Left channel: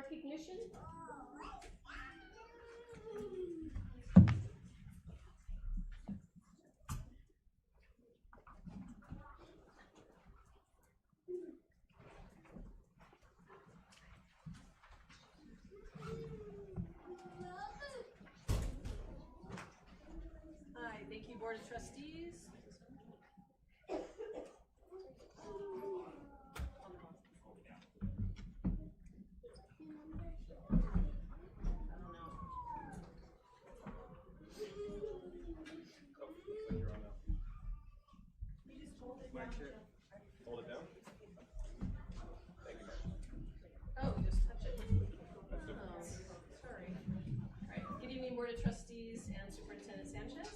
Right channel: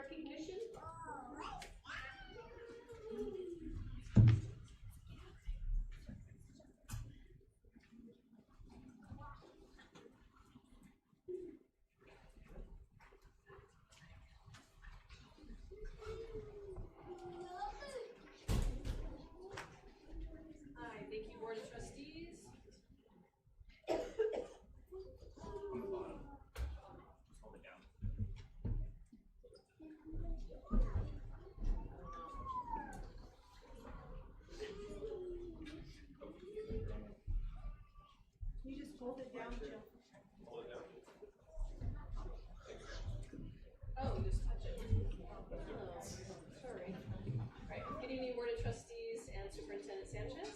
recognition. Hi, thank you, Board of Trustees. You just hold it down, Jill. Hold it down. Thank you. Oh, you just touch it. Oh, sorry. All right. Good evening, Board of Trustees and Superintendent Sanchez.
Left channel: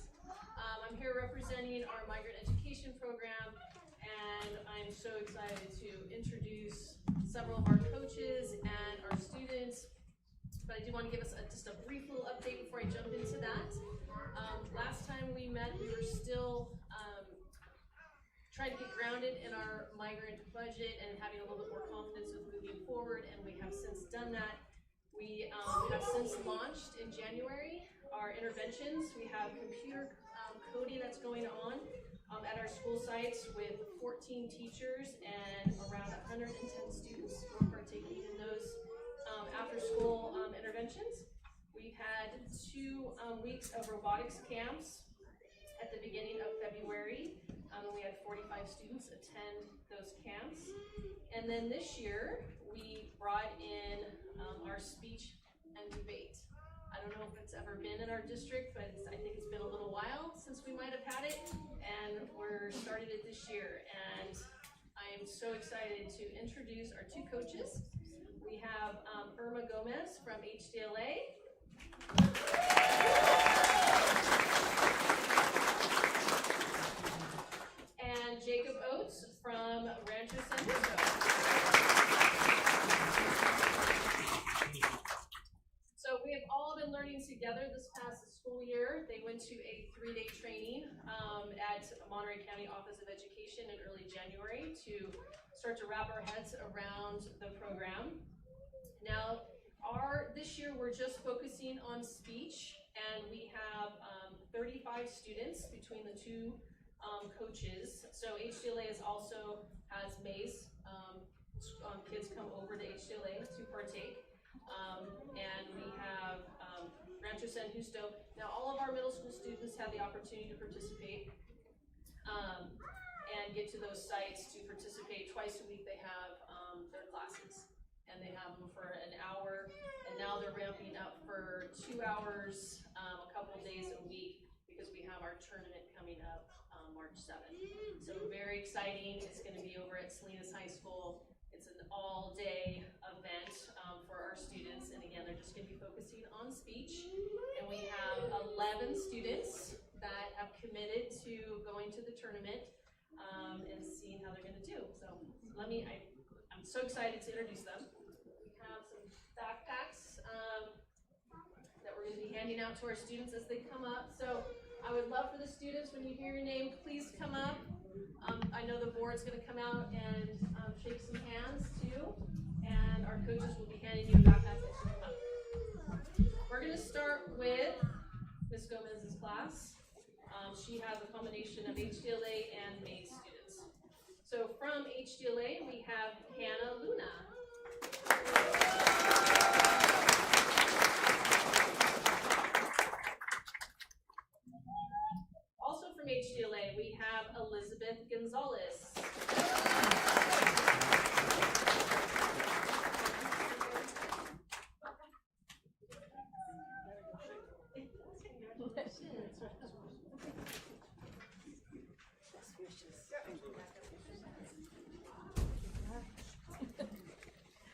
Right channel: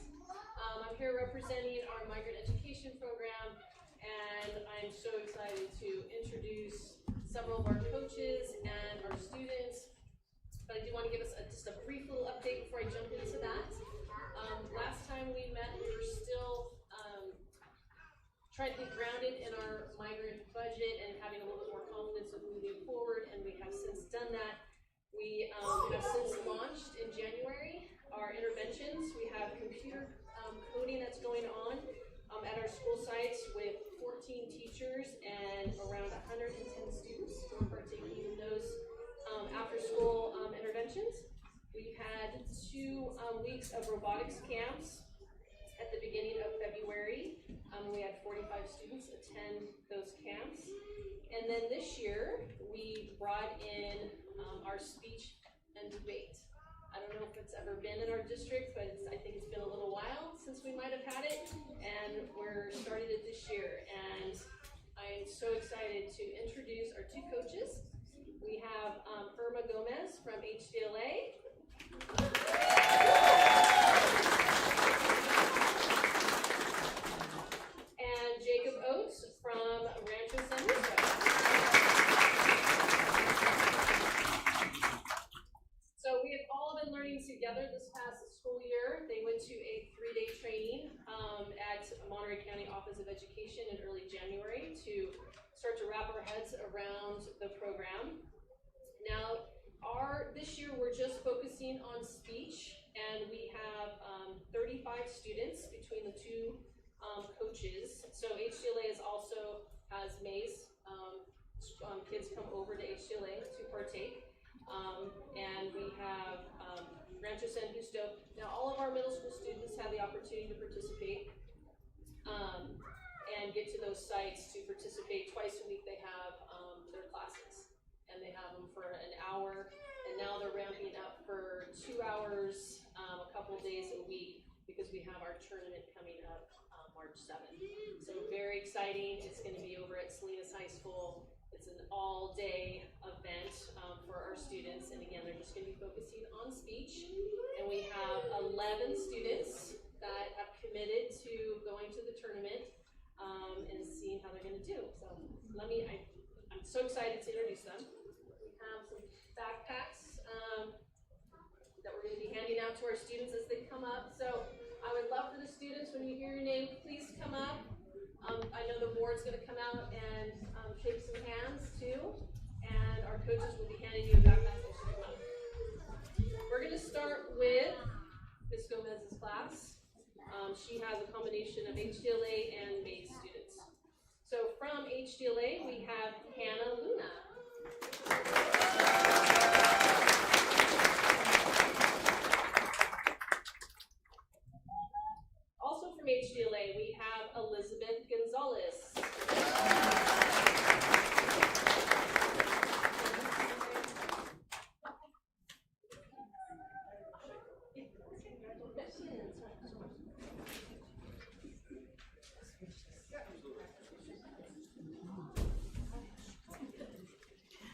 I'm here representing our migrant education program, and I'm so excited to introduce several of our coaches and our students. But I do want to give us just a brief little update before I jump into that. Last time we met, we were still trying to get grounded in our migrant budget and having a little bit more confidence of moving forward, and we have since done that. We have since launched in January our interventions. We have computer coding that's going on at our school sites with 14 teachers and around 110 students who are partaking in those after-school interventions. We've had 2 weeks of robotics camps at the beginning of February. We had 45 students attend those camps. And then this year, we brought in our speech and debate. I don't know if it's ever been in our district, but I think it's been a little while since we might have had it. And we're started it this year. And I'm so excited to introduce our 2 coaches. We have Irma Gomez from HDLA. And Jacob Oates from Rancho San Luis. So we have all been learning together this past school year. They went to a 3-day training at Monterey County Office of Education in early January to start to wrap our heads around the program. Now, this year we're just focusing on speech, and we have 35 students between the 2 coaches. So HDLA also has MAIS. Kids come over to HDLA to partake. And we have Rancho San Justo. Now all of our middle school students have the opportunity to participate and get to those sites to participate. Twice a week they have their classes, and they have them for an hour, and now they're ramping up for 2 hours a couple days a week because we have our tournament coming up March 7th. So very exciting. It's going to be over at Salinas High School. It's an all-day event for our students, and again, they're just going to be focusing on speech. And we have 11 students that have committed to going to the tournament and seeing how they're going to do. So I'm so excited to introduce them. We have some backpacks that we're going to be handing out to our students as they come up. So I would love for the students, when you hear your name, please come up. I know the board's going to come out and shake some hands too, and our coaches will be handing you a backpack as you come up. We're going to start with Ms. Gomez's class. She has a combination of HDLA and MAIS students. So from HDLA, we have Hannah Luna. Also from HDLA, we have Elizabeth Gonzalez.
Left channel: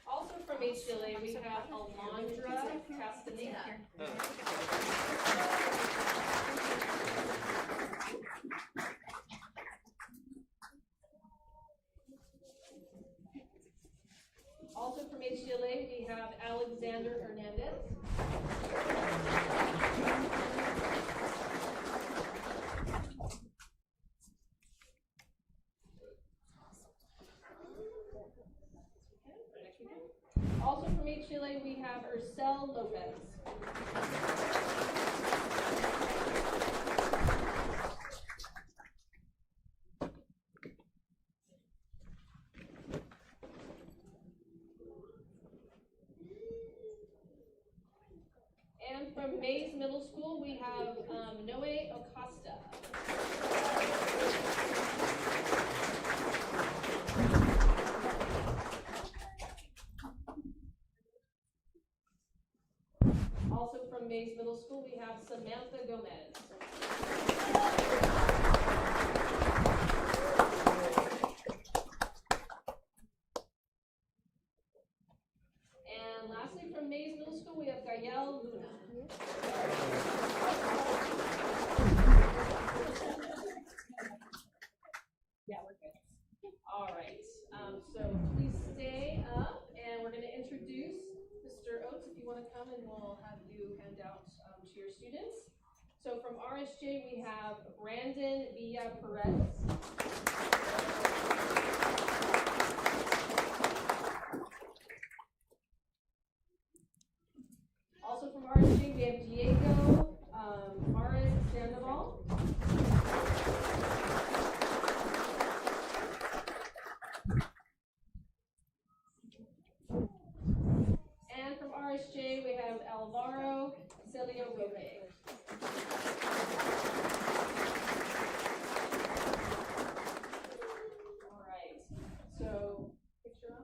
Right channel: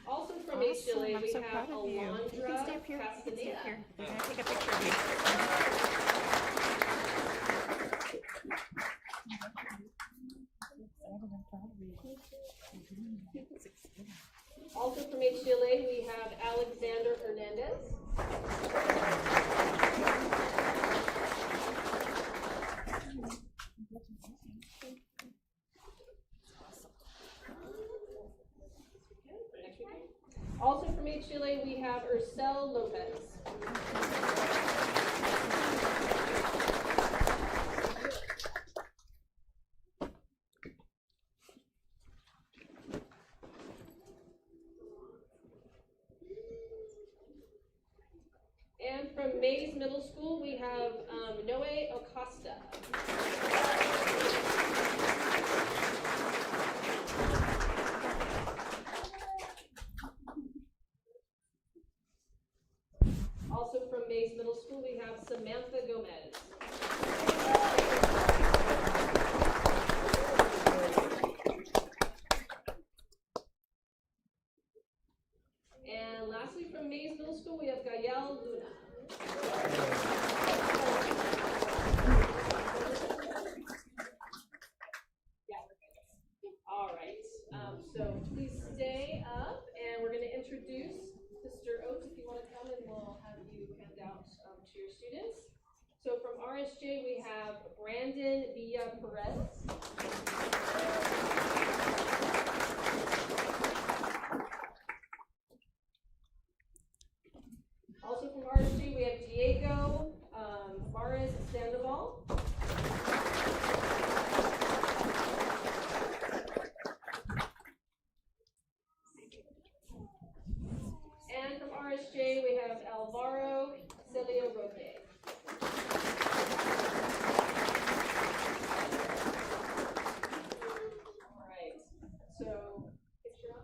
Also from HDLA, we have Alondra Castaneda. Also from HDLA, we have Alexander Hernandez. Also from HDLA, Chile, we have Ursel Lopez. And from Mays Middle School, we have Noe Acosta. Also from Mays Middle School, we have Samantha Gomez. And lastly, from Mays Middle School, we have Gael Luna. Yeah, we're good. All right, so please stay up, and we're going to introduce Mr. Oates, if you want to come, and we'll have you hand out to your students. So from RSJ, we have Brandon Villa Perez. Also from RSJ, we have Diego Maris Sandoval. And from RSJ, we have Alvaro Celio Roque. All right, so picture on?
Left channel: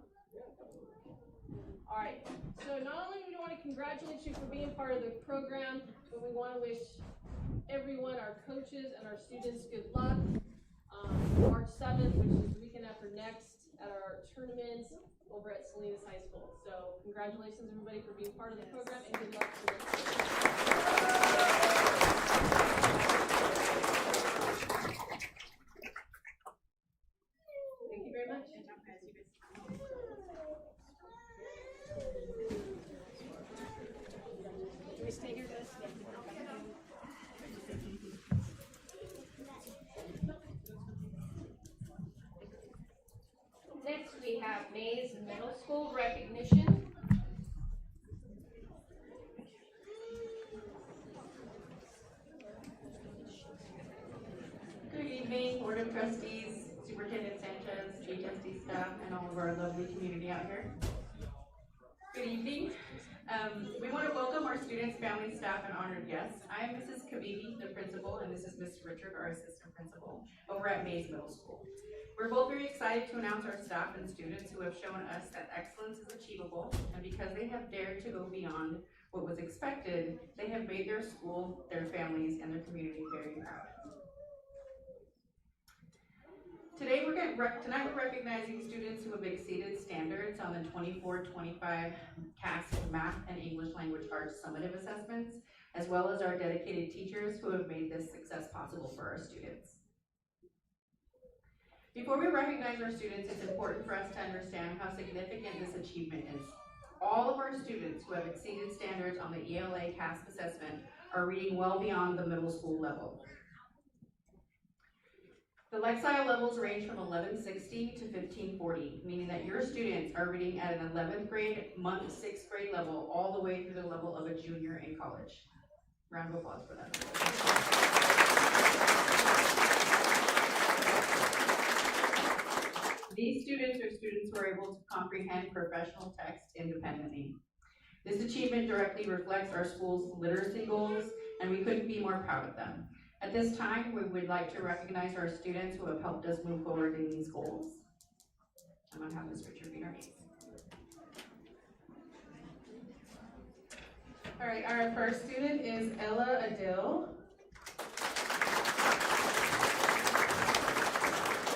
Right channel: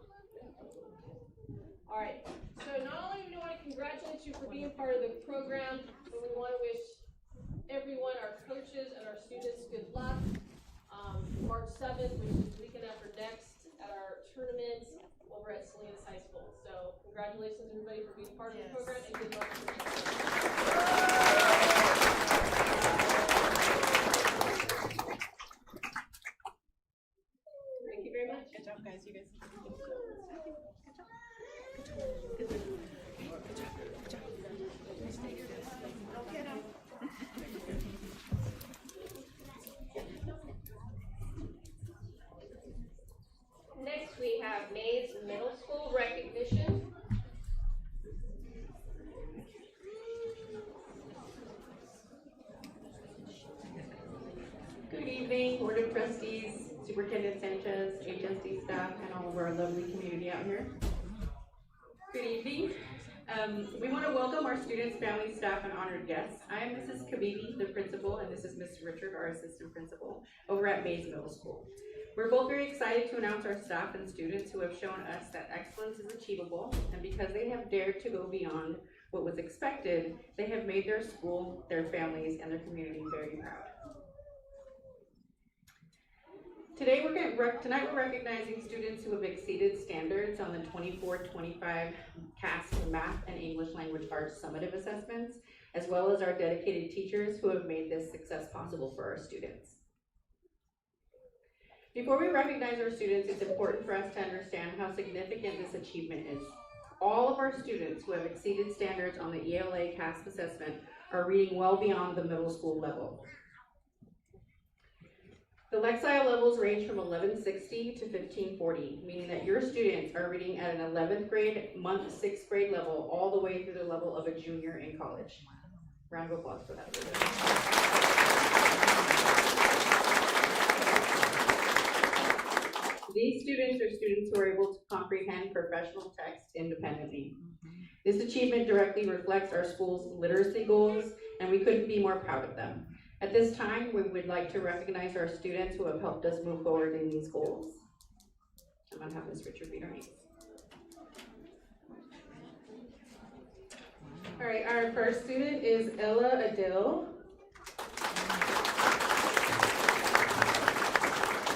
All right, so not only do we want to congratulate you for being part of the program, but we want to wish everyone, our coaches and our students, good luck. March 7th, which is the weekend after next, at our tournament over at Salinas High School. So congratulations, everybody, for being part of the program, and good luck for next year. Thank you very much. Good job, guys. You guys. Can we stay here, guys? Next, we have Mays Middle School recognition. Good evening, Board of Trustees, Superintendent Sanchez, HSD staff, and all of our lovely community out here. Good evening. We want to welcome our students, families, staff, and honored guests. I am Mrs. Kabibi, the principal, and this is Mr. Richard, our assistant principal, over at Mays Middle School. We're both very excited to announce our staff and students who have shown us that excellence is achievable, and because they have dared to go beyond what was expected, they have made their school, their families, and their community very proud. Tonight we're recognizing students who have exceeded standards on the 24-25 CAST Math and English Language Arts summative assessments, as well as our dedicated teachers who have made this success possible for our students. Before we recognize our students, it's important for us to understand how significant this achievement is. All of our students who have exceeded standards on the ELA CAST assessment are reading well beyond the middle school level. The Lexile levels range from 1160 to 1540, meaning that your students are reading at an 11th grade, 6th grade level, all the way through the level of a junior in college. Round of applause for that. These students are students who are able to comprehend professional text independently. This achievement directly reflects our school's literacy goals, and we couldn't be more proud of them. At this time, we would like to recognize our students who have helped us move forward in these goals. I'm going to have Ms. Richard read our names. All right, our first student is Ella Adil.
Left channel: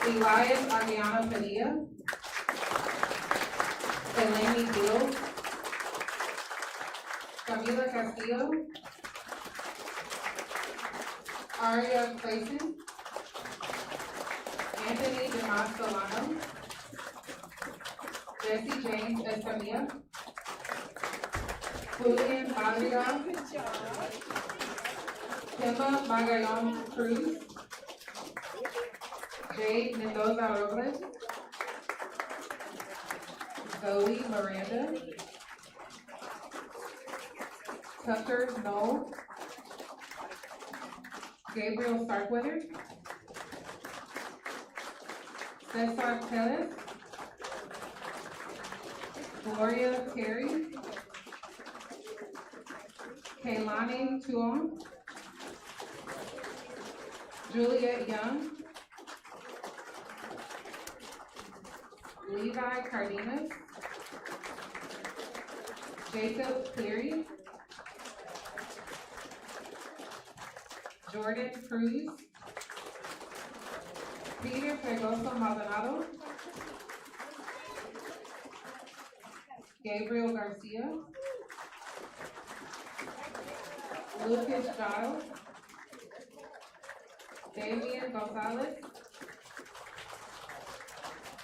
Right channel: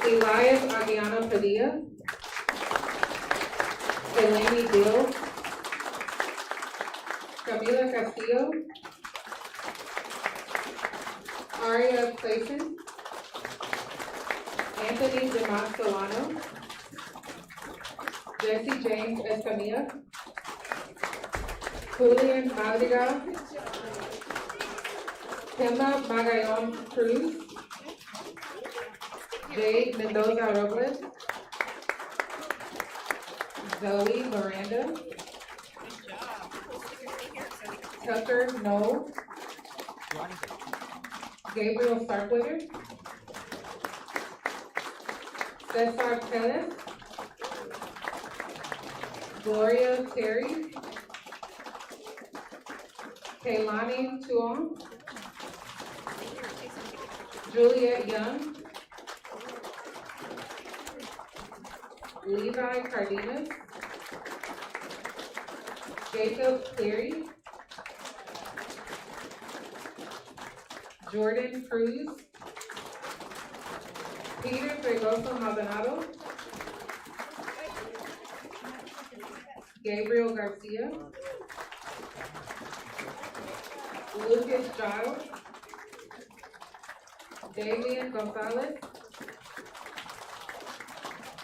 Elias Aguiana Padilla. Eleni Dill. Camila Castillo. Aria Clayton, Anthony Demas Solano, Jesse James Escamilla, Julian Madrigal, Emma Magayon Cruz, Jade Mendoza Robles, Zoe Miranda, Tucker Knoll, Gabriel Starkweather, Cesar Tellez, Gloria Terry, Kaylani Tuong, Juliet Young, Levi Cardenas, Jacob Cleary, Jordan Cruz, Peter Fregoso Maldonado, Gabriel Garcia, Lucas Giles, Davian Gonzalez,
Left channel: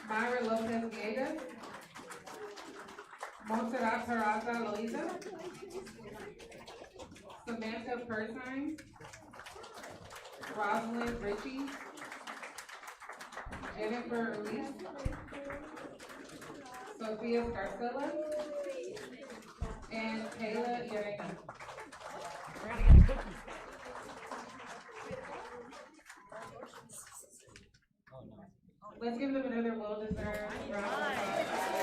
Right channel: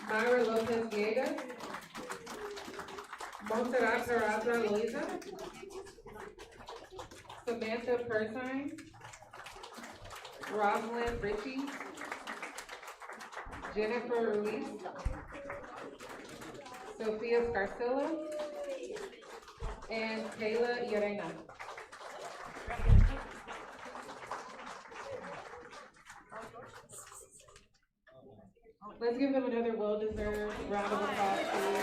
Myra Lopez Villegas, Montserrat Peraza Loiza, Samantha Persine, Rosalind Ritchie, Jennifer Ruiz, Sophia Scarcella, and Kayla Llerena. Let's give them another well-deserved round of applause.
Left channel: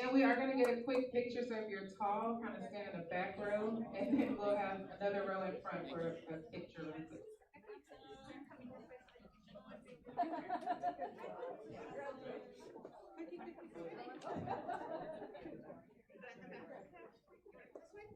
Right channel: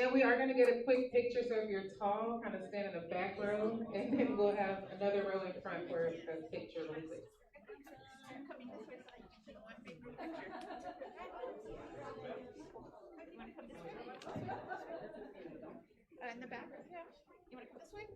And we are gonna get a quick picture, so if you're tall, kind of stand in the back row, and then we'll have another row in front for a picture really quick. In the back, yeah. You wanna go this way?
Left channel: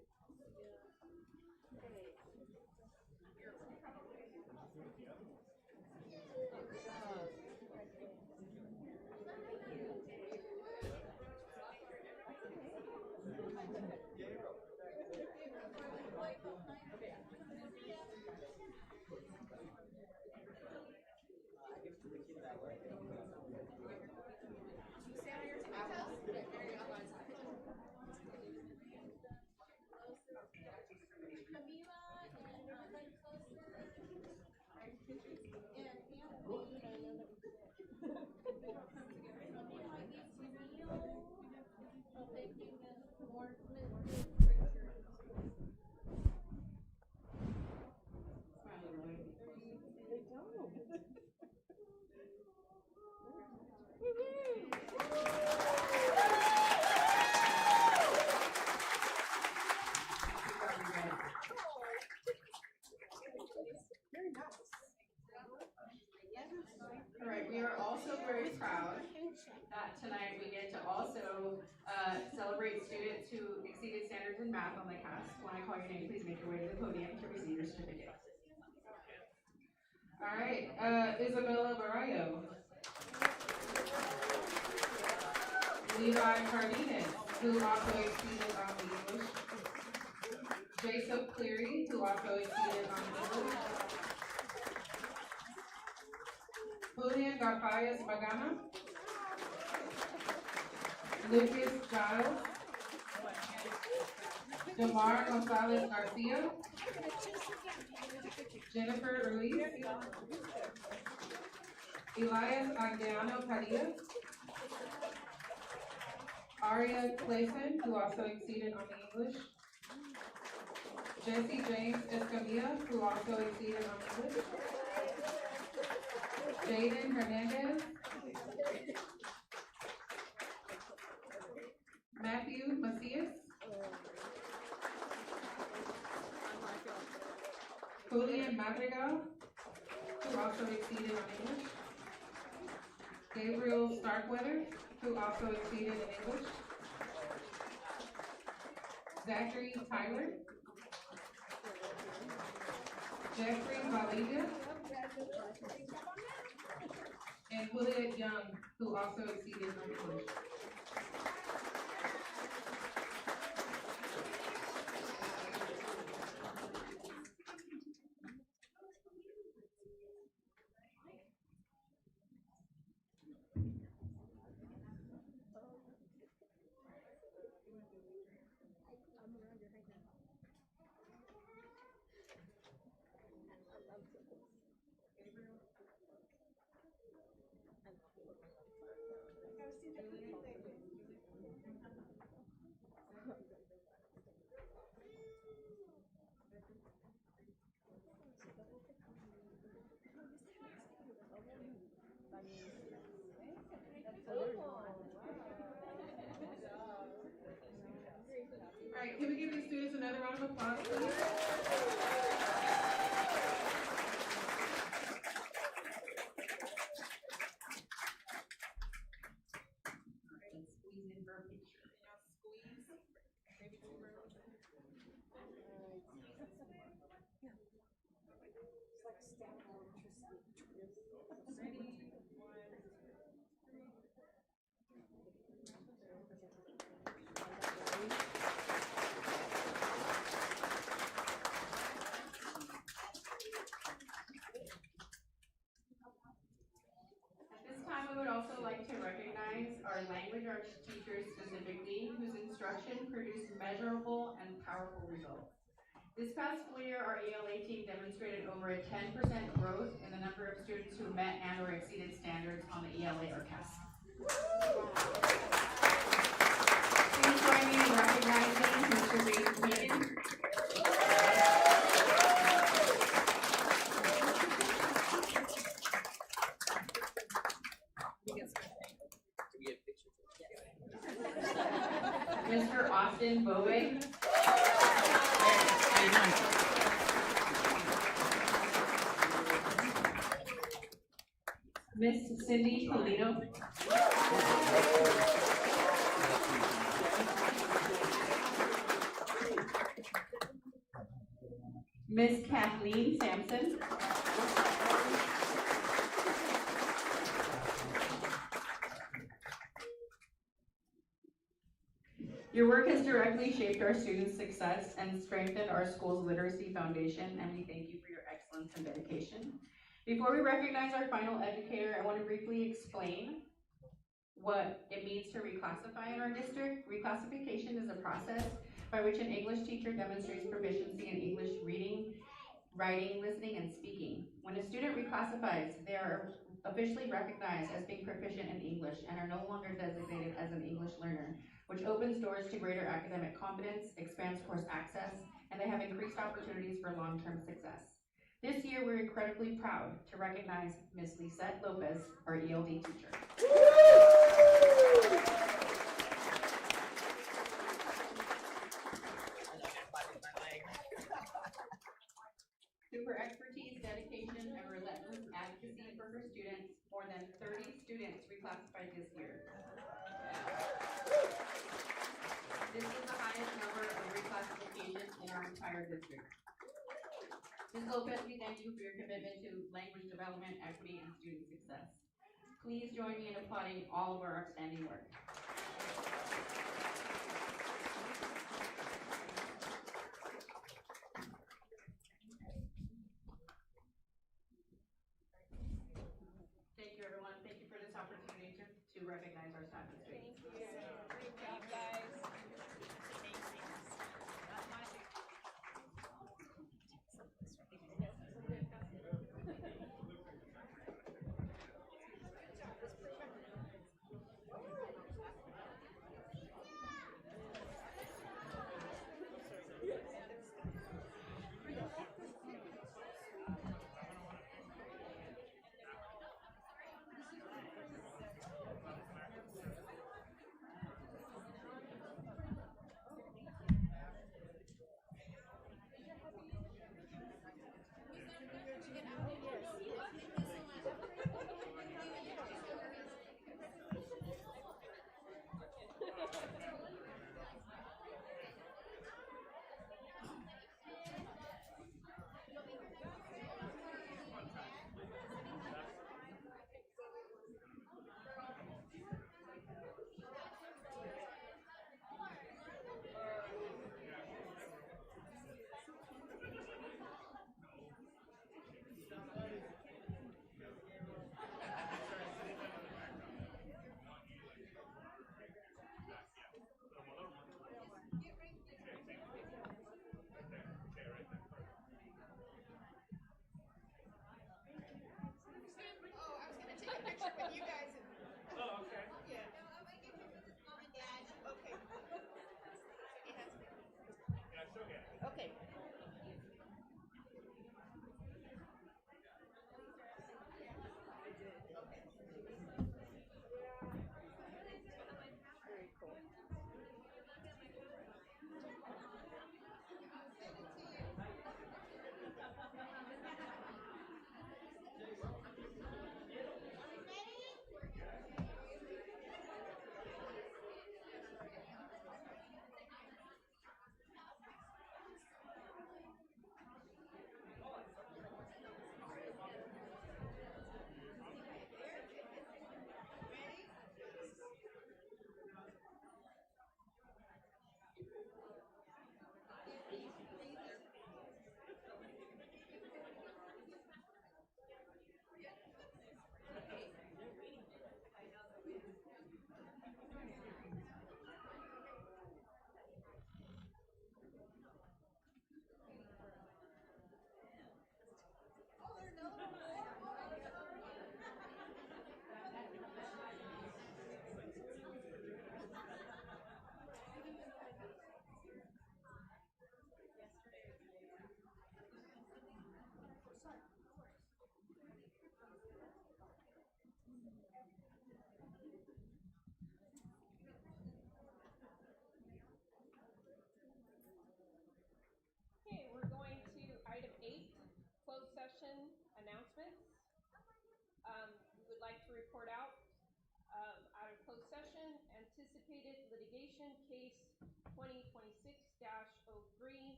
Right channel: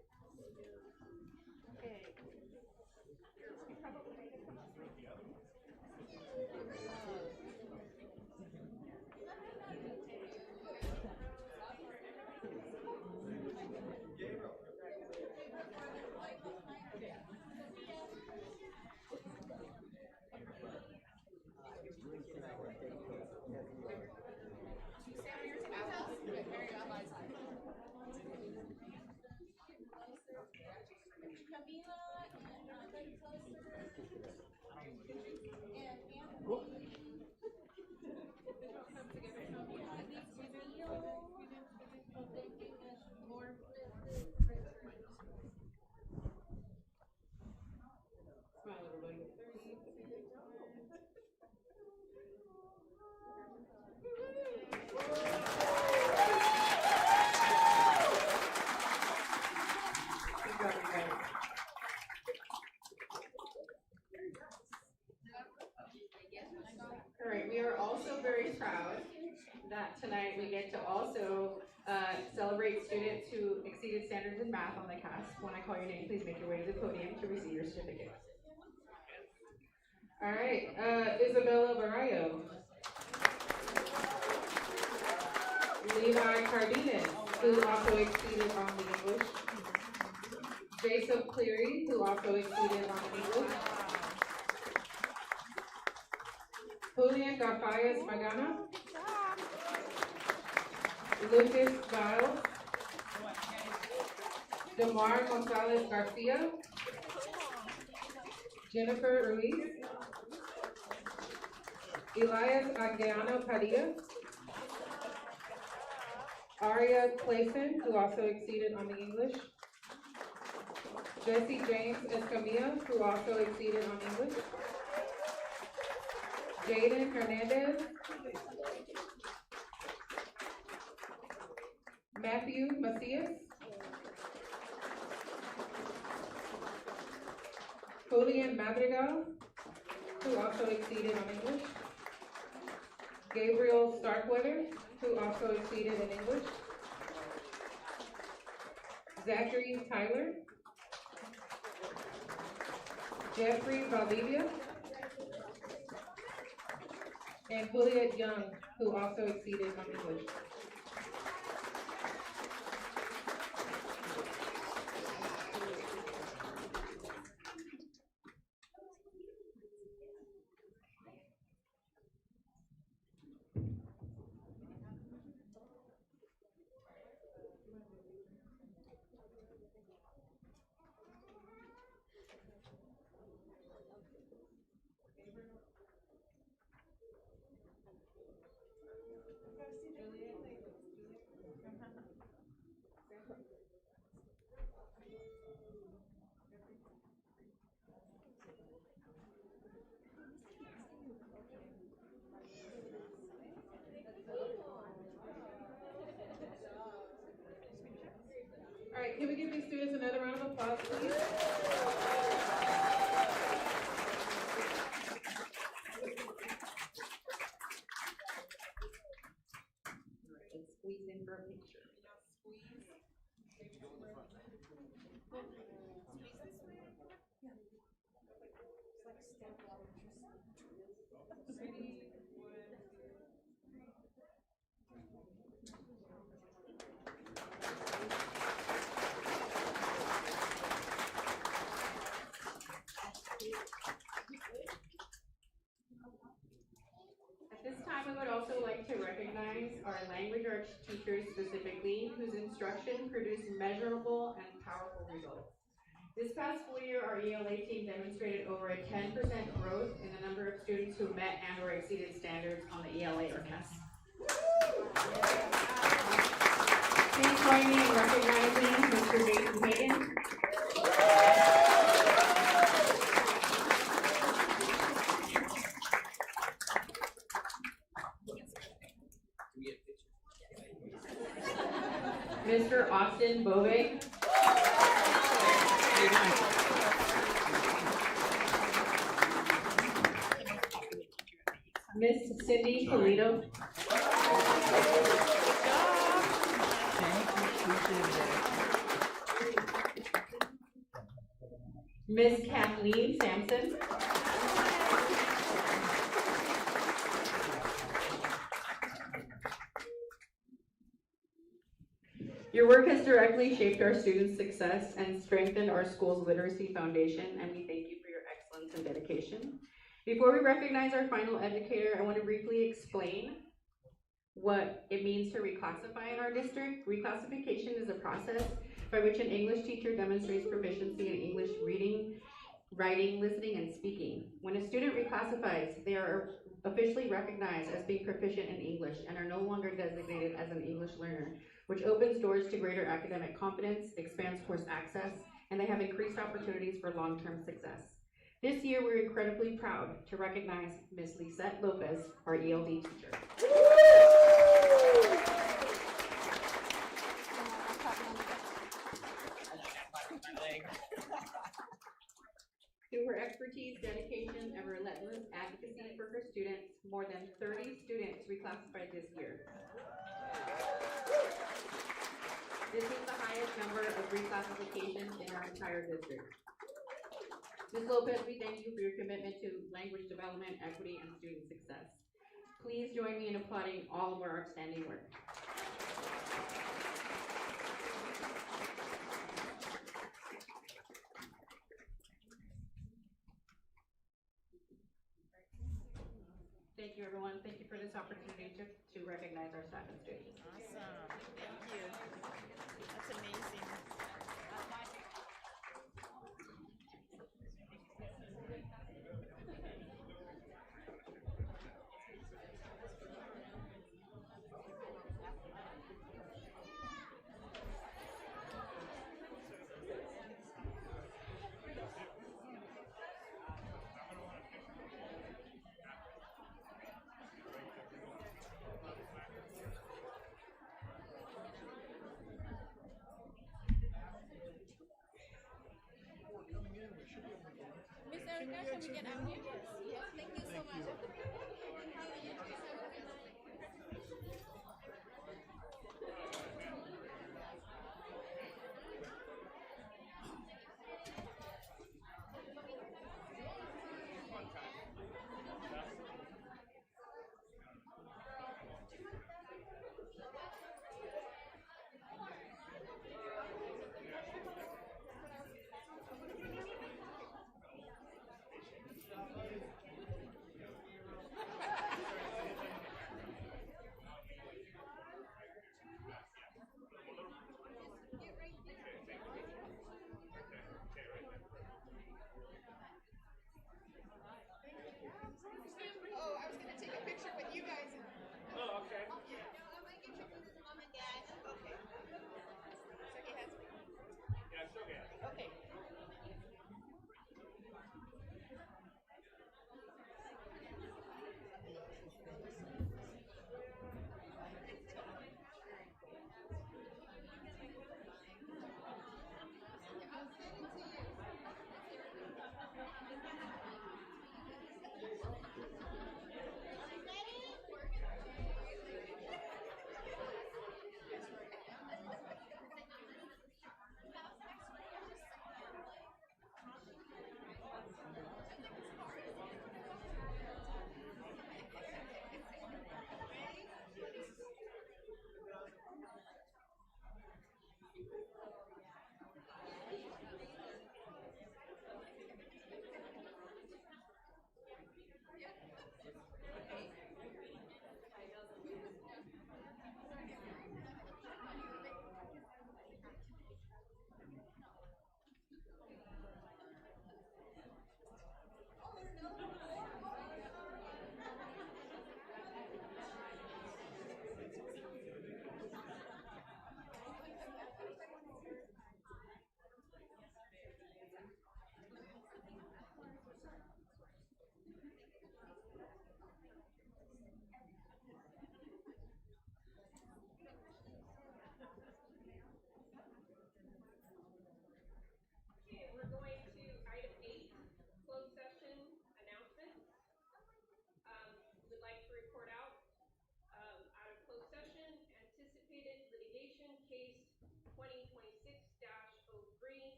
All right, we are also very proud that tonight we get to also celebrate students who exceeded standards in math on the cast. When I call your name, please make your way to the podium to receive your certificate. All right, Isabella Barrio, Levi Cardenas, who also exceeded on the English, Jacob Cleary, who also exceeded on the English, Julian Garfias Magana, Lucas Giles, Demar Gonzalez Garcia, Jennifer Ruiz, Elias Anguiano Padilla, Aria Clayson, who also exceeded on the English, Jesse James Escamilla, who also exceeded on English, Jaden Hernandez, Matthew Macias, Julian Madrigal, who also exceeded on English, Gabriel Starkweather, who also exceeded in English, Zachary Tyler, Jeffrey Valdivia, and Juliet Young, who also exceeded on English. right, can we give these students another round of applause, please? Let's squeeze in for a picture. At this time, I would also like to recognize our language arts teachers specifically, whose instruction produced measurable and powerful results. This past school year, our ELA team demonstrated over a 10% growth in the number of students who met and or exceeded standards on the ELA or test. Please join me in recognizing Mr. Jason Hayden. Mr. Austin Bove. Miss Cindy Polino. Miss Kathleen Sampson. Your work has directly shaped our students' success and strengthened our school's literacy foundation, and we thank you for your excellence and dedication. Before we recognize our final educator, I want to briefly explain what it means to reclassify in our district. Reclassification is a process by which an English teacher demonstrates proficiency in English reading, writing, listening, and speaking. When a student reclassifies, they are officially recognized as being proficient in English and are no longer designated as an English learner, which opens doors to greater academic confidence, expands course access, and they have increased opportunities for long-term success. This year, we're incredibly proud to recognize Ms. Lisette Lopez, our ELD teacher. Through her expertise, dedication, and relentless advocacy for her students, more than 30 students reclassified this year. This is the highest number of reclassifications in our entire district. Ms. Lopez, we thank you for your commitment to language development, equity, and student success. Please join me in applauding all of our outstanding work. Thank you, everyone. Thank you for this opportunity to recognize our staff and students.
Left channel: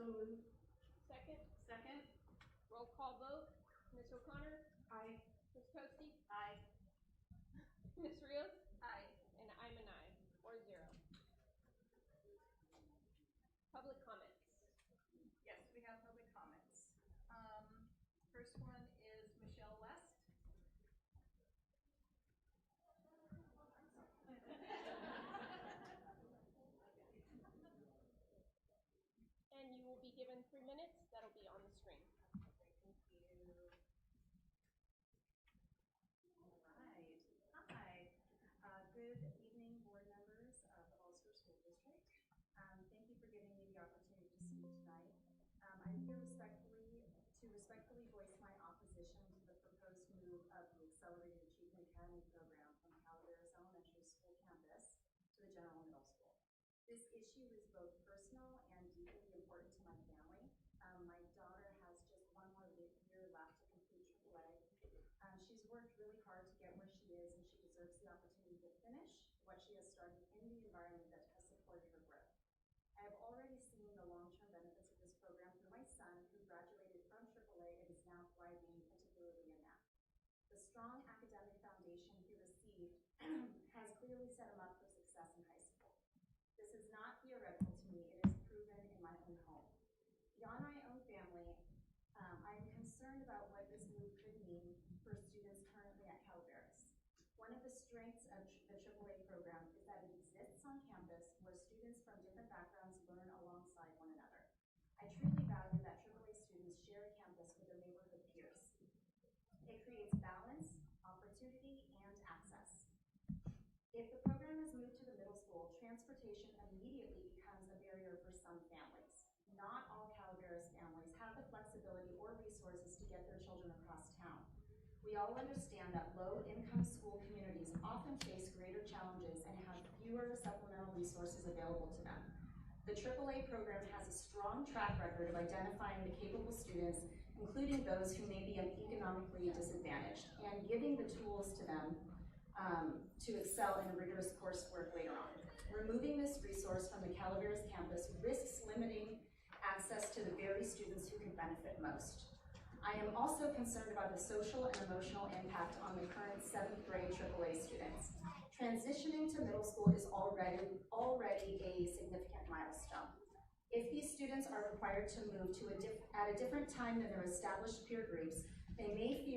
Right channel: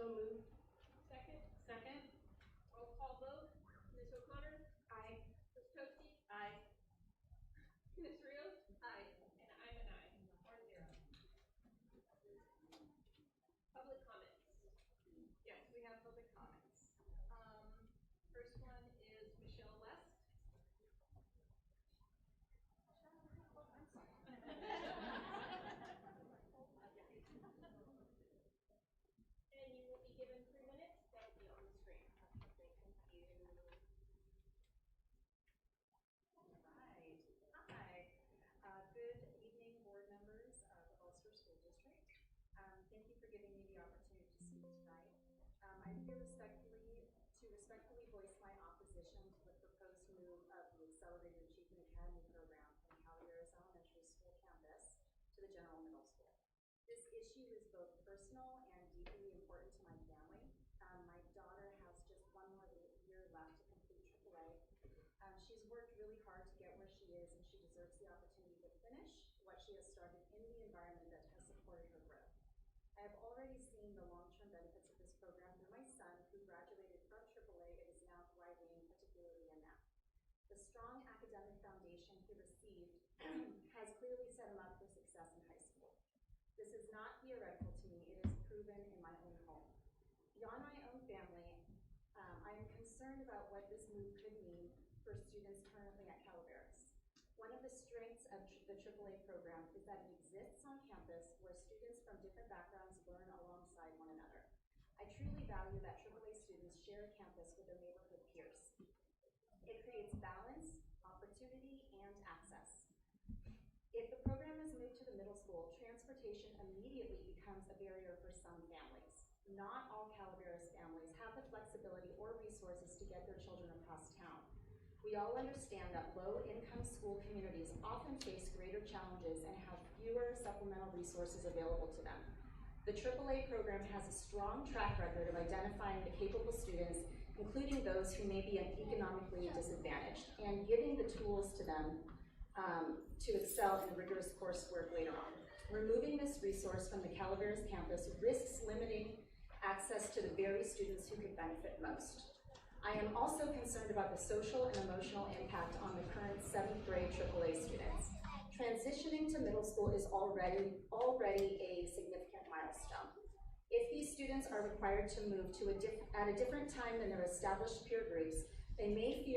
So moved. Second, Second. roll call vote. Ms. O'Connor? Aye. Ms. Toasty? Aye. Ms. Rios? Aye. And I'm an aye, 4-0. Public comments. Yes, we have public comments. First one is Michelle West. And you will be given 3 minutes. That'll be on the screen. Okay, thank you. All right. Hi. Good evening, board members of Ulster School District. Thank you for giving me the opportunity to speak tonight. I'm here to respectfully voice my opposition to the proposed move of the Accelerated Achievement Academy program from Calaveras Elementary School campus to the General Middle School. This issue is both personal and deeply important to my family. My daughter has just one more year left to complete AAA. She's worked really hard to get where she is, and she deserves the opportunity to finish what she has started in the environment that has supported her growth. I have already seen the long-term benefits of this program through my son, who graduated from AAA and is now thriving, particularly in math. The strong academic foundation he received has clearly set him up for success in high school. This is not theoretical to me, it is proven in my own home. Beyond my own family, I am concerned about what this move could mean for students currently at Calaveras. One of the strengths of the AAA program is that it exists on campus where students from different backgrounds learn alongside one another. I truly value that AAA students share a campus with their neighborhood peers. It creates balance, opportunity, and access. If the program is moved to the middle school, transportation immediately becomes a barrier for some families. Not all Calaveras families have the flexibility or resources to get their children across town. We all understand that low-income school communities often face greater challenges and have fewer supplemental resources available to them. The AAA program has a strong track record of identifying the capable students, including those who may be economically disadvantaged, and giving the tools to them to excel in rigorous coursework later on. Removing this resource from the Calaveras campus risks limiting access to the very students who could benefit most. I am also concerned about the social and emotional impact on the current 7th grade AAA students. Transitioning to middle school is already a significant milestone. If these students are required to move at a different time than their established peer groups, they may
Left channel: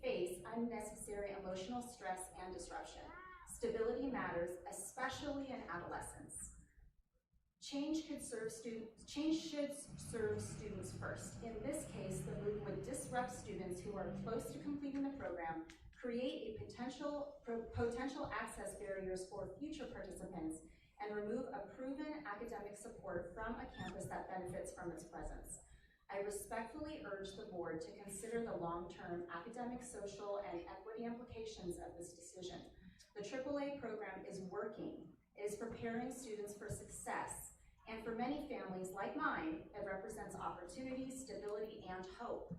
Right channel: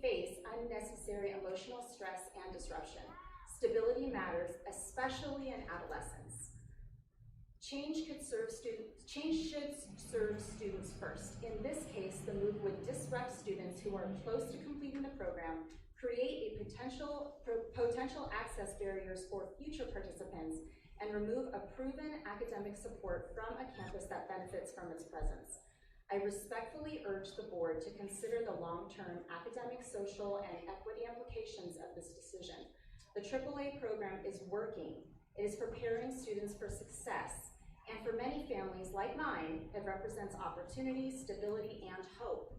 face unnecessary emotional stress and disruption. Stability matters, especially in adolescence. Change should serve students first. In this case, the move would disrupt students who are close to completing the program, create a potential access barriers for future participants, and remove a proven academic support from a campus that benefits from its presence. I respectfully urge the board to consider the long-term academic, social, and equity implications of this decision. The AAA program is working. It is preparing students for success. And for many families like mine, it represents opportunity, stability, and hope.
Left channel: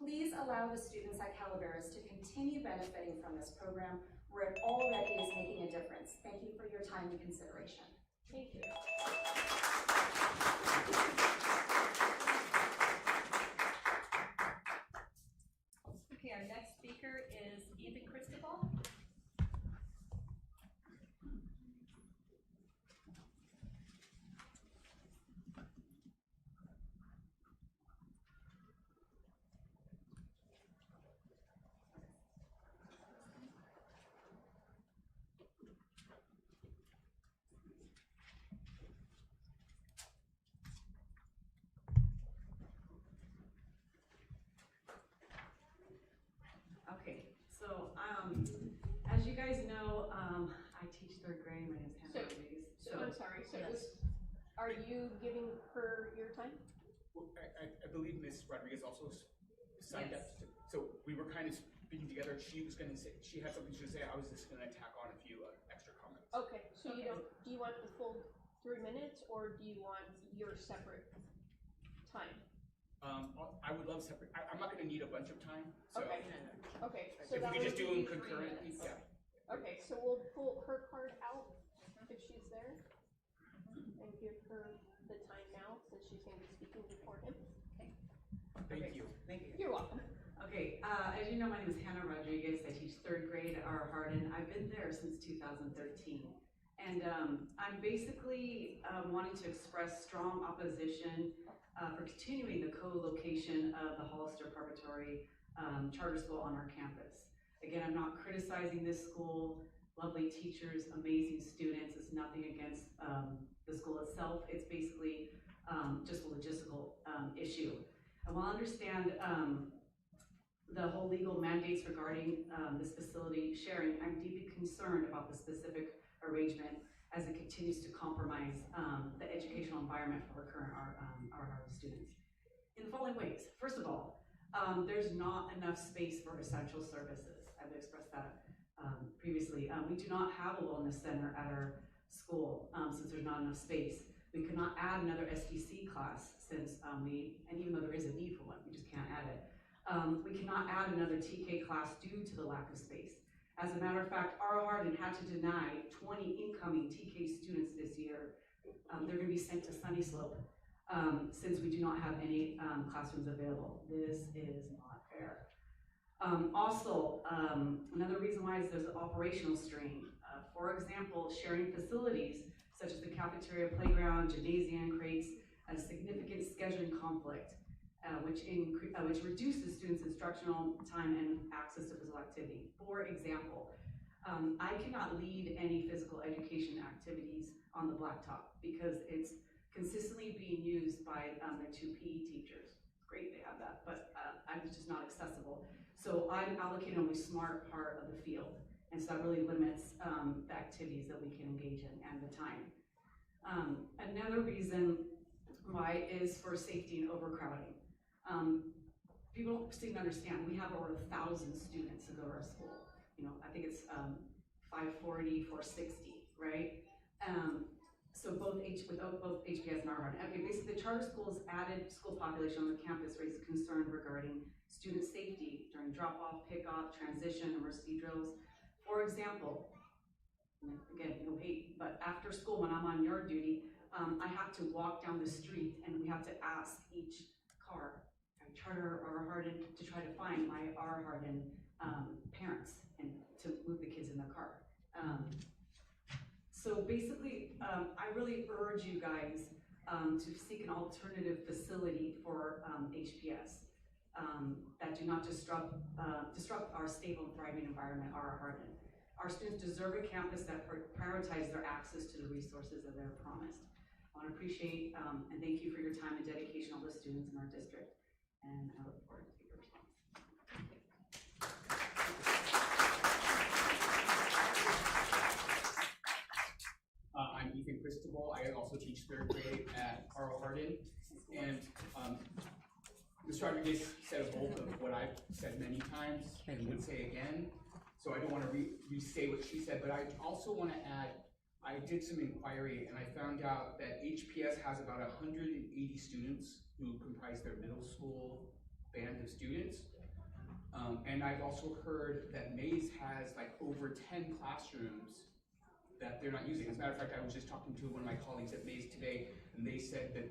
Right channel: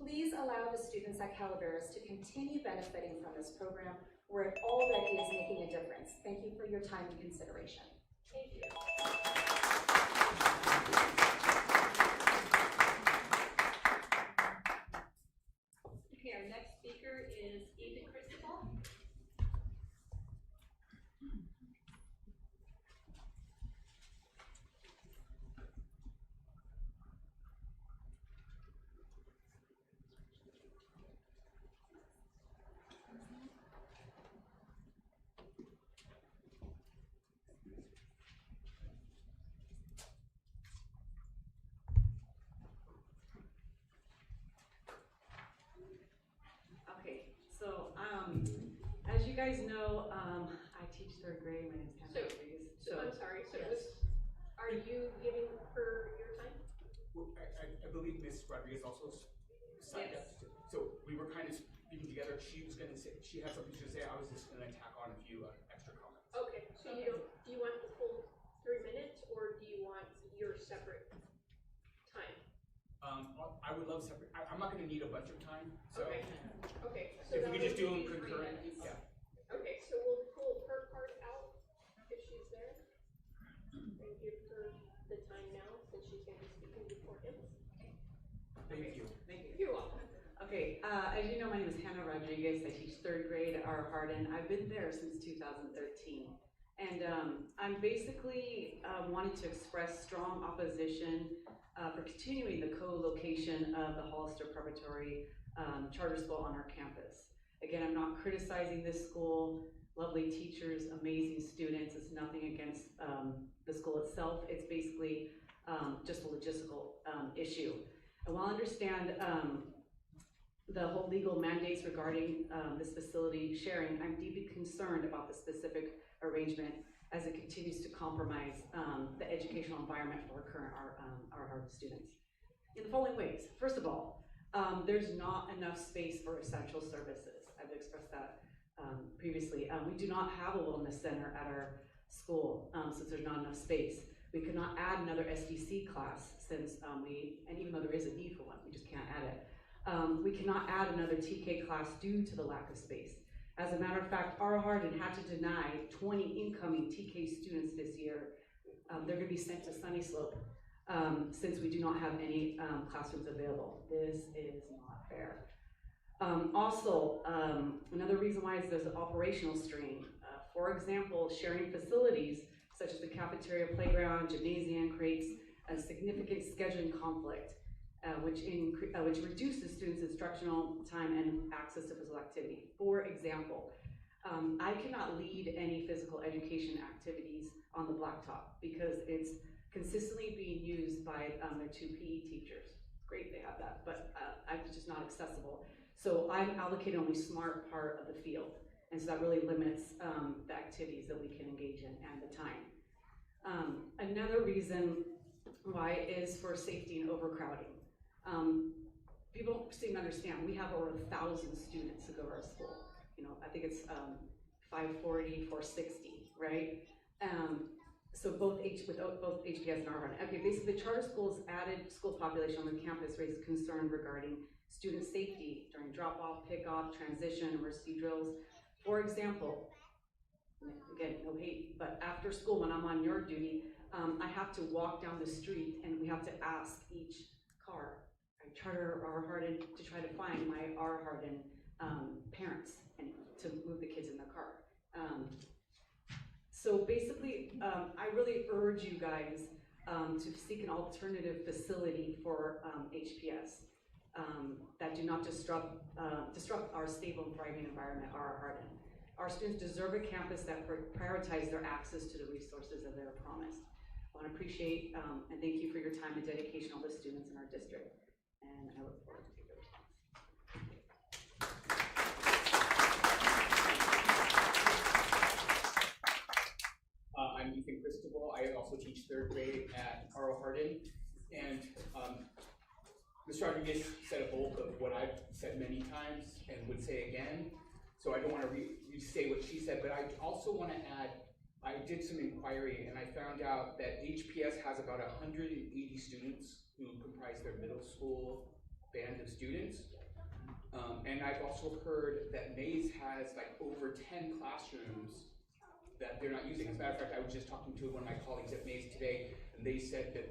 Please allow the students at Calaveras to continue benefiting from this program where it already is making a difference. Thank you for your time and consideration. Thank you. Okay, our next speaker is Ethan Christopher. Okay, so as you guys know, I teach 3rd grade. My name's Hannah Rodriguez. I'm sorry, so yes. are you giving her your time? Well, I believe Ms. Rodriguez also signed Yes. up. So we were kind of speaking together. She was going to say, she had something to say. I was just going to tack on a few extra comments. Okay, so do you want the full 3 minutes, or do you want your separate time? I would love separate. I'm not going to need a bunch of time. So Okay. Okay, so if that we could just would do them be 3 concurrently. minutes. Yeah. Okay, so we'll pull her card out if she's there, and give her the time now, since she's gonna As you know, my name is Hannah Rodriguez. I teach third grade at R. Hardin. I've been there since 2013. And I'm basically wanting to express strong opposition for continuing the co-location of the Hollister Preparatory Charter School on our campus. Again, I'm not criticizing this school. Lovely teachers, amazing students. It's nothing against the school itself. It's basically just a logistical issue. I will understand the whole legal mandates regarding this facility sharing. I'm deeply concerned about the specific arrangement as it continues to compromise the educational environment for our students in the following ways. First of all, there's not enough space for essential services. I've expressed that previously. We do not have a wellness center at our school since there's not enough space. We could not add another SDC class since and even though there is a need for one, we just can't add it. We cannot add another TK class due to the lack of space. As a matter of fact, R. Hardin had to deny 20 incoming TK students this year. They're going to be sent to Sunny Slope since we do not have any classrooms available. This is not fair. Also, another reason why is there's an operational strain. For example, sharing facilities such as the cafeteria, playground, gymnasium creates a significant scheduling conflict, which reduces students' instructional time and access to physical activity. For example, I cannot lead any physical education activities on the blacktop because it's consistently being used by their 2 PE teachers. It's great they have that, but it's just not accessible. So I'm allocated only smart part of the field, and so that really limits the activities that we can engage in and the time. Another reason why is for safety and overcrowding. People don't seem to understand, we have over 1,000 students who go to our school. You know, I think it's 540, 460, right? So both HPS and R. Okay, basically the charter school's added school population on the campus raises concern regarding student safety during drop-off, pick-off, transition, emergency drills. For example, again, no hate, but after school when I'm on yard duty, I have to walk down the street and we have to ask each car, charter or R. Hardin, to try to find my R. Hardin parents and to move the kids in the car. So basically, I really urge you guys to seek an alternative facility for HPS that do not disrupt our stable and thriving environment, R. Hardin. Our students deserve a campus that prioritizes their access to the resources that they're promised. I want to appreciate and thank you for your time and dedication, all the students in our district, and I look forward to your response. I'm Ethan Cristobal. I also teach third grade at R. Hardin, and Mr. Rodriguez said a bulk of what I've said many times and would say again, so I don't want to re-say what she said, but I also want to add, I did some inquiry and I found out that HPS has about 180 students who comprise their middle school band of students. And I've also heard that Mays has like over 10 classrooms that they're not using. As a matter of fact, I was just talking to one of my colleagues at Mays today, and they said that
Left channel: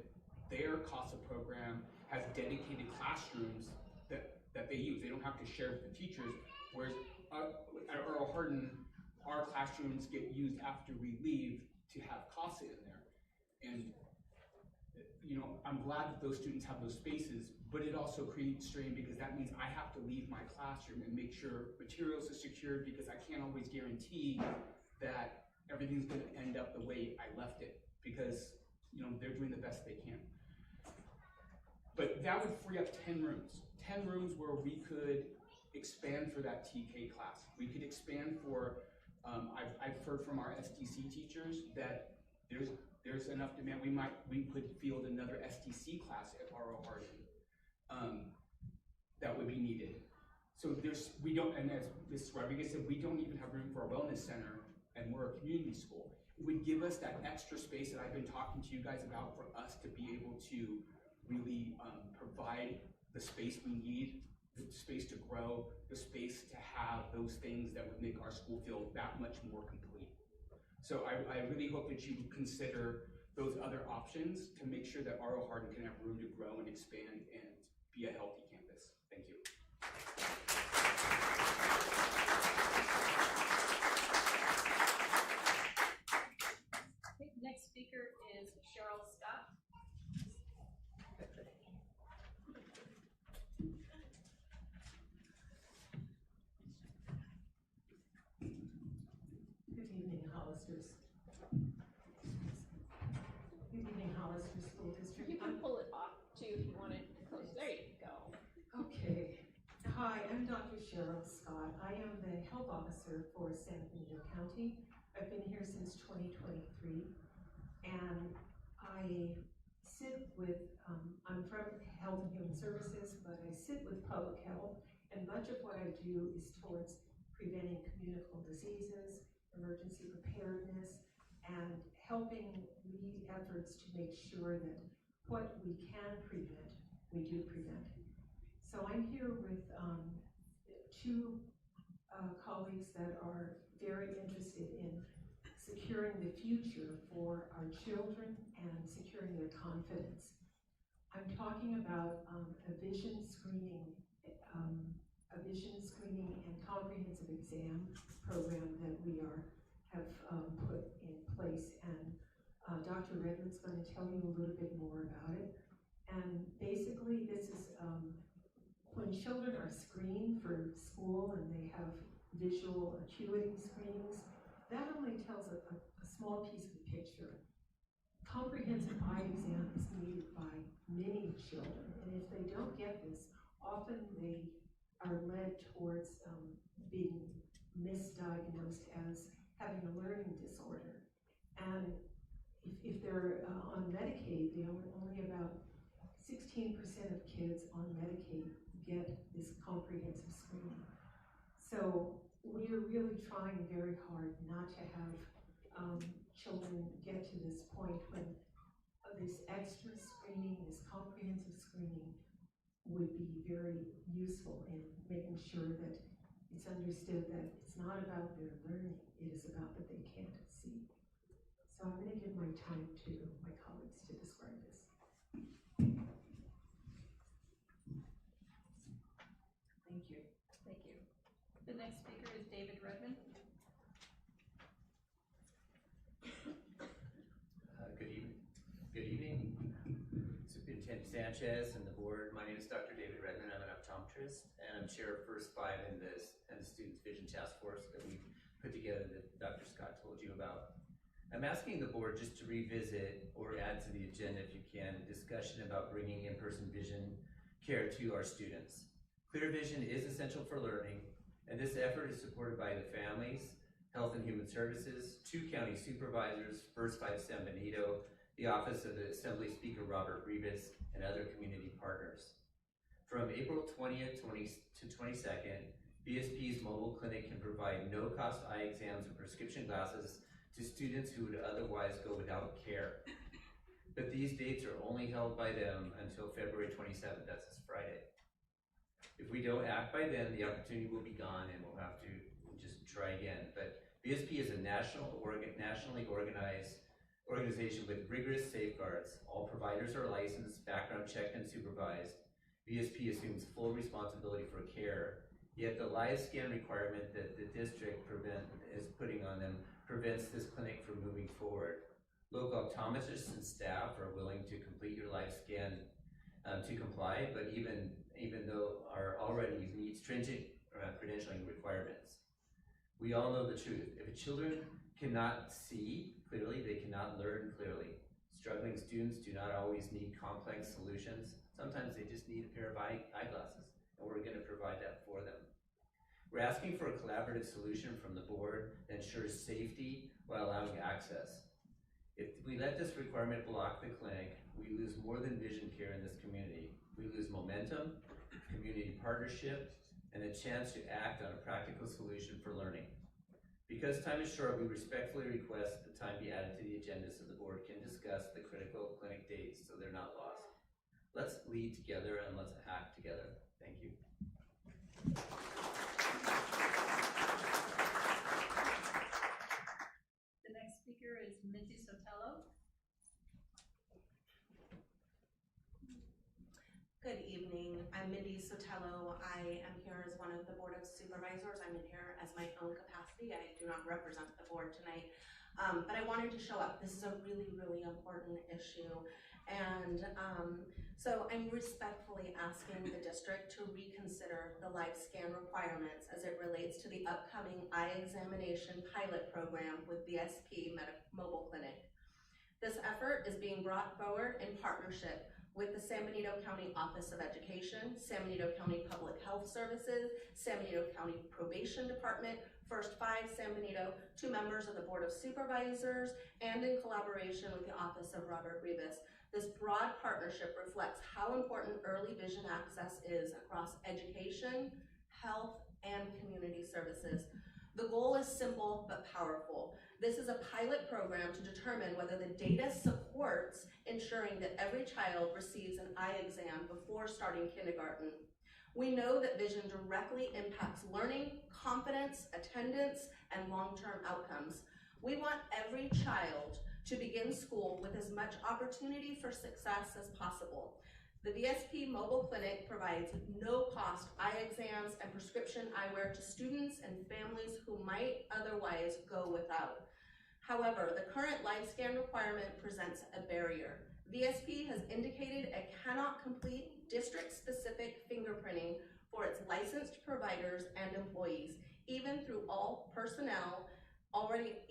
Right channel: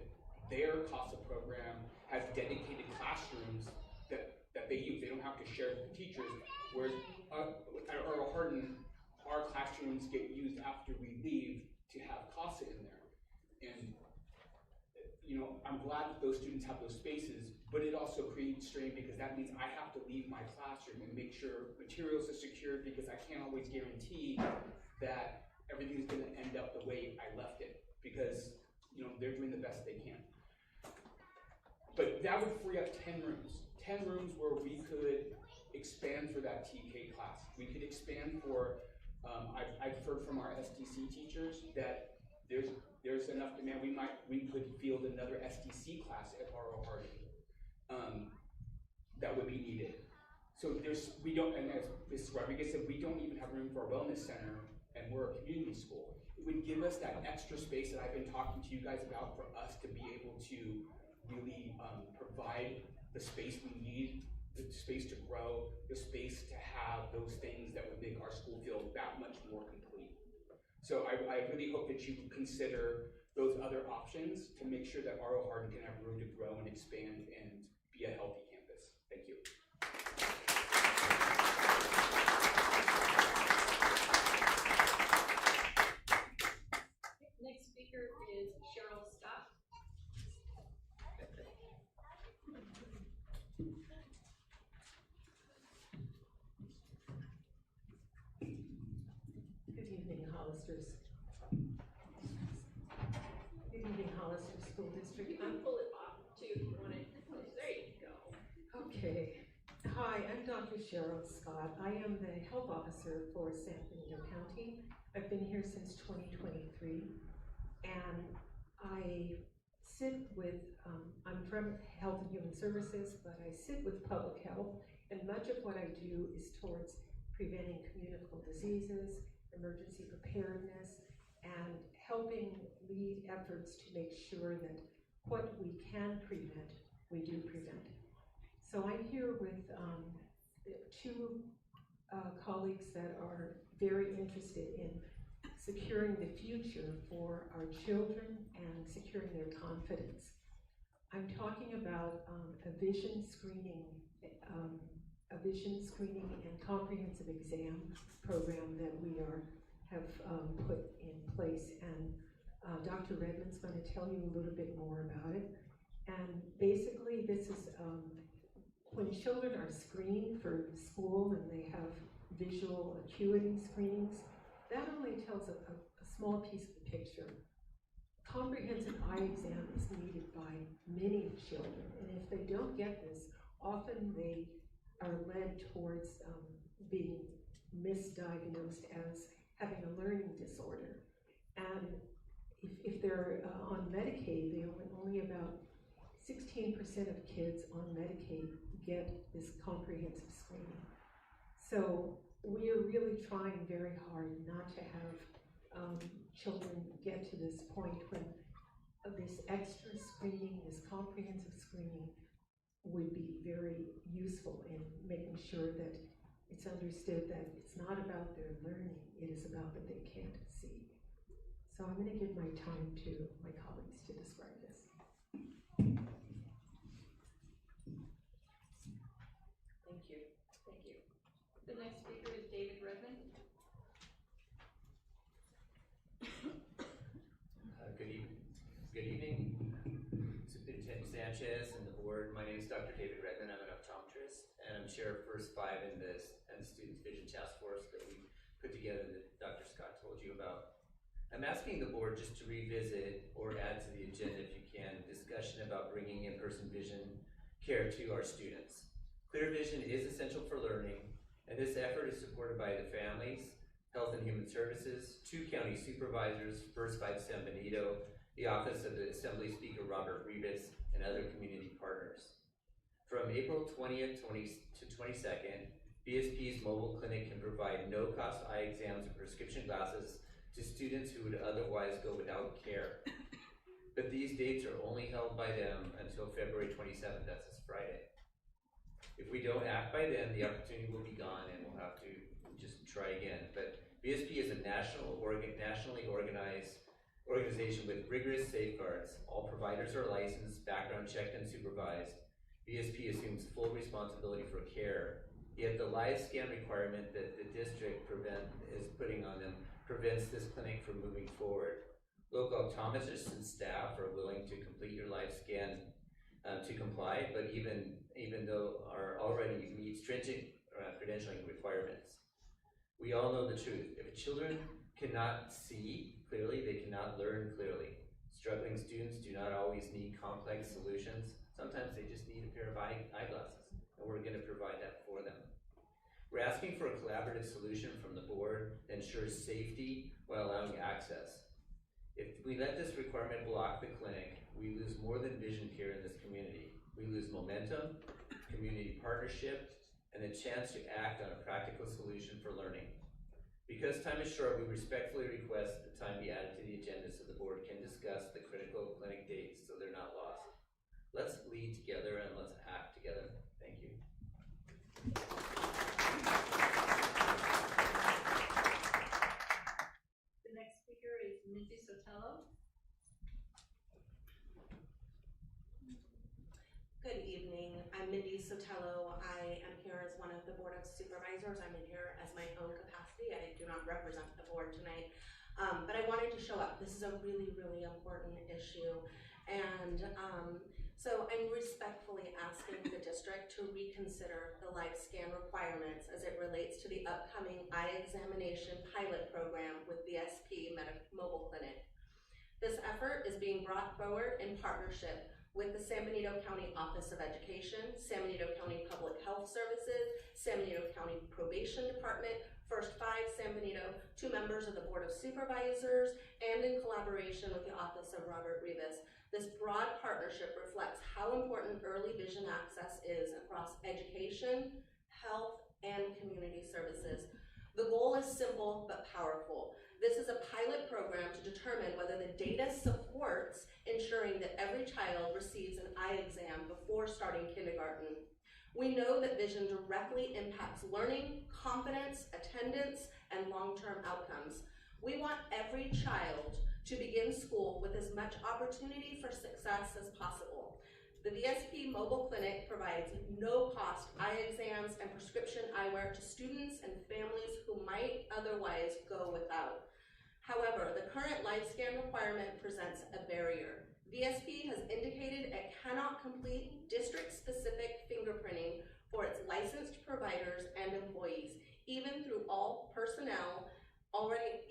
their CASA program has dedicated classrooms that they use. They don't have to share with the teachers, whereas at R. Hardin, our classrooms get used after we leave to have CASA in there. And you know, I'm glad that those students have those spaces, but it also creates strain because that means I have to leave my classroom and make sure materials are secured because I can't always guarantee that everything's gonna end up the way I left it because, you know, they're doing the best they can. But that would free up 10 rooms. 10 rooms where we could expand for that TK class. We could expand for, I've heard from our STC teachers that there's enough demand. We could field another STC class at R.O. Hardin that would be needed. So and as Ms. Rodriguez said, we don't even have room for a wellness center, and we're a community school. It would give us that extra space that I've been talking to you guys about for us to be able to really provide the space we need, the space to grow, the space to have those things that would make our school feel that much more complete. So I really hope that you consider those other options to make sure that R.O. Hardin can have room to grow and expand and be a healthy campus. Thank you. Hollister. Good evening, Hollister School District. You can pull it off too if you want it close. There you go. Okay. Hi, I'm Dr. Cheryl Scott. I am the health officer for San Benito County. I've been here since 2023, and I sit with, I'm from Health and Human Services, but I sit with public health, and much of what I do is towards preventing communicable diseases, emergency preparedness, and helping lead efforts to make sure that what we can prevent, we do prevent. So I'm here with two colleagues that are very interested in securing the future for our children and securing their confidence. I'm talking about a vision screening and comprehensive exam program that we have put in place, and Dr. Redmond's going to tell you a little bit more about it. And basically, this is when children are screened for school and they have visual acuity screenings, that only tells a small piece of the picture. Comprehensive eye exam is needed by many children, and if they don't get this, often they are led towards being misdiagnosed as having a learning disorder. And if they're on Medicaid, only about 16% of kids on Medicaid get this comprehensive screening. So we're really trying very hard not to have children get to this point when this extra screening, this comprehensive screening would be very useful in making sure that it's understood that it's not about their learning, it is about that they can't see. So I'm going to give my time to my colleagues to describe this. Thank you. Thank you. The next speaker is David Redmond. Good evening, Superintendent Sanchez and the board. My name is Dr. David Redmond. I'm an optometrist, and I'm chair of First Five in the Students Vision Task Force that we put together that Dr. Scott told you about. I'm asking the board just to revisit or add to the agenda, if you can, discussion about bringing in-person vision care to our students. Clear vision is essential for learning, and this effort is supported by the families, Health and Human Services, 2 county supervisors, First Five San Benito, the Office of the Assembly Speaker Robert Rivas, and other community partners. From April 20th to 22nd, BSP's mobile clinic can provide no-cost eye exams and prescription glasses to students who would otherwise go without care. But these dates are only held by them until February 27th, that's this Friday. If we don't act by then, the opportunity will be gone and we'll have to just try again. But BSP is a nationally organized organization with rigorous safeguards. All providers are licensed, background checked, and supervised. BSP assumes full responsibility for care, yet the live scan requirement that the district is putting on them prevents this clinic from moving forward. Local optometrists and staff are willing to complete your live scan to comply, but even though are already meet stringent credentialing requirements. We all know the truth. If children cannot see clearly, they cannot learn clearly. Struggling students do not always need complex solutions. Sometimes they just need a pair of eyeglasses, and we're going to provide that for them. We're asking for a collaborative solution from the board that ensures safety while allowing access. If we let this requirement block the clinic, we lose more than vision care in this community. We lose momentum, community partnership, and the chance to act on a practical solution for learning. Because time is short, we respectfully request that time be added to the agenda so the board can discuss the critical clinic dates so they're not lost. Let's lead together and let's act together. Thank you. The next speaker is Minty Sotelo. Good evening. I'm Mindy Sotelo. I am here as one of the Board of Supervisors. I'm in here as my own capacity. I do not represent the board tonight, but I wanted to show up. This is a really, really important issue. And So I'm respectfully asking the district to reconsider the live scan requirements as it relates to the upcoming eye examination pilot program with VSP Mobile Clinic. This effort is being brought forward in partnership with the San Benito County Office of Education, San Benito County Public Health Services, San Benito County Probation Department, First Five San Benito, 2 members of the Board of Supervisors, and in collaboration with the Office of Robert Rivas. This broad partnership reflects how important early vision access is across education, health, and community services. The goal is simple but powerful. This is a pilot program to determine whether the data supports ensuring that every child receives an eye exam before starting kindergarten. We know that vision directly impacts learning, confidence, attendance, and long-term outcomes. We want every child to begin school with as much opportunity for success as possible. The VSP Mobile Clinic provides no-cost eye exams and prescription eyewear to students and families who might otherwise go without. However, the current live scan requirement presents a barrier. VSP has indicated it cannot complete district-specific fingerprinting for its licensed providers and employees, even though all personnel already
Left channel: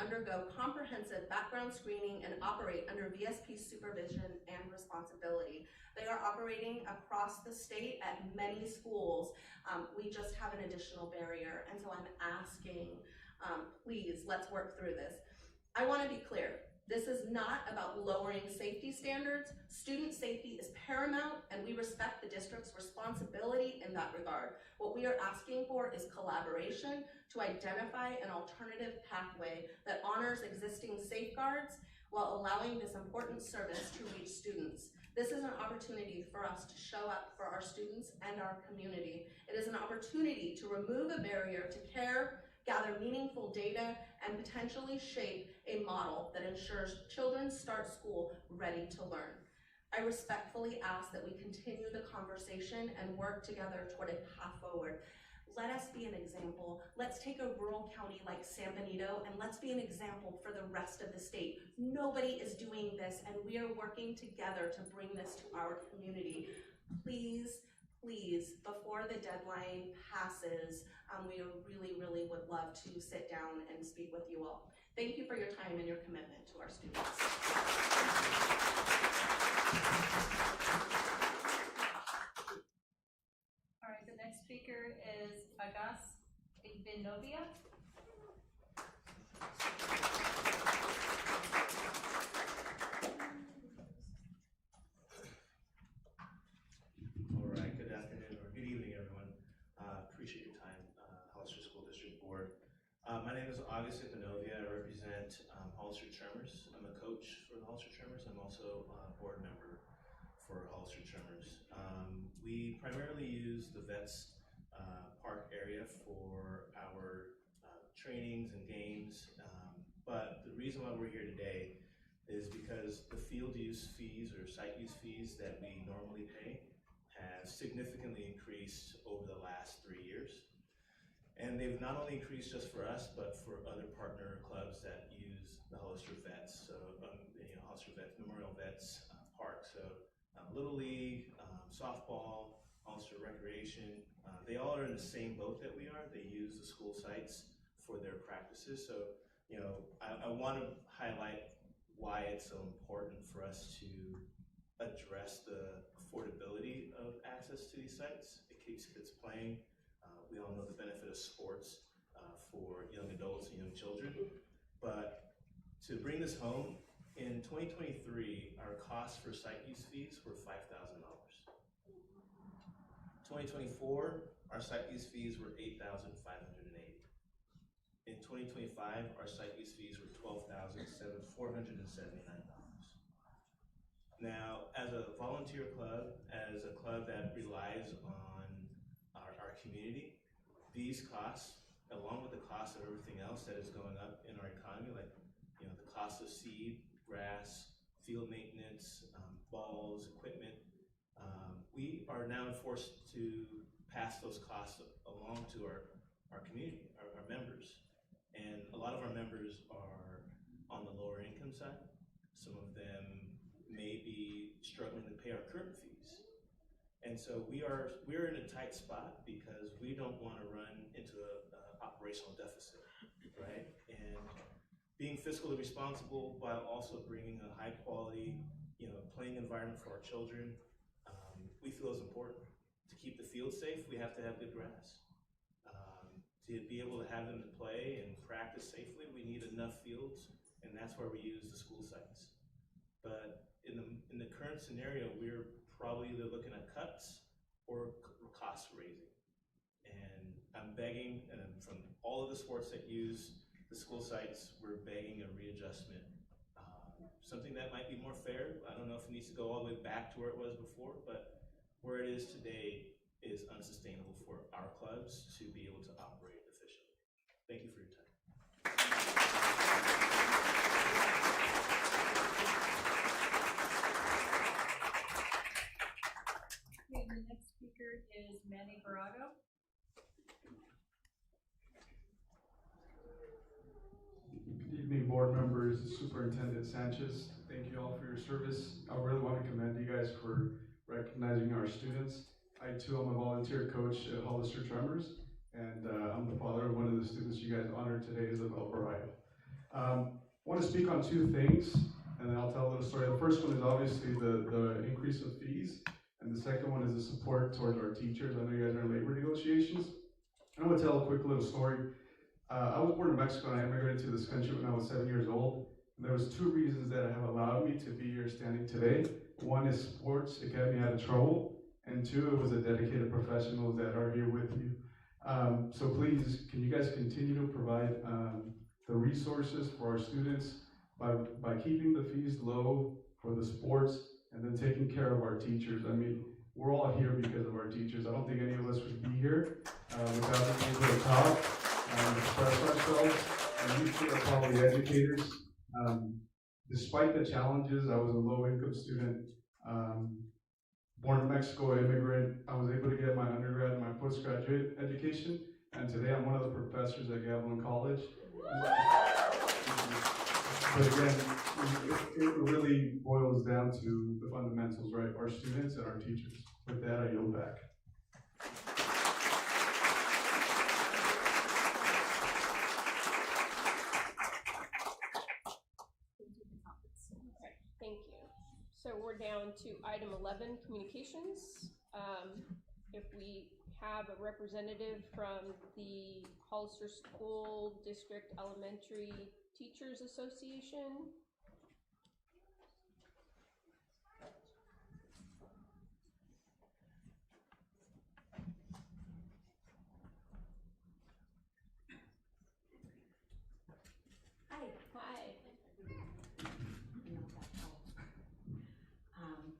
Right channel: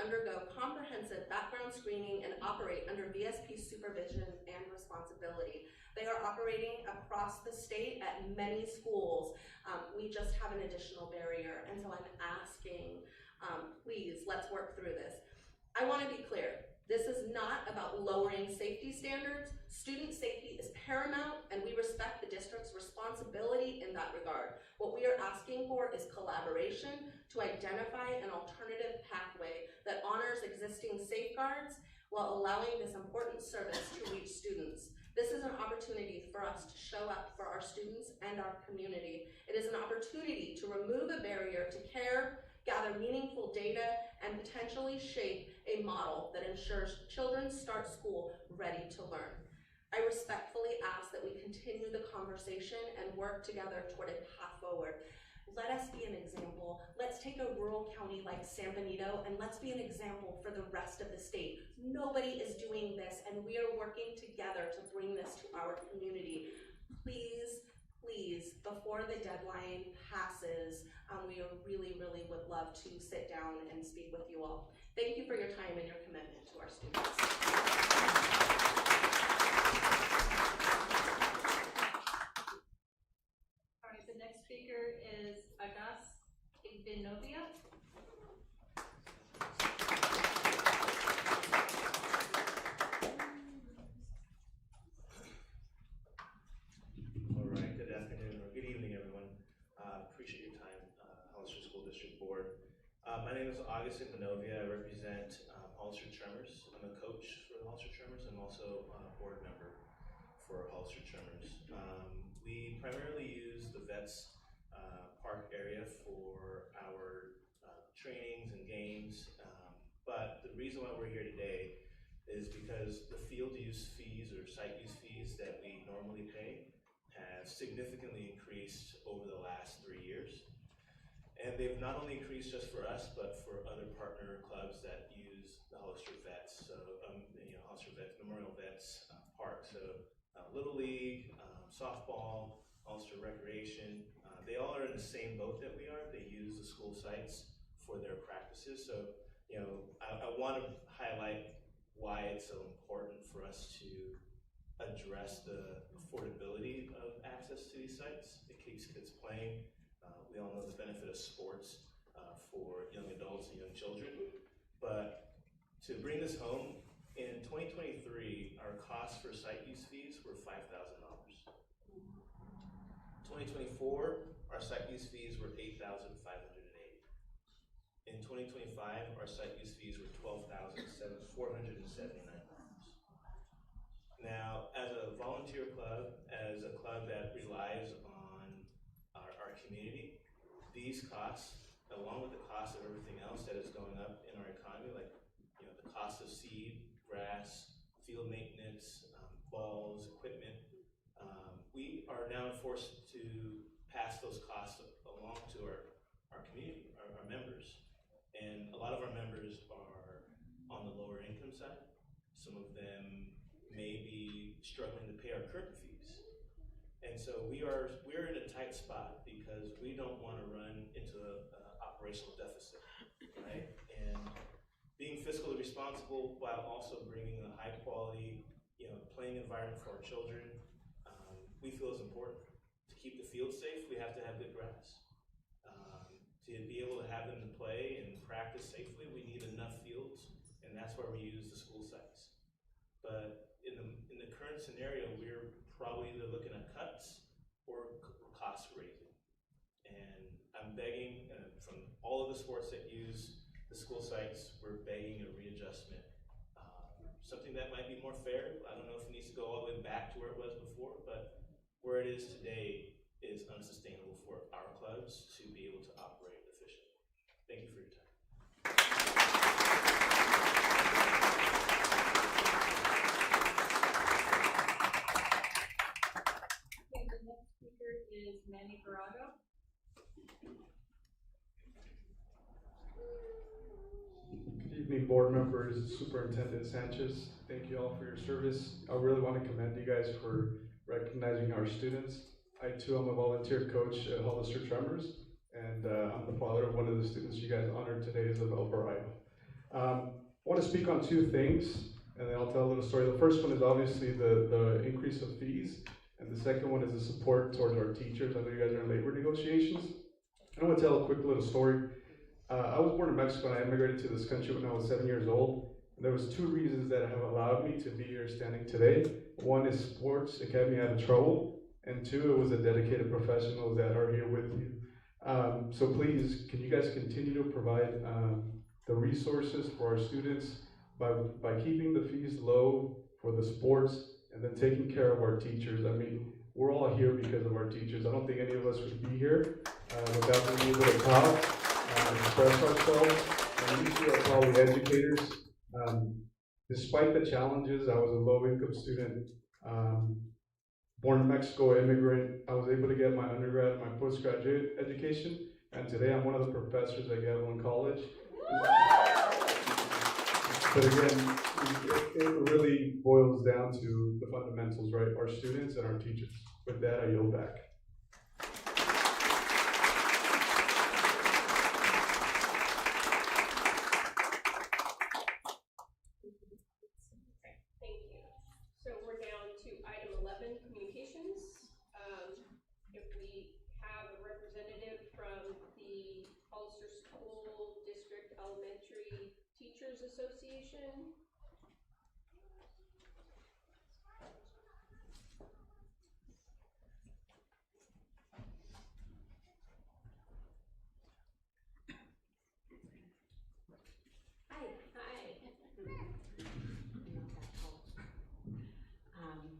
undergo comprehensive background screening and operate under VSP supervision and responsibility. They are operating across the state at many schools. We just have an additional barrier, and so I'm asking, please, let's work through this. I want to be clear. This is not about lowering safety standards. Student safety is paramount, and we respect the district's responsibility in that regard. What we are asking for is collaboration to identify an alternative pathway that honors existing safeguards while allowing this important service to reach students. This is an opportunity for us to show up for our students and our community. It is an opportunity to remove a barrier to care, gather meaningful data, and potentially shape a model that ensures children start school ready to learn. I respectfully ask that we continue the conversation and work together toward a path forward. Let us be an example. Let's take a rural county like San Benito and let's be an example for the rest of the state. Nobody is doing this, and we are working together to bring this to our community. Please, please, before the deadline passes, we really would love to sit down and speak with you all. Thank you for your time and your commitment to our students. All right, the next speaker is Agas Igbenovia. All right, good afternoon or good evening, everyone. Appreciate your time, Hollister School District Board. My name is August Igbenovia. I represent Hollister Tremors. I'm a coach for the Hollister Tremors. I'm also a board member for Hollister Tremors. We primarily use the Vets Park area for our trainings and games, but the reason why we're here today is because the field use fees or site use fees that we normally pay have significantly increased over the last 3 years. And they've not only increased just for us, but for other partner clubs that use the Hollister Vets. So, Hollister Vets, Memorial Vets Park. So, Little League, softball, Hollister Recreation, they all are in the same boat that we are. They use the school sites for their practices. So, I want to highlight why it's so important for us to address the affordability of access to these sites. It keeps kids playing. We all know the benefit of sports for young adults and young children. But to bring this home, in 2023, our costs for site use fees were $5,000. 2024, our site use fees were $8,580. In 2025, our site use fees were $12,479. Now, as a volunteer club, as a club that relies on our community, these costs, along with the cost of everything else that is going up in our economy, like the cost of seed, grass, field maintenance, balls, equipment, we are now forced to pass those costs along to our community, our members. And a lot of our members are on the lower income side. Some of them may be struggling to pay our current fees. And so we're in a tight spot because we don't want to run into an operational deficit, right? And being fiscally responsible while also bringing a high quality, playing environment for our children, we feel is important. To keep the field safe, we have to have good grass. To be able to have them to play and practice safely, we need enough fields, and that's where we use the school sites. But in the current scenario, we're probably either looking at cuts or cost raising. And I'm begging, from all of the sports that use the school sites, we're begging a readjustment. Something that might be more fair. I don't know if it needs to go all the way back to where it was before, but where it is today is unsustainable for our clubs to be able to operate efficiently. Thank you for your time. Okay, the next speaker is Manny Barago. Good evening, board members, Superintendent Sanchez. Thank you all for your service. I really want to commend you guys for recognizing our students. I too am a volunteer coach at Hollister Tremors, and I'm the father of one of the students you guys honored today, Isabel Barrio. I want to speak on two things, and then I'll tell a little story. The first one is obviously the increase of fees, and the second one is the support towards our teachers. I know you guys are in labor negotiations. I want to tell a quick little story. I was born in Mexico, and I immigrated to this country when I was 7 years old. There was two reasons that have allowed me to be here standing today. One is sports, it kept me out of trouble, and two, it was the dedicated professionals that are here with you. So please, can you guys continue to provide the resources for our students by keeping the fees low for the sports and then taking care of our teachers. I mean, we're all here because of our teachers. I don't think any of us would be here without being able to talk, express ourselves, and you two are probably educators. Despite the challenges, I was a low-income student, born in Mexico, immigrant. I was able to get my undergrad and my postgraduate education, and today I'm one of the professors at Gavilan College. But again, it really boils down to the fundamentals, right? Our students and our teachers. With that, I yield back. Thank you. So we're down to item 11, communications. If we have a representative from the Hollister School District Elementary Teachers Association. Hi. Hi.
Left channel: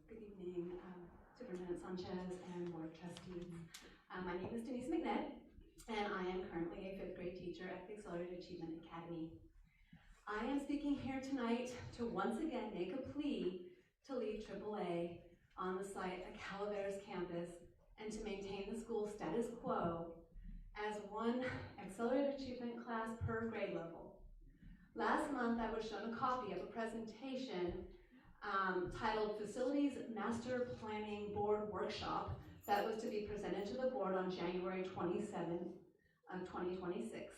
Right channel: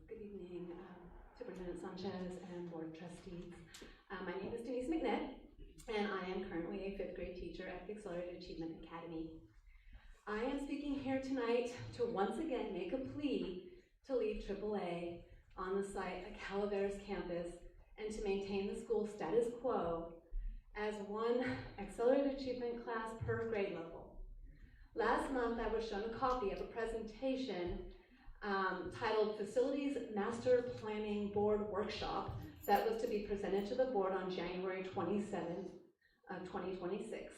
Good evening, Superintendent Sanchez and Board of Trustees. My name is Denise McNett, and I am currently a 5th grade teacher at the Accelerated Achievement Academy. I am speaking here tonight to once again make a plea to leave AAA on the site at Calaveras campus and to maintain the school status quo as one Accelerated Achievement class per grade level. Last month, I was shown a copy of a presentation titled Facilities Master Planning Board Workshop that was to be presented to the board on January 27th of 2026.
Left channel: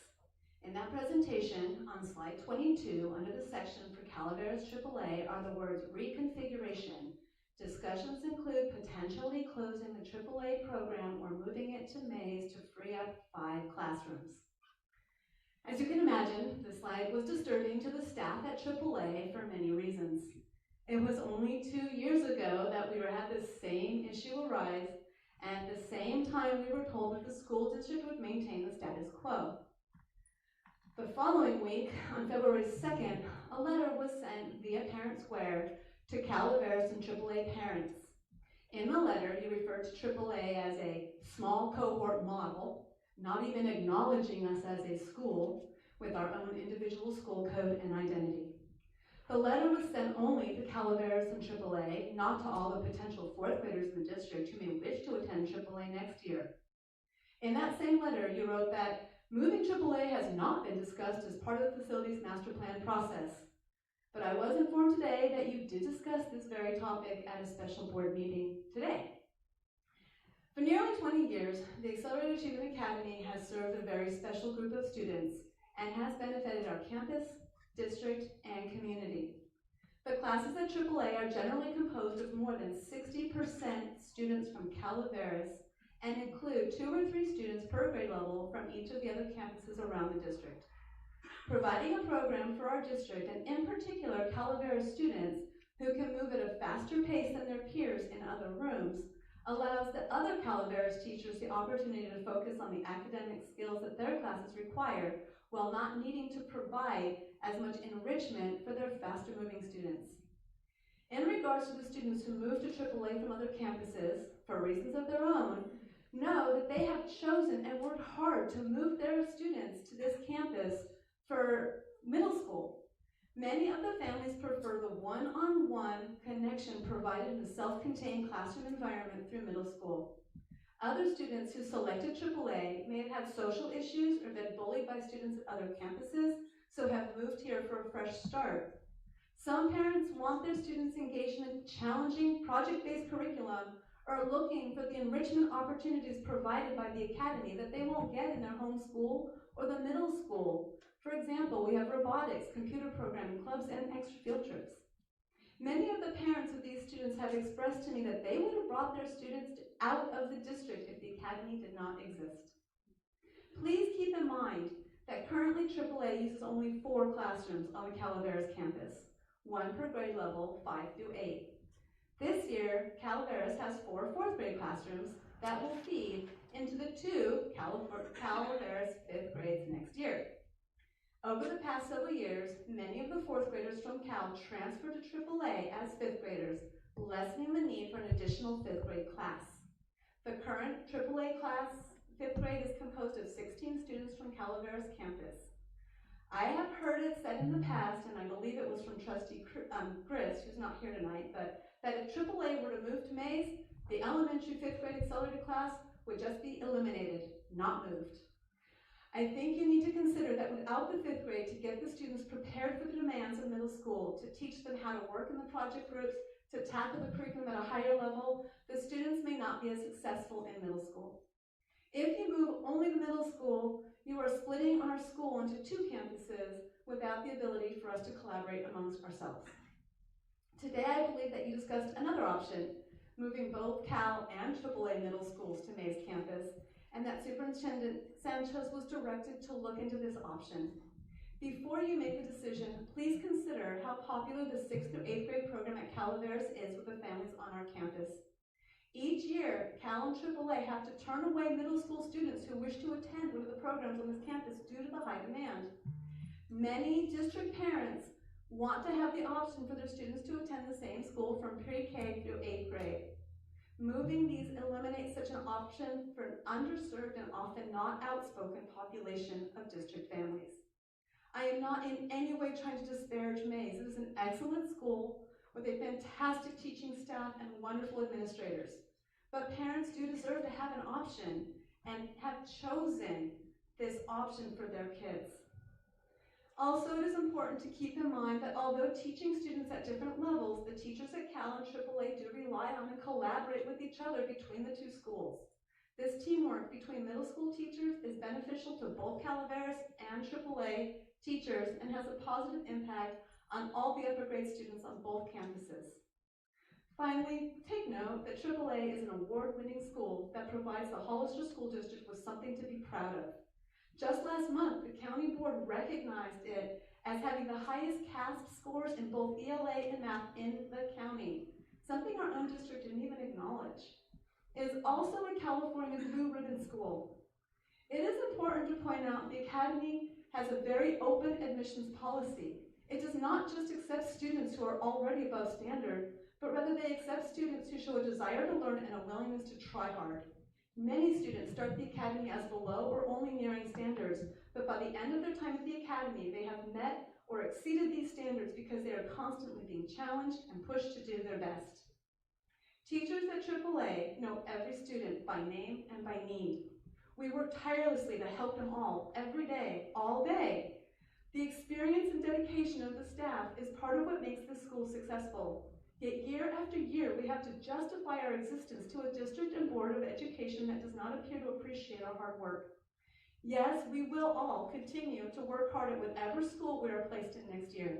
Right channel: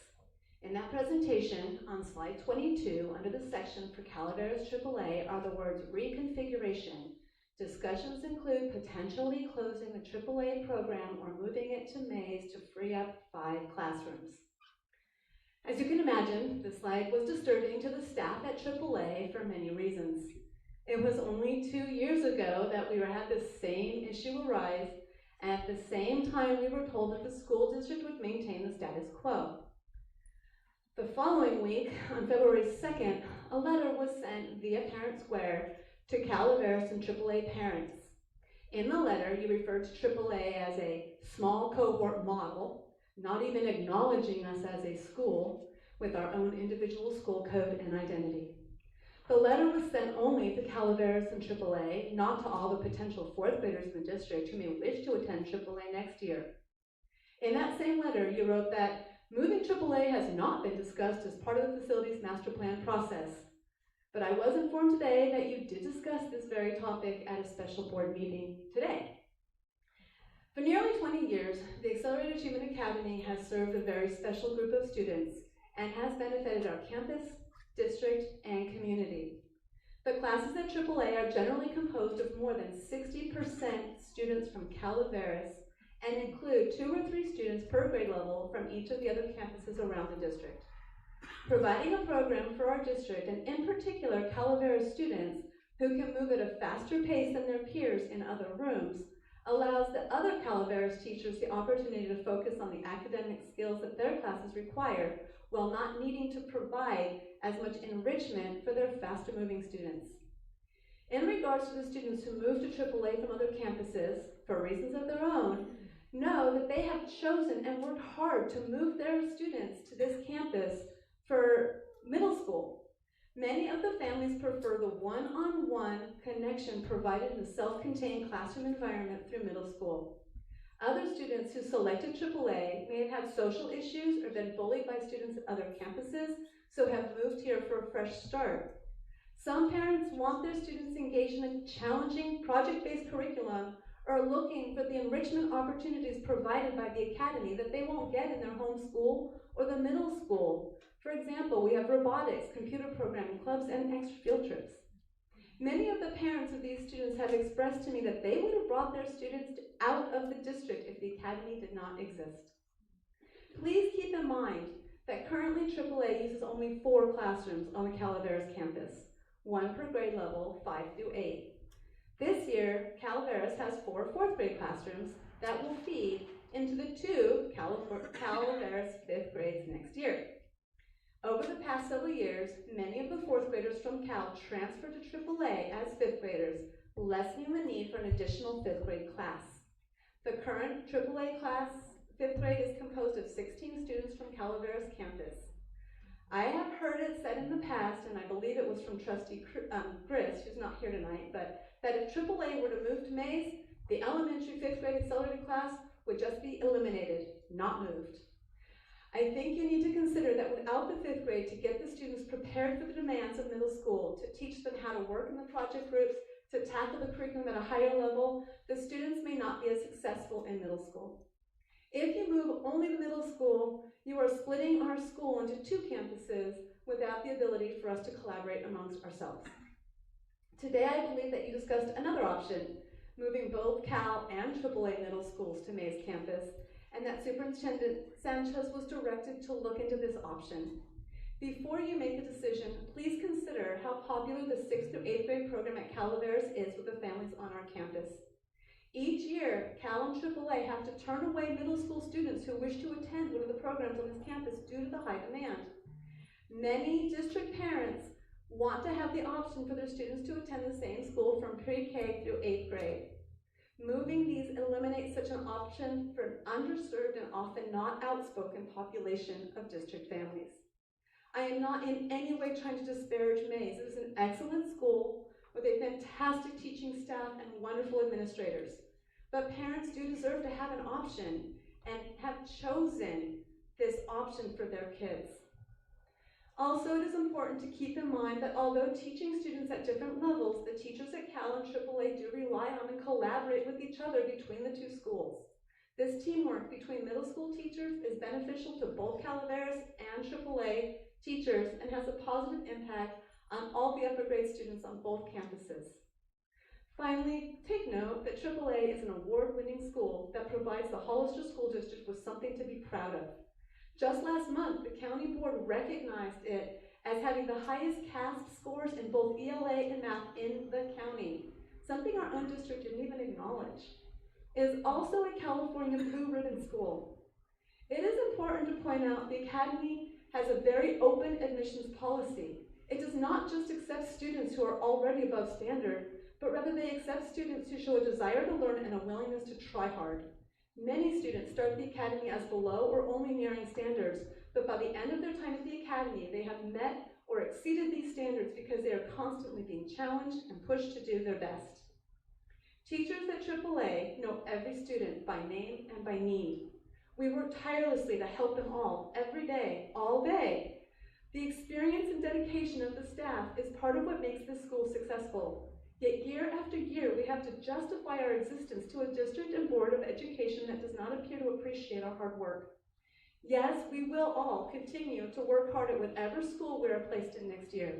In that presentation, on slide 22, under the section for Calaveras AAA are the words reconfiguration. Discussions include potentially closing the AAA program or moving it to Mays to free up 5 classrooms. As you can imagine, the slide was disturbing to the staff at AAA for many reasons. It was only 2 years ago that we had the same issue arise, and at the same time we were told that the school district would maintain the status quo. The following week, on February 2nd, a letter was sent via Parent Square to Calaveras and AAA parents. In the letter, you referred to AAA as a small cohort model, not even acknowledging us as a school with our own individual school code and identity. The letter was sent only to Calaveras and AAA, not to all the potential 4th graders in the district who may wish to attend AAA next year. In that same letter, you wrote that moving AAA has not been discussed as part of the facilities master plan process. But I was informed today that you did discuss this very topic at a special board meeting today. For nearly 20 years, the Accelerated Achievement Academy has served a very special group of students and has benefited our campus, district, and community. The classes at AAA are generally composed of more than 60% students from Calaveras and include 2 or 3 students per grade level from each of the other campuses around the district. Providing a program for our district, and in particular Calaveras students who can move at a faster pace than their peers in other rooms, allows the other Calaveras teachers the opportunity to focus on the academic skills that their classes require while not needing to provide as much enrichment for their faster moving students. In regards to the students who move to AAA from other campuses for reasons of their own, know that they have chosen and worked hard to move their students to this campus for middle school. Many of the families prefer the one-on-one connection provided in the self-contained classroom environment through middle school. Other students who selected AAA may have had social issues or been bullied by students at other campuses, so have moved here for a fresh start. Some parents want their students engaged in a challenging project-based curriculum or are looking for the enrichment opportunities provided by the academy that they won't get in their home school or the middle school. For example, we have robotics, computer programming clubs, and extra field trips. Many of the parents of these students have expressed to me that they would have brought their students out of the district if the academy did not exist. Please keep in mind that currently AAA uses only 4 classrooms on the Calaveras campus, 1 per grade level, 5 through 8. This year, Calaveras has 4 4th grade classrooms that will feed into the 2 Calaveras 5th grades next year. Over the past several years, many of the 4th graders from Cal transferred to AAA as 5th graders, lessening the need for an additional 5th grade class. The current AAA class, 5th grade, is composed of 16 students from Calaveras campus. I have heard it said in the past, and I believe it was from Trustee Chris, who's not here tonight, but that if AAA were to move to Mays, the elementary 5th grade accelerated class would just be eliminated, not moved. I think you need to consider that without the 5th grade, to get the students prepared for the demands of middle school, to teach them how to work in the project groups, to tackle the curriculum at a higher level, the students may not be as successful in middle school. If you move only to middle school, you are splitting our school into 2 campuses without the ability for us to collaborate amongst ourselves. Today, I believe that you discussed another option, moving both Cal and AAA middle schools to Mays campus, and that Superintendent Sanchez was directed to look into this option. Before you make a decision, please consider how popular the 6th through 8th grade program at Calaveras is with the families on our campus. Each year, Cal and AAA have to turn away middle school students who wish to attend one of the programs on this campus due to the high demand. Many district parents want to have the option for their students to attend the same school from pre-K through 8th grade. Moving these eliminates such an option for an underserved and often not outspoken population of district families. I am not in any way trying to disparage Mays. It is an excellent school with a fantastic teaching staff and wonderful administrators. But parents do deserve to have an option and have chosen this option for their kids. Also, it is important to keep in mind that although teaching students at different levels, the teachers at Cal and AAA do rely on and collaborate with each other between the 2 schools. This teamwork between middle school teachers is beneficial to both Calaveras and AAA teachers and has a positive impact on all the upper grade students on both campuses. Finally, take note that AAA is an award-winning school that provides the Hollister School District with something to be proud of. Just last month, the county board recognized it as having the highest CASP scores in both ELA and math in the county, something our own district didn't even acknowledge. It is also a California Blue Ribbon school. It is important to point out the academy has a very open admissions policy. It does not just accept students who are already above standard, but rather they accept students who show a desire to learn and a willingness to try hard. Many students start the academy as below or only nearing standards, but by the end of their time at the academy, they have met or exceeded these standards because they are constantly being challenged and pushed to do their best. Teachers at AAA know every student by name and by need. We work tirelessly to help them all, every day, all day. The experience and dedication of the staff is part of what makes this school successful. Yet year after year, we have to justify our existence to a district and board of education that does not appear to appreciate our hard work. Yes, we will all continue to work hard at whatever school we are placed in next year.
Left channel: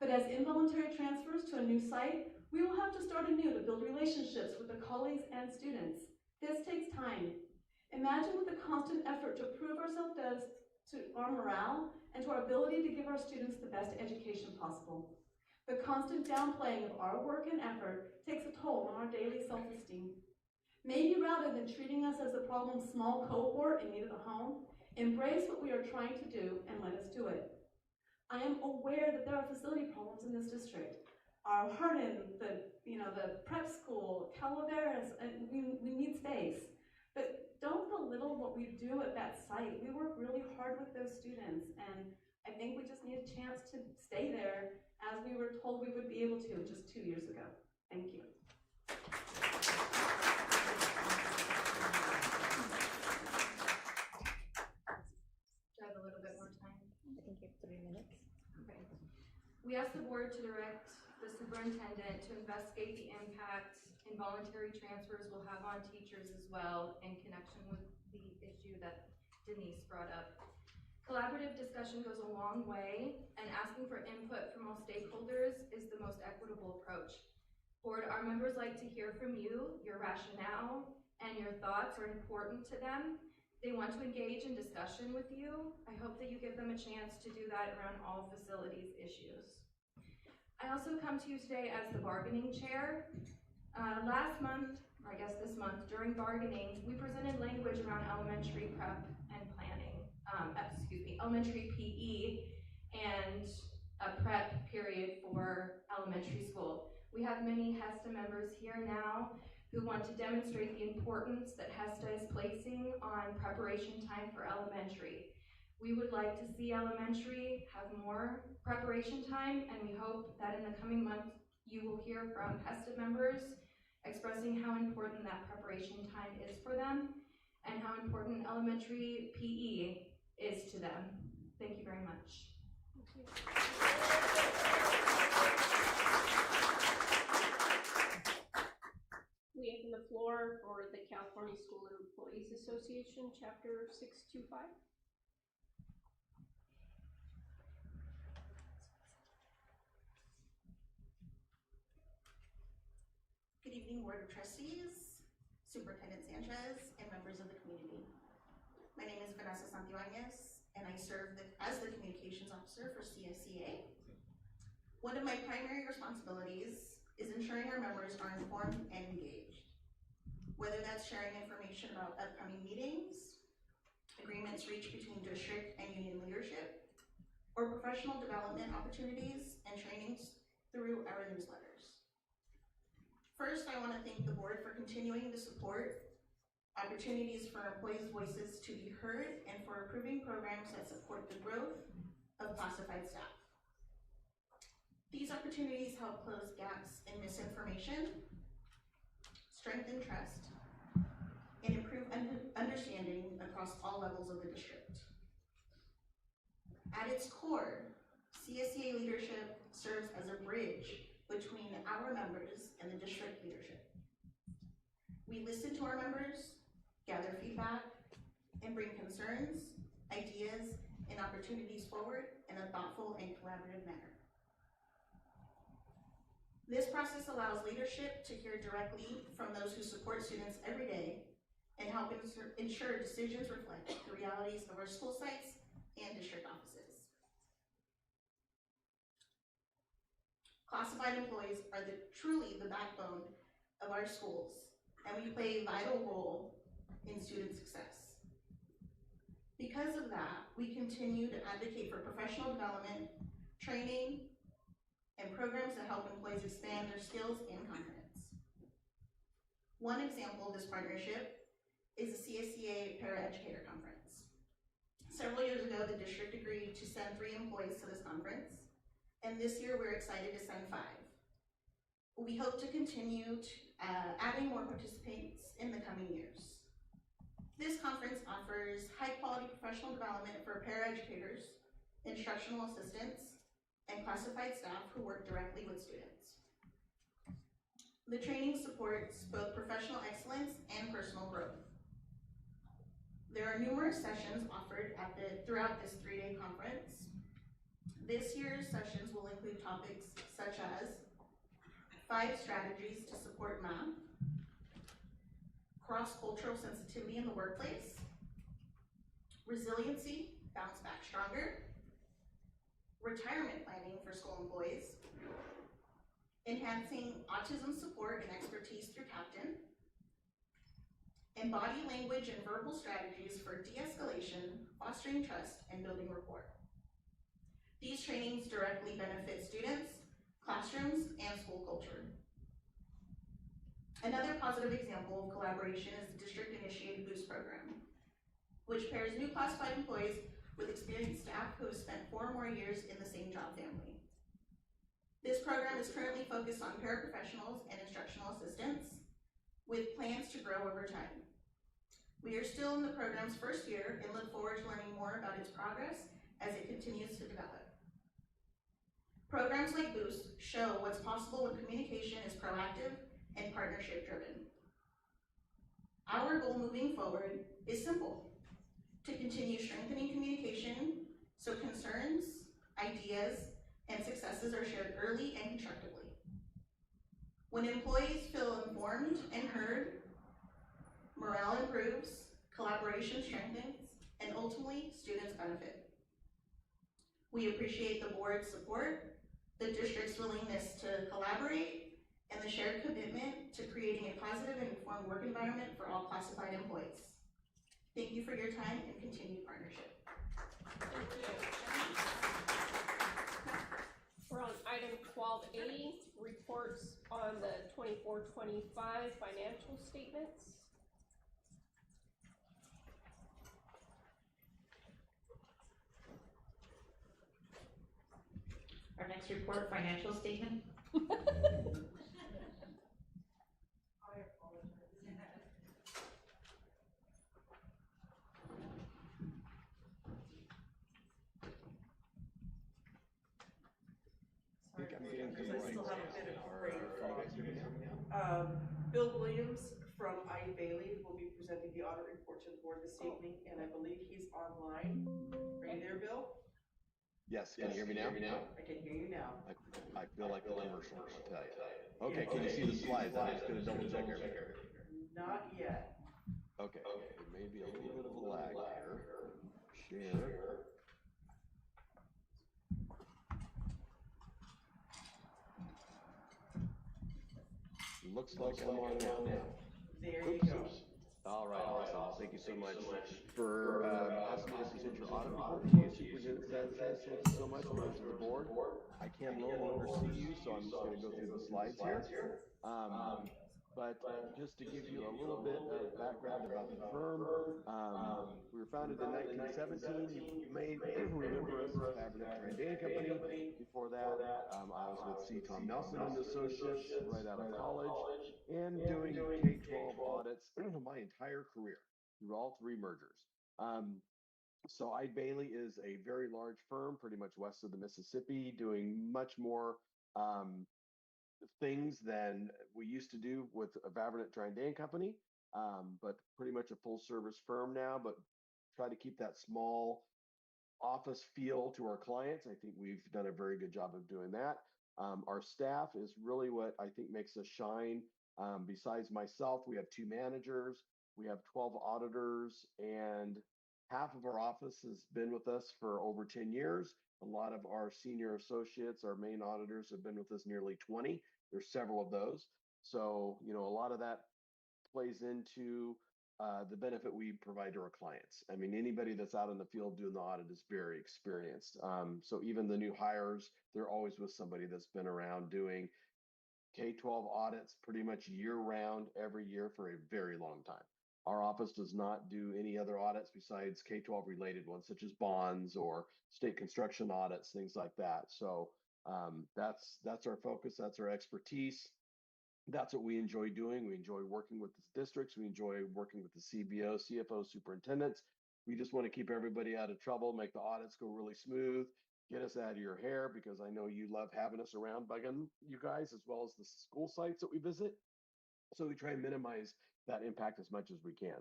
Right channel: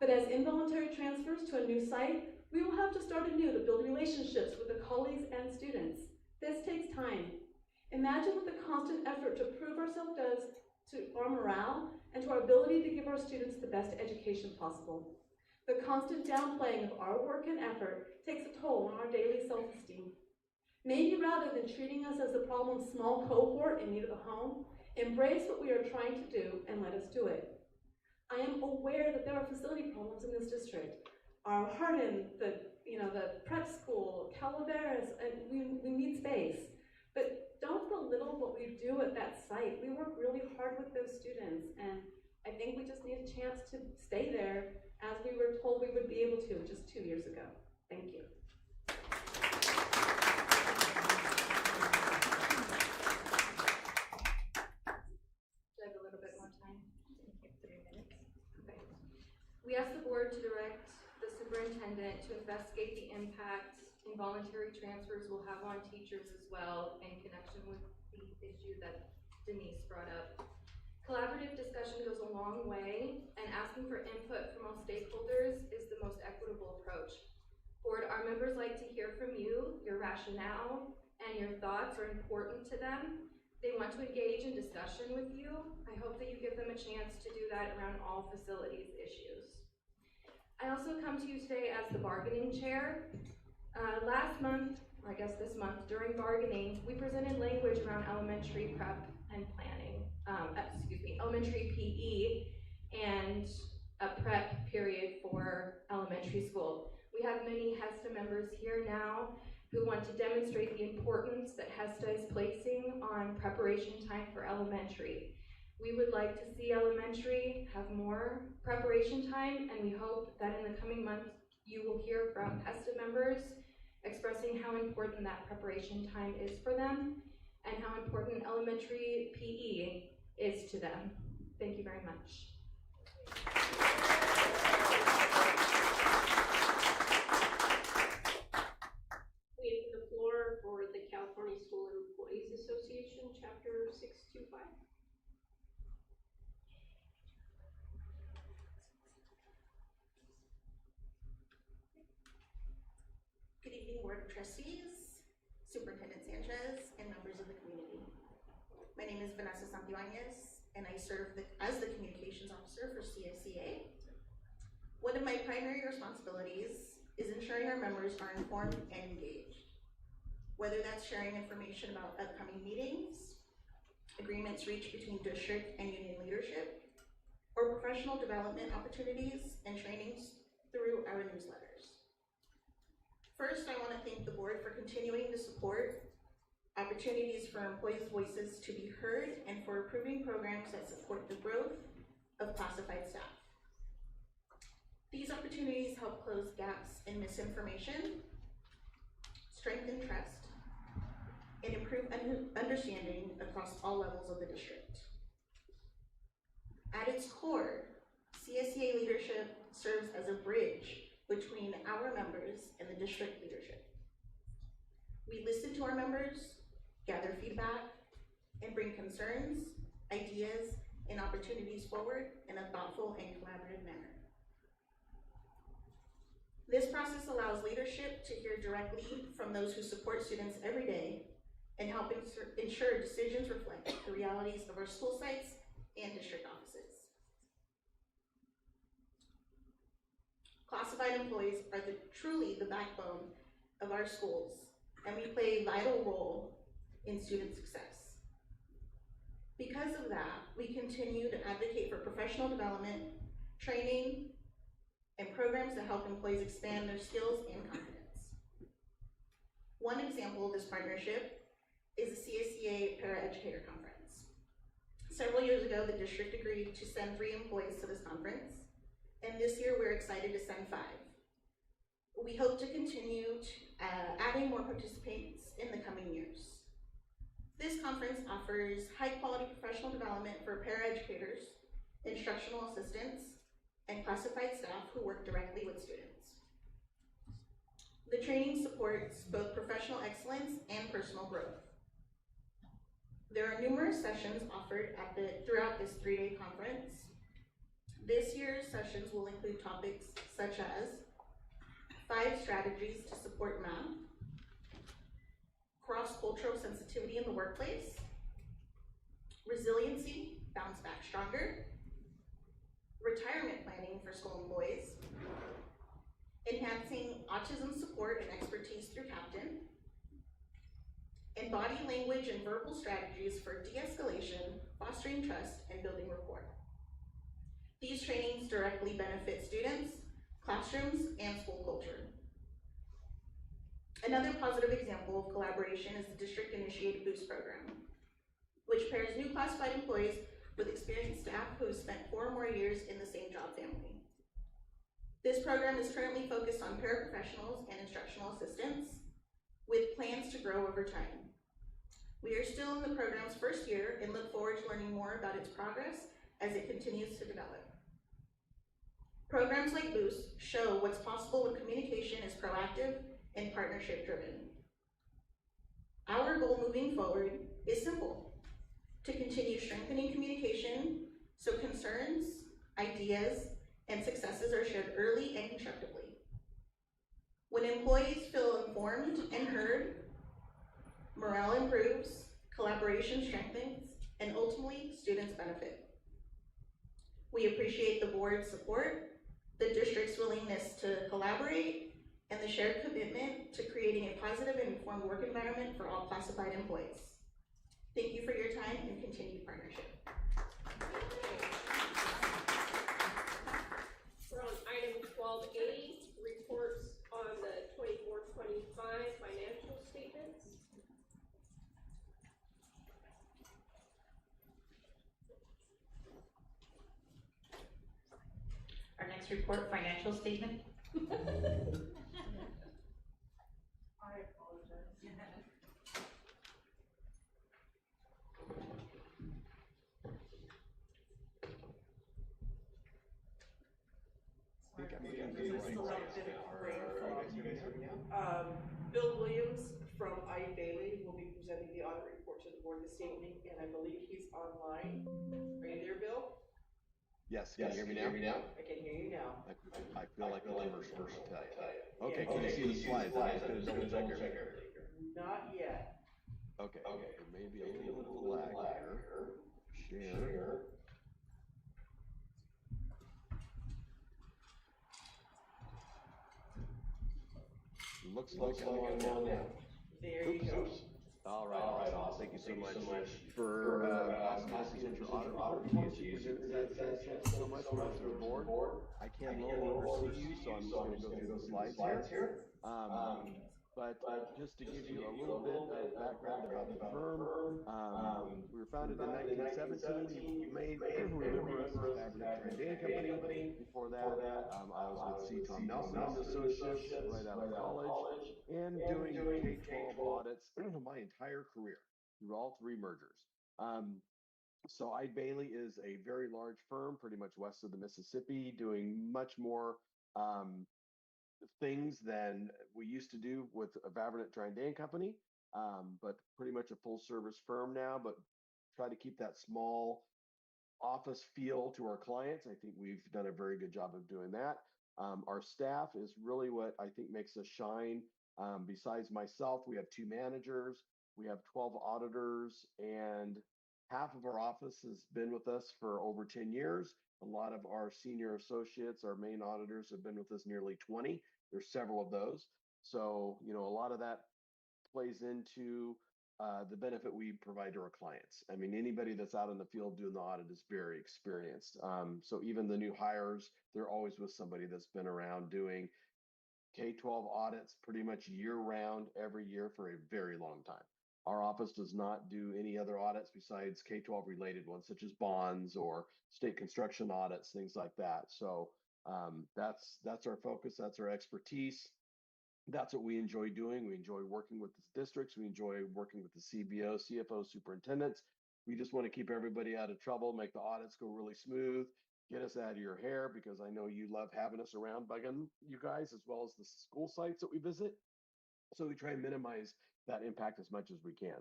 But as involuntary transfers to a new site, we will have to start anew to build relationships with the colleagues and students. This takes time. Imagine what the constant effort to prove ourselves does to our morale and to our ability to give our students the best education possible. The constant downplaying of our work and effort takes a toll on our daily self-esteem. Maybe rather than treating us as the problem's small cohort in need of a home, embrace what we are trying to do and let us do it. I am aware that there are facility problems in this district. Our Hardin, the prep school, Calaveras, and we need space. But don't belittle what we do at that site. We work really hard with those students, and I think we just need a chance to stay there as we were told we would be able to just 2 years ago. Thank you. Do I have a little bit more time? I think you have 3 minutes. Okay. We asked the board to direct the superintendent to investigate the impact involuntary transfers will have on teachers as well in connection with the issue that Denise brought up. Collaborative discussion goes a long way, and asking for input from all stakeholders is the most equitable approach. Board, our members like to hear from you. Your rationale and your thoughts are important to them. They want to engage in discussion with you. I hope that you give them a chance to do that around all facilities issues. I also come to you today as the bargaining chair. Last month, or I guess this month, during bargaining, we presented language around elementary prep and planning, elementary PE and a prep period for elementary school. We have many HESTA members here now who want to demonstrate the importance that HESTA is placing on preparation time for elementary. We would like to see elementary have more preparation time, and we hope that in the coming months you will hear from HESTA members expressing how important that preparation time is for them and how important elementary PE is to them. Thank you very much. We open the floor for the California School Employees Association, Chapter 625. Good evening, Board of Trustees, Superintendent Sanchez, and members of the community. My name is Vanessa Santibáñez, and I serve as the Communications Officer for CSEA. One of my primary responsibilities is ensuring our members are informed and engaged, whether that's sharing information about upcoming meetings, agreements reached between district and union leadership, or professional development opportunities and trainings through our newsletters. First, I want to thank the board for continuing to support opportunities for employees' voices to be heard and for approving programs that support the growth of classified staff. These opportunities help close gaps in misinformation, strengthen trust, and improve understanding across all levels of the district. At its core, CSEA leadership serves as a bridge between our members and the district leadership. We listen to our members, gather feedback, and bring concerns, ideas, and opportunities forward in a thoughtful and collaborative manner. This process allows leadership to hear directly from those who support students every day and help ensure decisions reflect the realities of our school sites and district offices. Classified employees are truly the backbone of our schools, and we play a vital role in student success. Because of that, we continue to advocate for professional development, training, and programs to help employees expand their skills and competence. One example of this partnership is the CSEA Para-Educator Conference. Several years ago, the district agreed to send 3 employees to this conference, and this year we're excited to send 5. We hope to continue adding more participants in the coming years. This conference offers high-quality professional development for paraeducators instructional assistants, and classified staff who work directly with students. The training supports both professional excellence and personal growth. There are numerous sessions offered throughout this 3-day conference. This year's sessions will include topics such as 5 strategies to support math, cross-cultural sensitivity in the workplace, resiliency, bounce back stronger, retirement planning for school employees, enhancing autism support and expertise through Captain, and body language and verbal strategies for de-escalation, fostering trust, and building rapport. These trainings directly benefit students, classrooms, and school culture. Another positive example of collaboration is the district-initiated Boost program, which pairs new classified employees with experienced staff who have spent 4 or more years in the same job family. This program is currently focused on paraprofessionals and instructional assistants, with plans to grow over time. We are still in the program's first year and look forward to learning more about its progress as it continues to develop. Programs like Boost show what's possible when communication is proactive and partnership driven. Our goal moving forward is simple: to continue strengthening communication so concerns, ideas, and successes are shared early and constructively. When employees feel informed and heard, morale improves, collaboration strengthens, and ultimately, students benefit. We appreciate the board's support, the district's willingness to collaborate, and the shared commitment to creating a positive and informed work environment for all classified employees. Thank you for your time and continued partnership. We're on item 12A, reports on the 24-25 financial statements. Our next report, financial statement. I apologize. I think I'm getting the right. Still have a bit of brain fog. Bill Williams from I. Bailey will be presenting the audit report to the board this evening, and I believe he's online. Are you there, Bill? Yes, can you hear me now? I can hear you now. I feel like the commercial, I'll tell you. Okay, can you see the slides? I'm just gonna double check everything. Not yet. Okay, there may be a little bit of a lag here. Share. Looks like I'm on now. There you go. All right, awesome. Thank you so much for asking me to present your audit report to you, Superintendent Sanchez. Thank you so much, members of the board. I can no longer see you, so I'm just going to go through the slides here. But just to give you a little bit of background about the firm, we were founded in 1917. You may remember us as Fabrinet Trandane Company. Before that, I was with C. Tom Nelson and Associates right out of college, and doing K-12 audits my entire career through all 3 mergers. So I. Bailey is a very large firm, pretty much west of the Mississippi, doing much more things than we used to do with a Fabrinet Trandane Company, but pretty much a full service firm now, but try to keep that small office feel to our clients. I think we've done a very good job of doing that. Our staff is really what I think makes us shine. Besides myself, we have 2 managers, we have 12 auditors, and half of our office has been with us for over 10 years. A lot of our senior associates, our main auditors, have been with us nearly 20. There's several of those. So, you know, a lot of that plays into the benefit we provide to our clients. I mean, anybody that's out in the field doing the audit is very experienced. So even the new hires, they're always with somebody that's been around doing K-12 audits pretty much year round, every year for a very long time. Our office does not do any other audits besides K-12 related ones, such as bonds or state construction audits, things like that. So that's our focus, that's our expertise. That's what we enjoy doing. We enjoy working with the districts. We enjoy working with the CBO, CFO, superintendents. We just want to keep everybody out of trouble, make the audits go really smooth, get us out of your hair because I know you love having us around bugging you guys as well as the school sites that we visit. So we try and minimize that impact as much as we can.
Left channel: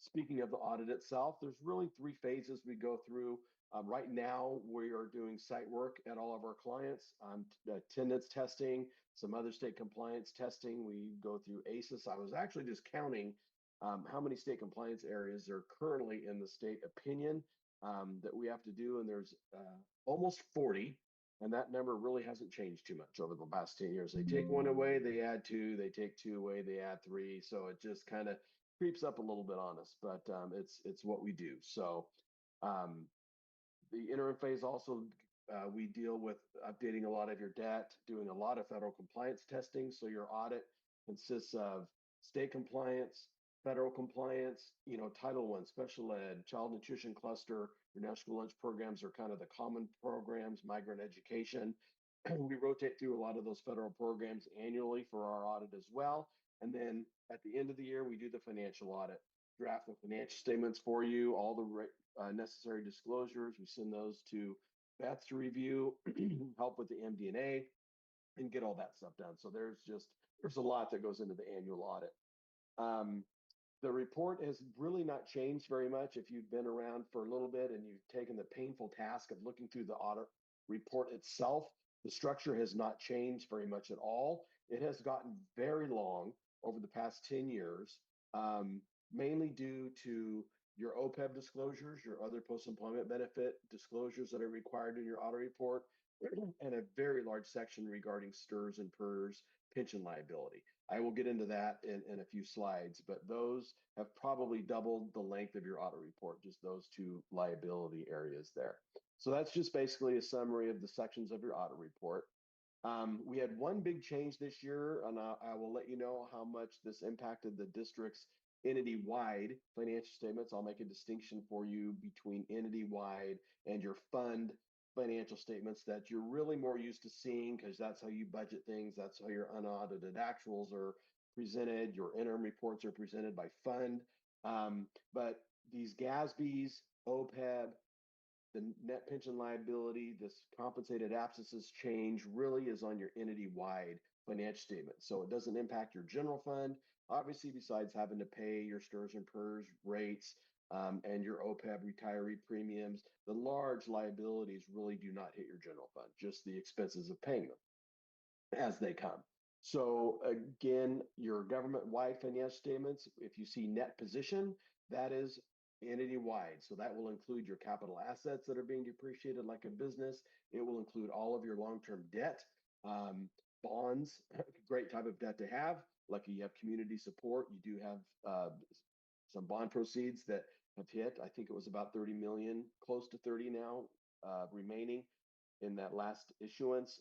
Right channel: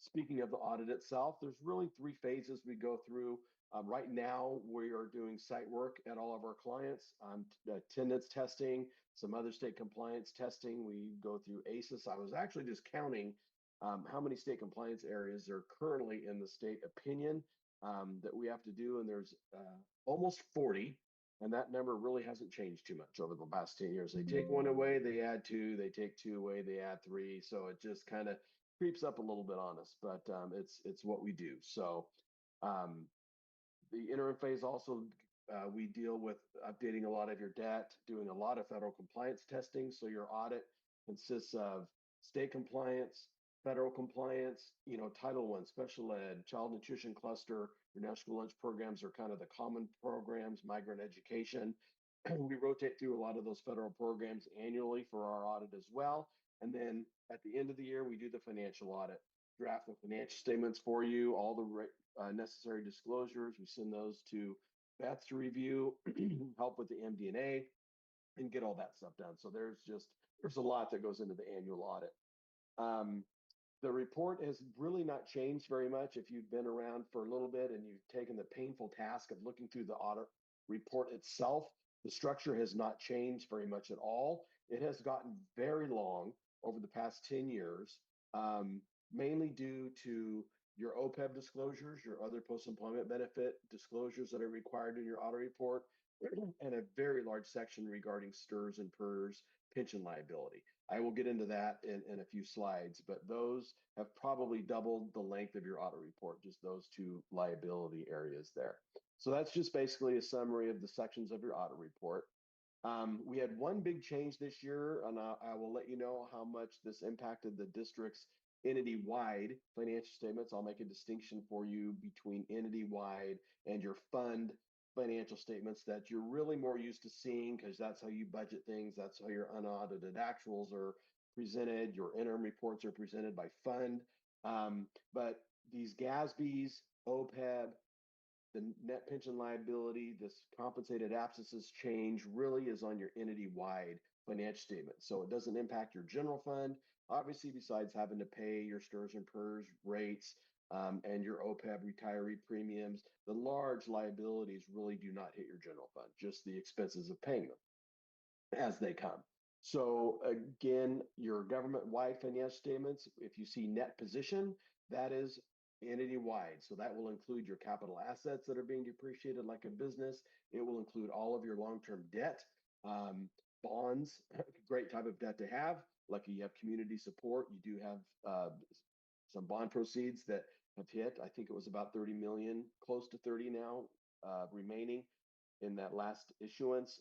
Speaking of the audit itself, there's really 3 phases we go through. Right now, we are doing site work at all of our clients, attendance testing, some other state compliance testing. We go through ACES. I was actually just counting how many state compliance areas are currently in the state opinion that we have to do, and there's almost 40. And that number really hasn't changed too much over the last 10 years. They take 1 away, they add 2, they take 2 away, they add 3. So it just kind of creeps up a little bit on us, but it's what we do. So the interim phase also, we deal with updating a lot of your debt, doing a lot of federal compliance testing. So your audit consists of state compliance, federal compliance, Title I, special ed, child nutrition cluster, your national lunch programs are kind of the common programs, migrant education. We rotate through a lot of those federal programs annually for our audit as well. And then at the end of the year, we do the financial audit, draft the financial statements for you, all the necessary disclosures. We send those to Beth to review, help with the MD&A, and get all that stuff done. So there's a lot that goes into the annual audit. The report has really not changed very much. If you've been around for a little bit and you've taken the painful task of looking through the audit report itself, the structure has not changed very much at all. It has gotten very long over the past 10 years, mainly due to your OPEB disclosures, your other post-employment benefit disclosures that are required in your audit report, and a very large section regarding STRS and PERS pension liability. I will get into that in a few slides, but those have probably doubled the length of your audit report, just those 2 liability areas there. So that's just basically a summary of the sections of your audit report. We had 1 big change this year, and I will let you know how much this impacted the district's entity-wide financial statements. I'll make a distinction for you between entity-wide and your fund financial statements that you're really more used to seeing because that's how you budget things. That's how your unaudited actuals are presented. Your interim reports are presented by fund. But these GASBs, OPEB, the net pension liability, this compensated absences change really is on your entity-wide financial statement. So it doesn't impact your general fund, obviously, besides having to pay your STRS and PERS rates and your OPEB retiree premiums. The large liabilities really do not hit your general fund, just the expenses of paying them as they come. So again, your government-wide financial statements, if you see net position, that is entity-wide. So that will include your capital assets that are being depreciated like a business. It will include all of your long-term debt, bonds, great type of debt to have. Lucky you have community support. You do have some bond proceeds that have hit. I think it was about 30 million, close to 30 now, remaining in that last issuance.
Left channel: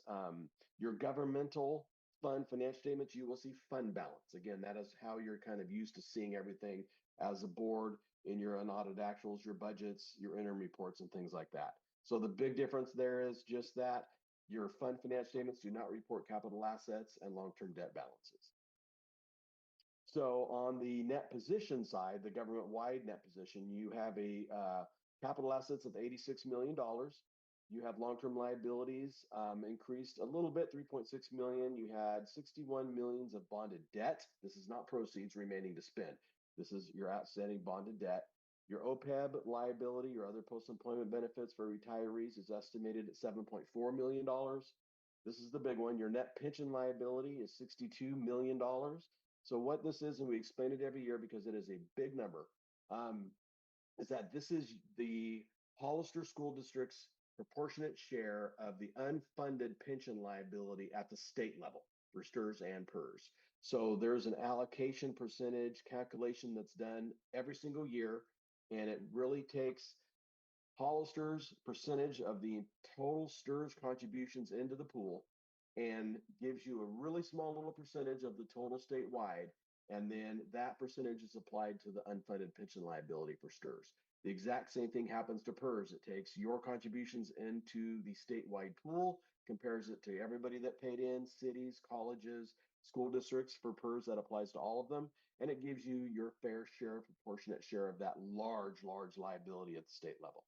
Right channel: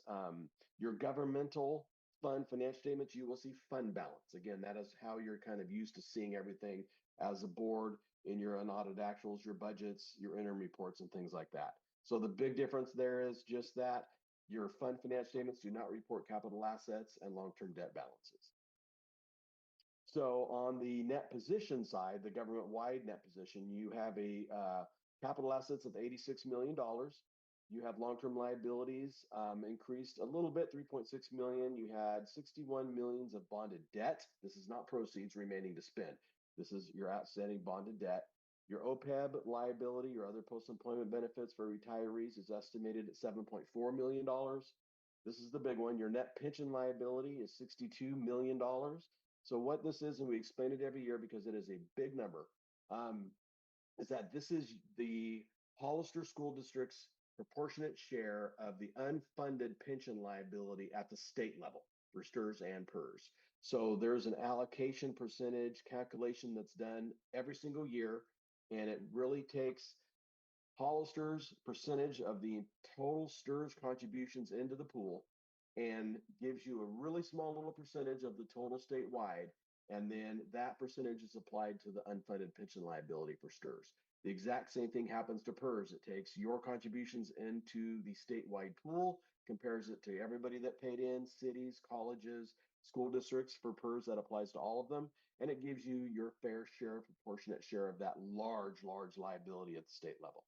Your governmental fund financial statements, you will see fund balance. Again, that is how you're kind of used to seeing everything as a board in your unaudited actuals, your budgets, your interim reports, and things like that. So the big difference there is just that your fund financial statements do not report capital assets and long-term debt balances. So on the net position side, the government-wide net position, you have a capital assets of $86 million. You have long-term liabilities increased a little bit, 3.6 million. You had 61 millions of bonded debt. This is not proceeds remaining to spend. This is your outstanding bonded debt. Your OPEB liability, your other post-employment benefits for retirees, is estimated at $7.4 million. This is the big one. Your net pension liability is $62 million. So what this is, and we explain it every year because it is a big number, is that this is the Hollister School District's proportionate share of the unfunded pension liability at the state level for STRS and PERS. So there's an allocation percentage calculation that's done every single year, and it really takes Hollister's percentage of the total STRS contributions into the pool and gives you a really small little percentage of the total statewide, and then that percentage is applied to the unfunded pension liability for STRS. The exact same thing happens to PERS. It takes your contributions into the statewide pool, compares it to everybody that paid in, cities, colleges, school districts for PERS that applies to all of them. And it gives you your fair share, proportionate share of that large liability at the state level.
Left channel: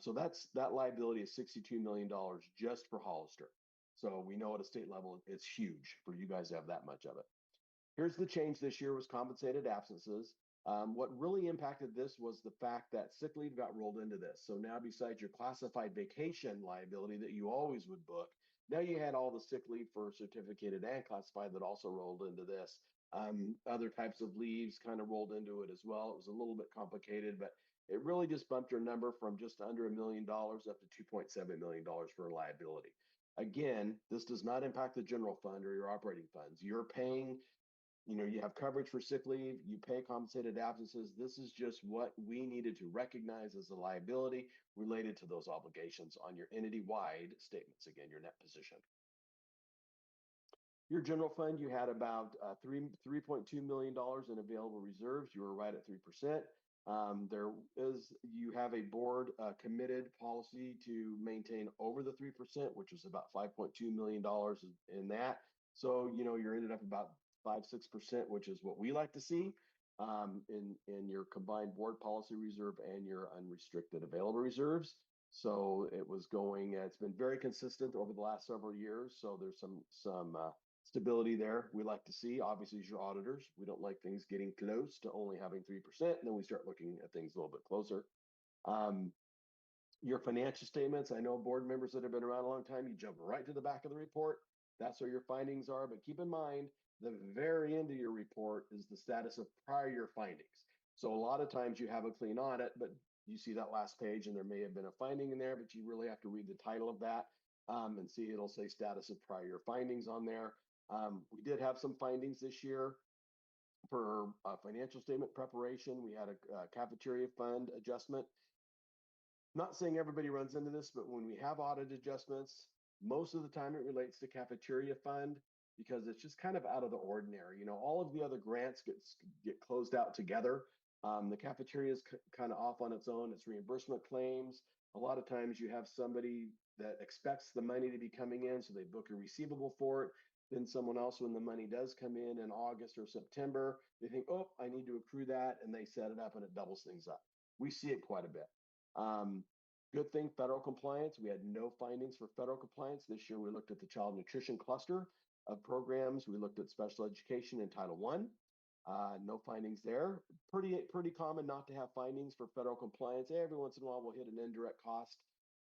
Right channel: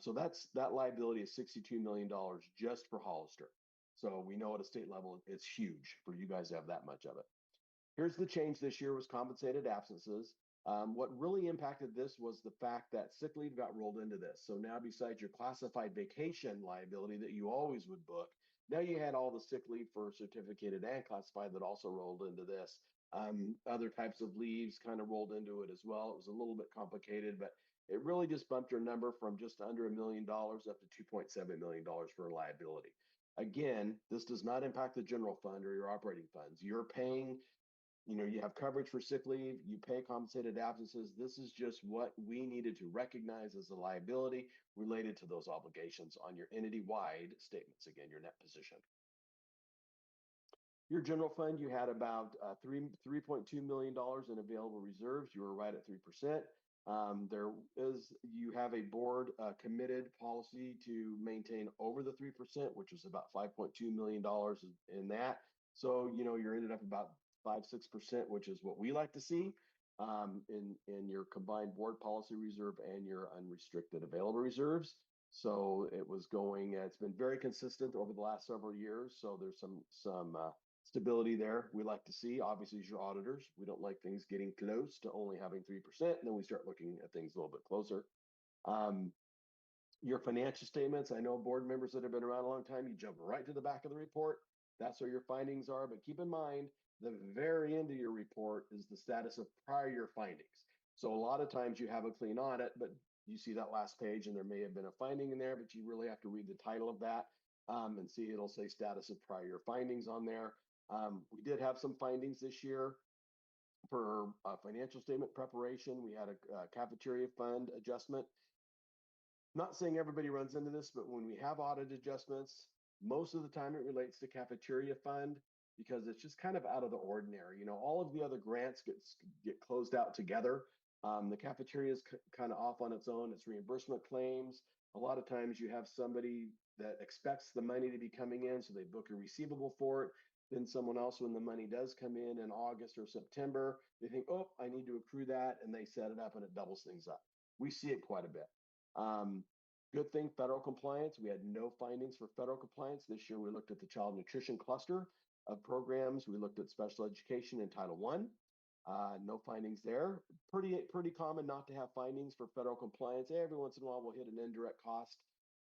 So that liability is $62 million just for Hollister. So we know at a state level, it's huge for you guys to have that much of it. Here's the change this year was compensated absences. What really impacted this was the fact that sick leave got rolled into this. So now besides your classified vacation liability that you always would book, now you had all the sick leave for certificated and classified that also rolled into this. Other types of leaves kind of rolled into it as well. It was a little bit complicated, but it really just bumped your number from just under $1 million up to $2.7 million for liability. Again, this does not impact the general fund or your operating funds. You're paying, you have coverage for sick leave, you pay compensated absences. This is just what we needed to recognize as a liability related to those obligations on your entity-wide statements, again, your net position. Your general fund, you had about $3.2 million in available reserves. You were right at 3%. You have a board committed policy to maintain over the 3%, which is about $5.2 million in that. So, you're ended up about 5-6%, which is what we like to see in your combined board policy reserve and your unrestricted available reserves. So it's been very consistent over the last several years. So there's some stability there we like to see. Obviously, as your auditors, we don't like things getting close to only having 3%, and then we start looking at things a little bit closer. Your financial statements, I know board members that have been around a long time, you jump right to the back of the report. That's where your findings are, but keep in mind, the very end of your report is the status of prior year findings. So a lot of times you have a clean audit, but you see that last page and there may have been a finding in there, but you really have to read the title of that and see it'll say status of prior year findings on there. We did have some findings this year for financial statement preparation. We had a cafeteria fund adjustment. Not saying everybody runs into this, but when we have audit adjustments, most of the time it relates to cafeteria fund because it's just kind of out of the ordinary. All of the other grants get closed out together. The cafeteria is kind of off on its own. It's reimbursement claims. A lot of times you have somebody that expects the money to be coming in, so they book a receivable for it. Then someone else, when the money does come in August or September, they think, oh, I need to accrue that, and they set it up and it doubles things up. We see it quite a bit. Good thing, federal compliance. We had no findings for federal compliance. This year we looked at the child nutrition cluster of programs. We looked at special education in Title I. No findings there. Pretty common not to have findings for federal compliance. Every once in a while we'll hit an indirect cost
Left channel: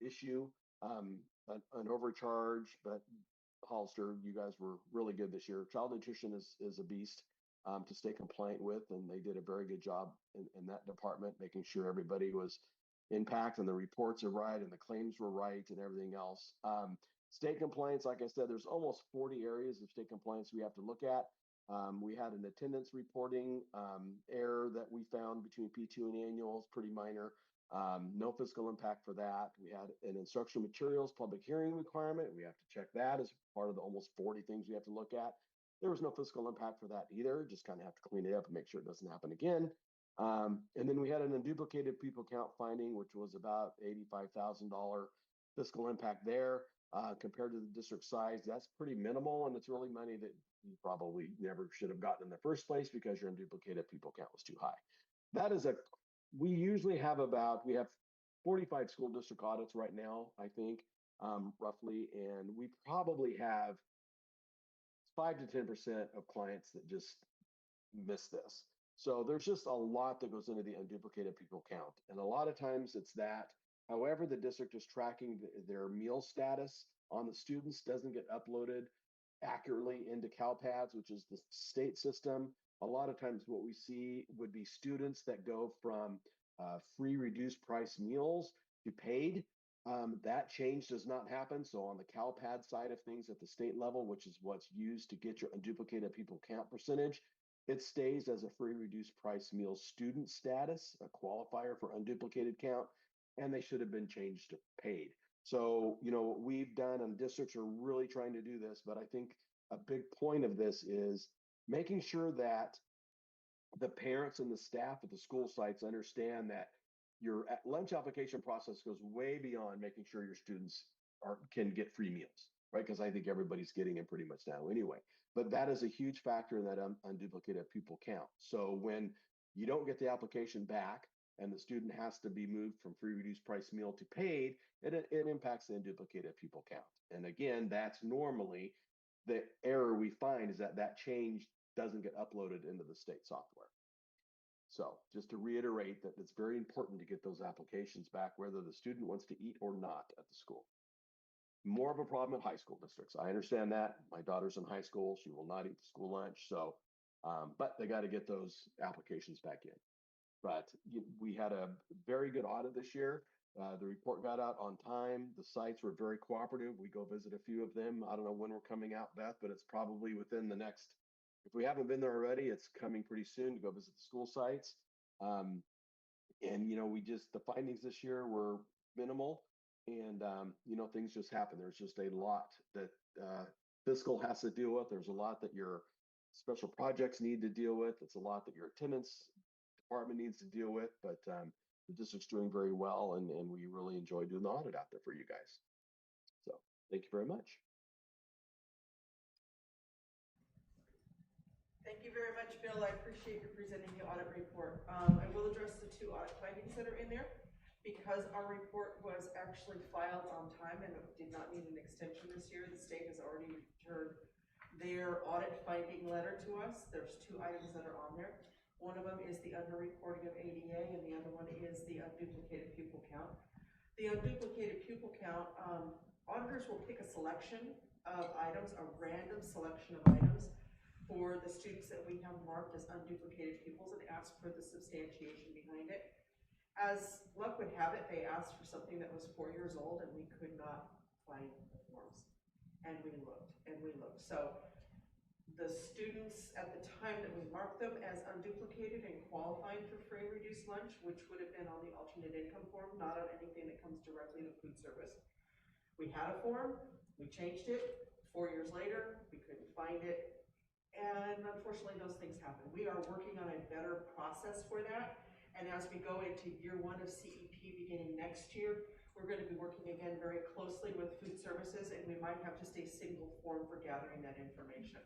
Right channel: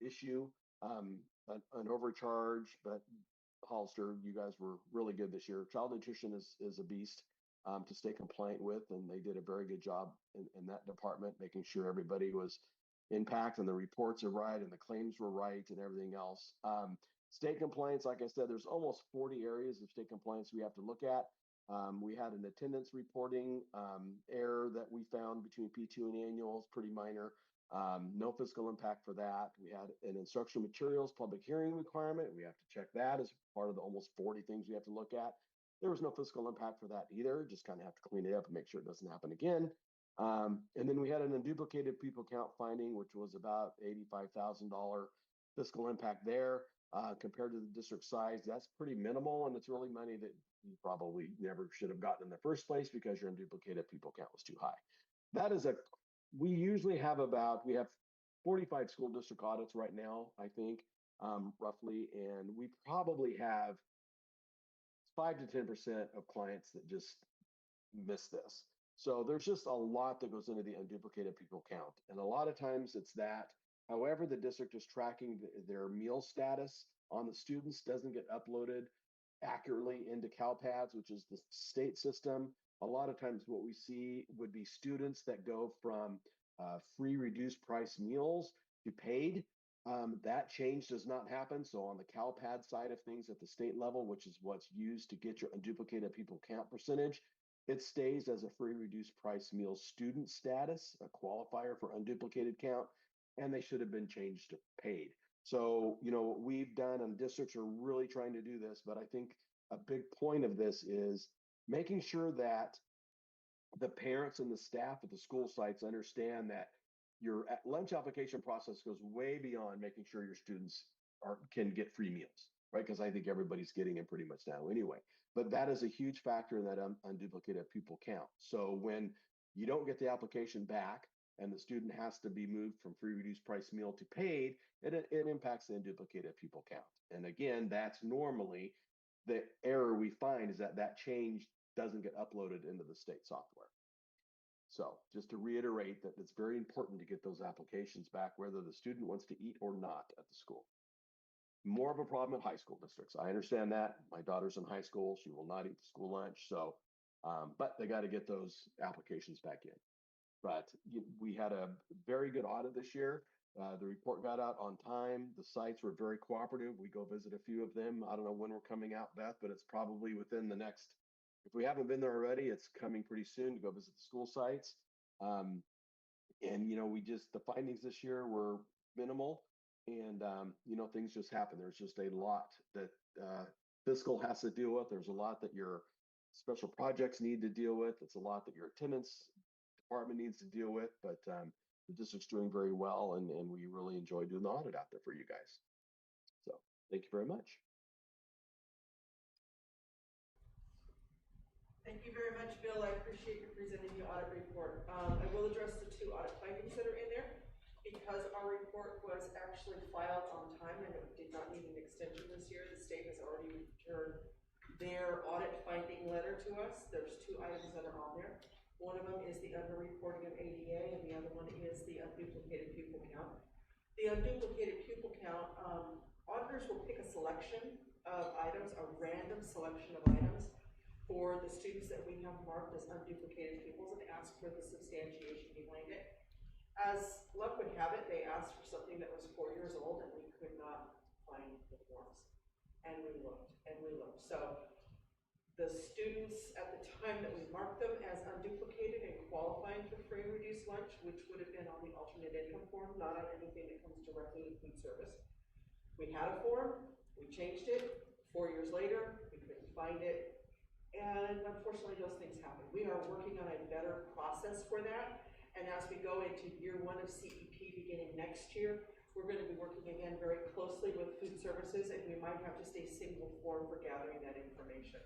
issue, an overcharge, but Hollister, you guys were really good this year. Child nutrition is a beast to stay compliant with, and they did a very good job in that department, making sure everybody was impact and the reports are right and the claims were right and everything else. State compliance, like I said, there's almost 40 areas of state compliance we have to look at. We had an attendance reporting error that we found between P2 and annuals, pretty minor. No fiscal impact for that. We had an instructional materials public hearing requirement. We have to check that as part of the almost 40 things we have to look at. There was no fiscal impact for that either. Just kind of have to clean it up and make sure it doesn't happen again. And then we had an unduplicated people count finding, which was about $85,000 fiscal impact there. Compared to the district size, that's pretty minimal, and it's really money that you probably never should have gotten in the first place because your unduplicated people count was too high. We usually have we have 45 school district audits right now, I think, roughly, and we probably have 5 to 10% of clients that just miss this. So there's just a lot that goes into the unduplicated people count, and a lot of times it's that. However, the district is tracking their meal status on the students doesn't get uploaded accurately into CalPADS, which is the state system. A lot of times what we see would be students that go from free reduced price meals to paid. That change does not happen. So on the CalPAD side of things at the state level, which is what's used to get your unduplicated people count percentage, it stays as a free reduced price meal student status, a qualifier for unduplicated count, and they should have been changed to paid. So, what we've done, and districts are really trying to do this, but I think a big point of this is making sure that the parents and the staff at the school sites understand that your lunch application process goes way beyond making sure your students can get free meals, right? Because I think everybody's getting them pretty much now anyway. But that is a huge factor in that unduplicated pupil count. So when you don't get the application back and the student has to be moved from free reduced price meal to paid, it impacts the unduplicated pupil count. And again, that's normally the error we find is that change doesn't get uploaded into the state software. So just to reiterate that it's very important to get those applications back, whether the student wants to eat or not at the school. More of a problem at high school districts. I understand that. My daughter's in high school. She will not eat the school lunch. So, but they got to get those applications back in. But we had a very good audit this year. The report got out on time. The sites were very cooperative. We go visit a few of them. I don't know when we're coming out, Beth, but it's probably within the next, if we haven't been there already, it's coming pretty soon to go visit the school sites. And, the findings this year were minimal. And, things just happen. There's just a lot that fiscal has to deal with. There's a lot that your special projects need to deal with. It's a lot that your attendance department needs to deal with. But the district's doing very well, and we really enjoy doing the audit out there for you guys. So thank you very much. Thank you very much, Bill. I appreciate you presenting the audit report. I will address the 2 audit findings that are in there. Because our report was actually filed on time and it did not need an extension this year, the state has already returned their audit finding letter to us. There's 2 items that are on there. One of them is the underreporting of ADA, and the other one is the unduplicated pupil count. The unduplicated pupil count, auditors will pick a selection of items, a random selection of items for the students that we have marked as unduplicated pupils and ask for the substantiation behind it. As luck would have it, they asked for something that was 4 years old, and we could not find the forms. And we looked, and we looked. So the students at the time that we marked them as unduplicated and qualifying for free and reduced lunch, which would have been on the alternate income form, not on anything that comes directly to food service. We had a form, we changed it. 4 years later, we couldn't find it. And unfortunately, those things happen. We are working on a better process for that. And as we go into year 1 of CEP beginning next year, we're going to be working again very closely with food services, and we might have just a single form for gathering that information.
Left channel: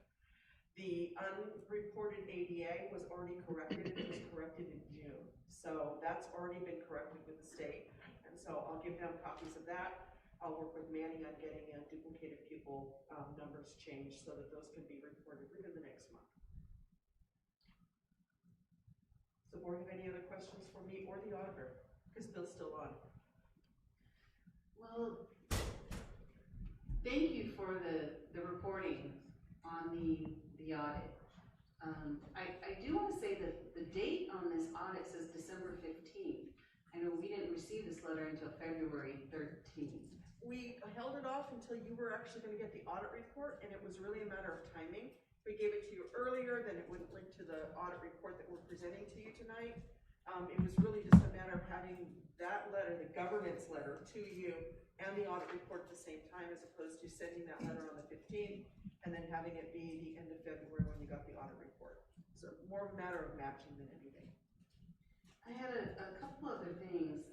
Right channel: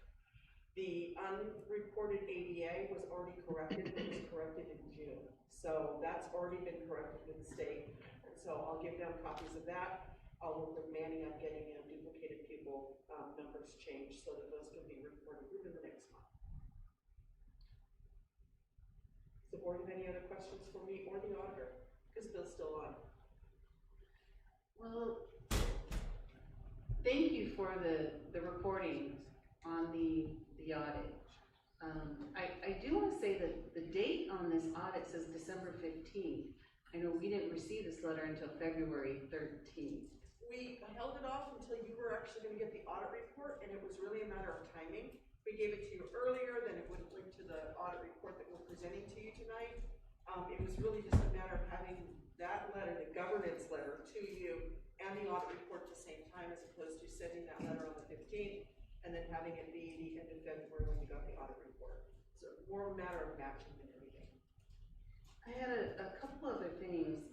The unreported ADA was already corrected. It was corrected in June. So that's already been corrected with the state. And so I'll give them copies of that. I'll work with Manny on getting duplicated pupil numbers changed so that those can be reported within the next month. Does the board have any other questions for me or the auditor? Because Bill's still on. Well, thank you for the reporting on the audit. I do want to say that the date on this audit says December 15th. I know we didn't receive this letter until February 13th. We held it off until you were actually going to get the audit report, and it was really a matter of timing. If we gave it to you earlier, then it wouldn't link to the audit report that we're presenting to you tonight. It was really just a matter of having that letter, the governance letter, to you and the audit report at the same time, as opposed to sending that letter on the 15th and then having it be the end of February when you got the audit report. So more a matter of matching than anything. I had a couple other things.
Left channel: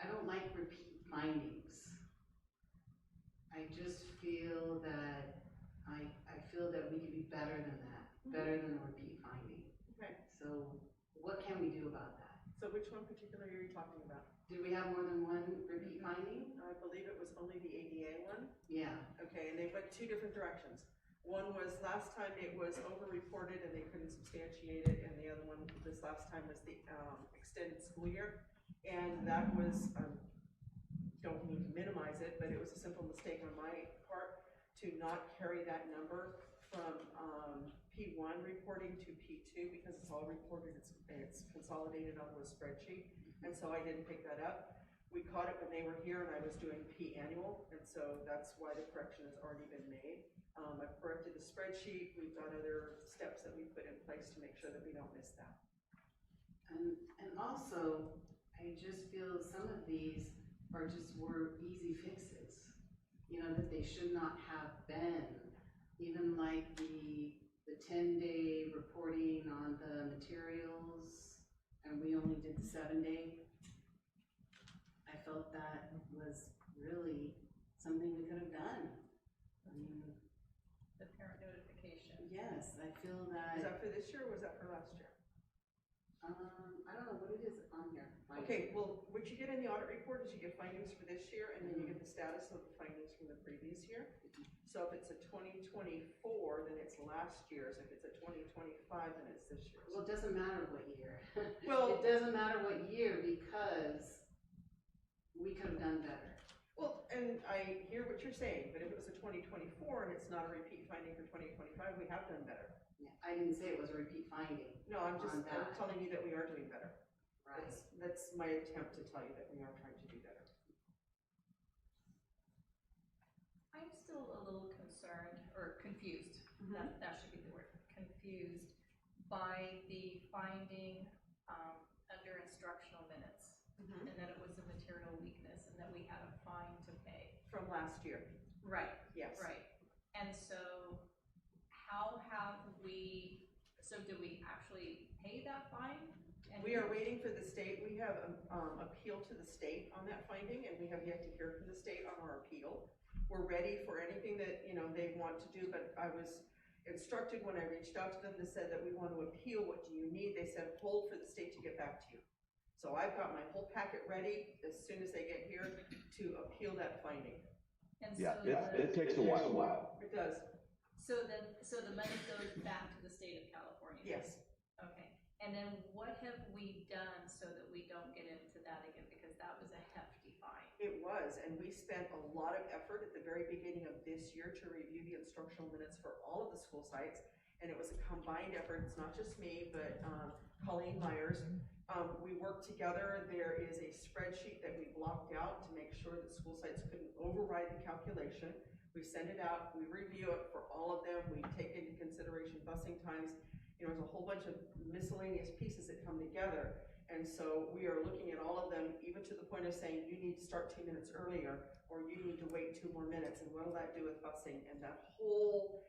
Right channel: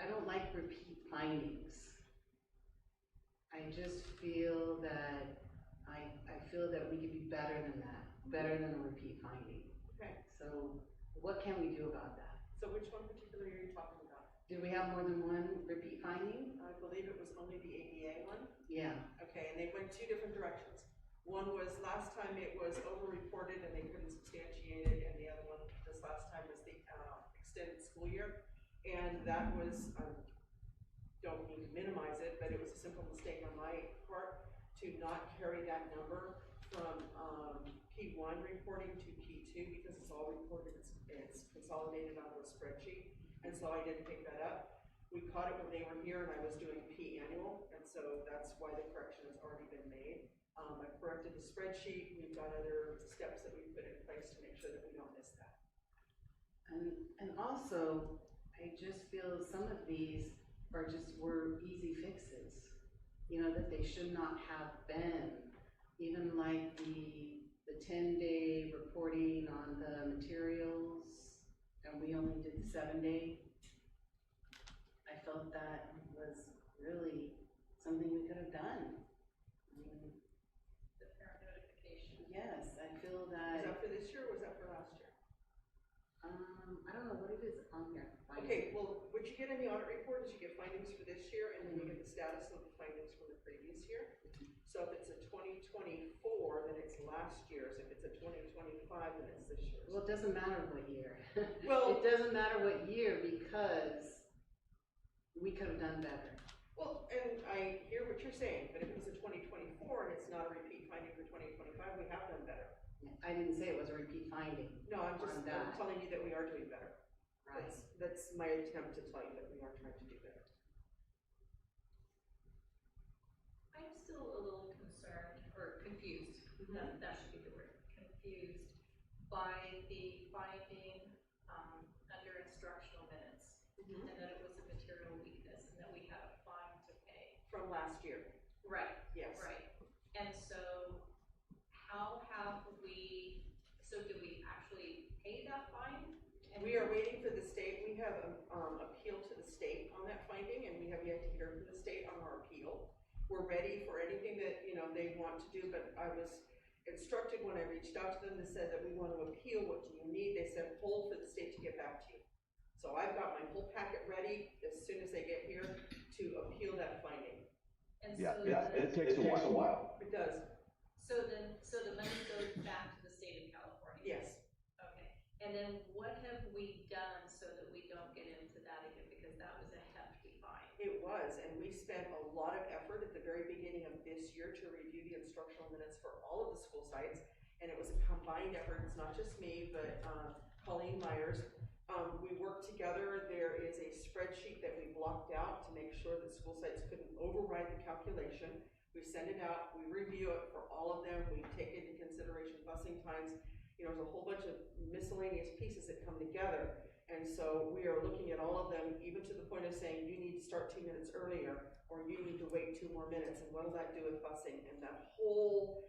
I don't like repeat findings. I just feel that we could be better than that, better than a repeat finding. Okay. So what can we do about that? So which one particularly are you talking about? Did we have more than one repeat finding? I believe it was only the ADA one. Yeah. Okay, and they went 2 different directions. One was last time it was over-reported and they couldn't substantiate it, and the other one this last time was the extended school year. And that was, don't mean to minimize it, but it was a simple mistake on my part to not carry that number from P1 reporting to P2 because it's all reported, it's consolidated onto a spreadsheet. And so I didn't pick that up. We caught it when they were here and I was doing P annual, and so that's why the correction has already been made. I've corrected the spreadsheet. We've got other steps that we put in place to make sure that we don't miss that. And also, I just feel some of these were easy fixes, that they should not have been. Even like the 10-day reporting on the materials, and we only did the 7-day. I felt that was really something we could have done. I mean, The parent notification. yes, I feel Was that, that for this year or was that for last year? I don't know what it is on here. Okay, well, what you get in the audit report is you get findings for this year, and then you get the status of the findings from the previous year. So if it's a 2024, then it's last year's. If it's a 2025, then it's this year's. Well, it doesn't matter what year. Well- It doesn't matter what year because we could have done better. Well, and I hear what you're saying, but if it was a 2024 and it's not a repeat finding for 2025, we have done better. I didn't say it was a repeat finding. No, I'm on that. telling you that we are doing better. Right. That's my attempt to tell you that we are trying to do better. I'm still a little concerned, or confused, that should be the word, confused by the finding, under instructional minutes. And that it was a material weakness and that we had a fine to pay. From last year. Right. Yes. Right. And so how have we, so did we actually pay that fine? And We are waiting for the state. We have appeal to the state on that finding, and we have yet to hear from the state on our appeal. We're ready for anything that, they want to do, but I was instructed when I reached out to them, they said that we want to appeal. What do you need? They said hold for the state to get back to you. So I've got my whole packet ready as soon as they get here to appeal that finding. And Yeah, so it takes a while. It does. So the money goes back to the state of California? Yes. Okay, and then what have we done so that we don't get into that again, because that was a hefty fine? It was, and we spent a lot of effort at the very beginning of this year to review the instructional minutes for all of the school sites, and it was a combined effort. It's not just me, but Colleen Myers. We worked together. There is a spreadsheet that we blocked out to make sure that school sites couldn't override the calculation. We send it out, we review it for all of them, we take into consideration busing times. There's a whole bunch of miscellaneous pieces that come together. And so we are looking at all of them, even to the point of saying, you need to start 2 minutes earlier, or you need to wait 2 more minutes, and what will that do with busing? And that whole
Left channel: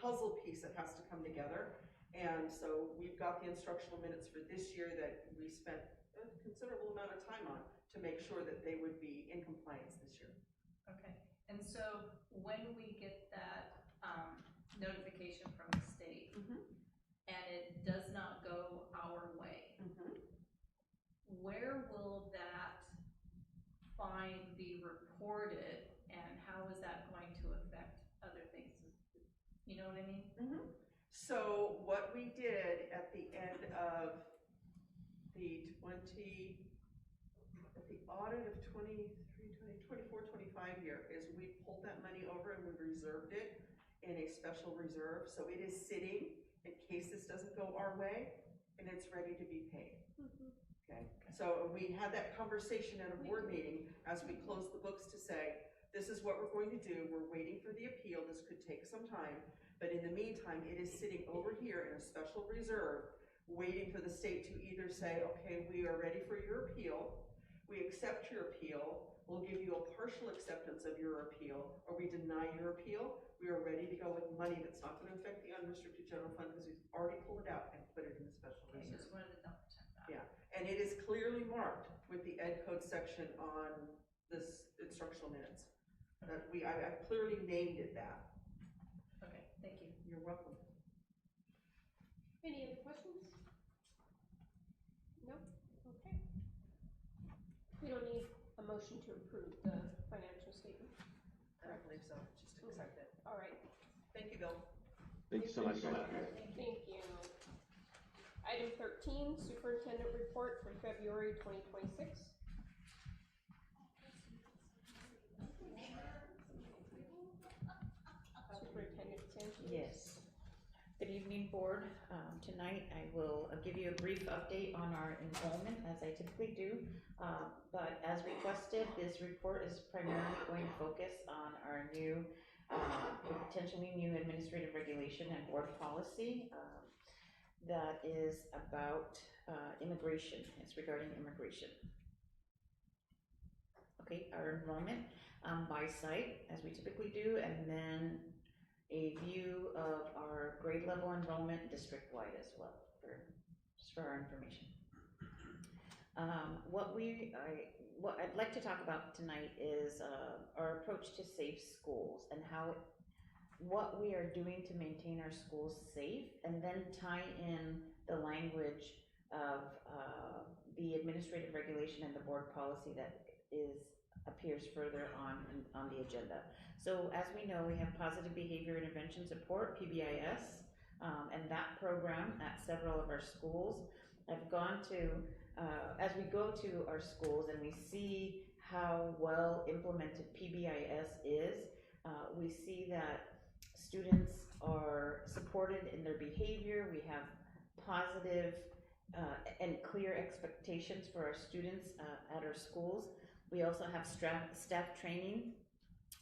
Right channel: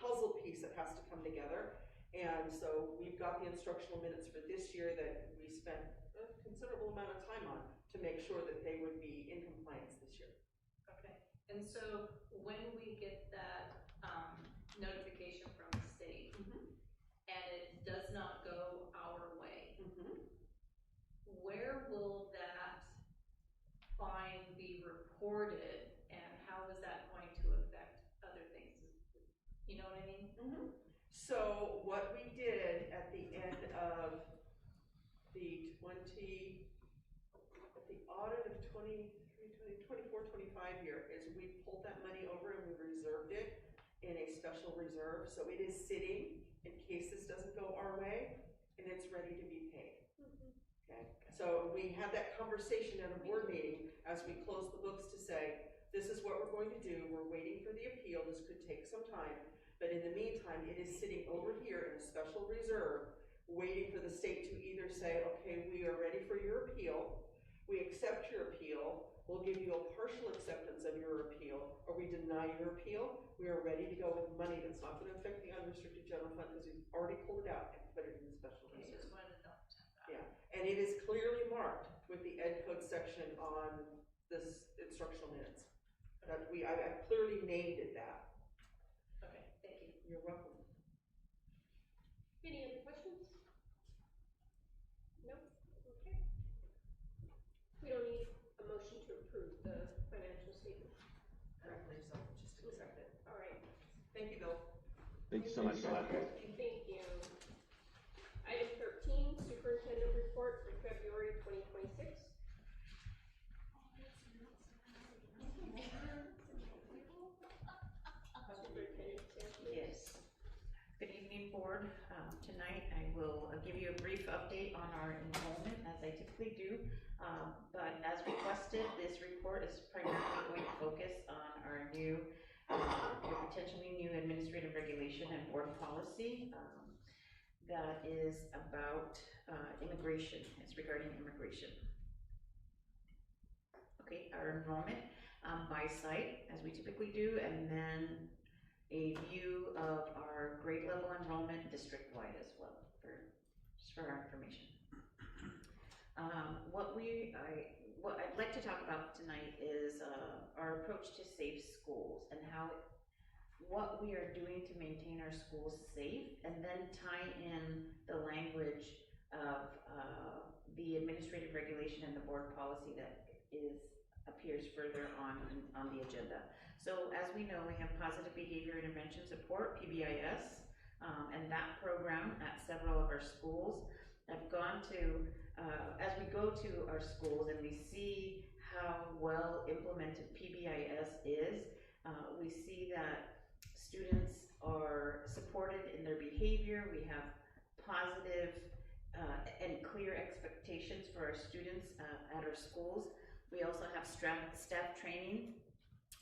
puzzle piece that has to come together. And so we've got the instructional minutes for this year that we spent a considerable amount of time on to make sure that they would be in compliance this year. Okay, and so when we get that notification from the state, and it does not go our way, where will that fine be reported, and how is that going to affect other things? You know what I mean? So what we did at the end of the audit of 24-25 year is we pulled that money over and we reserved it in a special reserve. So it is sitting in case this doesn't go our way, and it's ready to be paid. Okay. So we had that conversation at a board meeting as we closed the books to say, this is what we're going to do. We're waiting for the appeal. This could take some time. But in the meantime, it is sitting over here in a special reserve, waiting for the state to either say, okay, we are ready for your appeal, we accept your appeal, we'll give you a partial acceptance of your appeal, or we deny your appeal. We are ready to go with money that's not going to affect the unrestricted general fund because we've already pulled it out and put it in the special I reserve. just wanted to double check that. Yeah, and it is clearly marked with the ed code section on this instructional minutes. That I clearly named it that. Okay, thank you. You're welcome. Any other questions? No? Okay. We don't need a motion to approve the financial statement. I don't believe so, just accept it. All right. Thank you, Bill. Thank you so much. Thank you. Item 13, Superintendent Report for February 2026. Superintendent Sanchez. Yes. Good evening, board. Tonight I will give you a brief update on our enrollment, as I typically do. But as requested, this report is primarily going to focus on our new, potentially new administrative regulation and board policy that is about immigration. It's regarding immigration. Okay, our enrollment by site, as we typically do, and then a view of our grade level enrollment district-wide as well, just for our information. what I'd like to talk about tonight is our approach to safe schools and what we are doing to maintain our schools safe, and then tie in the language of the administrative regulation and the board policy that appears further on the agenda. So as we know, we have Positive Behavior Intervention Support, PBIS, and that program at several of our schools. I've gone to, as we go to our schools and we see how well implemented PBIS is, we see that students are supported in their behavior. We have positive and clear expectations for our students at our schools. We also have staff training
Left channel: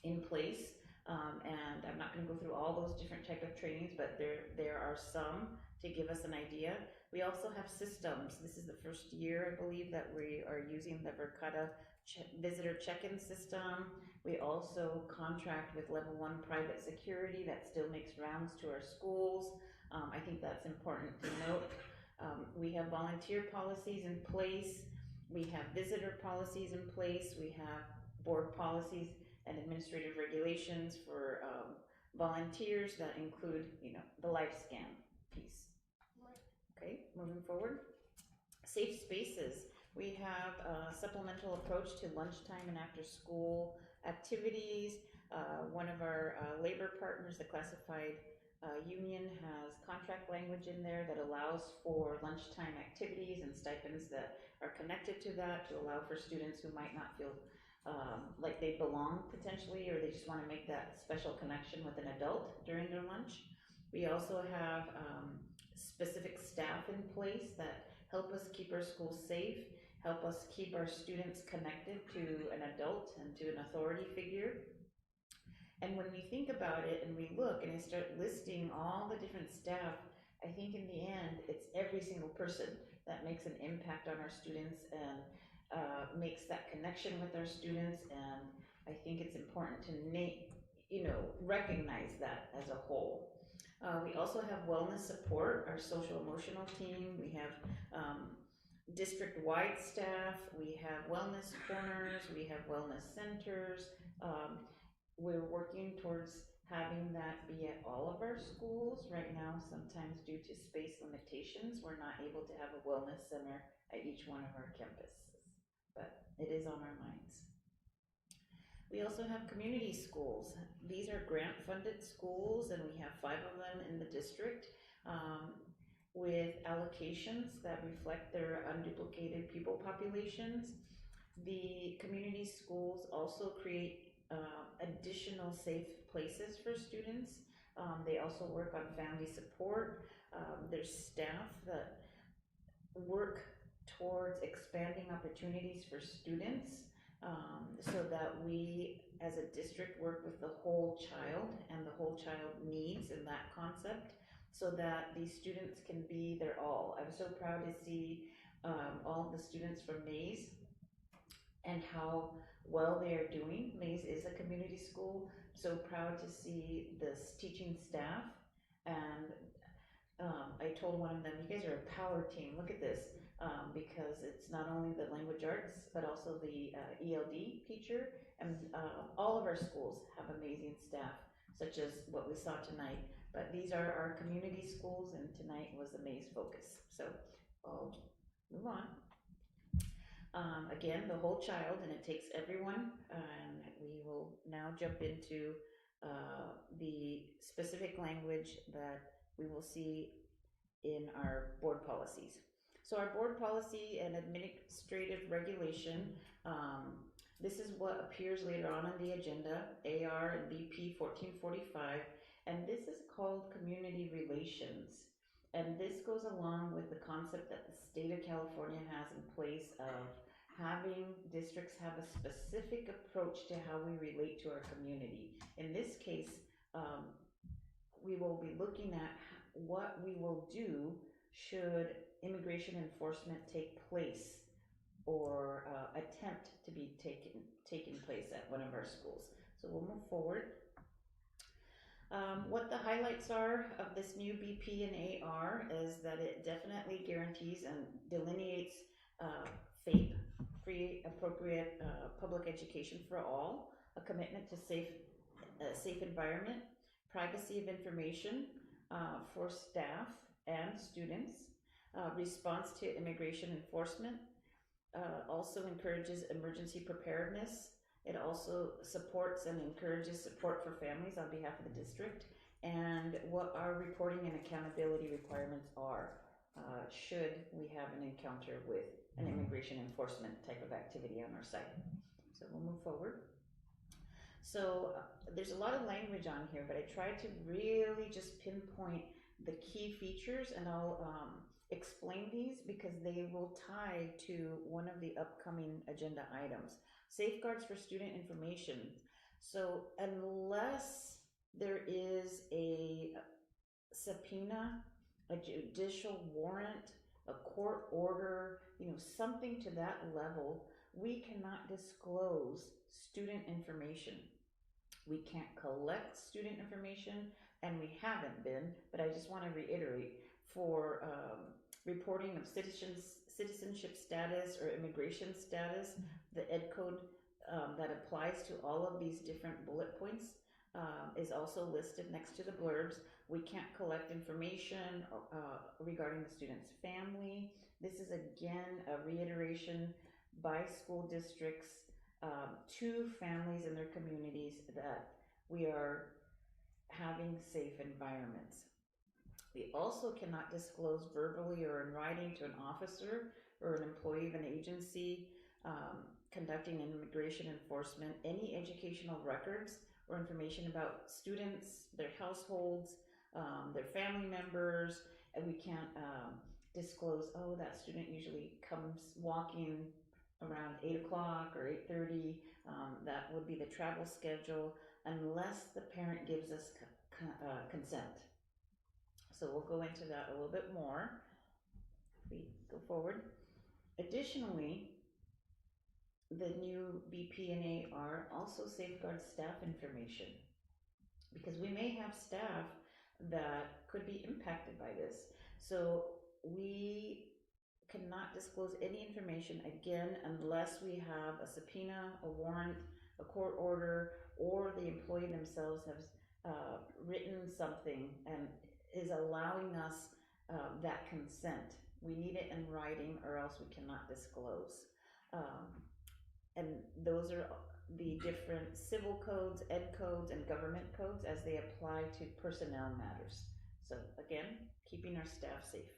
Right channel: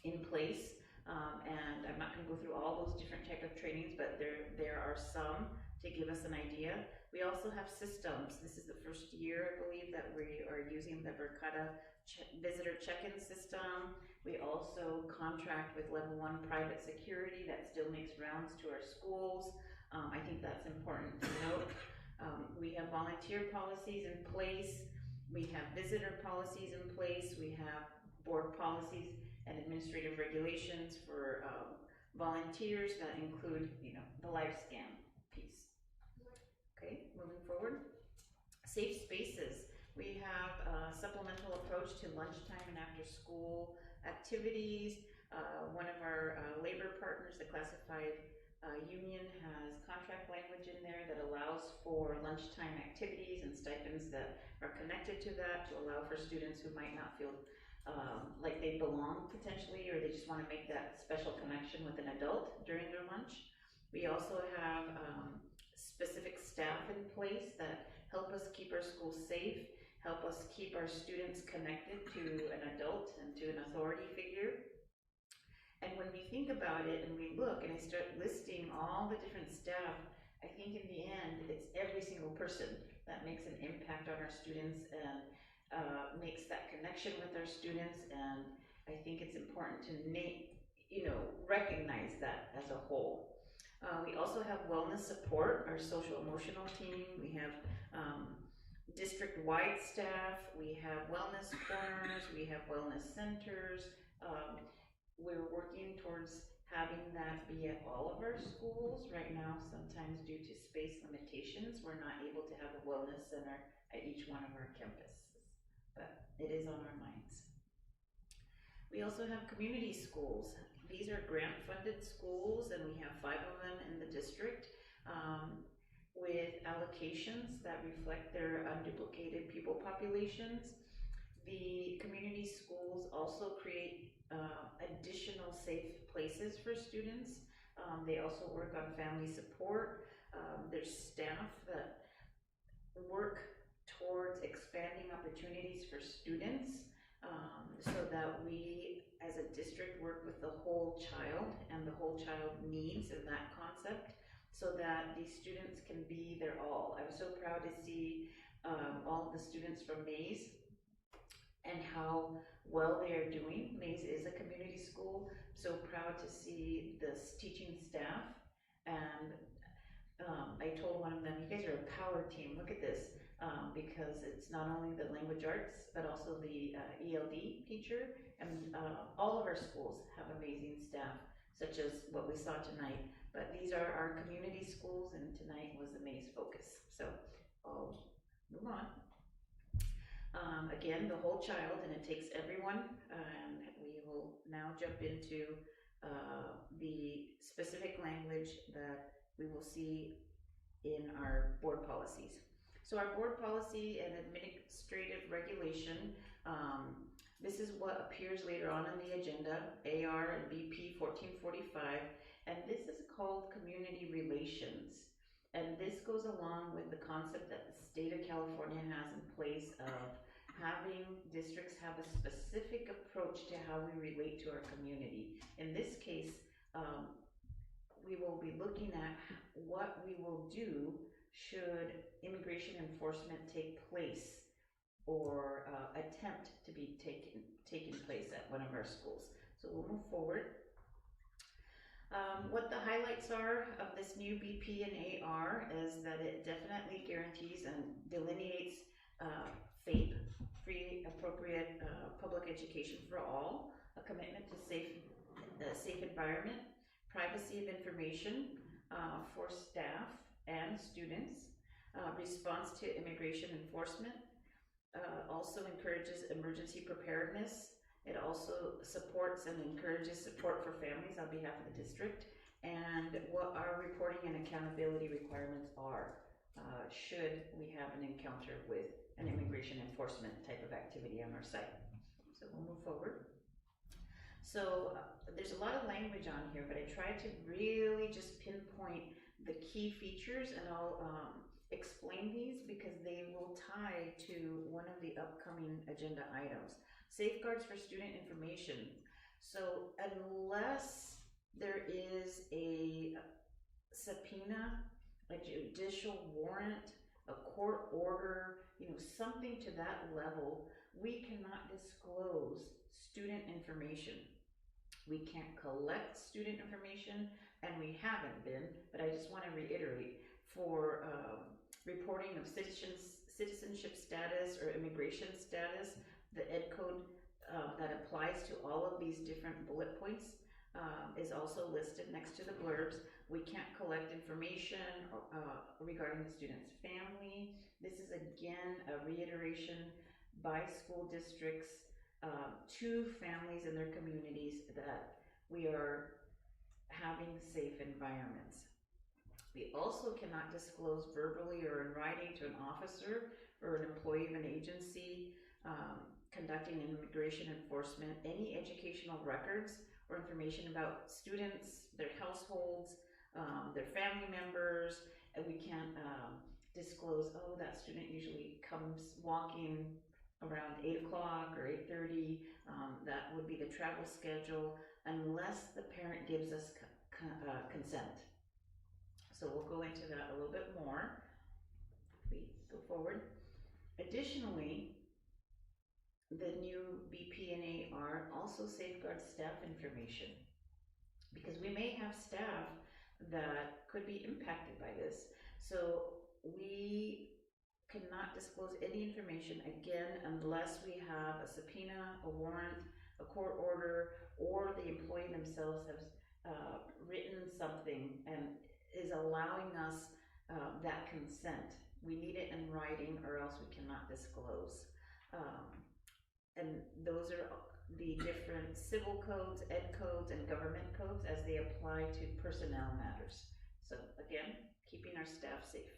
in place, and I'm not going to go through all those different type of trainings, but there are some to give us an idea. We also have systems. This is the first year, I believe, that we are using the Verkada visitor check-in system. We also contract with Level 1 private security that still makes rounds to our schools. I think that's important to note. We have volunteer policies in place. We have visitor policies in place. We have board policies and administrative regulations for volunteers that include, the LifeScan piece. Okay, moving forward. Safe spaces. We have a supplemental approach to lunchtime and after school activities. One of our labor partners, the classified union, has contract language in there that allows for lunchtime activities and stipends that are connected to that, to allow for students who might not feel like they belong potentially, or they just want to make that special connection with an adult during their lunch. We also have specific staff in place that help us keep our schools safe, help us keep our students connected to an adult and to an authority figure. And when we think about it and we look and I start listing all the different staff, I think in the end, it's every single person that makes an impact on our students and makes that connection with our students. And I think it's important to recognize that as a whole. We also have wellness support, our social emotional team. We have district-wide staff. We have wellness corners. We have wellness centers. We're working towards having that be at all of our schools. Right now, sometimes due to space limitations, we're not able to have a wellness center at each one of our campuses, but it is on our minds. We also have community schools. These are grant-funded schools, and we have 5 of them in the district with allocations that reflect their unduplicated pupil populations. The community schools also create additional safe places for students. They also work on family support. There's staff that work towards expanding opportunities for students so that we as a district work with the whole child and the whole child needs and that concept so that these students can be their all. I was so proud to see all the students from Mays and how well they are doing. Mays is a community school. So proud to see this teaching staff. And I told one of them, you guys are a power team, look at this. Because it's not only the language arts, but also the ELD teacher. And all of our schools have amazing staff, such as what we saw tonight. But these are our community schools, and tonight was the Mays focus. So I'll move on. Again, the whole child, and it takes everyone, and we will now jump into the specific language that we will see in our board policies. So our board policy and administrative regulation, this is what appears later on in the agenda, AR and BP 1445, and this is called community relations. And this goes along with the concept that the state of California has in place of having districts have a specific approach to how we relate to our community. In this case, we will be looking at what we will do should immigration enforcement take place or attempt to be taking place at one of our schools. So we'll move forward. What the highlights are of this new BP and AR is that it definitely guarantees and delineates FAPE free, appropriate, public education for all, a commitment to safe environment, privacy of information for staff and students, response to immigration enforcement, also encourages emergency preparedness. It also supports and encourages support for families on behalf of the district, and what our reporting and accountability requirements are should we have an encounter with an immigration enforcement type of activity on our site. So we'll move forward. So there's a lot of language on here, but I tried to really just pinpoint the key features, and I'll explain these because they will tie to one of the upcoming agenda items. Safeguards for student information. So unless there is a subpoena, a judicial warrant, a court order, something to that level, we cannot disclose student information. We can't collect student information, and we haven't been, but I just want to reiterate, for reporting of citizenship status or immigration status, the Ed Code that applies to all of these different bullet points is also listed next to the blurbs. We can't collect information regarding the student's family. This is again a reiteration by school districts to families in their communities that we are having safe environments. We also cannot disclose verbally or in writing to an officer or an employee of an agency conducting immigration enforcement any educational records or information about students, their households, their family members, and we can't disclose, oh, that student usually comes walking around 8 o'clock or 8:30, that would be the travel schedule, unless the parent gives us consent. So we'll go into that a little bit more if we go forward. Additionally, the new BP&AR also safeguards staff information, because we may have staff that could be impacted by this. So we cannot disclose any information, again, unless we have a subpoena, a warrant, a court order, or the employee themselves have written something and is allowing us that consent. We need it in writing, or else we cannot disclose. And those are the different civil codes, ed codes, and government codes as they apply to personnel matters. So again, keeping our staff safe.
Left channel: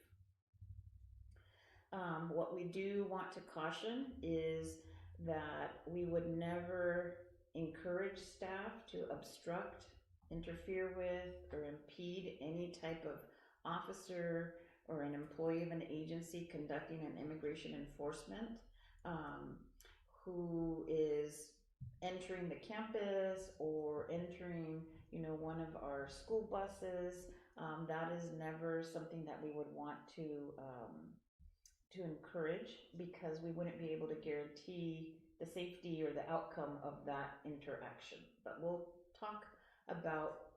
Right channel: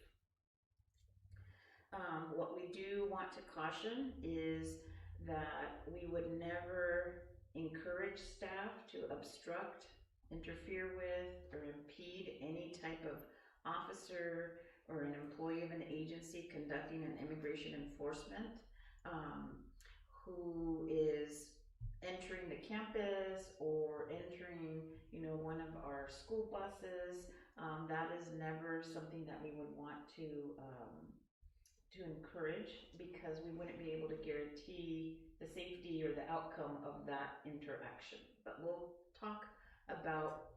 What we do want to caution is that we would never encourage staff to obstruct, interfere with, or impede any type of officer or an employee of an agency conducting an immigration enforcement who is entering the campus or entering, one of our school buses. That is never something that we would want to encourage, because we wouldn't be able to guarantee the safety or the outcome of that interaction. But we'll talk about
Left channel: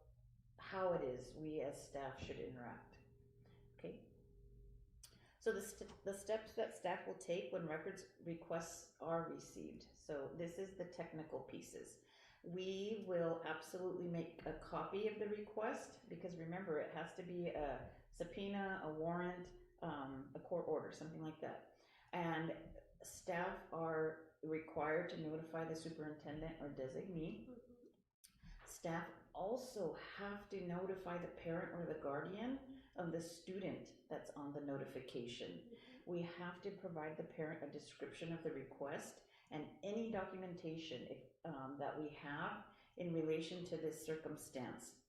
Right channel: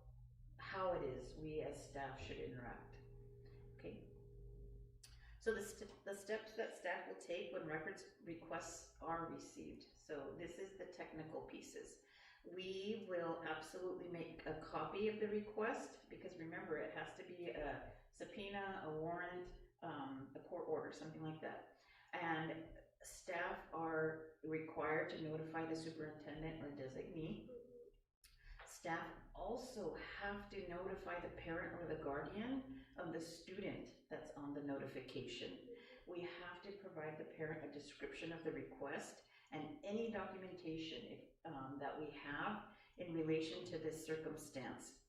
how it is we as staff should interact. Okay. So the steps that staff will take when records requests are received. So this is the technical pieces. We will absolutely make a copy of the request, because remember, it has to be a subpoena, a warrant, a court order, something like that. And staff are required to notify the superintendent or designee. Staff also have to notify the parent or the guardian of the student that's on the notification. We have to provide the parent a description of the request and any documentation that we have in relation to this circumstance.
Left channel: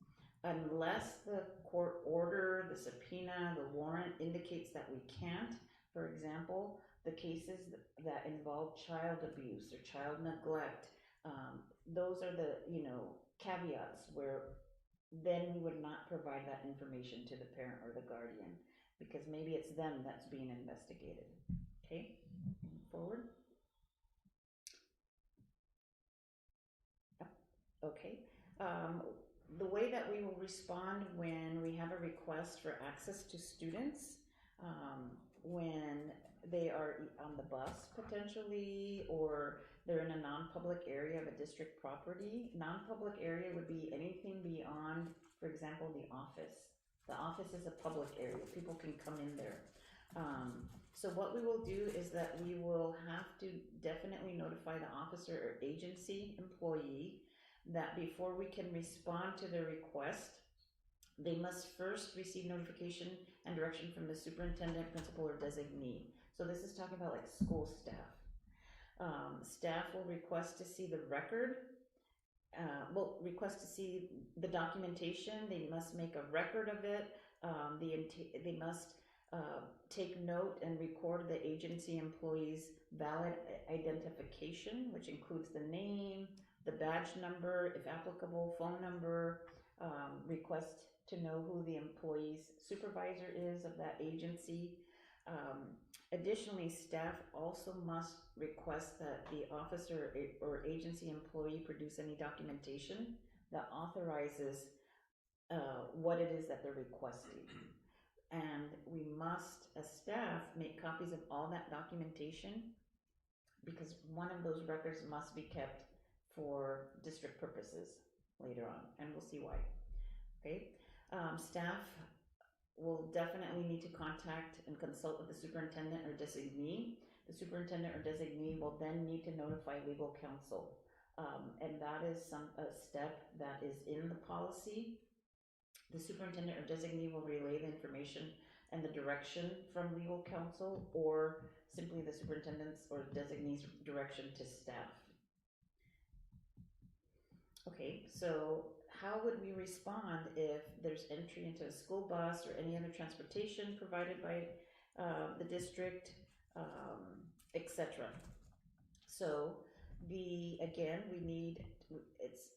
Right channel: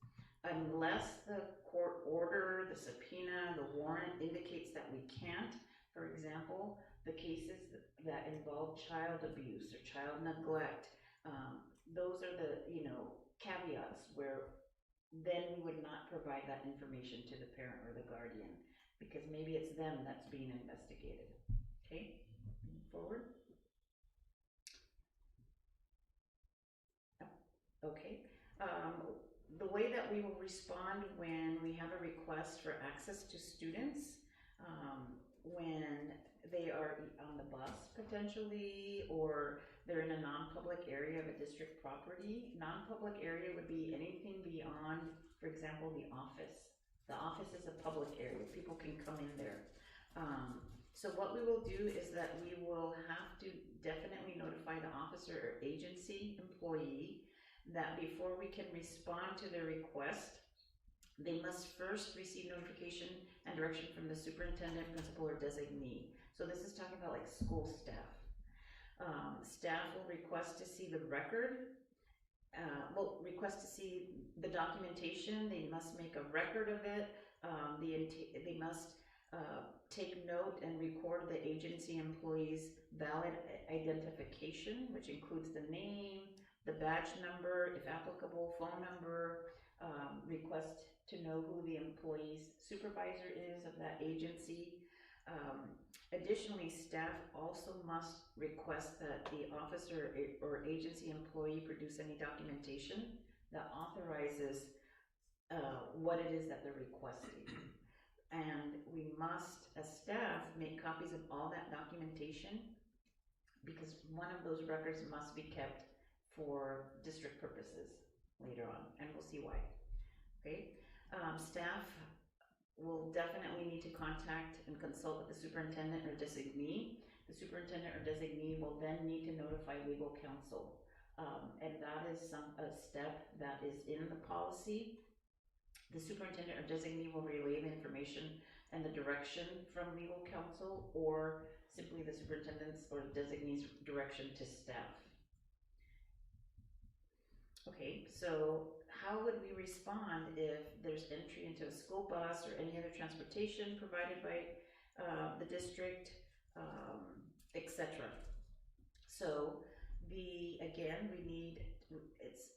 Unless the court order, the subpoena, the warrant indicates that we can't, for example, the cases that involve child abuse or child neglect, those are the, caveats where then we would not provide that information to the parent or the guardian, because maybe it's them that's being investigated. Okay, move forward. Okay, the way that we will respond when we have a request for access to students, when they are on the bus potentially, or they're in a non-public area of a district property. Non-public area would be anything beyond, for example, the office. The office is a public area, people can come in there. So what we will do is that we will have to definitely notify the officer or agency employee that before we can respond to the request, they must first receive notification and direction from the superintendent, principal, or designee. So this is talking about like school staff. Staff will request to see the record, request to see the documentation. They must make a record of it. They must take note and record the agency employee's valid identification, which includes the name, the badge number, if applicable, phone number, request to know who the employee's supervisor is of that agency. Additionally, staff also must request that the officer or agency employee produce any documentation that authorizes what it is that they're requesting. And we must, as staff, make copies of all that documentation because one of those records must be kept for district purposes later on, and we'll see why. Okay, staff will definitely need to contact and consult with the superintendent or designee. The superintendent or designee will then need to notify legal counsel, and that is a step that is in the policy. The superintendent or designee will relay the information and the direction from legal counsel, or simply the superintendent's or designee's direction to staff. Okay, so how would we respond if there's entry into a school bus or any other transportation provided by the district, etc.? So again, it's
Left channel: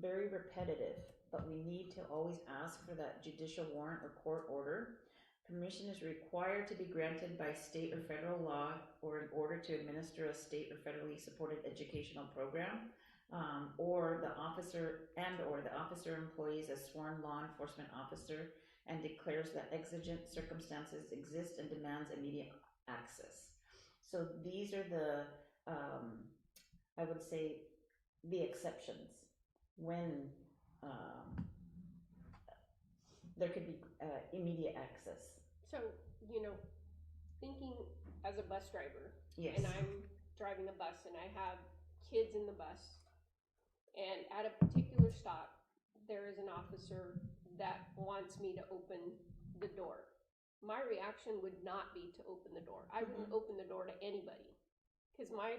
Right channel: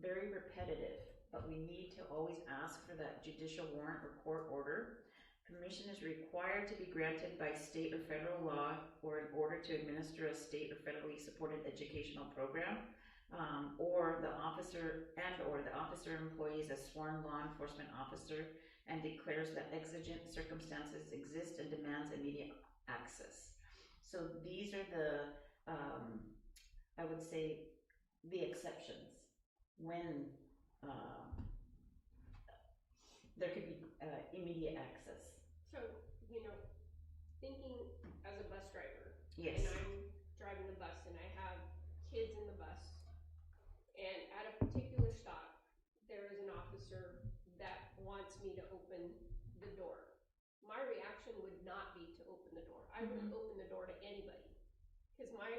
very repetitive, but we need to always ask for that judicial warrant or court order. Permission is required to be granted by state or federal law or in order to administer a state or federally supported educational program. Or the officer employee is a sworn law enforcement officer and declares that exigent circumstances exist and demands immediate access. So these are the, I would say, the exceptions when there could be immediate access. So, thinking as a bus driver, yes. And I'm driving a bus and I have kids in the bus, and at a particular stop, there is an officer that wants me to open the door. My reaction would not be to open the door. I wouldn't open the door to anybody, because my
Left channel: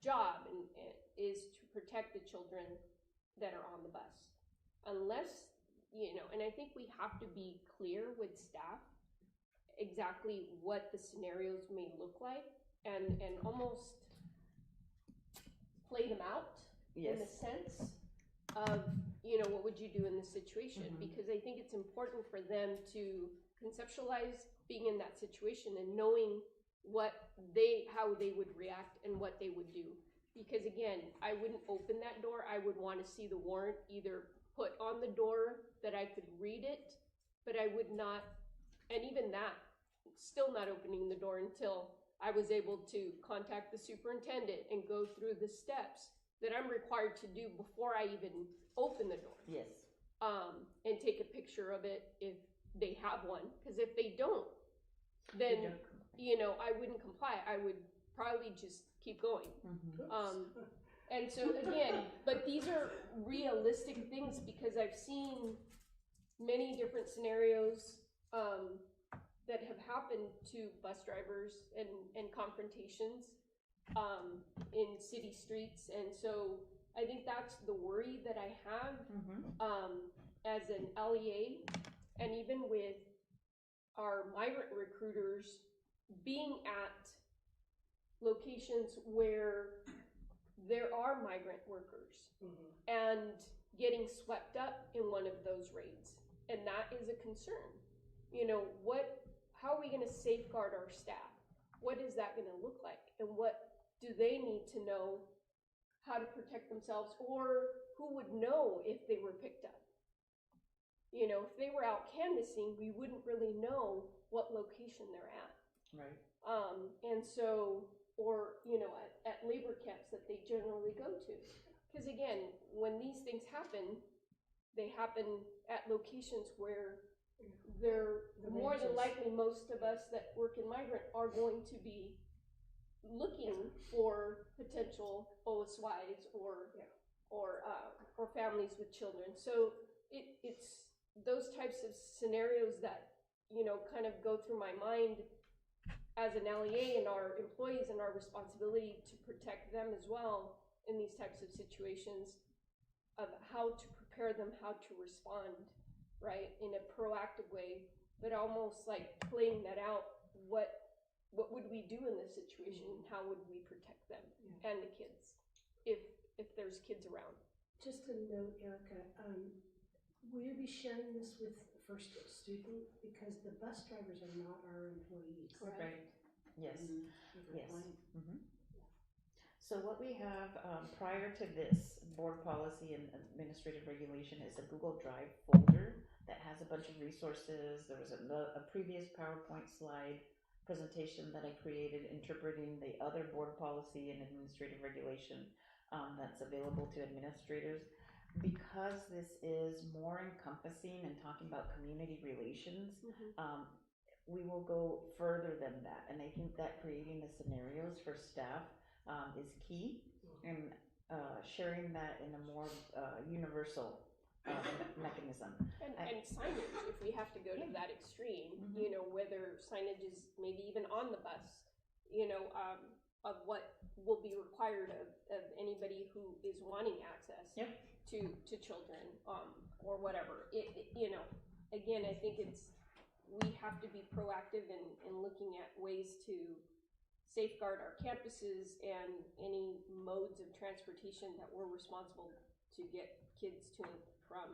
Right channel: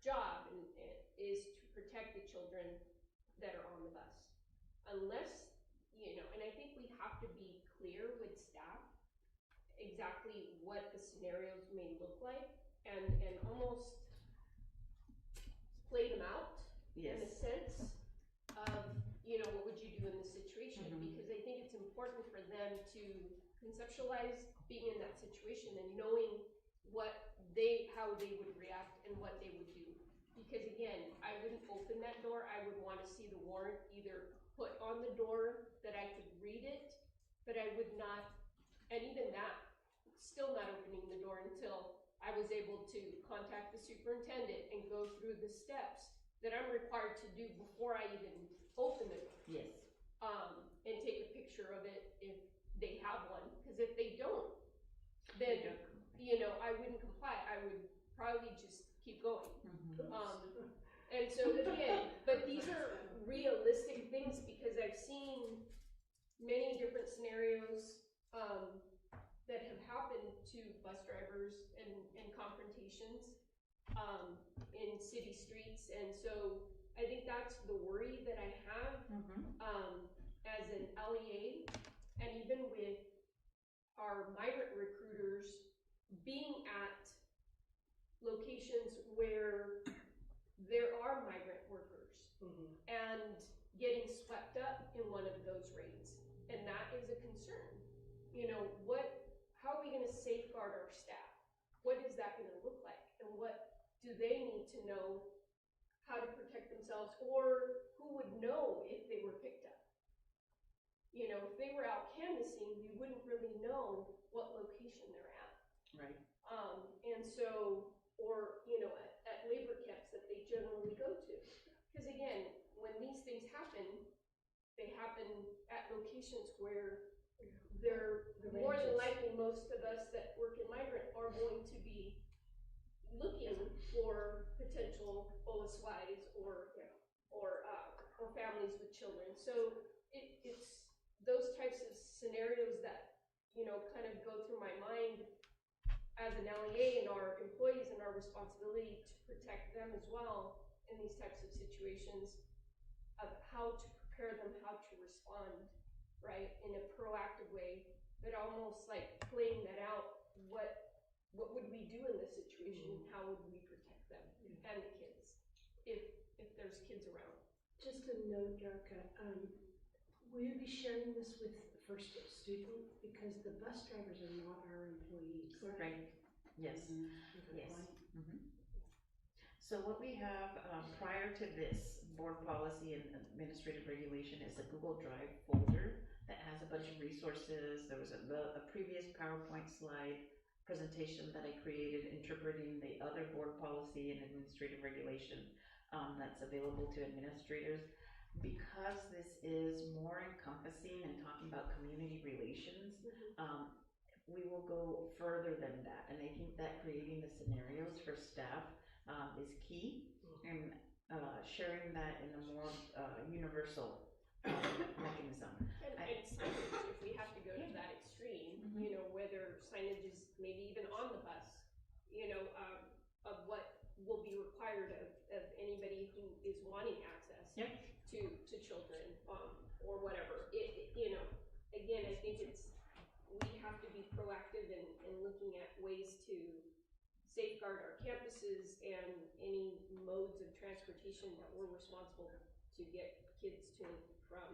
job is to protect the children that are on the bus. Unless, and I think we have to be clear with staff exactly what the scenarios may look like and almost play them out. Yes. In the sense of, what would you do in this situation? Because I think it's important for them to conceptualize being in that situation and knowing how they would react and what they would do. Because again, I wouldn't open that door. I would want to see the warrant either put on the door that I could read it, but I would not, and even that, still not opening the door until I was able to contact the superintendent and go through the steps that I'm required to do before I even open the door. Yes. And take a picture of it if they have one, because if they don't, then, I wouldn't comply. I would probably just keep going. And so again, but these are realistic things because I've seen many different scenarios that have happened to bus drivers and confrontations in city streets. And so I think that's the worry that I have as an LEA, and even with our migrant recruiters being at locations where there are migrant workers and getting swept up in one of those raids. And that is a concern. How are we going to safeguard our staff? What is that going to look like? And what do they need to know how to protect themselves, or who would know if they were picked up? If they were out canvassing, we wouldn't really know what location they're at. Right. And so, or, you know, at labor camps that they generally go to. Because again, when these things happen, they happen at locations where they're more than likely, most of us that work in migrant are going to be looking for potential OSYs or families with children. So it's those types of scenarios that, you know, kind of go through my mind as an LEA and our employees and our responsibility to protect them as well in these types of situations, of how to prepare them, how to respond, right, in a proactive way, but almost like playing that out. What would we do in this situation? How would we protect them and the kids if there's kids around? Just a note, Erica, will you be sharing this with the first student? Because the bus drivers are not our employees. Right. Yes. Yes. So what we have prior to this board policy and administrative regulation is a Google Drive folder that has a bunch of resources. There was a previous PowerPoint slide presentation that I created interpreting the other board policy and administrative regulation that's available to administrators. Because this is more encompassing and talking about community relations, we will go further than that. And I think that creating the scenarios for staff is key, and sharing that in a more universal mechanism. And signage, if we have to go to that extreme, you know, whether signage is maybe even on the bus, you know, of what will be required of anybody who is wanting access to children, or whatever. You know, again, I think we have to be proactive in looking at ways to safeguard our campuses and any modes of transportation that we're responsible to get kids to and from,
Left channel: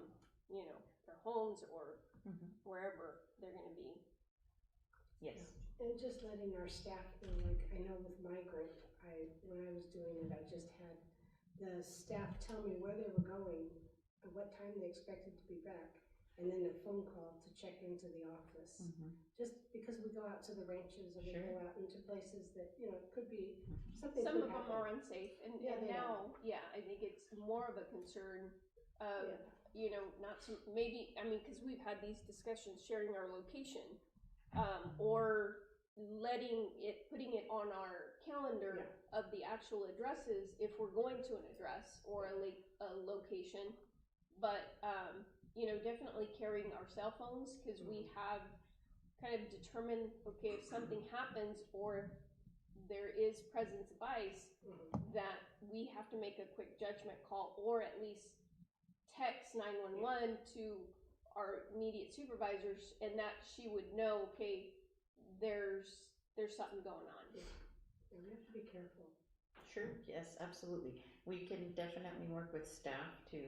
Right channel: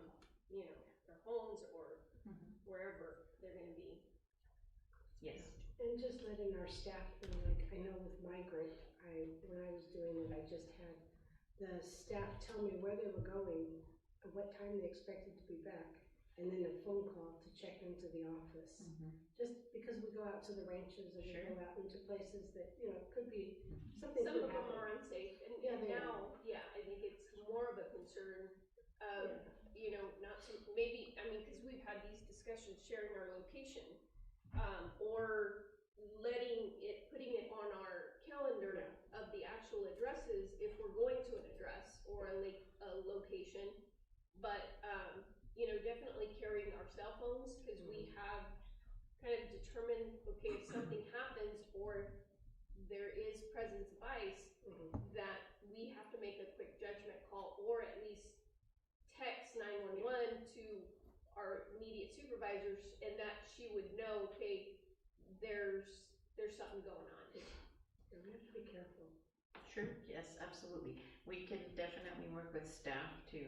you know, their homes or wherever they're going to be. Yes. And just letting our staff know, like I know with migrant, when I was doing it, I just had the staff tell me where they were going, and what time they expected to be back, and then a phone call to check into the office. Just because we go out to the ranches and we go out into places that, you know, could be something. Some of them are unsafe, and now, I think it's more of a concern. You know, not to maybe, I mean, because we've had these discussions, sharing our location, or putting it on our calendar of the actual addresses if we're going to an address or a location. But you know, definitely carrying our cell phones, because we have kind of determined, okay, if something happens or if there is presence of ice, that we have to make a quick judgment call, or at least text 911 to our immediate supervisors, and that she would know, okay, there's something going on. We have to be careful. Sure, yes, absolutely. We can definitely work with staff to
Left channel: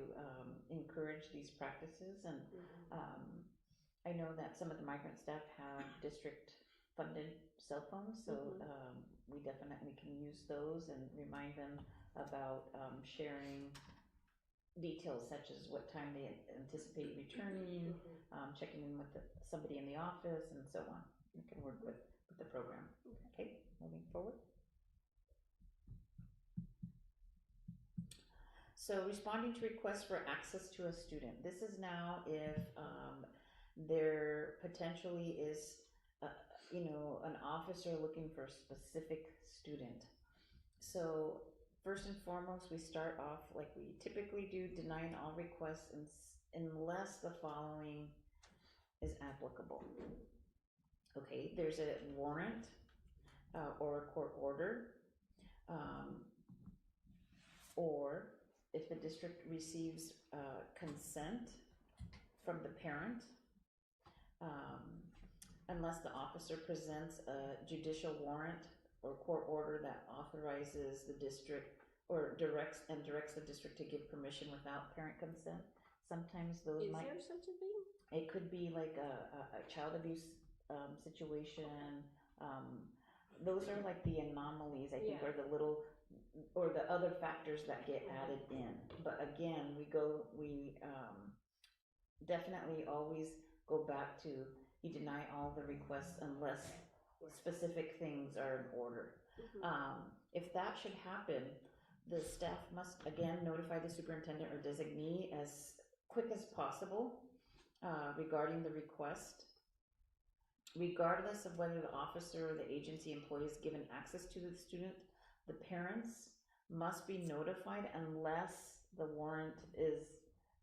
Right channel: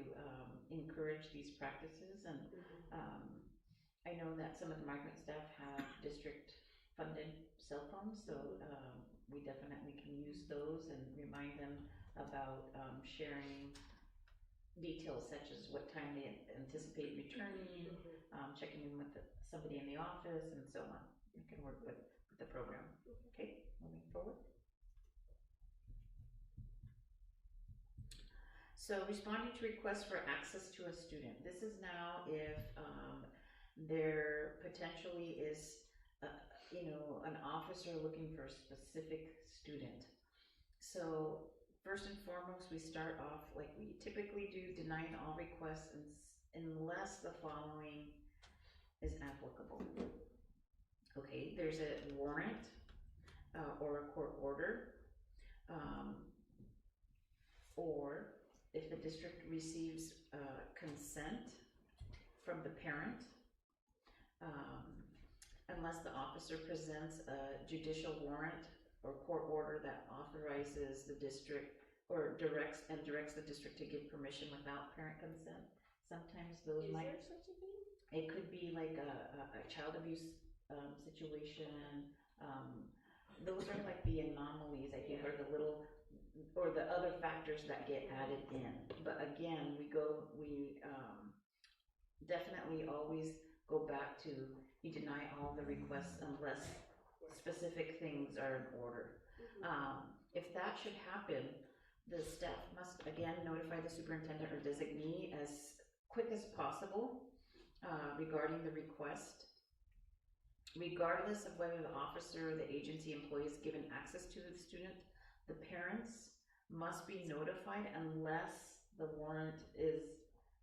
encourage these practices, and I know that some of the migrant staff have district funded cell phones, so we definitely can use those and remind them about sharing details such as what time they anticipate returning, checking in with somebody in the office, and so on. We can work with the program. Okay, moving forward. So responding to requests for access to a student. This is now if there potentially is, you know, an officer looking for a specific student. So first and foremost, we start off like we typically do, denying all requests unless the following is applicable. Okay, there's a warrant or a court order, or if the district receives consent from the parent, unless the officer presents a judicial warrant or court order that authorizes the district or directs the district to give permission without parent consent. Sometimes those Is there such a thing? It could be like a child abuse situation. Those are like the anomalies, I think, or the little, or the other factors that get added in. But again, we definitely always go back to you deny all the requests unless specific things are in order. If that should happen, the staff must again notify the superintendent or designee as quick as possible regarding the request. Regardless of whether the officer or the agency employee is given access to the student, the parents must be notified unless the warrant is,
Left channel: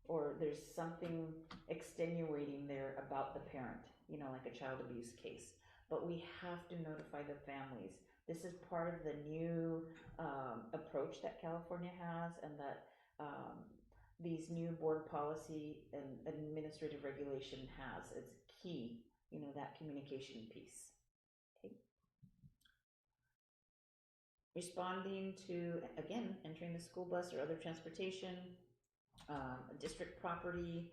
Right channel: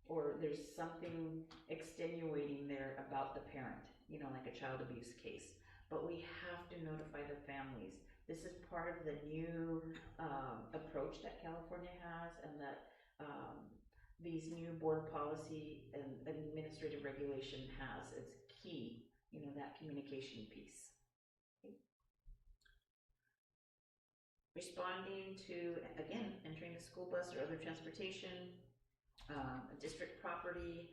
or there's something extenuating there about the parent, you know, like a child abuse case. But we have to notify the families. This is part of the new approach that California has, and that these new board policy and administrative regulation has. It's key, you know, that communication piece. Okay. Responding to, again, entering the school bus or other transportation, district property,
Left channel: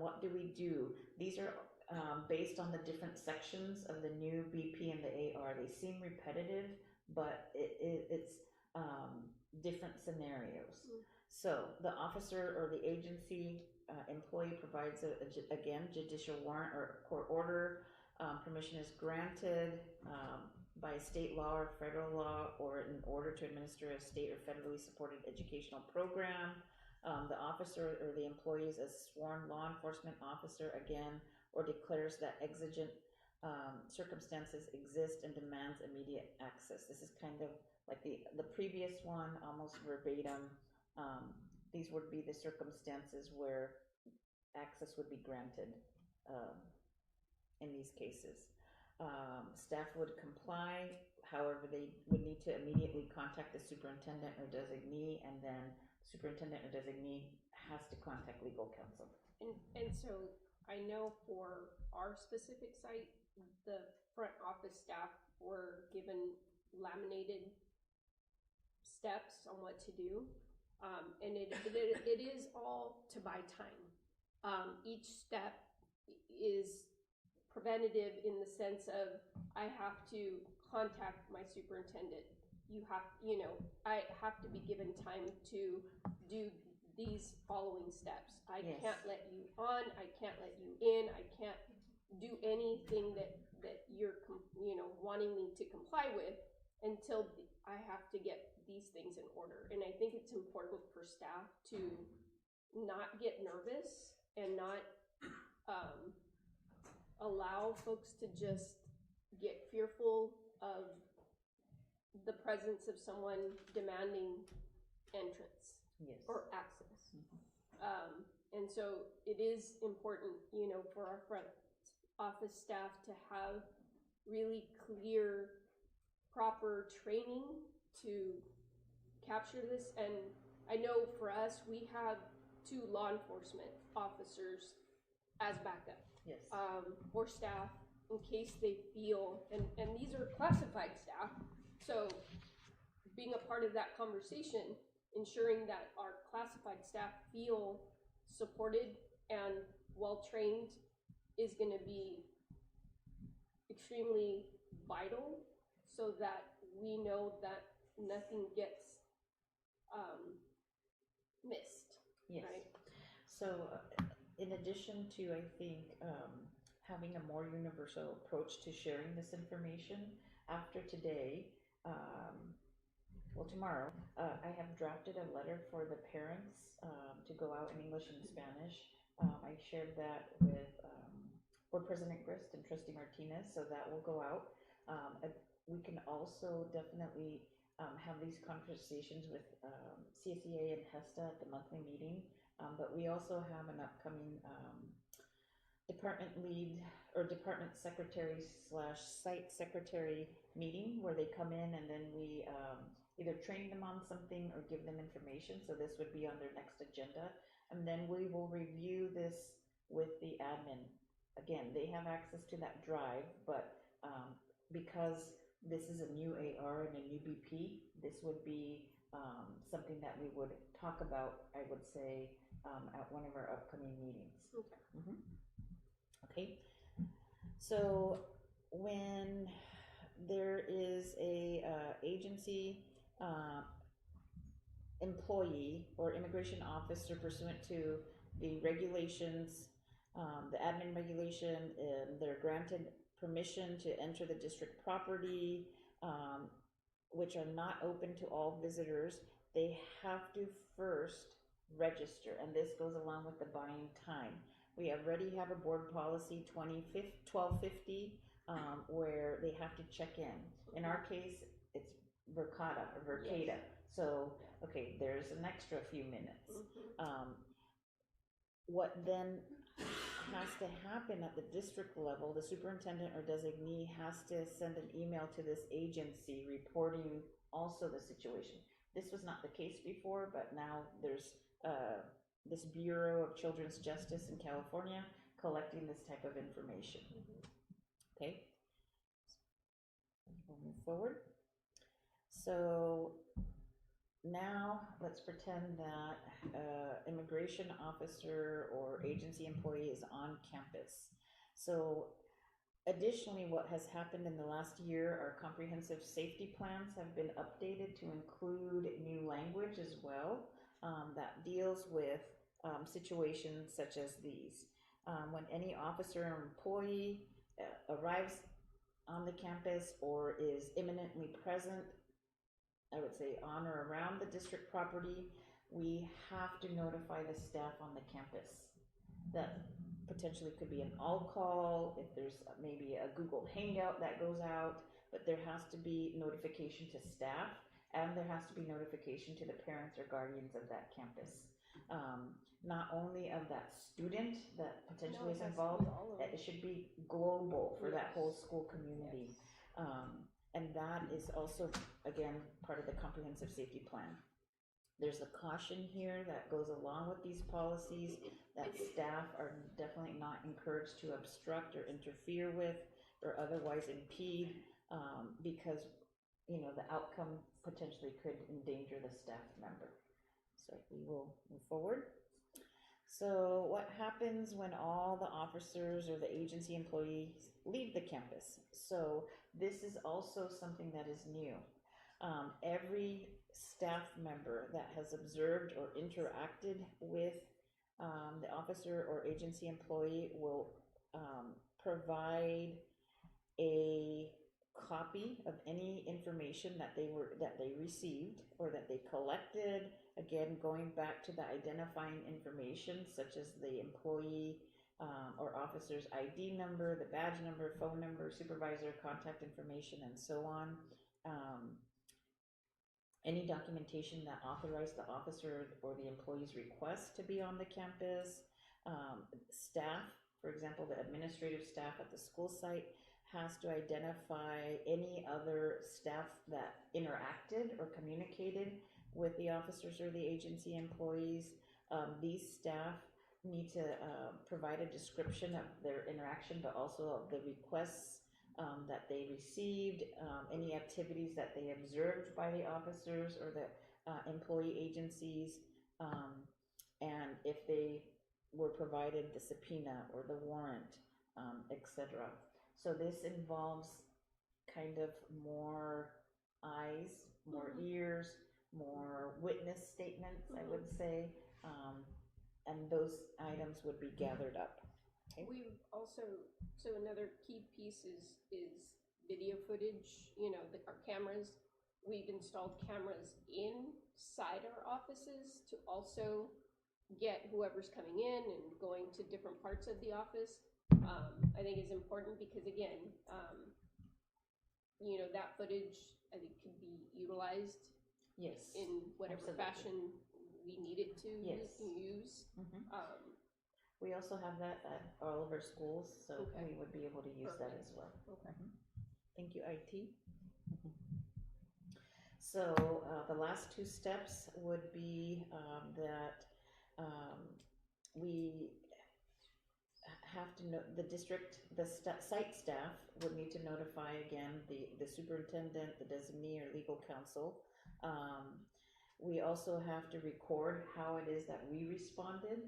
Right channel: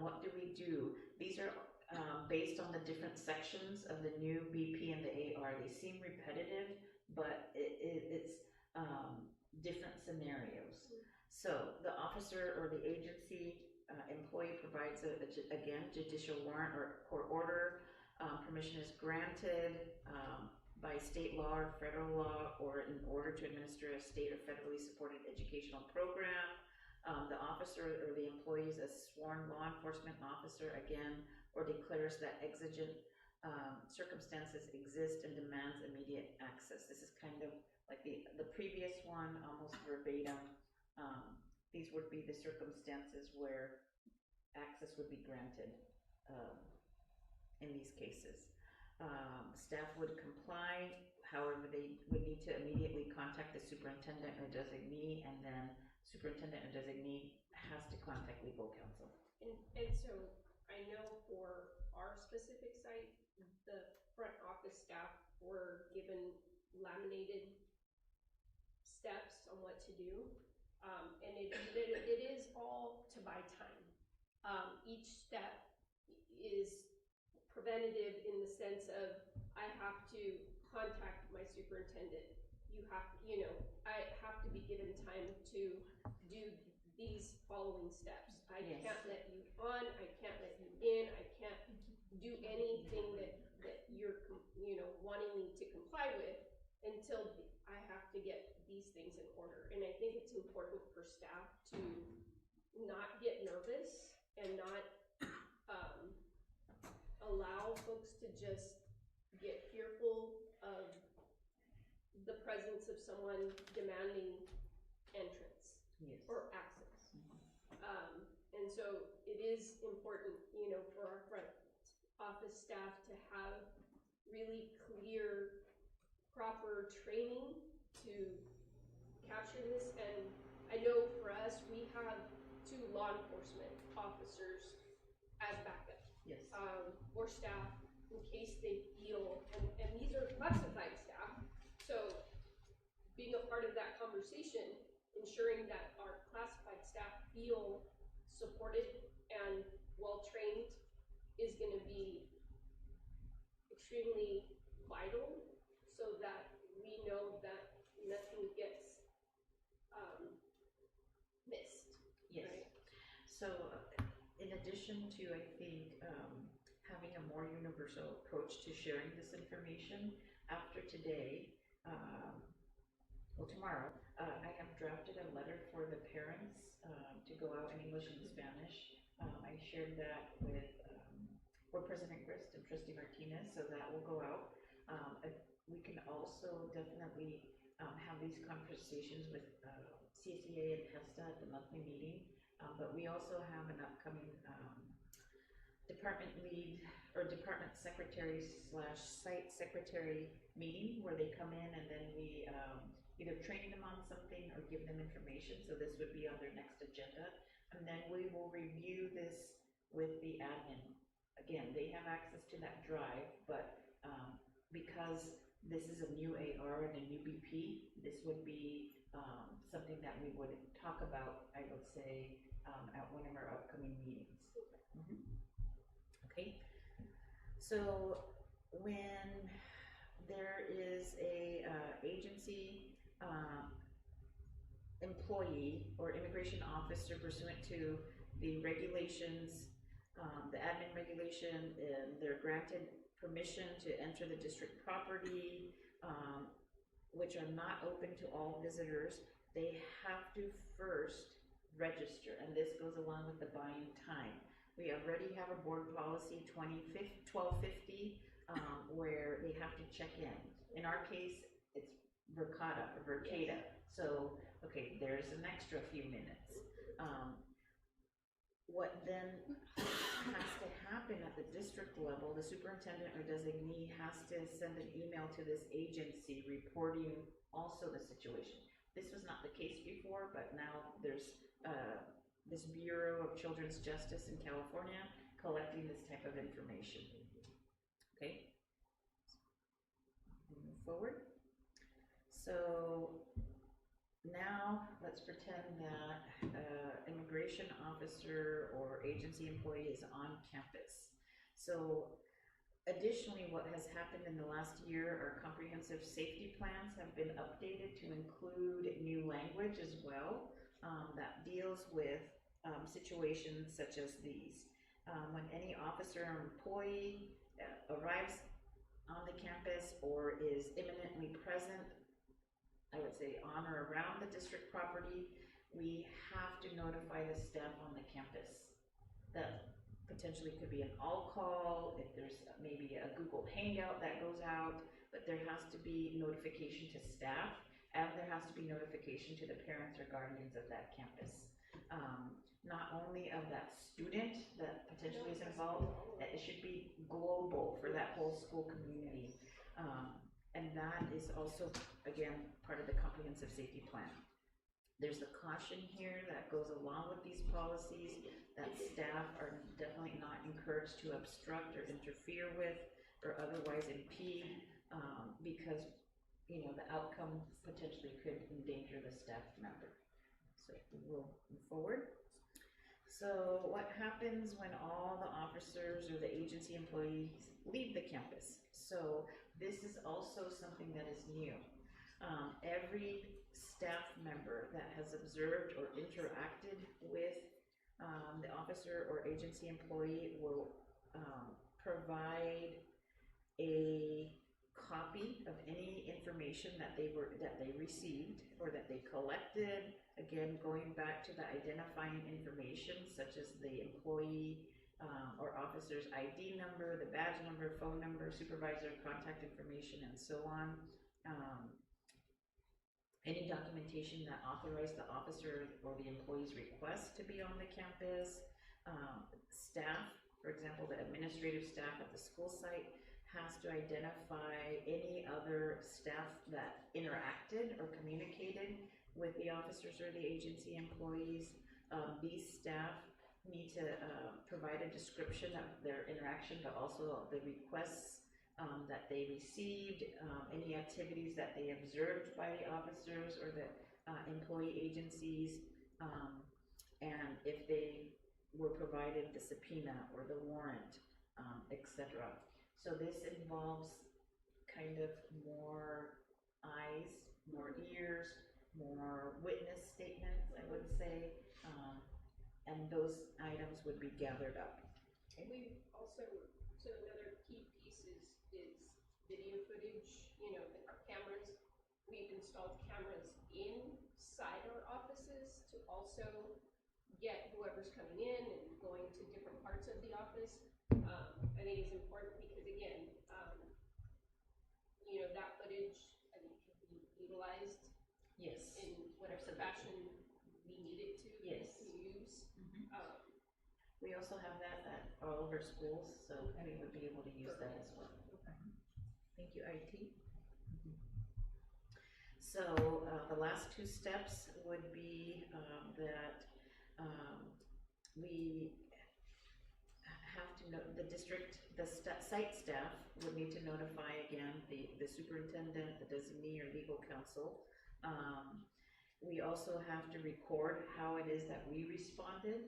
what do we do? These are based on the different sections of the new BP and the AR. They seem repetitive, but it's different scenarios. So the officer or the agency employee provides again, judicial warrant or court order. Permission is granted by state law or federal law, or in order to administer a state or federally supported educational program. The officer or the employee is a sworn law enforcement officer again, or declares that exigent circumstances exist and demands immediate access. This is kind of like the previous one, almost verbatim. These would be the circumstances where access would be granted in these cases. Staff would comply, however, they would need to immediately contact the superintendent or designee, and then superintendent or designee has to contact legal counsel. And so I know for our specific site, the front office staff were given laminated steps on what to do. And it is all to buy time. Each step is preventative in the sense of I have to contact my superintendent. I have to be given time to do these following steps. I can't let you on, I can't let you in, I can't do anything that you're wanting me to comply with until I have to get these things in order. And I think it's important for staff to not get nervous and not allow folks to just get fearful of the presence of someone demanding entrance or access. And so it is important, for our front office staff to have really clear, proper training to capture this. And I know for us, we have 2 law enforcement officers as backup. Yes. Or staff in case they feel, and these are classified staff, so being a part of that conversation, ensuring that our classified staff feel supported and well-trained is gonna be extremely vital, so that we know that nothing gets missed. Yes. Right? So in addition to, I think, having a more universal approach to sharing this information, after today, tomorrow, I have drafted a letter for the parents to go out in English and Spanish. I shared that with Board President Grist and Trustee Martinez, so that will go out. We can also definitely have these conversations with CSEA and HESTA at the monthly meeting. But we also have an upcoming department lead or department secretary / site secretary meeting where they come in and then we either train them on something or give them information. So this would be on their next agenda. And then we will review this with the admin. Again, they have access to that drive, but because this is a new AR and a new BP, this would be something that we would talk about, I would say, at one of our upcoming meetings. Okay. Okay. So when there is a agency employee or immigration officer pursuant to the regulations The admin regulation, they're granted permission to enter the district property, which are not open to all visitors. They have to first register, and this goes along with the buying time. We already have a board policy 1250, where they have to check in. In our case, it's Vercada. So, okay, there's an extra few minutes. What then has to happen at the district level, the superintendent or designee has to send an email to this agency reporting also the situation. This was not the case before, but now there's this Bureau of Children's Justice in California collecting this type of information. Okay, we'll move forward. So now let's pretend that immigration officer or agency employee is on campus. So additionally, what has happened in the last year, our comprehensive safety plans have been updated to include new language as well, that deals with situations such as these. When any officer or employee arrives on the campus or is imminently present, I would say on or around the district property, we have to notify the staff on the campus. That potentially could be an all call, if there's maybe a Google Hangout that goes out, but there has to be notification to staff, and there has to be notification to the parents or guardians of that campus. Not only of that student that potentially is involved, it should be global for that whole school community. And that is also, again, part of the comprehensive safety plan. There's a caution here that goes along with these policies that staff are definitely not encouraged to obstruct or interfere with or otherwise impede, because, you know, the outcome potentially could endanger the staff member. So we will move forward. So what happens when all the officers or the agency employees leave the campus? So this is also something that is new. Every staff member that has observed or interacted with the officer or agency employee will provide a copy of any information that they received or that they collected. Again, going back to the identifying information such as the employee or officer's ID number, the badge number, phone number, supervisor contact information, and so on. Any documentation that authorized the officer or the employee's request to be on the campus. Staff, for example, the administrative staff at the school site has to identify any other staff that interacted or communicated with the officers or the agency employees. These staff need to provide a description of their interaction, but also of the requests that they received, any activities that they observed by the officers or the employee agencies, and if they were provided the subpoena or the warrant, etc. So this involves kind of more eyes, more ears, more witness statements, I would say, and those items would be gathered up. Okay. We also, so another key piece is video footage. You know, our cameras, we've installed cameras inside our offices to also get whoever's coming in and going to different parts of the office. I think it's important because, again, you know, that footage, I think, can be utilized in whatever fashion we need it to use. We also have that at all of our schools, so we would be able to use that as well. Thank you, IT. So the last two steps would be that we have to know the district, the site staff would need to notify again the superintendent, the designee, or legal counsel. We also have to record how it is that we responded,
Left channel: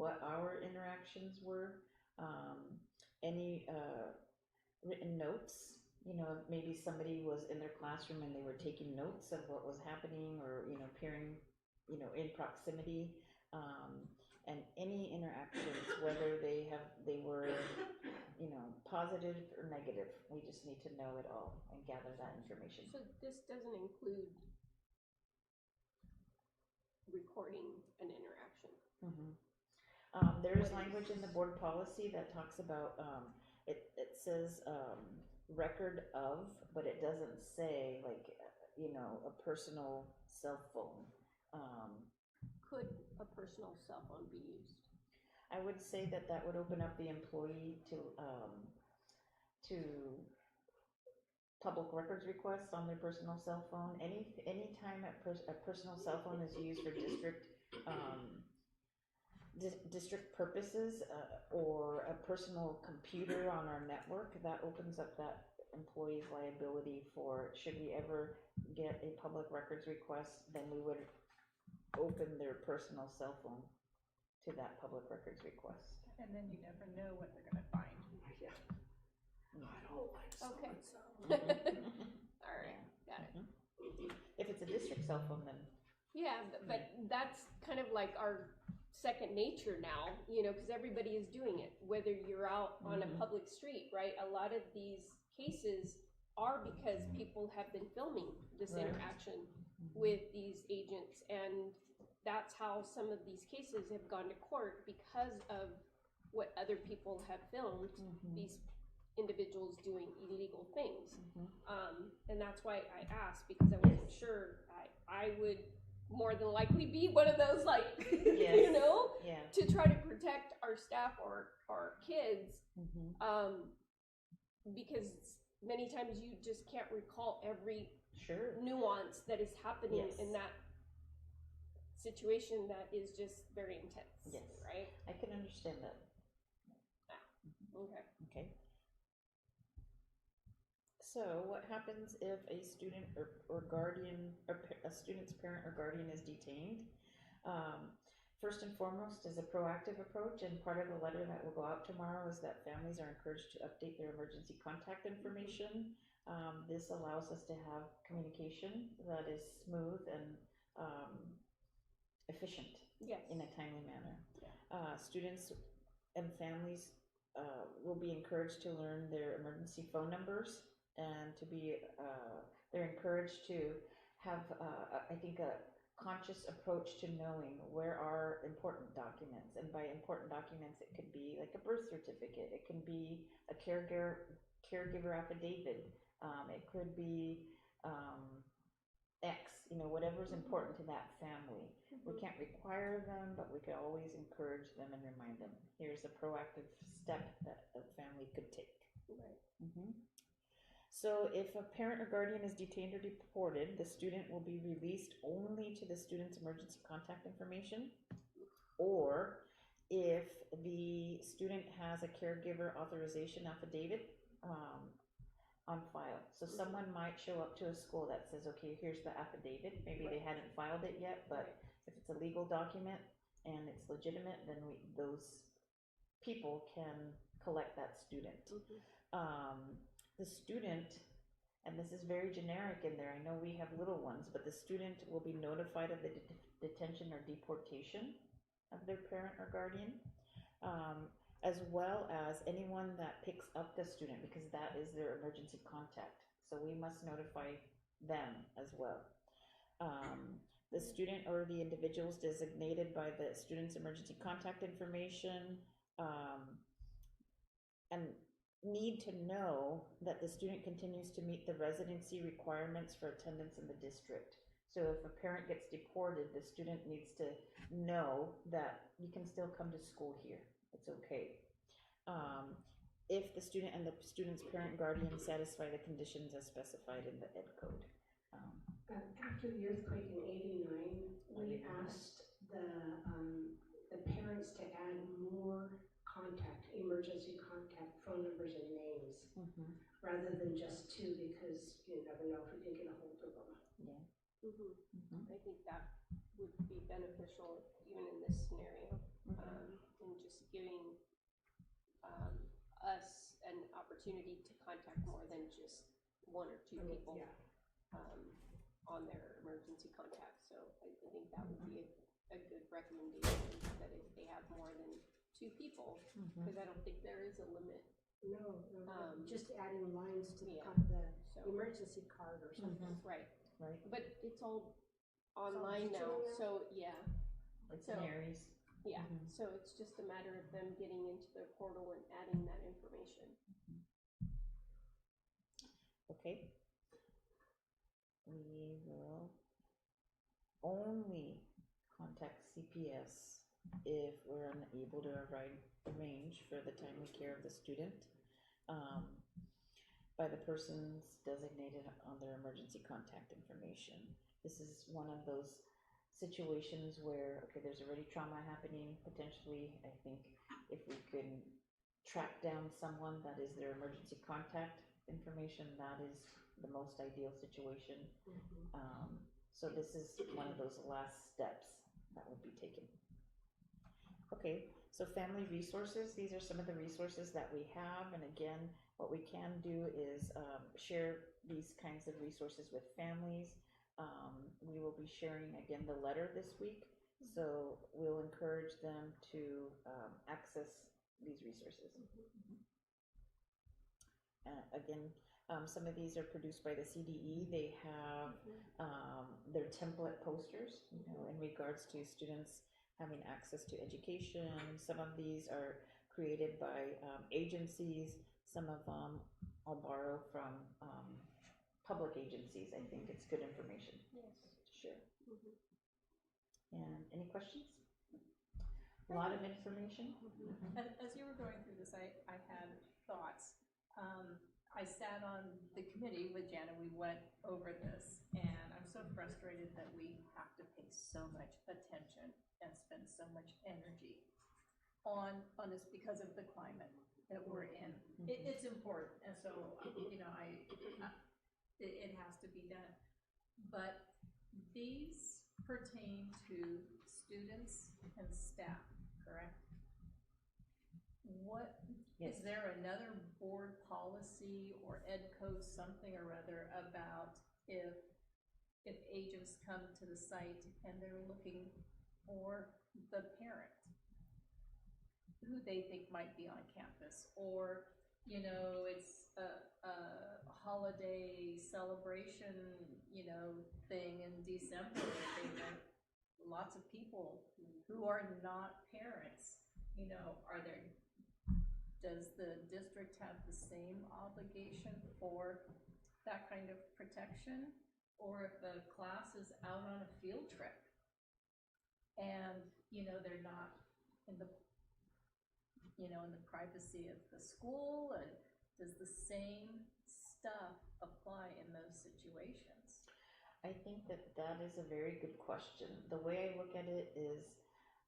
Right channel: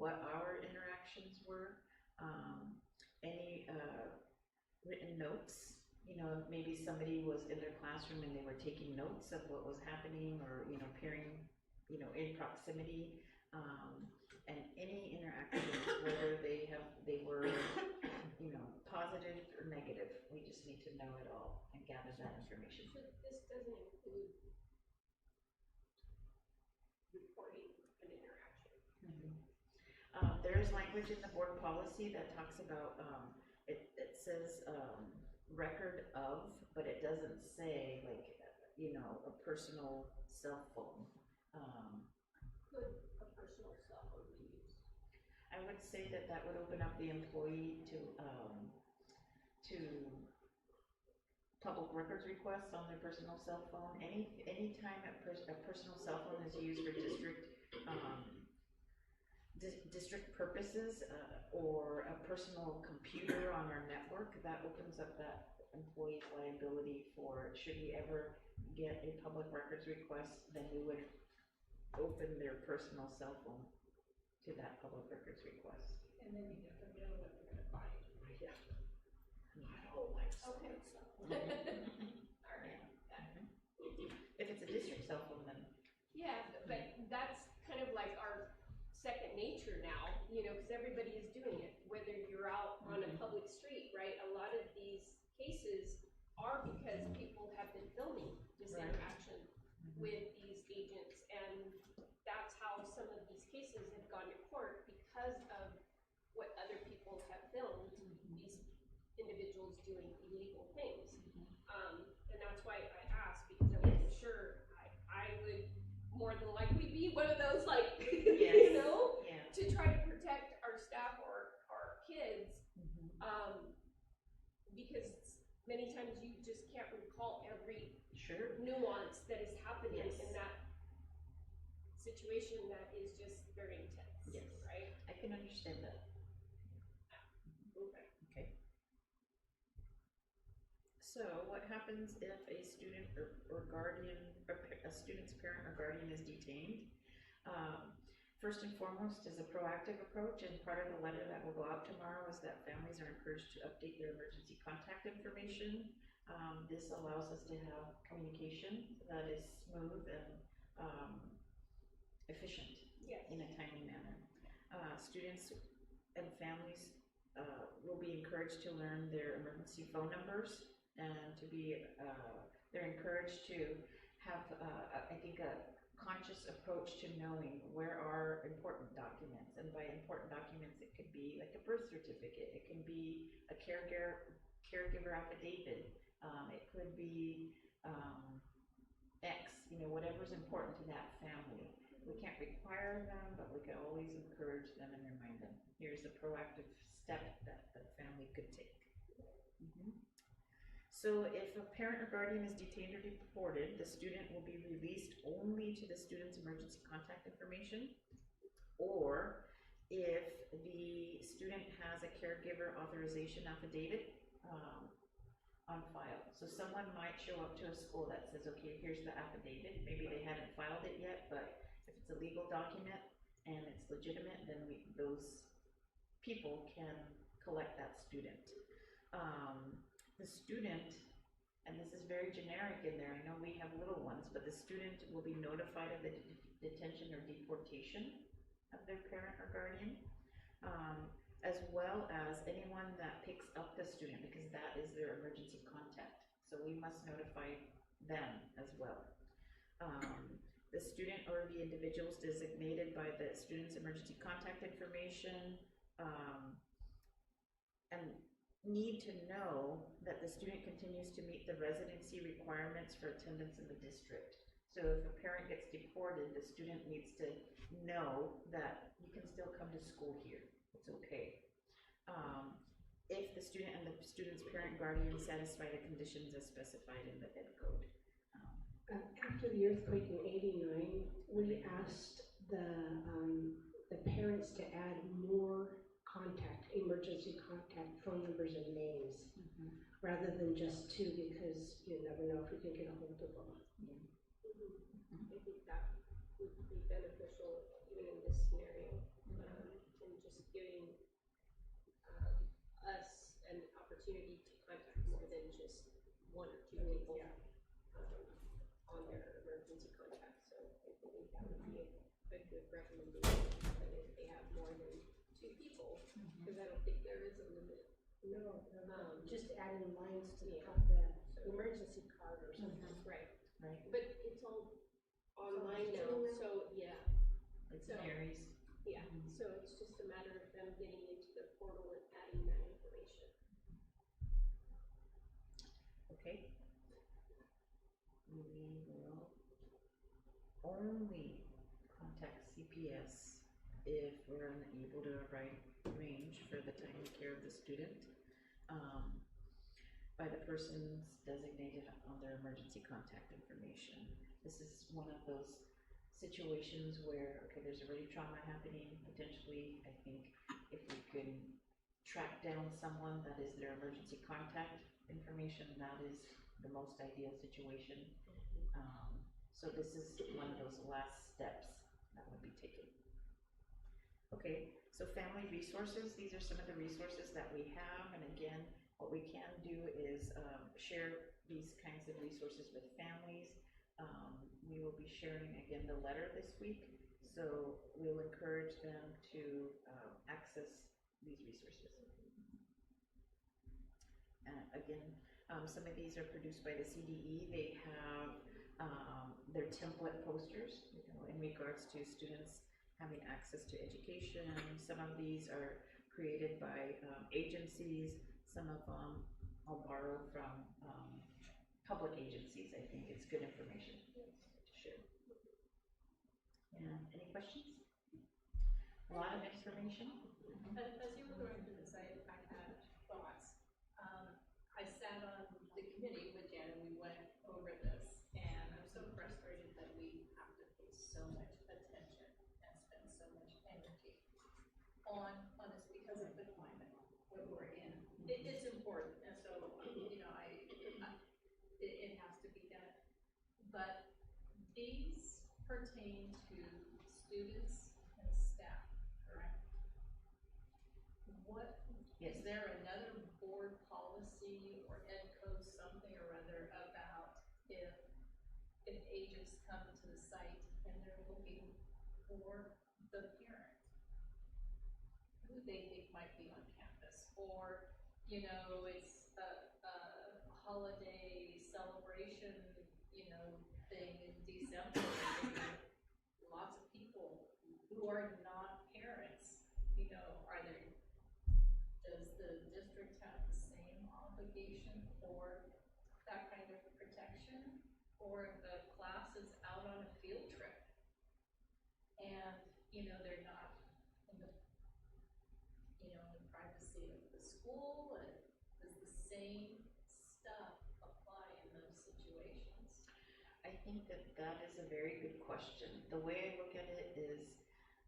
what our interactions were, any written notes. You know, maybe somebody was in their classroom and they were taking notes of what was happening, or, you know, appearing, you know, in proximity. and any interactions, whether they were, positive or negative, we just need to know it all and gather that information. So this doesn't include recording an interaction. There's language in the board policy that talks about, it says, record of, but it doesn't say like, a personal cell phone. Could a personal cell phone be used? I would say that would open up the employee to public records requests on their personal cell phone. Any time a personal cell phone is used for district purposes, or a personal computer on our network, that opens up that employee's liability for, should we ever get a public records request, then we would open their personal cell phone to that public records request. And then you never know what they're gonna find. Yeah. I don't like Okay. All right, got it. If it's a district cell phone, then. Yeah, but that's kind of like our second nature now, because everybody is doing it, whether you're out on a public street, right? A lot of these cases are because people have been filming this interaction with these agents, and that's how some of these cases have gone to court, because of what other people have filmed these individuals doing illegal things. And that's why I asked, because I wasn't sure. I would more than likely be one of those, like, to try to protect our staff or our kids, because many times you just can't recall every nuance that is happening in that situation that is just very intense. Yes. Right? I can understand that. Okay. Okay. So what happens if a student or guardian, or a student's parent or guardian is detained? First and foremost is a proactive approach, and part of the letter that will go out tomorrow is that families are encouraged to update their emergency contact information. This allows us to have communication that is smooth and efficient in a timely manner. Students and families will be encouraged to learn their emergency phone numbers, and to be, they're encouraged to have, I think, a conscious approach to knowing where are important documents. And by important documents, it could be like a birth certificate, it can be a caregiver affidavit, it could be X, whatever's important to that family. We can't require them, but we can always encourage them and remind them. Here's a proactive step that the family could take. So if a parent or guardian is detained or deported, the student will be released only to the student's emergency contact information, or if the student has a caregiver authorization affidavit on file. So someone might show up to a school that says, okay, here's the affidavit. Maybe they hadn't filed it yet, but if it's a legal document and it's legitimate, then those people can collect that student. The student, and this is very generic in there, I know we have little ones, but the student will be notified of the detention or deportation of their parent or guardian, as well as anyone that picks up the student, because that is their emergency contact. So we must notify them as well. The student or the individuals designated by the student's emergency contact information and need to know that the student continues to meet the residency requirements for attendance in the district. So if a parent gets deported, the student needs to know that you can still come to school here. It's okay. If the student and the student's parent guardian satisfy the conditions as specified in the Ed Code. After the earthquake in '89, we asked the parents to add more emergency contact phone numbers and names, rather than just two, because you never know if we can get a hold of them. I think that would be beneficial even in this scenario, and just giving us an opportunity to contact more than just one or two people on their emergency contact. So I think that would be a good recommendation, that if they have two people, because I don't think there is a limit. No, just adding lines to the, So- the emergency card or something. Right. Right. But it's all online now, digital now? so, yeah. Like So- Mary's. Yeah, so it's just a matter of them getting into their portal and adding that information. Okay. We will only contact CPS if we're unable to arrange for the timely care of the student by the persons designated on their emergency contact information. This is one of those situations where, okay, there's already trauma happening, potentially, I think if we can track down someone that is their emergency contact information, that is the most ideal situation. So this is one of those last steps that would be taken. Okay, so family resources, these are some of the resources that we have, and again, what we can do is share these kinds of resources with families. We will be sharing again the letter this week, so we'll encourage them to access these resources. Again, some of these are produced by the CDE. They have their template posters, you know, in regards to students having access to education. Some of these are created by agencies. Some of them I'll borrow from public agencies. I think it's good information to share. And any questions? A lot of information. As you were going through this, I had thoughts. I sat on the committee with Jen and we went over this, and I'm so frustrated that we have to pay so much attention and spend so much energy on this because of the climate that we're in. It's important, and so, you know, it has to be done. But these pertain to students and staff, correct? What, Yes. is there another board policy or ed code something or other about if agents come to the site and they're looking for the parent who they think might be on campus, or, you know, it's a holiday celebration, you know, thing in December, and there are lots of people who are not parents, you know, does the district have the same obligation for that kind of protection? Or if a class is out on a field trip and, you know, they're not in the, you know, in the privacy of the school, does the same stuff apply in those situations? I think that is a very good question. The way I look at it is,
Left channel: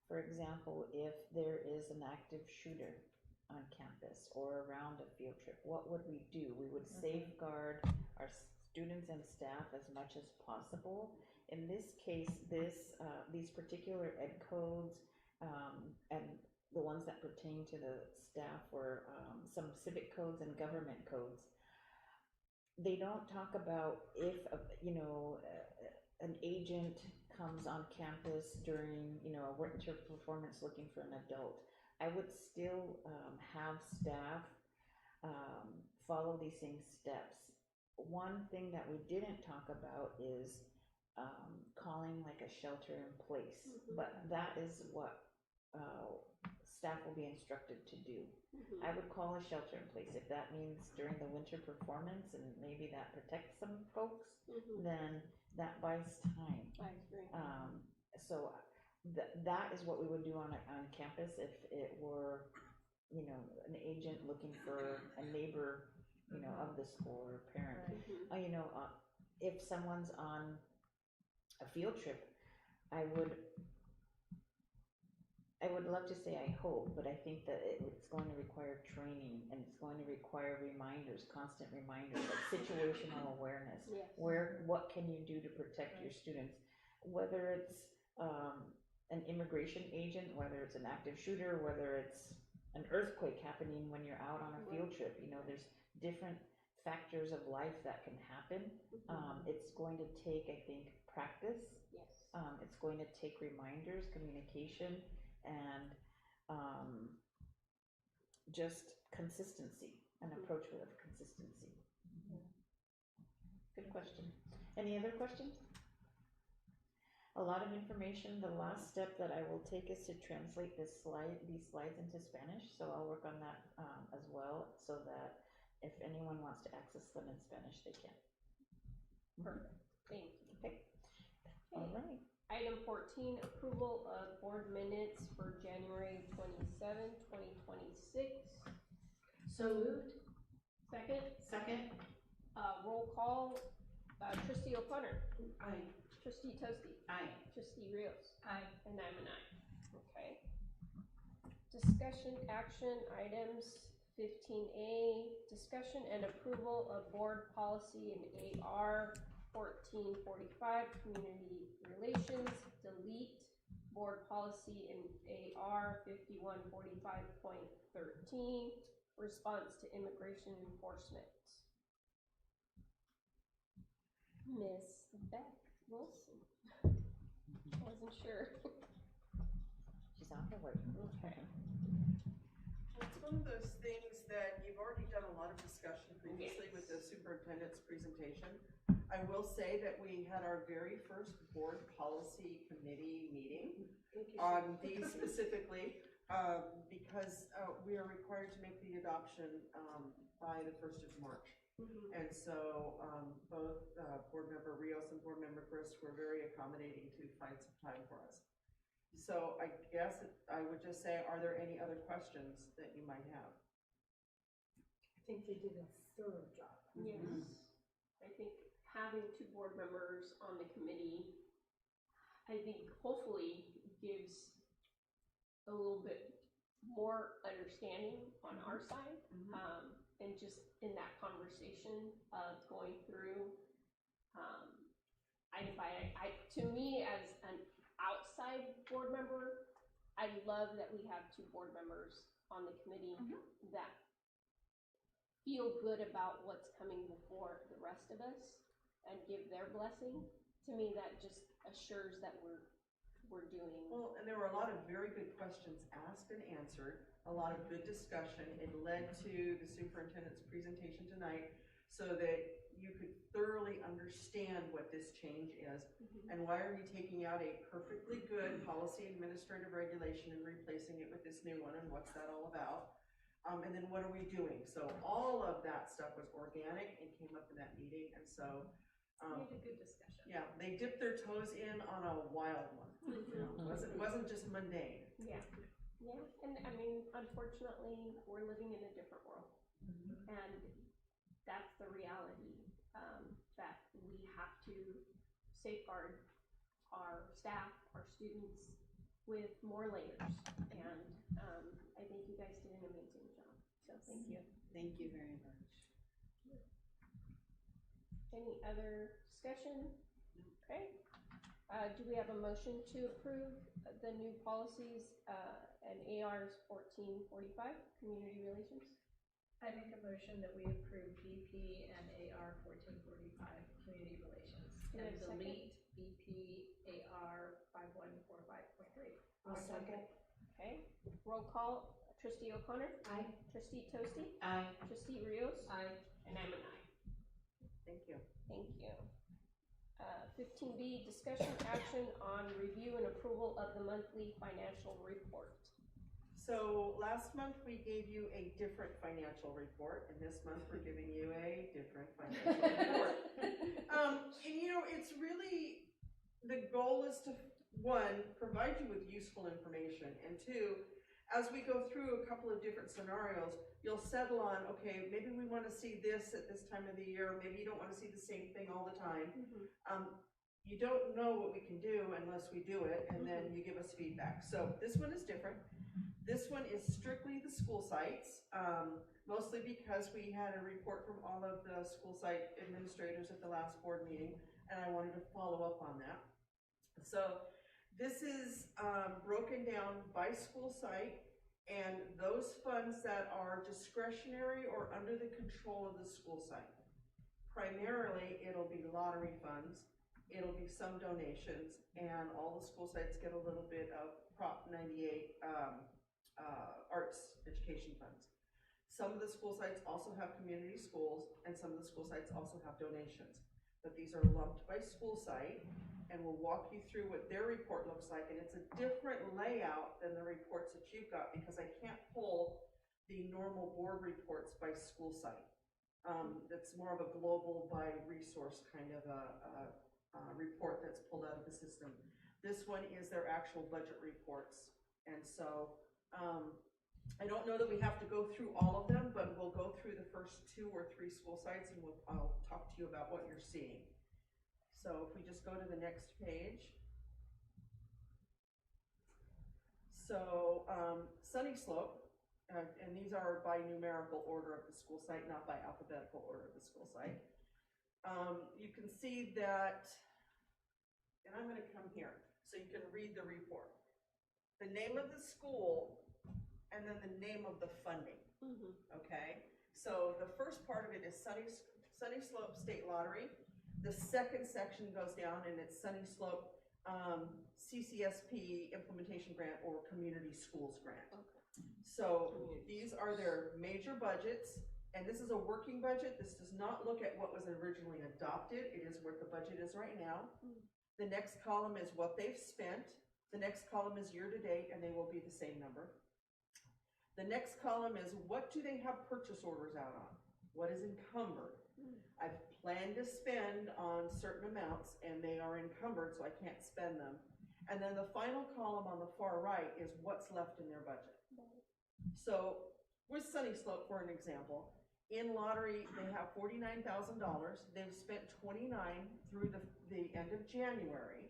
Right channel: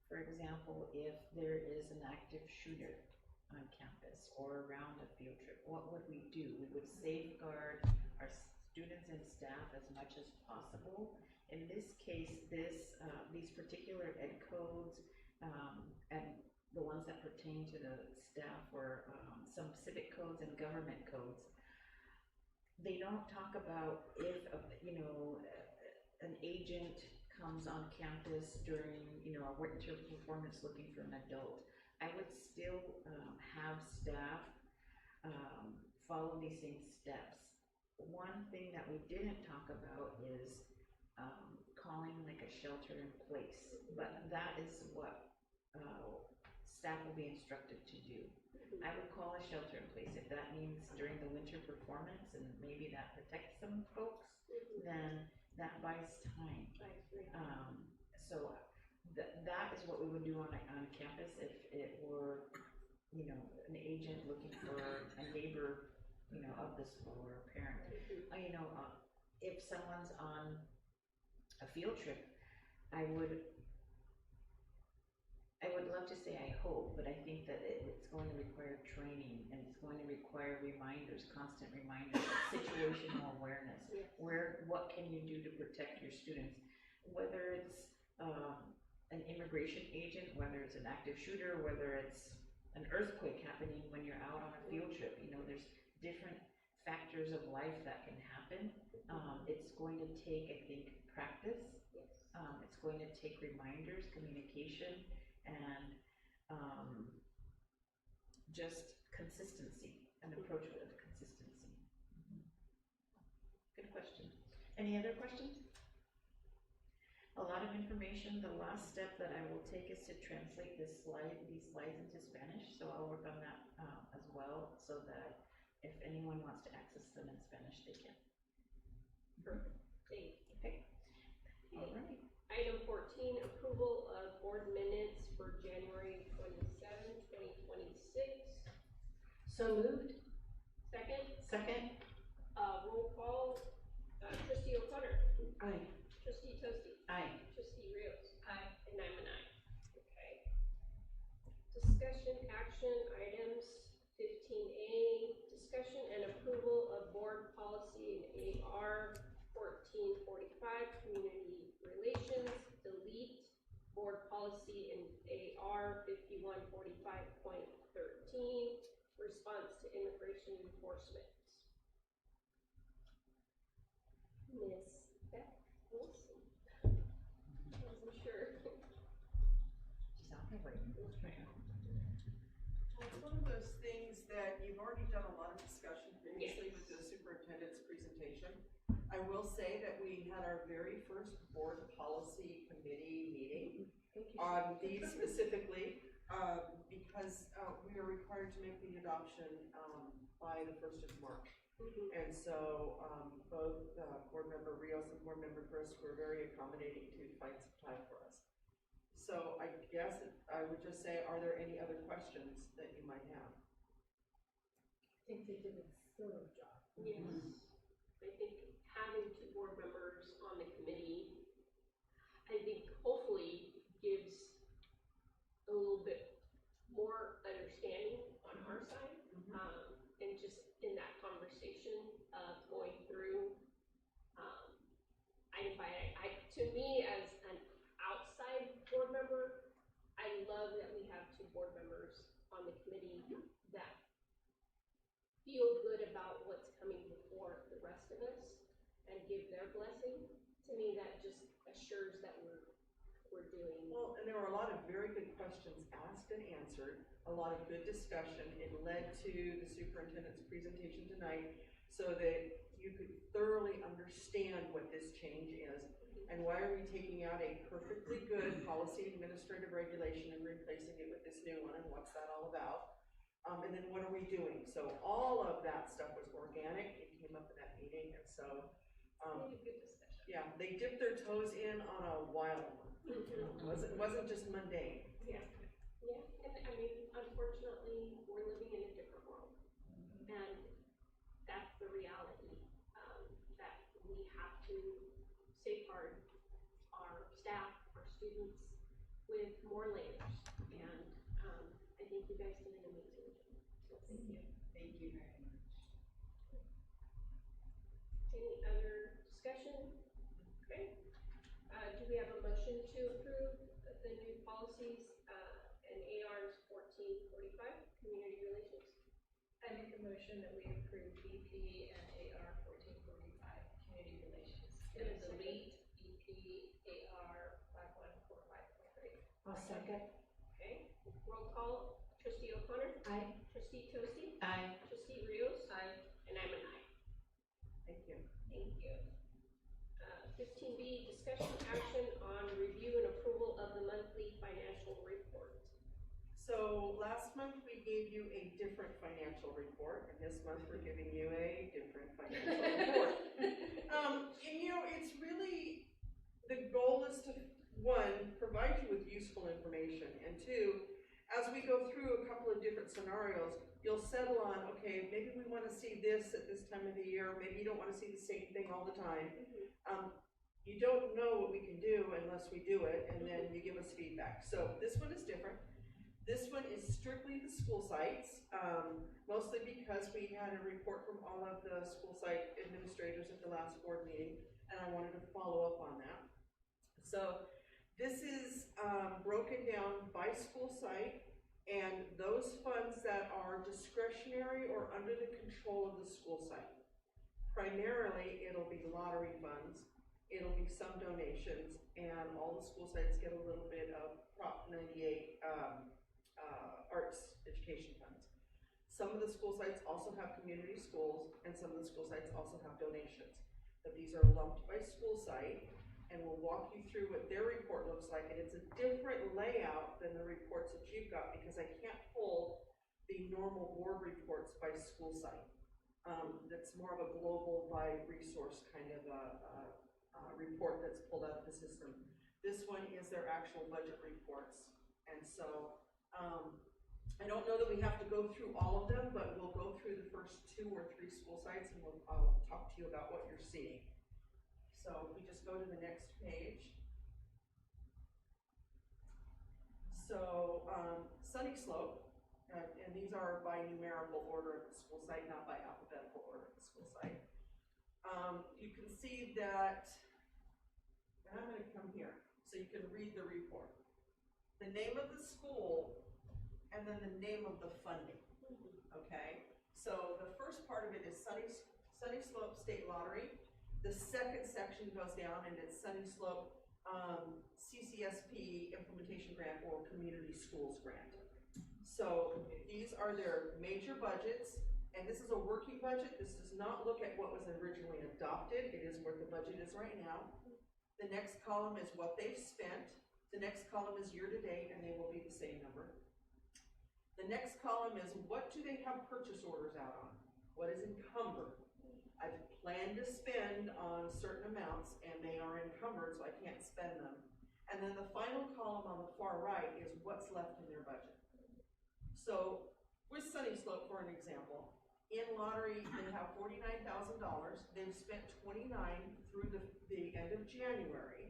for example, if there is an active shooter on campus or around a field trip, what would we do? We would safeguard our students and staff as much as possible. In this case, these particular ed codes and the ones that pertain to the staff were some civic codes and government codes. They don't talk about if, you know, an agent comes on campus during, you know, a winter performance looking for an adult. I would still have staff follow these same steps. One thing that we didn't talk about is calling like a shelter in place, but that is what staff will be instructed to do. I would call a shelter in place. If that means during the winter performance and maybe that protects some folks, then that buys time. I agree. So that is what we would do on campus if it were, you know, an agent looking for a neighbor, you know, of the school or parent. You know, if someone's on a field trip, I would love to say I hope, but I think that it's going to require training and it's going to require reminders, constant reminders, situational awareness. Yes. What can you do to protect your students? Whether it's an immigration agent, whether it's an active shooter, whether it's an earthquake happening when you're out on a field trip, you know, there's different factors of life that can happen. It's going to take, I think, practice. Yes. It's going to take reminders, communication, and just consistency, an approach with consistency. Good question. Any other questions? A lot of information. The last step that I will take is to translate these slides into Spanish. So I'll work on that as well, so that if anyone wants to access them in Spanish, they can. Perfect. Thank you. Okay. All right. Item 14, approval of board minutes for January 27, 2026. So moved. Second, Second? roll call, trustee O'Connor. Aye. Trustee Toasty. Aye. Trustee Rios. Aye. And I'm an aye. Okay. Discussion action items 15A, discussion and approval of board policy in AR 1445, community relations, delete board policy in AR 5145.13, response to immigration enforcement. Miss Beth Wilson. Wasn't sure. She's on her way. Well, it's one of those things that you've already done a lot of discussion previously with the superintendent's presentation. I will say that we had our very first board policy committee meeting on these specifically, because we are required to make the adoption by the 1st of March. And so both board member Rios and board member Grist were very accommodating to find some time for us. So I guess I would just say, are there any other questions that you might have? I think they did a thorough job. Yes. I think having two board members on the committee, I think hopefully gives a little bit more understanding on our side. And just in that conversation of going through, to me as an outside board member, I love that we have two board members on the committee that feel good about what's coming before the rest of us and give their blessing. To me, that just assures that we're doing. Well, and there were a lot of very good questions asked and answered, a lot of good discussion. It led to the superintendent's presentation tonight so that you could thoroughly understand what this change is and why are we taking out a perfectly good policy administrative regulation and replacing it with this new one, and what's that all about? And then what are we doing? So all of that stuff was organic and came up in that meeting, and so We had a good discussion. yeah, they dipped their toes in on a wild one. It wasn't just mundane. Yeah. Yeah, and I mean, unfortunately, we're living in a different world. And that's the reality, that we have to safeguard our staff, our students with more layers. And, I think you guys did an amazing job, so thank you. Thank you very much. Any other discussion? Okay. Do we have a motion to approve the new policies, and ARs 1445, community relations? I make a motion that we approve BP and AR 1445, community relations, Do we and have a second? delete BP AR 5145.3. I'll second. Okay, roll call, trustee O'Connor? Aye. Trustee Toasty? Aye. Trustee Rios? Aye. And I'm an aye. Thank you. Thank you. 15B, discussion action on review and approval of the monthly financial report. So last month we gave you a different financial report, and this month we're giving you a different financial report. And you know, it's really, the goal is to, one, provide you with useful information, and two, as we go through a couple of different scenarios, you'll settle on, okay, maybe we want to see this at this time of the year, maybe you don't want to see the same thing all the time. You don't know what we can do unless we do it, and then you give us feedback. So this one is different. This one is strictly the school sites, mostly because we had a report from all of the school site administrators at the last board meeting, and I wanted to follow up on that. So this is broken down by school site, and those funds that are discretionary or under the control of the school site. Primarily, it'll be lottery funds, it'll be some donations, and all the school sites get a little bit of Prop 98 arts education funds. Some of the school sites also have community schools, and some of the school sites also have donations. But these are lumped by school site, and we'll walk you through what their report looks like, and it's a different layout than the reports that you've got, because I can't pull the normal board reports by school site. That's more of a global by resource kind of a report that's pulled out of the system. This one is their actual budget reports, and so I don't know that we have to go through all of them, but we'll go through the first 2 or 3 school sites, and I'll talk to you about what you're seeing. So if we just go to the next page. So Sunny Slope, and these are by numerical order of the school site, not by alphabetical order of the school site. You can see that, and I'm going to come here so you can read the report. The name of the school, and then the name of the funding, okay? So the first part of it is Sunny Slope State Lottery. The second section goes down, and it's Sunny Slope CCSP Implementation Grant or Community Schools Grant. So these are their major budgets, and this is a working budget. This does not look at what was originally adopted. It is where the budget is right now. The next column is what they've spent. The next column is year to date, and they will be the same number. The next column is what do they have purchase orders out on? What is encumbered? I've planned to spend on certain amounts, and they are encumbered, so I can't spend them. And then the final column on the far right is what's left in their budget. So with Sunny Slope, for an example, in lottery, they have $49,000. They've spent $29,000 through the end of January.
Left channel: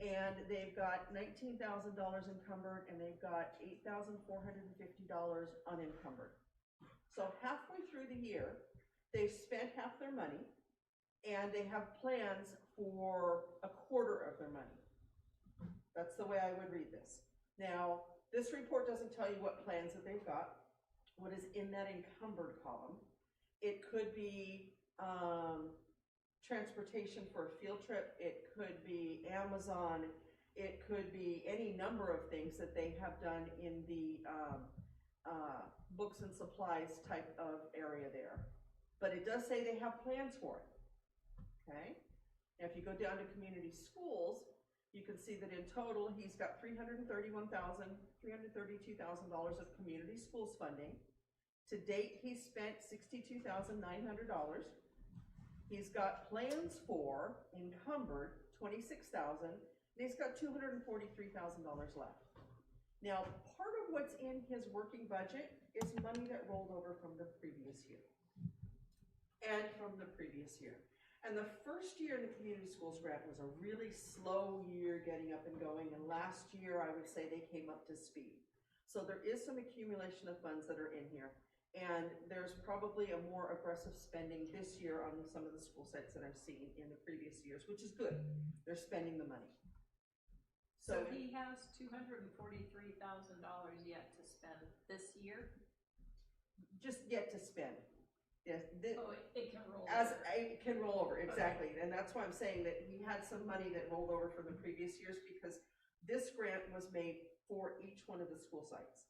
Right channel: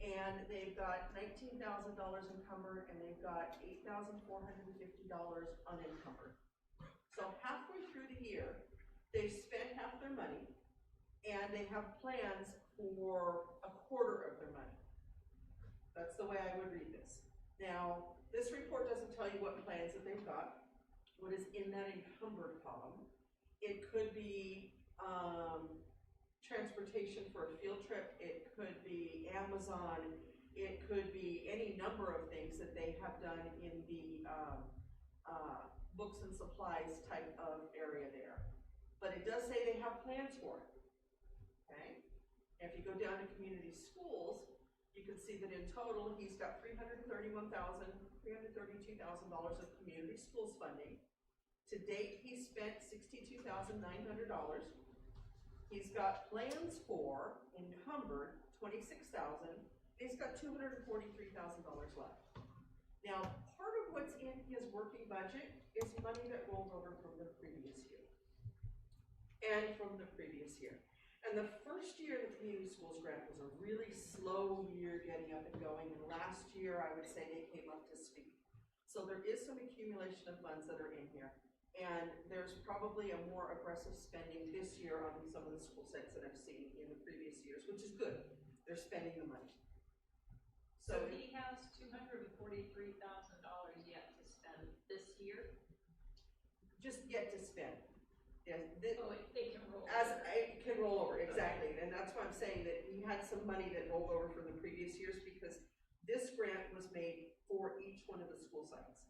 And they've got $19,000 encumbered, and they've got $8,450 unencumbered. So halfway through the year, they've spent half their money, and they have plans for a quarter of their money. That's the way I would read this. Now, this report doesn't tell you what plans that they've got, what is in that encumbered column. It could be transportation for a field trip, it could be Amazon, it could be any number of things that they have done in the books and supplies type of area there. But it does say they have plans for it, okay? Now if you go down to community schools, you can see that in total, he's got $332,000 of community schools funding. To date, he's spent $62,900. He's got plans for, encumbered, $26,000, and he's got $243,000 left. Now, part of what's in his working budget is money that rolled over from the previous year. And from the previous year. And the first year in the community schools grant was a really slow year getting up and going, and last year I would say they came up to speed. So there is some accumulation of funds that are in here. And there's probably a more aggressive spending this year on some of the school sites that I've seen in the previous years, which is good. They're spending the money. So he has $243,000 yet to spend this year? Just yet to spend. Yes, it can roll it can roll over, exactly. And that's why I'm saying that he had some money that rolled over from the previous years, because this grant was made for each one of the school sites.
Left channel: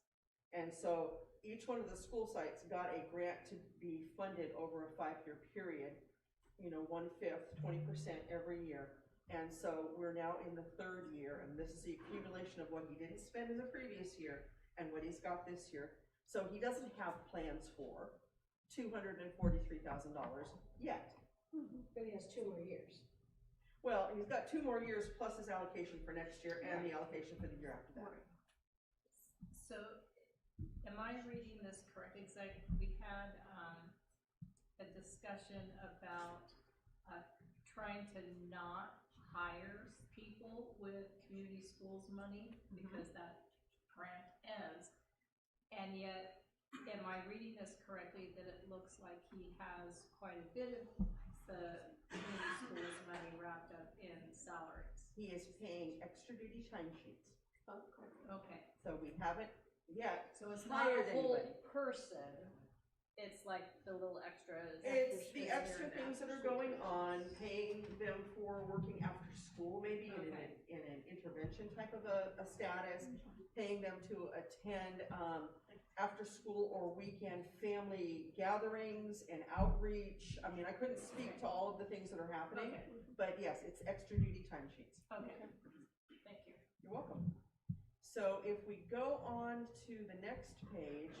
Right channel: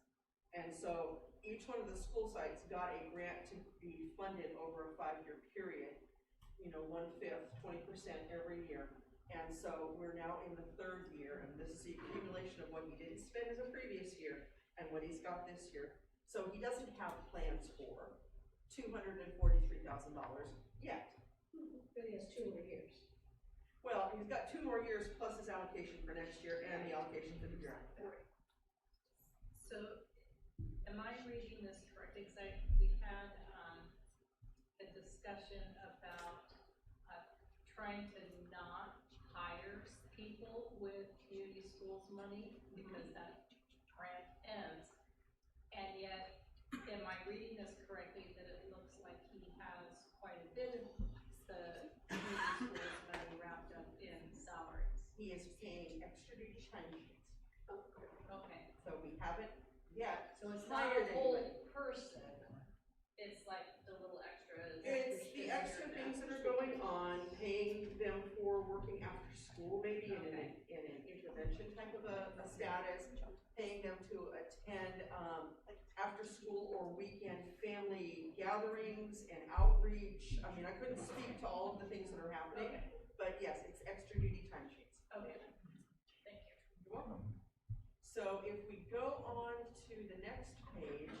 And so each one of the school sites got a grant to be funded over a 5-year period, 1/5, 20% every year. And so we're now in the 3rd year, and this is the accumulation of what he didn't spend in the previous year and what he's got this year. So he doesn't have plans for $243,000 yet. But he has 2 more years. Well, he's got 2 more years plus his allocation for next year and the allocation for the year after that. So, am I reading this correctly? Because we had a discussion about trying to not hire people with community schools money because that grant ends, and yet, am I reading this correctly that it looks like he has quite a bit of the community schools money wrapped up in salaries? He is paying extra duty timesheets. Okay. So we haven't yet So it's not hired a whole anybody. person, it's like the little extras. It's the extra things that are going on, paying them for working after school, maybe in an intervention type of a status, paying them to attend after school or weekend family gatherings and outreach. I mean, I couldn't speak to all of the things that are happening, but yes, it's extra duty timesheets. Okay, thank you. You're welcome. So if we go on to the next page,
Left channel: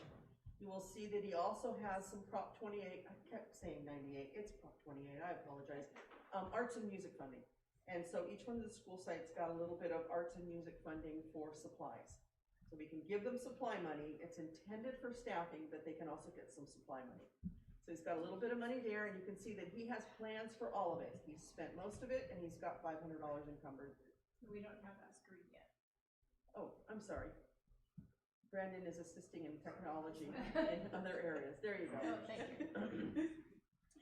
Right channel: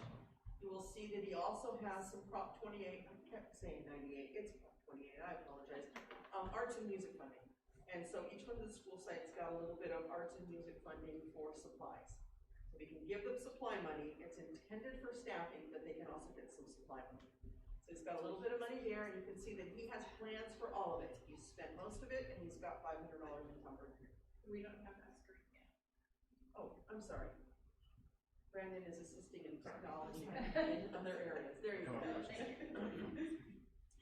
you will see that he also has some Prop 28, I kept saying 98, it's Prop 28, I apologize, arts and music funding. And so each one of the school sites got a little bit of arts and music funding for supplies. So we can give them supply money, it's intended for staffing, but they can also get some supply money. So he's got a little bit of money there, and you can see that he has plans for all of it. He's spent most of it, and he's got $500 encumbered. We don't have that screen yet. Oh, I'm sorry. Brandon is assisting in technology in other areas. There you go. Thank you.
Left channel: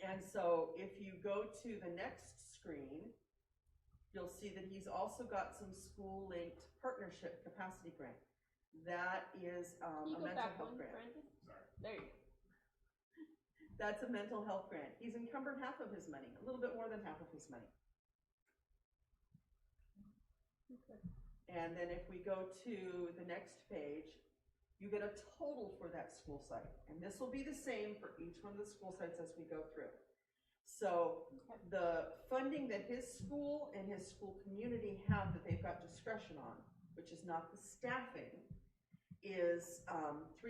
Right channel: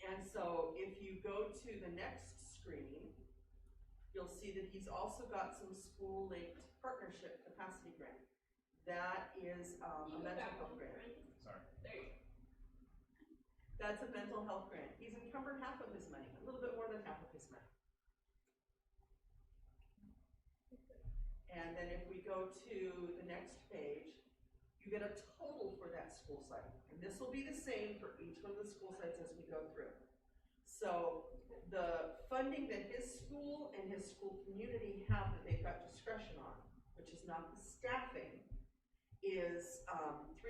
And so if you go to the next screen, you'll see that he's also got some school-linked partnership capacity grant. That is a mental health grant. Sorry. There you go. That's a mental health grant. He's encumbered half of his money, a little bit more than half of his money. And then if we go to the next page, you get a total for that school site. And this will be the same for each one of the school sites as we go through. So the funding that his school and his school community have that they've got discretion on, which is not the staffing, is $390,000.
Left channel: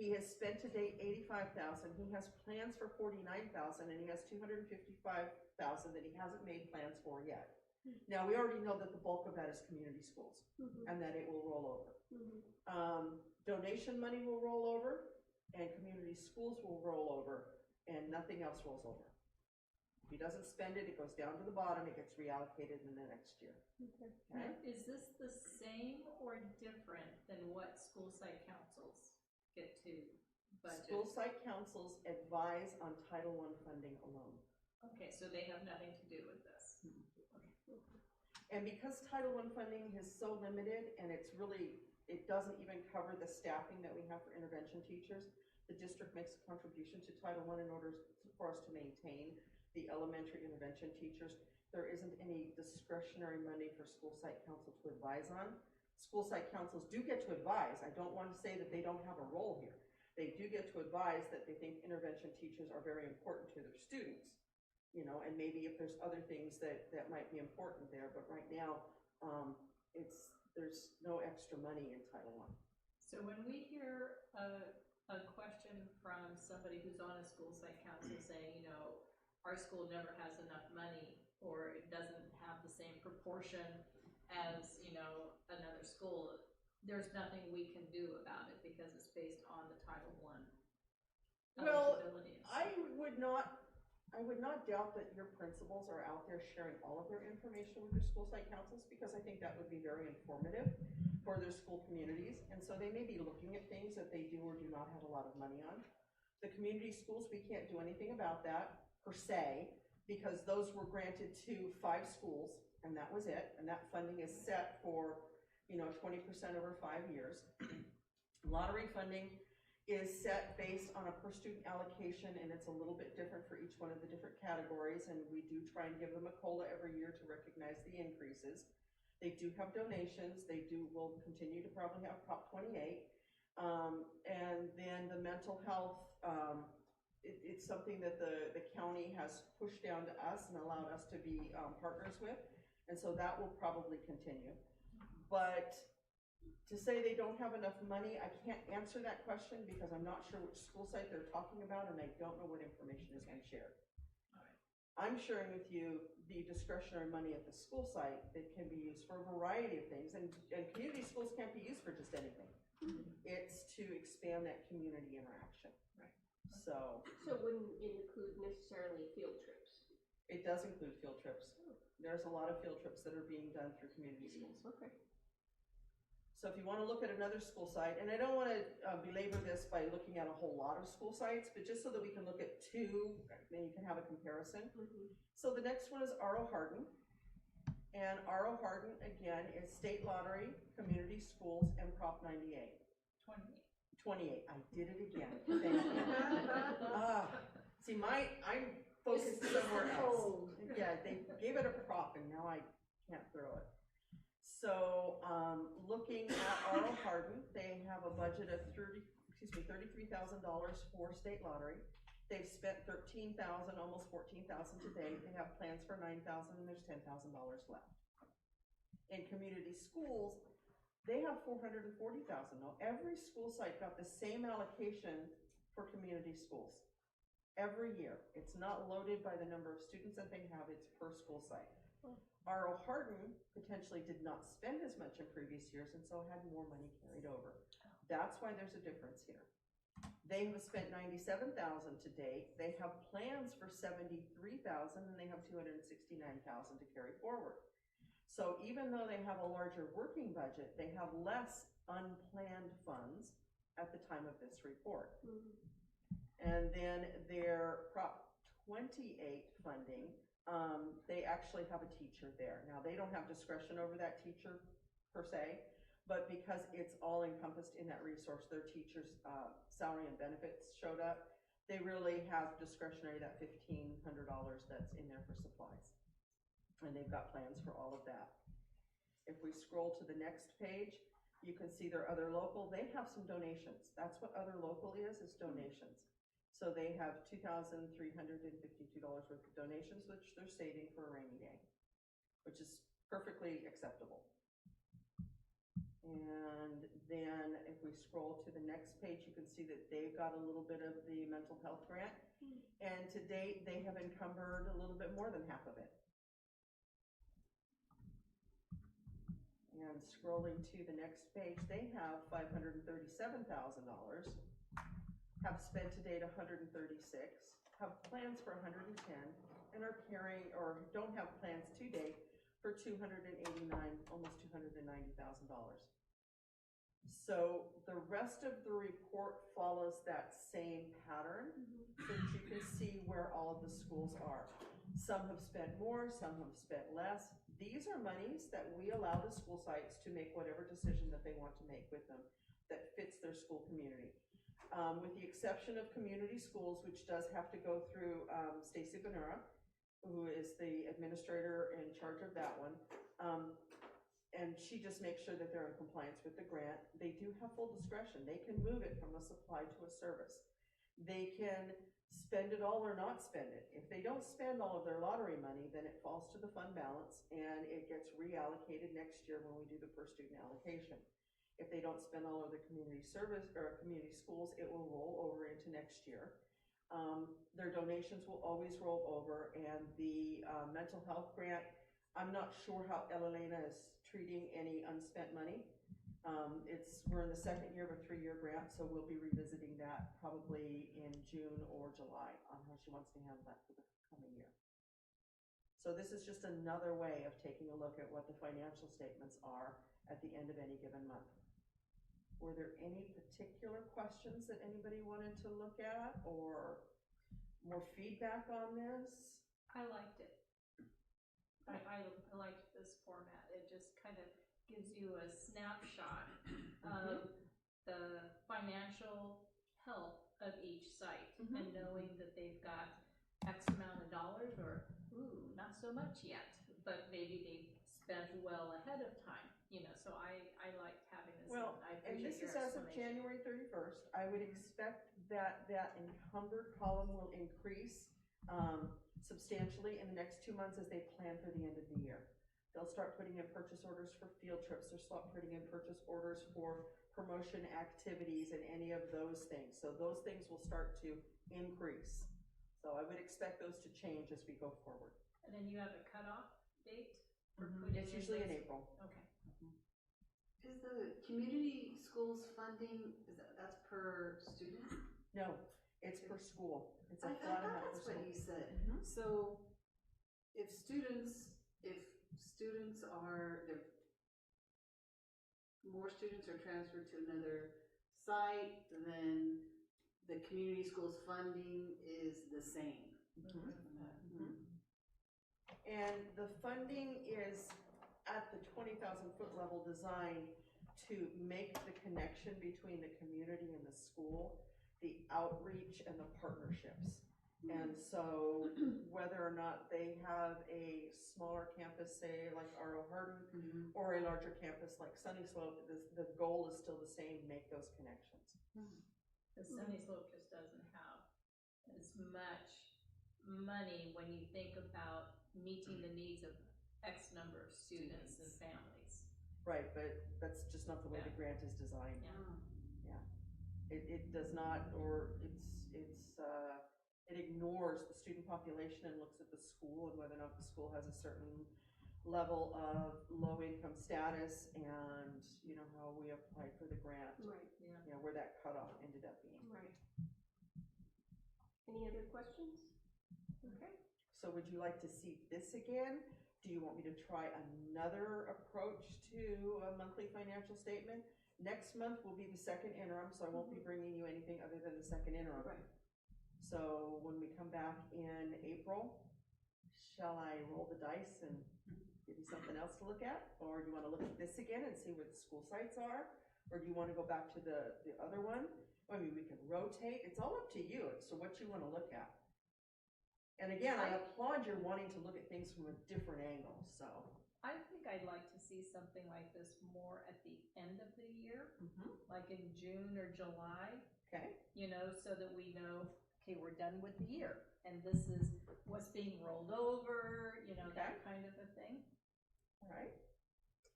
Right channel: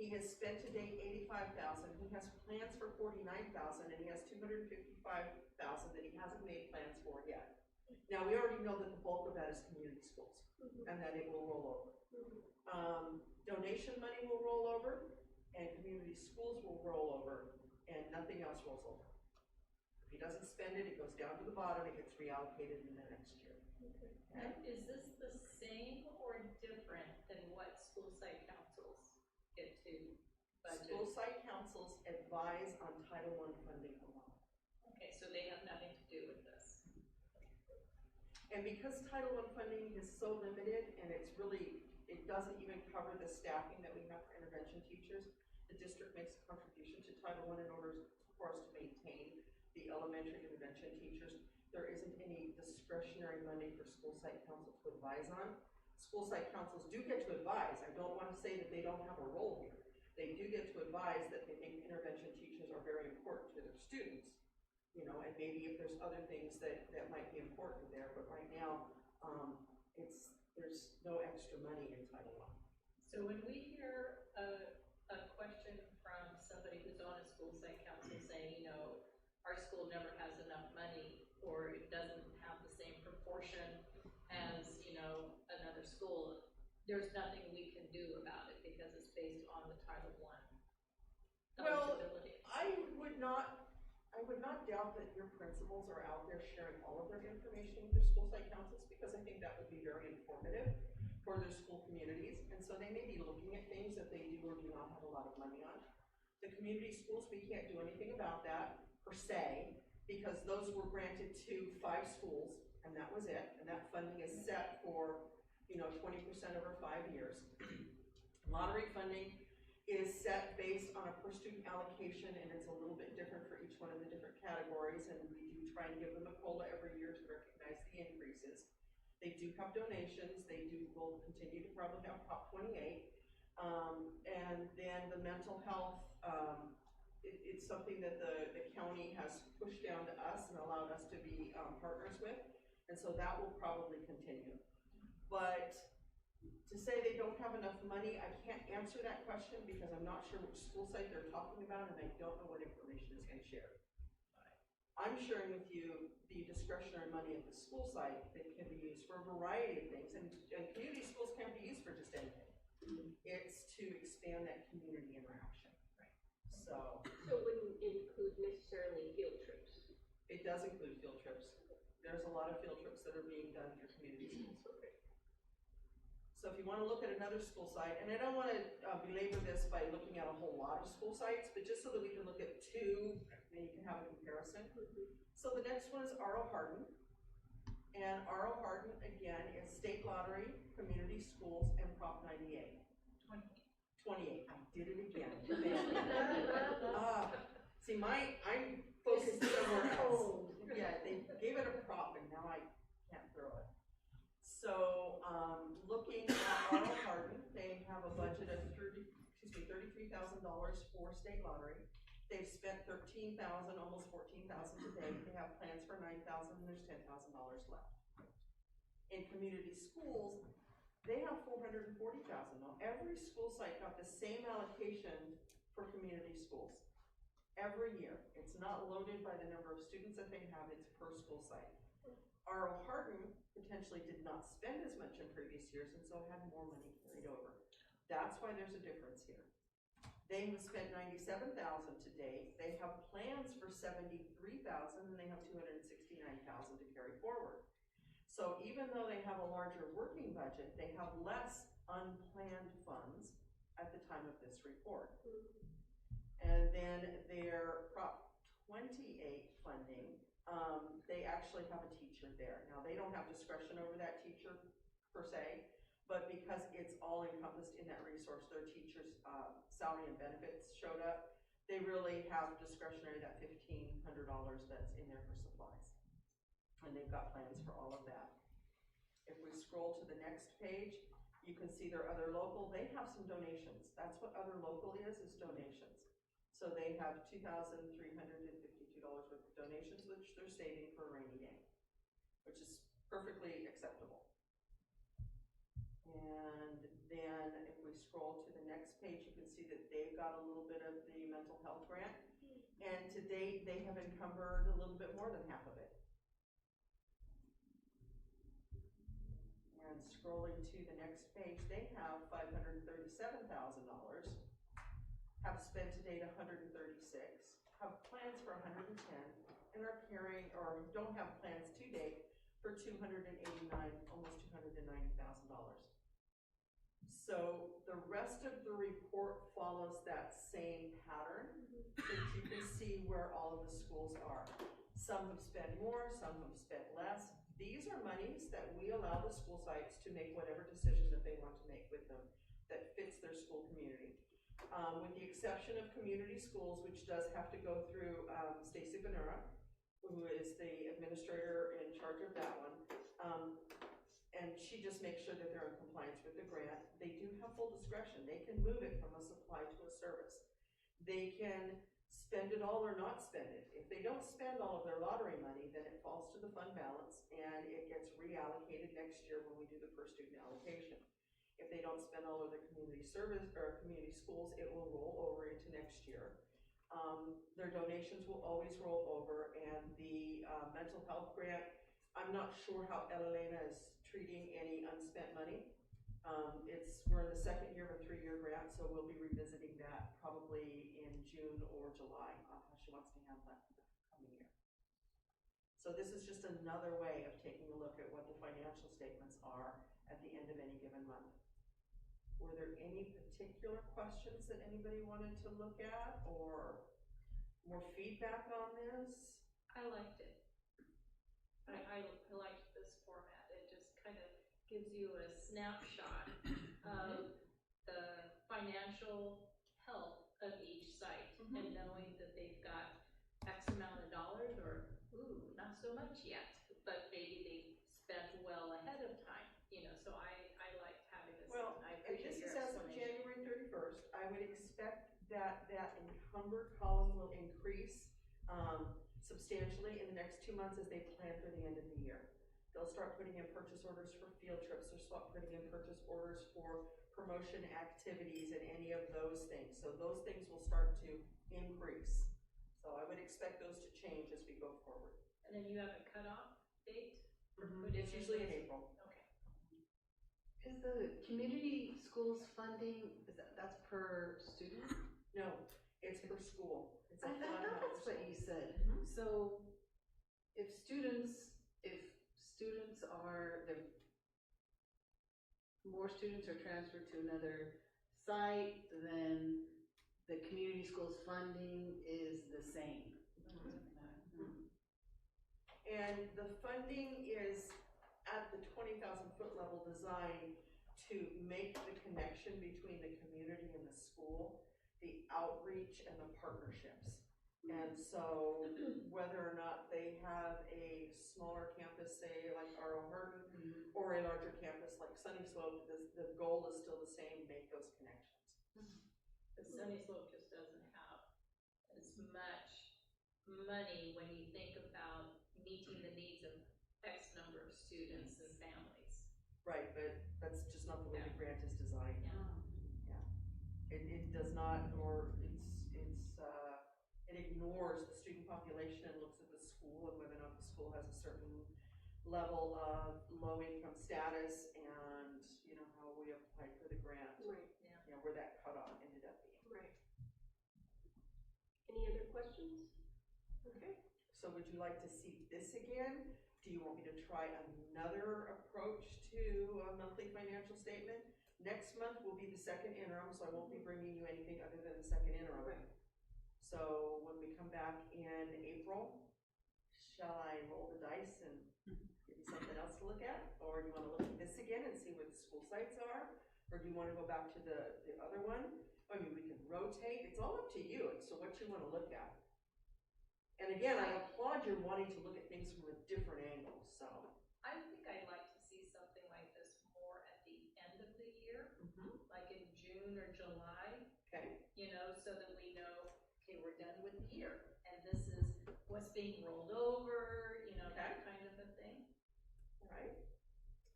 He has spent to date $85,000. He has plans for $49,000, and he has $255,000 that he hasn't made plans for yet. Now, we already know that the bulk of that is community schools, and that it will roll over. Donation money will roll over, and community schools will roll over, and nothing else rolls over. If he doesn't spend it, it goes down to the bottom, it gets reallocated in the next year. Okay. Now, is this the same or different than what school site councils get to budget? School site councils advise on Title I funding alone. Okay, so they have nothing to do with this. Okay. And because Title I funding is so limited, and it doesn't even cover the staffing that we have for intervention teachers, the district makes a contribution to Title I in order for us to maintain the elementary intervention teachers. There isn't any discretionary money for school site council to advise on. School site councils do get to advise. I don't want to say that they don't have a role here. They do get to advise that they think intervention teachers are very important to their students, you know, and maybe if there's other things that might be important there, but right now, there's no extra money in Title I. So when we hear a question from somebody who's on a school site council saying, you know, our school never has enough money, or it doesn't have the same proportion as, you know, another school, there's nothing we can do about it because it's based on the Title I eligibility. I would not doubt that your principals are out there sharing all of their information with their school site councils, because I think that would be very informative for their school communities. And so they may be looking at things that they do or do not have a lot of money on. The community schools, we can't do anything about that per se, because those were granted to 5 schools, and that was it. And that funding is set for, you know, 20% over 5 years. Lottery funding is set based on a per student allocation, and it's a little bit different for each one of the different categories, and we do try and give them a COLA every year to recognize the increases. They do have donations. Will continue to probably have Prop 28. And then the mental health, it's something that the county has pushed down to us and allowed us to be partners with, and so that will probably continue. But to say they don't have enough money, I can't answer that question because I'm not sure which school site they're talking about, and I don't know what information has been shared. I'm sharing with you the discretionary money at the school site that can be used for a variety of things, and community schools can't be used for just anything. It's to expand that community interaction. Right. So it wouldn't include necessarily field trips? It does include field trips. There's a lot of field trips that are being done through community schools. Okay. So if you want to look at another school site, and I don't want to belabor this by looking at a whole lot of school sites, but just so that we can look at 2, then you can have a comparison. So the next one is R.O. Hardin. And R.O. Hardin, again, is state lottery, community schools, and Prop 98. 28. I did it again. Thank you. See, I'm focused somewhere else. Yeah, they gave it a prop, and now I can't throw it. So, looking at R.L. Hardin, they have a budget of $33,000 for state lottery. They've spent $13,000, almost $14,000 to date. They have plans for $9,000, and there's $10,000 left. In community schools, they have $440,000. Now, every school site got the same allocation for community schools every year. It's not loaded by the number of students that they have, it's per school site. R.O. Hardin potentially did not spend as much in previous years and so had more money carried over. That's why there's a difference here. They have spent $97,000 to date. They have plans for $73,000 and they have $269,000 to carry forward. So even though they have a larger working budget, they have less unplanned funds at the time of this report. And then their Prop 28 funding, they actually have a teacher there. Now, they don't have discretion over that teacher per se, but because it's all encompassed in that resource, their teacher's salary and benefits showed up, they really have discretionary, that $1,500 that's in there for supplies. And they've got plans for all of that. If we scroll to the next page, you can see their other local, they have some donations. That's what other local is donations. So they have $2,352 worth of donations, which they're saving for a rainy day, which is perfectly acceptable. And then if we scroll to the next page, you can see that they've got a little bit of the mental health grant. And to date, they have encumbered a little bit more than half of it. And scrolling to the next page, they have $537,000, have spent to date $136, have plans for $110, and are carrying, or don't have plans to date for $289,000, almost $290,000. So the rest of the report follows that same pattern, so that you can see where all of the schools are. Some have spent more, some have spent less. These are monies that we allow the school sites to make whatever decision that they want to make with them that fits their school community. With the exception of community schools, which does have to go through Stacy Benura, who is the administrator in charge of that one. And she just makes sure that they're in compliance with the grant. They do have full discretion. They can move it from a supply to a service. They can spend it all or not spend it. If they don't spend all of their lottery money, then it falls to the fund balance and it gets reallocated next year when we do the per student allocation. If they don't spend all of their community service or community schools, it will roll over into next year. Their donations will always roll over, and the mental health grant, I'm not sure how Elena is treating any unspent money. We're in the second year of a 3-year grant, so we'll be revisiting that probably in June or July on how she wants to handle that for the coming year. So this is just another way of taking a look at what the financial statements are at the end of any given month. Were there any particular questions that anybody wanted to look at or more feedback on this? I liked it. I liked this format. It just kind of gives you a snapshot of the financial health of each site and knowing that they've got X amount of dollars or, ooh, not so much yet, but maybe they spent well ahead of time, you know, so I liked having this. Well, I and this appreciate is your as of explanation. January 31st. I would expect that that encumbered column will increase substantially in the next 2 months as they plan for the end of the year. They'll start putting in purchase orders for field trips, or start putting in purchase orders for promotion activities and any of those things. So those things will start to increase. So I would expect those to change as we go forward. And then you have a cutoff date? It's usually in April. Okay. Is the community schools funding, that's per student? No, it's per school. It's a I flat thought amount that's per what school. you said. So if students are, more students are transferred to another site, then the community schools funding is the same. And the funding is at the 20,000 foot level designed to make the connection between the community and the school, the outreach and the partnerships. And so whether or not they have a smaller campus, say like R.O. Hardin, or a larger campus like Sunny Slope, the goal is still the same, make those connections. The Sunny Slope just doesn't have as much money when you think about meeting the needs of X number of students and families. Right, but that's just not the way the grant is designed. Yeah. It does not, or it ignores the student population and looks at the school and whether or not the school has a certain level of low income status and, you know, how we applied for the grant. Right. Yeah. You know, where that cutoff ended up being. Right. Any other questions? Okay. So would you like to see this again? Do you want me to try another approach to a monthly financial statement? Next month will be the second interim, so I won't be bringing you anything other than the second interim. Right. So when we come back in April, shall I roll the dice and give you something else to look at? Or do you want to look at this again and see where the school sites are? Or do you want to go back to the other one? I mean, we can rotate. It's all up to you. It's so what you want to look at. And again, I applaud your wanting to look at things from a different angle, so. I think I'd like to see something like this more at the end of the year, like in June or July. Okay. You know, so that we know, okay, we're done with the year, and this is what's being rolled over, you know, that kind of a thing. All right.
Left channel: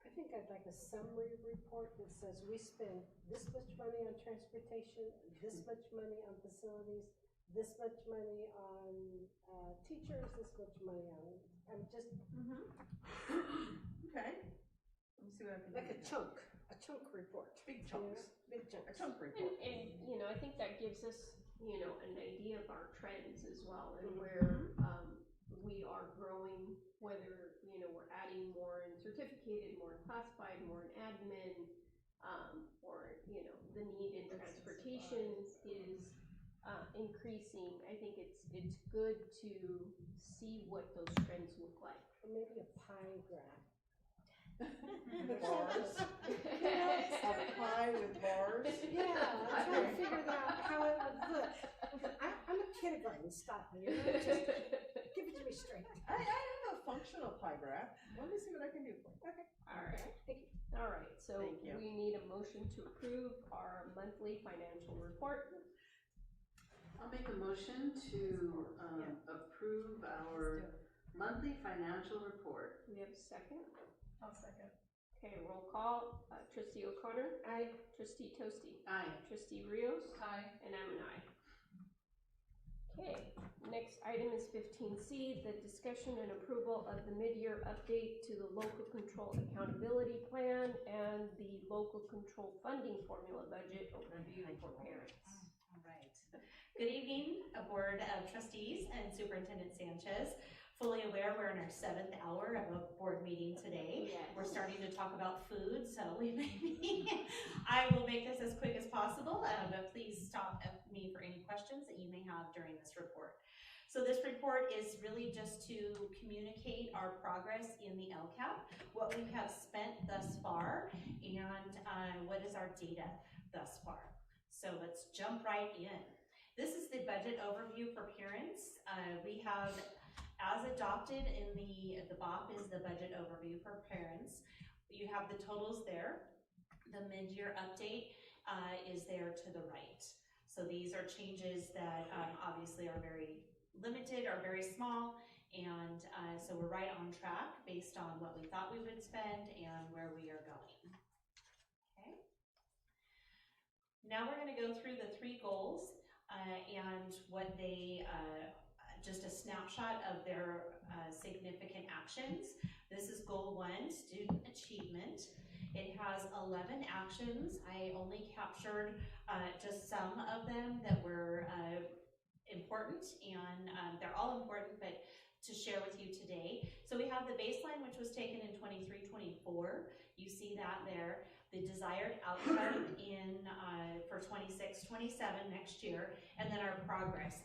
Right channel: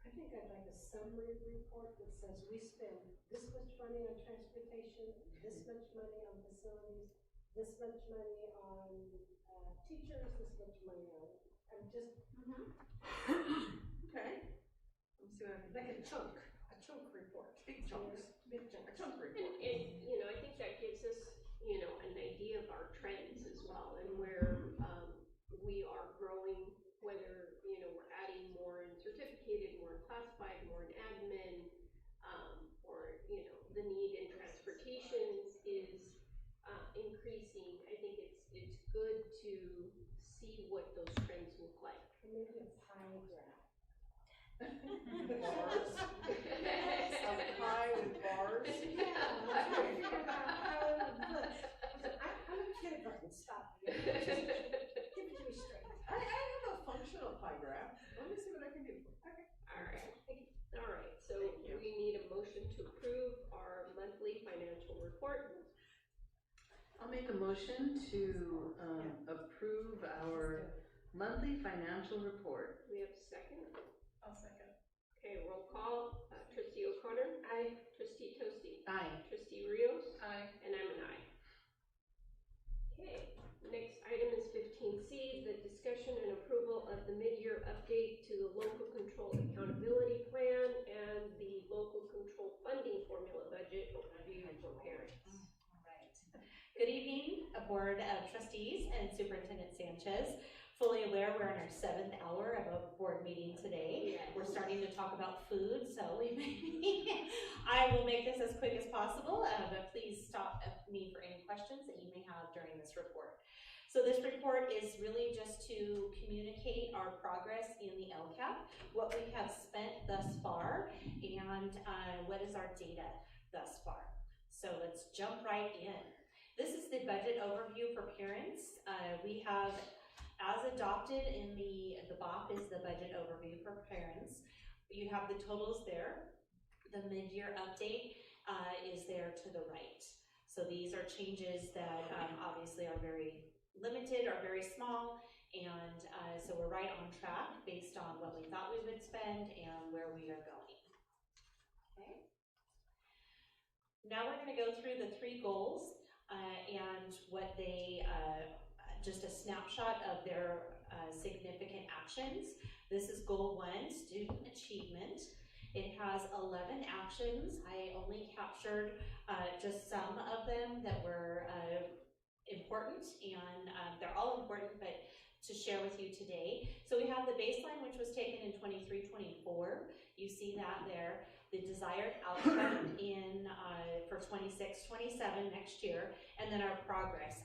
I think I'd like a summary report that says we spend this much money on transportation, this much money on facilities, this much money on teachers, this much money on, I'm just. Okay. Let me see what I can do. Like a chunk report. Big chunks. Big chunks. A chunk report. And, you know, I think that gives us, you know, an idea of our trends as well and where we are growing, whether, you know, we're adding more in certificated, more in classified, more in admin, or, you know, the need in transportation is increasing. I think it's good to see what those trends look like. Or maybe a pie graph. Bars. A pie with bars. Yeah, I'm trying to figure out how it would look. I'm a kindergarten, stop me. Just give it to me straight. I have a functional pie graph. Let me see what I can do for you. Okay. All right. Thank you. All right, so Thank you. we need a motion to approve our monthly financial report. I'll make a motion to approve our monthly financial report. We have a second. I'll second. Okay, roll call. Trustee O'Connor. Aye. Trustee Toasty. Aye. Trustee Rios. Aye. And I'm an aye. Okay, next item is 15C, the discussion and approval of the mid-year update to the local control accountability plan and the local control funding formula budget overview for parents. All right. Good evening, Board of Trustees and Superintendent Sanchez. Fully aware we're in our 7th hour of a board meeting today. Yes. We're starting to talk about food, so I will make this as quick as possible, but please stop me for any questions that you may have during this report. So this report is really just to communicate our progress in the LCAP, what we have spent thus far, and what is our data thus far. So let's jump right in. This is the budget overview for parents. We have, as adopted in the BOP is the budget overview for parents. You have the totals there. The mid-year update is there to the right. So these are changes that obviously are very limited or very small, and so we're right on track based on what we thought we would spend and where we are going. Okay. Now we're going to go through the 3 goals and what they just a snapshot of their significant actions. This is goal 1, student achievement. It has 11 actions. I only captured just some of them that were important, and they're all important, but to share with you today. So we have the baseline, which was taken in 23-24. You see that there. The desired outcome in for 26-27 next year, and then our progress.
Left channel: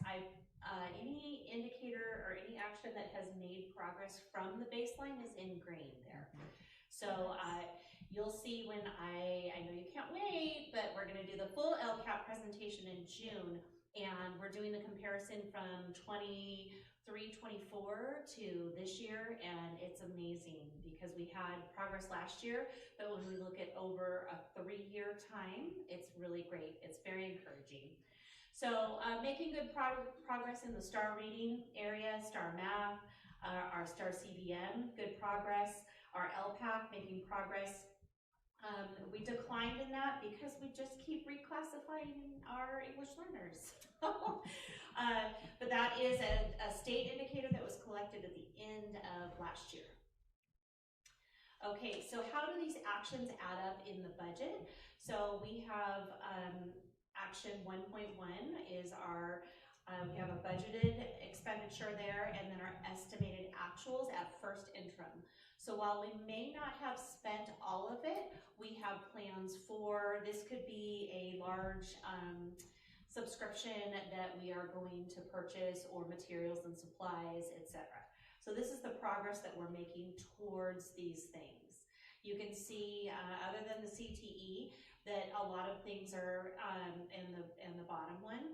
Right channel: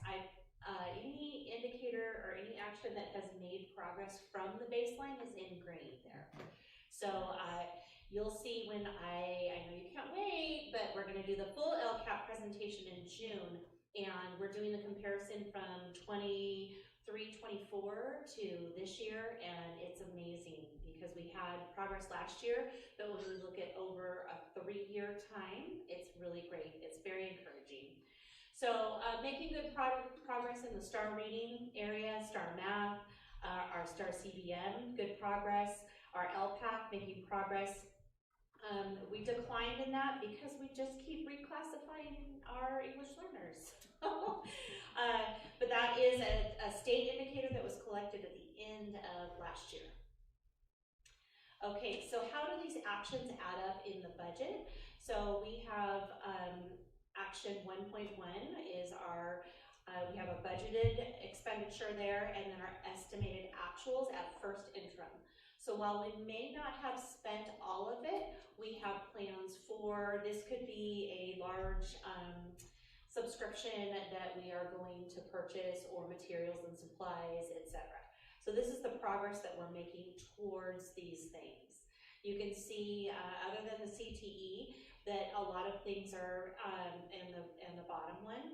Any indicator or any action that has made progress from the baseline is in green there. So you'll see when I know you can't wait, but we're going to do the full LCAP presentation in June, And we're doing the comparison from 23-24 to this year, and it's amazing because we had progress last year, but when we look at over a 3-year time, it's really great. It's very encouraging. So making good progress in the STAR reading area, STAR math, our STAR CBM, good progress, our LPAC making progress. We declined in that because we just keep reclassifying our English learners. But that is a state indicator that was collected at the end of last year. Okay, so how do these actions add up in the budget? So we have action 1.1 is our, we have a budgeted expenditure there, and then our estimated actuals at first interim. So while we may not have spent all of it, we have plans for, this could be a large subscription that we are going to purchase, or materials and supplies, etc. So this is the progress that we're making towards these things. You can see, other than the CTE, that a lot of things are in the bottom one.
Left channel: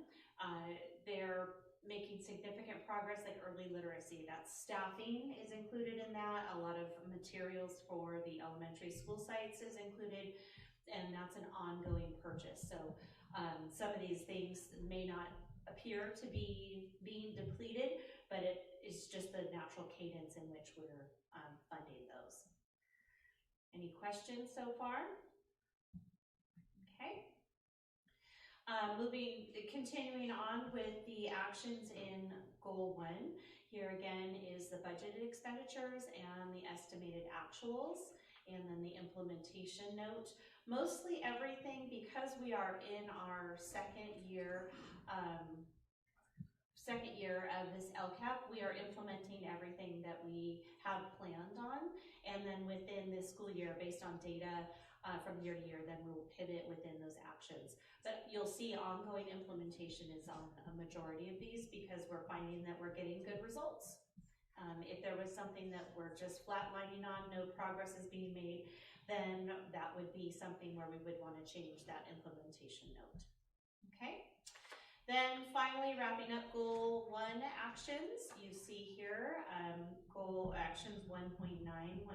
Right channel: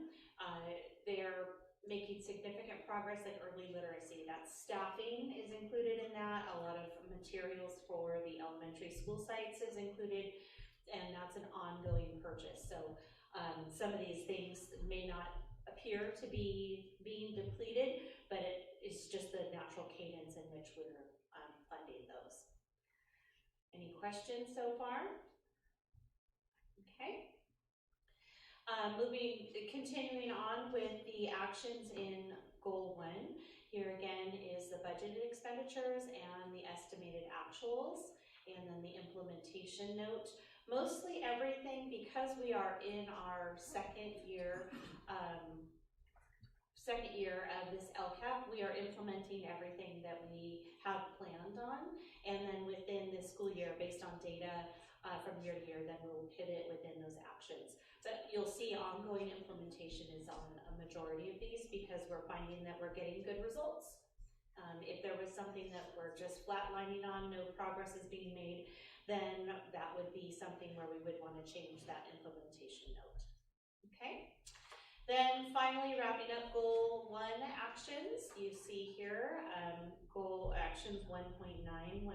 They're making significant progress, like early literacy. That staffing is included in that. A lot of materials for the elementary school sites is included, and that's an ongoing purchase. So some of these things may not appear to be being depleted, but it is just the natural cadence in which we're funding those. Any questions so far? Okay. Continuing on with the actions in Goal 1. Here again is the budgeted expenditures and the estimated actuals, and then the implementation note. Mostly everything, because we are in our second year of this LCAP, we are implementing everything that we have planned on, and then within this school year, based on data from year to year, then we'll pivot within those actions. But you'll see ongoing implementation is on a majority of these, because we're finding that we're getting good results. If there was something that we're just flatlining on, no progress is being made, then that would be something where we would want to change that implementation note. Okay? Then finally, wrapping up Goal 1 actions, you see here goal actions 1.9, 1.10,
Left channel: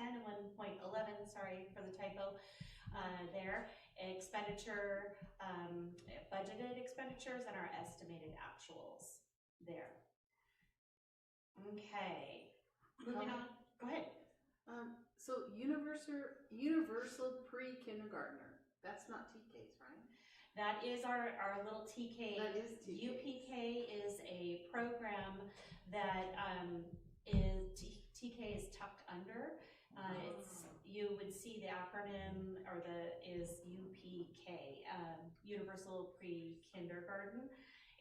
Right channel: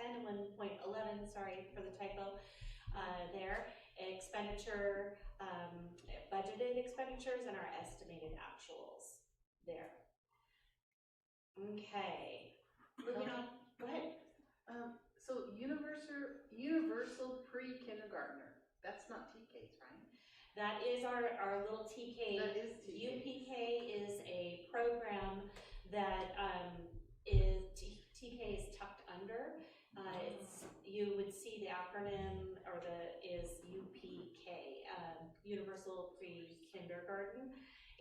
and 1.11, sorry for the typo there. Expenditure, budgeted expenditures, and our estimated actuals there. Okay, moving on. Go ahead. So universal pre-kindergartner, that's not TKs, right? That is our little TK. That is TK. UPK is a program that TK is tucked under. You would see the acronym, or is UPK, Universal Pre-Kindergarten,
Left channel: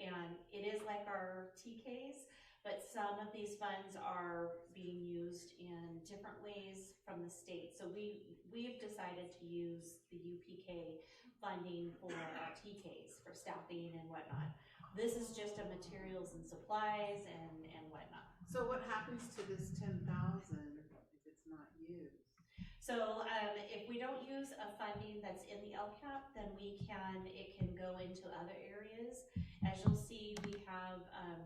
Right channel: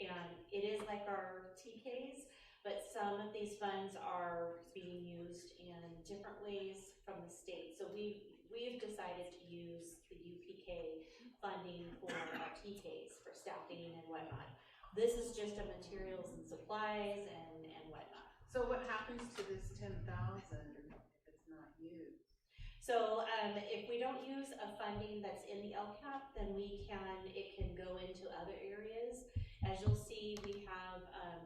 and it is like our TKs, but some of these funds are being used in different ways from the state. So we've decided to use the UPK funding for our TKs, for staffing and whatnot. This is just a materials and supplies and whatnot. So what happens to this 10,000 if it's not used? So if we don't use a funding that's in the LCAP, then it can go into other areas. As you'll see,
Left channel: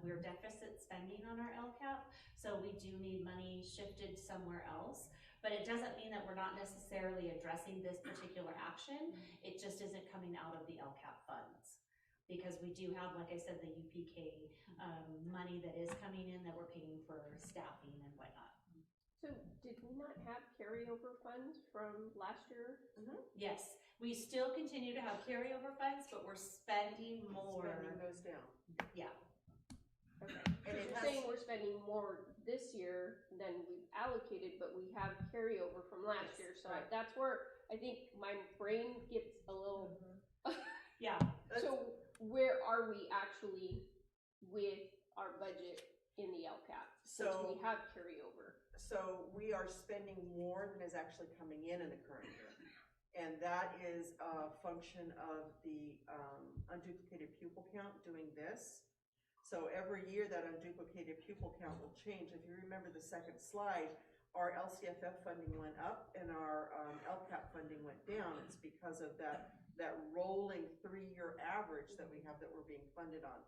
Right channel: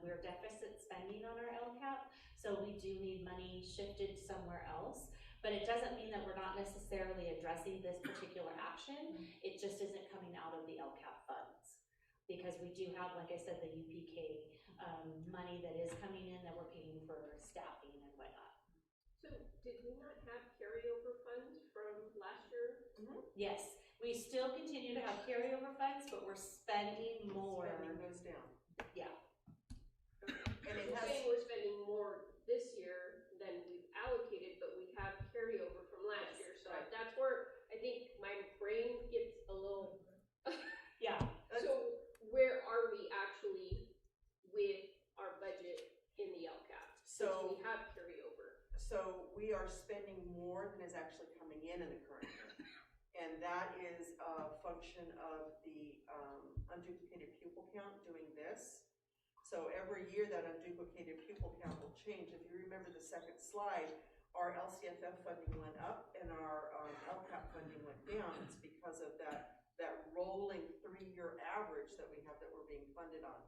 we're deficit spending on our LCAP, so we do need money shifted somewhere else. But it doesn't mean that we're not necessarily addressing this particular action. It just isn't coming out of the LCAP funds, because we do have, like I said, the UPK money that is coming in that we're paying for staffing and whatnot. So did we not have carryover funds from last year? Yes, we still continue to have carryover funds, but we're spending more. Spending goes down. Yeah. Okay. And it You're has, saying we're spending more this year than we've allocated, but we have carryover from last year. So right. that's where I think my brain gets a little. Yeah. So where are we actually with our budget in the LCAP? So we have carryover. So we are spending more than is actually coming in the current year. And that is a function of the unduplicated pupil count doing this. So every year that unduplicated pupil count will change. If you remember the second slide, our LCFF funding went up and our LCAP funding went down. It's because of that that rolling 3-year average that we have that we're being funded on.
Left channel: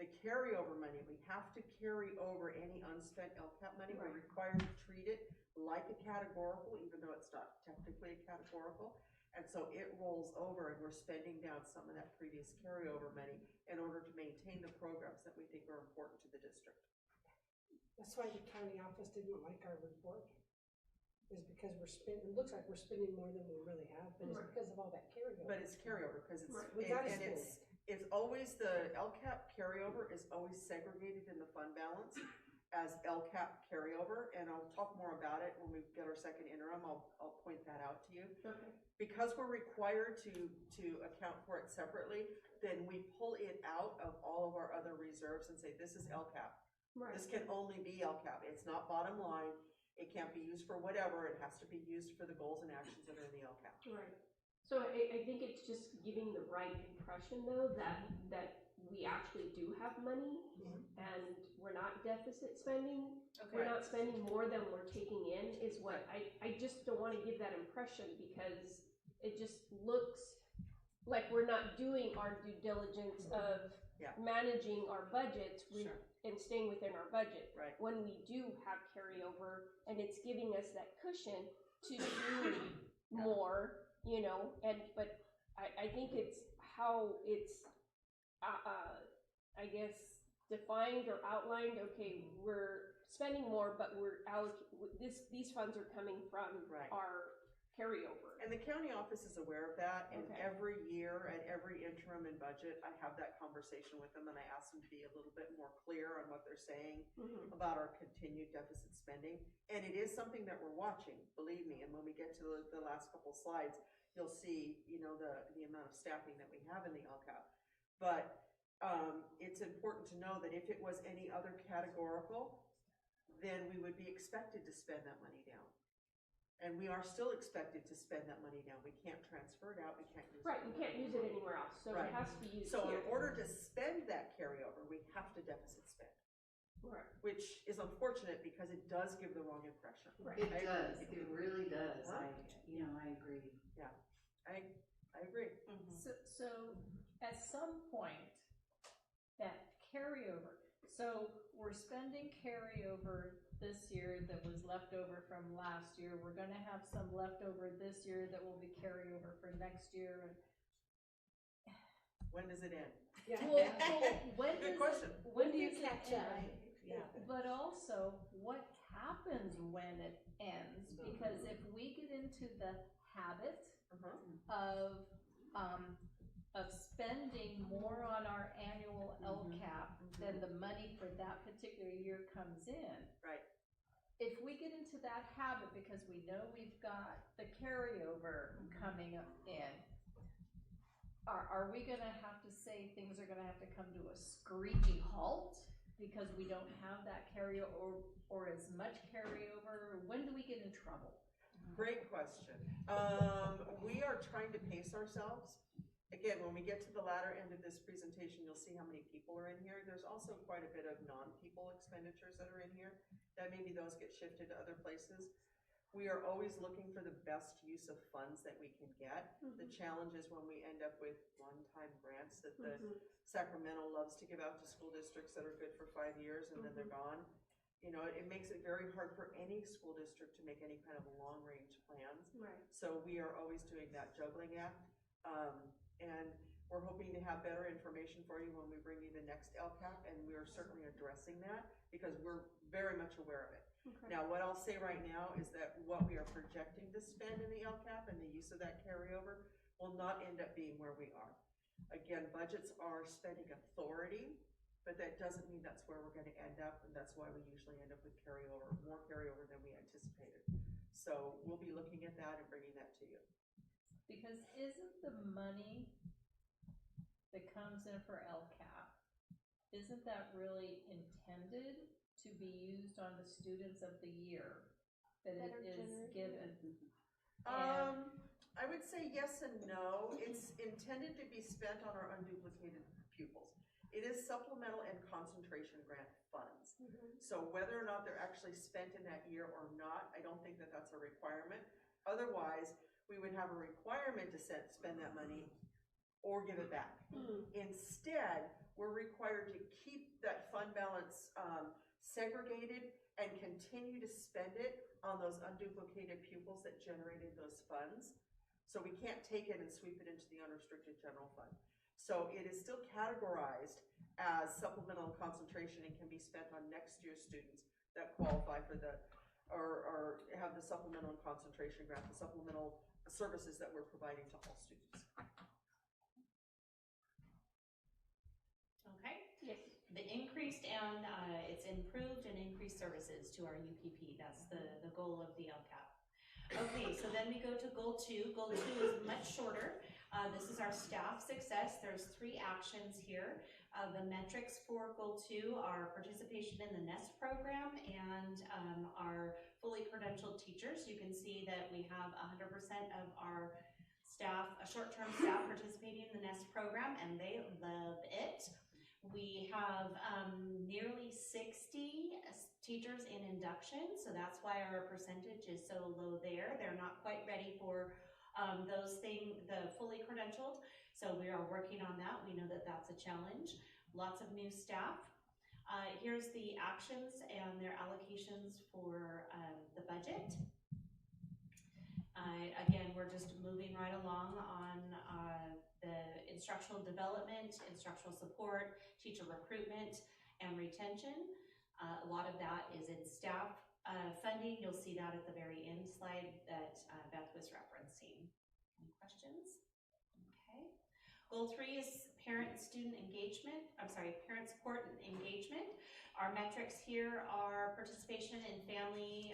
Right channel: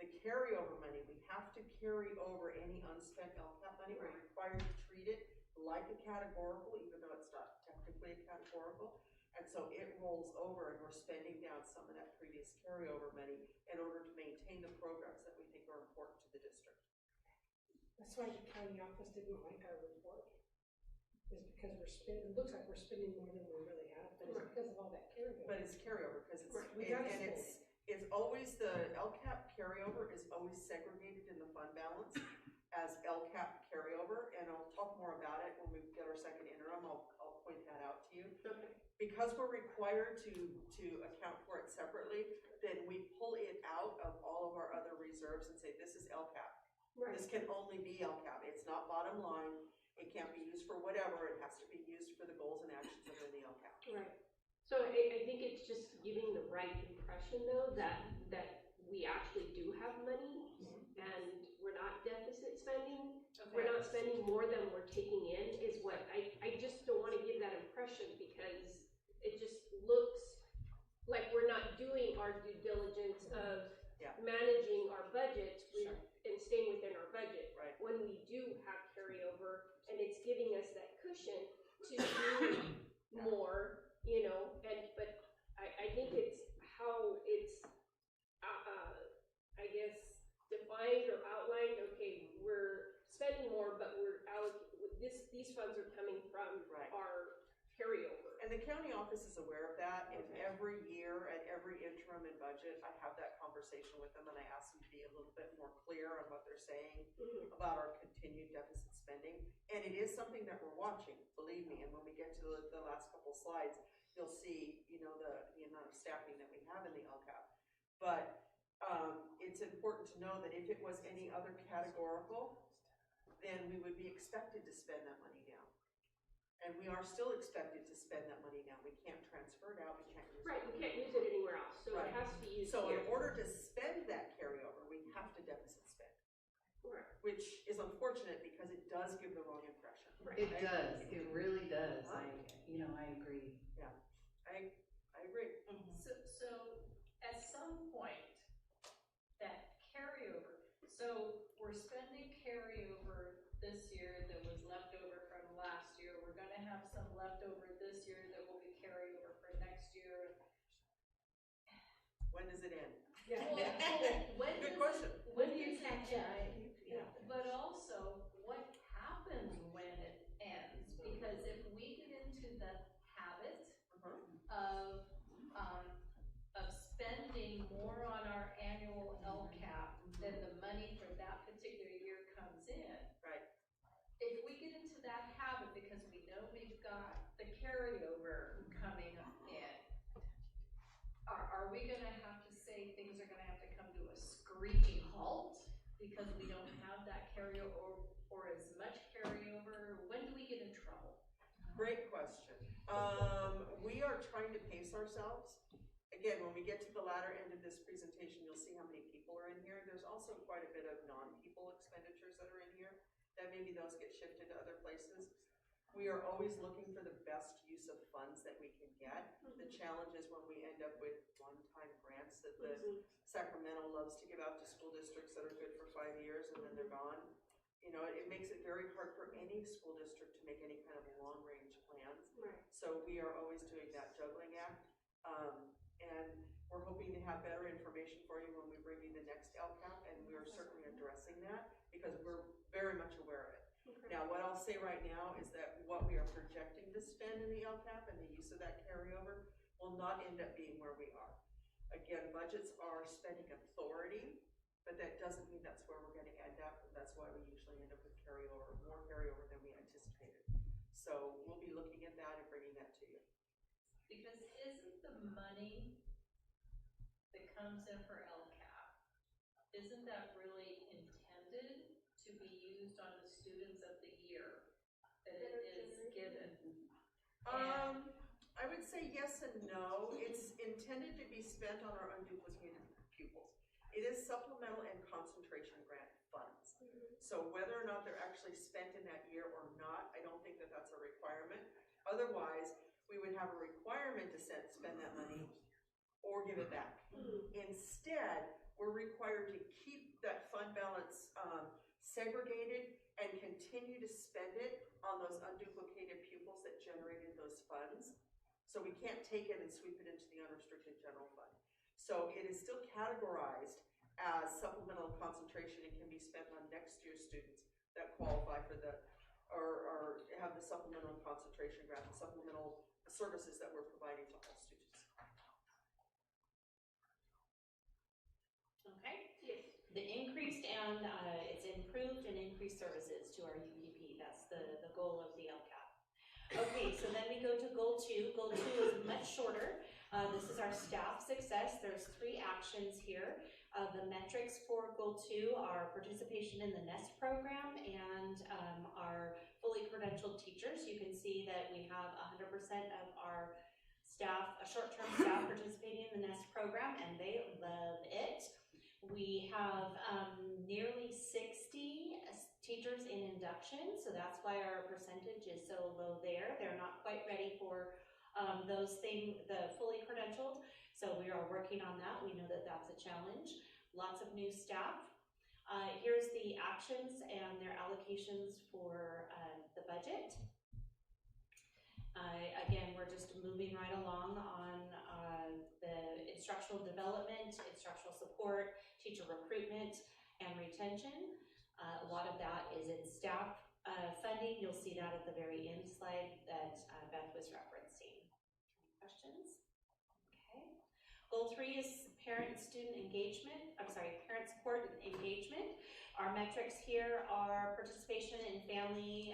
The carryover money, we have to carry over any unspent LCAP money. We're required to treat it like a categorical, even though it's not technically a categorical. And so it rolls over and we're spending down some of that previous carryover money in order to maintain the programs that we think are important to the district. That's why the county office didn't like our report, is because it looks like we're spending more than we really have, but it's because of all that carryover. But it's carryover, because it's, We gotta and it's always, the LCAP carryover is always segregated in the fund balance as LCAP carryover, and I'll talk more about it when we get our second interim. I'll point that out to you. Okay. Because we're required to account for it separately, then we pull it out of all of our other reserves and say, this is LCAP. Right. This can only be LCAP. It's not bottom line. It can't be used for whatever. It has to be used for the goals and actions that are in the LCAP. Right. So I think it's just giving the right impression though that we actually do have money and we're not deficit spending. We're not spending more than we're taking in is what I just don't want to give that impression, because it just looks like we're not doing our due diligence of managing our budgets and staying within our budget. Right. When we do have carryover and it's giving us that cushion to do more, you know, but I think it's how it's, I guess, defined or outlined. Okay, we're spending more, but we're these funds are coming from our carryover. And the county office is aware of that, and every year at every interim and budget, I have that conversation with them, and I ask them to be a little bit more clear on what they're saying about our continued deficit spending. And it is something that we're watching, believe me, and when we get to the last couple slides, you'll see, you know, the amount of staffing that we have in the LCAP. But it's important to know that if it was any other categorical, then we would be expected to spend that money down. And we are still expected to spend that money down. We can't transfer it out, we can't use it. Right, we can't use it anywhere else, so it has to be used So in here. order to spend that carryover, we have to deficit spend. Correct. Which is unfortunate because it does give the wrong impression. It does, it really does. I agree. Yeah, I agree. So at some point, that carryover, so we're spending carryover this year that was left over from last year. We're gonna have some left over this year that will be carryover for next year. When does it end? Yeah. When Good question. When do you catch up? Yeah. But also, what happens when it ends? Because if we get into the habit of spending more on our annual LCAP than the money for that particular year comes in. Right. If we get into that habit because we know we've got the carryover coming up in, are we gonna have to say things are gonna have to come to a screeching halt because we don't have that carryover or as much carryover? When do we get in trouble? Great question. We are trying to pace ourselves. Again, when we get to the latter end of this presentation, you'll see how many people are in here. There's also quite a bit of non-people expenditures that are in here, that maybe those get shifted to other places. We are always looking for the best use of funds that we can get. The challenge is when we end up with one-time grants that the Sacramento loves to give out to school districts that are good for 5 years and then they're gone. You know, it makes it very hard for any school district to make any kind of long-range plans. Right. So we are always doing that juggling act. And we're hoping to have better information for you when we bring you the next LCAP, and we are certainly addressing that because we're very much aware of it. Okay. Now, what I'll say right now is that what we are projecting to spend in the LCAP and the use of that carryover will not end up being where we are. Again, budgets are spending authority, but that doesn't mean that's where we're going to end up, and that's why we usually end up with carryover, more carryover than we anticipated. So we'll be looking at that and bringing that to you. Because isn't the money that comes in for LCAP, isn't that really intended to be used on the students of the year that it is given? I would say yes and no. It's intended to be spent on our unduplicated pupils. It is supplemental and concentration grant funds. So whether or not they're actually spent in that year or not, I don't think that that's a requirement. Otherwise, we would have a requirement to spend that money or give it back. Instead, we're required to keep that fund balance segregated and continue to spend it on those unduplicated pupils that generated those funds. So we can't take it and sweep it into the unrestricted general fund. So it is still categorized as supplemental concentration and can be spent on next year's students that qualify for the, or have the supplemental concentration grant, the supplemental services that we're providing to all students. Okay. Yes. The increased and it's improved and increased services to our UPP. That's the goal of the LCAP. Okay, so then we go to goal 2. Goal 2 is much shorter. This is our staff success. There's 3 actions here. The metrics for goal 2 are participation in the NEST program and our fully credentialed teachers. You can see that we have 100% of our staff, short-term staff participating in the NEST program, and they love it. We have nearly 60 teachers in induction, so that's why our percentage is so low there. They're not quite ready for the fully credentialed, so we are working on that. We know that that's a challenge. Lots of new staff. Here's the actions and their allocations for the budget. Again, we're just moving right along on the instructional development, instructional support, teacher recruitment, and retention. A lot of that is in staff funding. You'll see that at the very end slide that Beth was referencing. Any questions? Okay. Goal 3 is parent support and engagement. Our metrics here are participation in family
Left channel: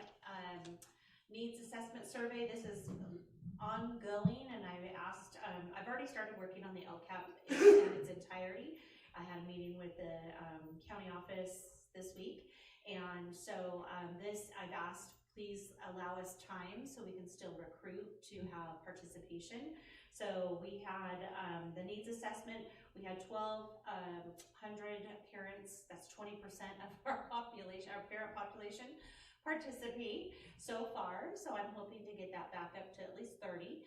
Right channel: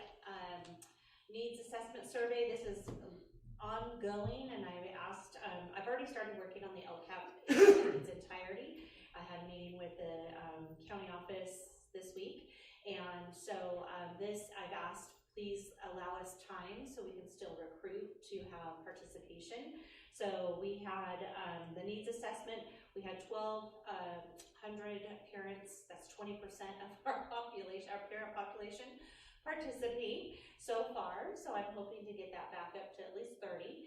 needs assessment survey. This is ongoing, and I've already started working on the LCAP in its entirety. I had a meeting with the county office this week, and so I've asked, please allow us time so we can still recruit to have participation. So we had the needs assessment. We had 1,200 parents, that's 20% of our population, our parent population, participate so far. So I'm hoping to get that back up to at least 30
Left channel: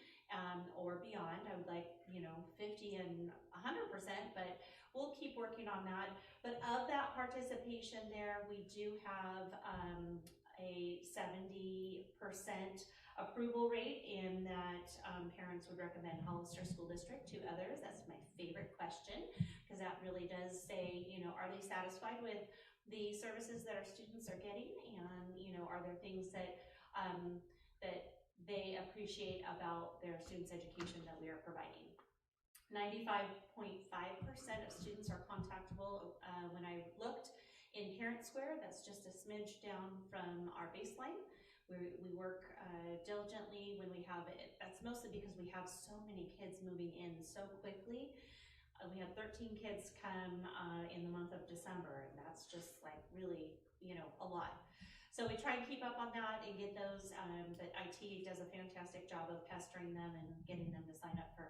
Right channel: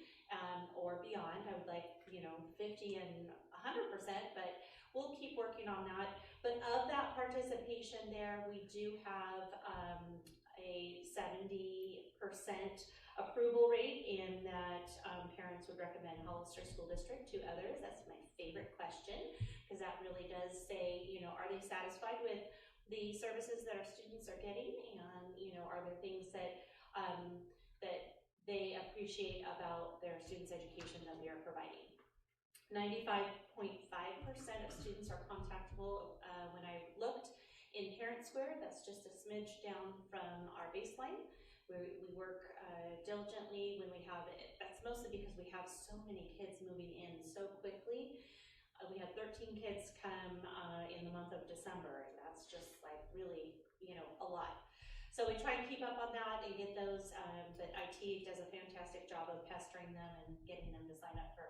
or beyond. I would like, 50 and 100%, but we'll keep working on that. But of that participation there, we do have a 70% approval rate in that parents would recommend Hollister School District to others. That's my favorite question, because that really does say, are they satisfied with the services that our students are getting, and are there things that that they appreciate about their students' education that we are providing. 95.5% of students are contactable. When I looked in Parent Square, that's just a smidge down from our baseline. We work diligently when we have it. That's mostly because we have so many kids moving in so quickly. We had 13 kids come in the month of December, and that's just like really, a lot. So we try and keep up on that and get those, but IT does a fantastic job of pestering them and getting them to sign up for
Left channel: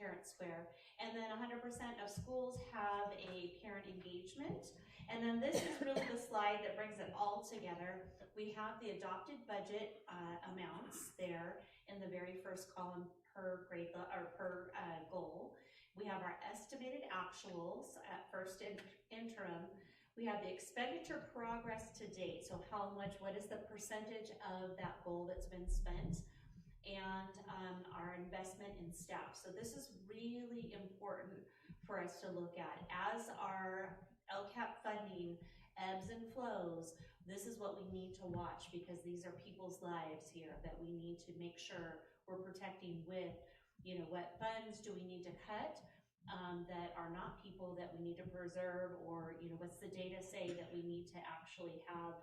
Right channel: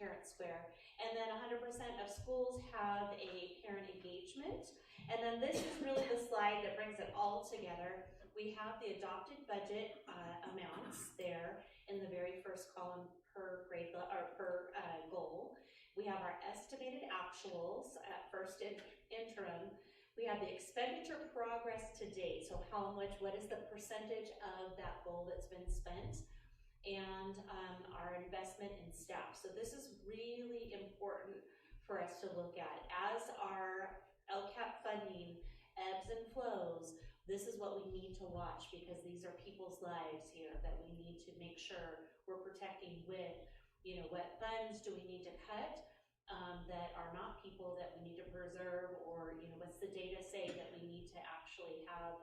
Parent Square. And then 100% of schools have a parent engagement. And then this is really the slide that brings it all together. We have the adopted budget amounts there in the very first column per grade or per goal. We have our estimated actuals at first interim. We have the expenditure progress to date. So what is the percentage of that goal that's been spent? And our investment in staff. So this is really important for us to look at. As our LCAP funding ebbs and flows, this is what we need to watch, because these are people's lives here that we need to make sure we're protecting with, what funds do we need to cut that are not people that we need to preserve, or, what's the data say that we need to actually have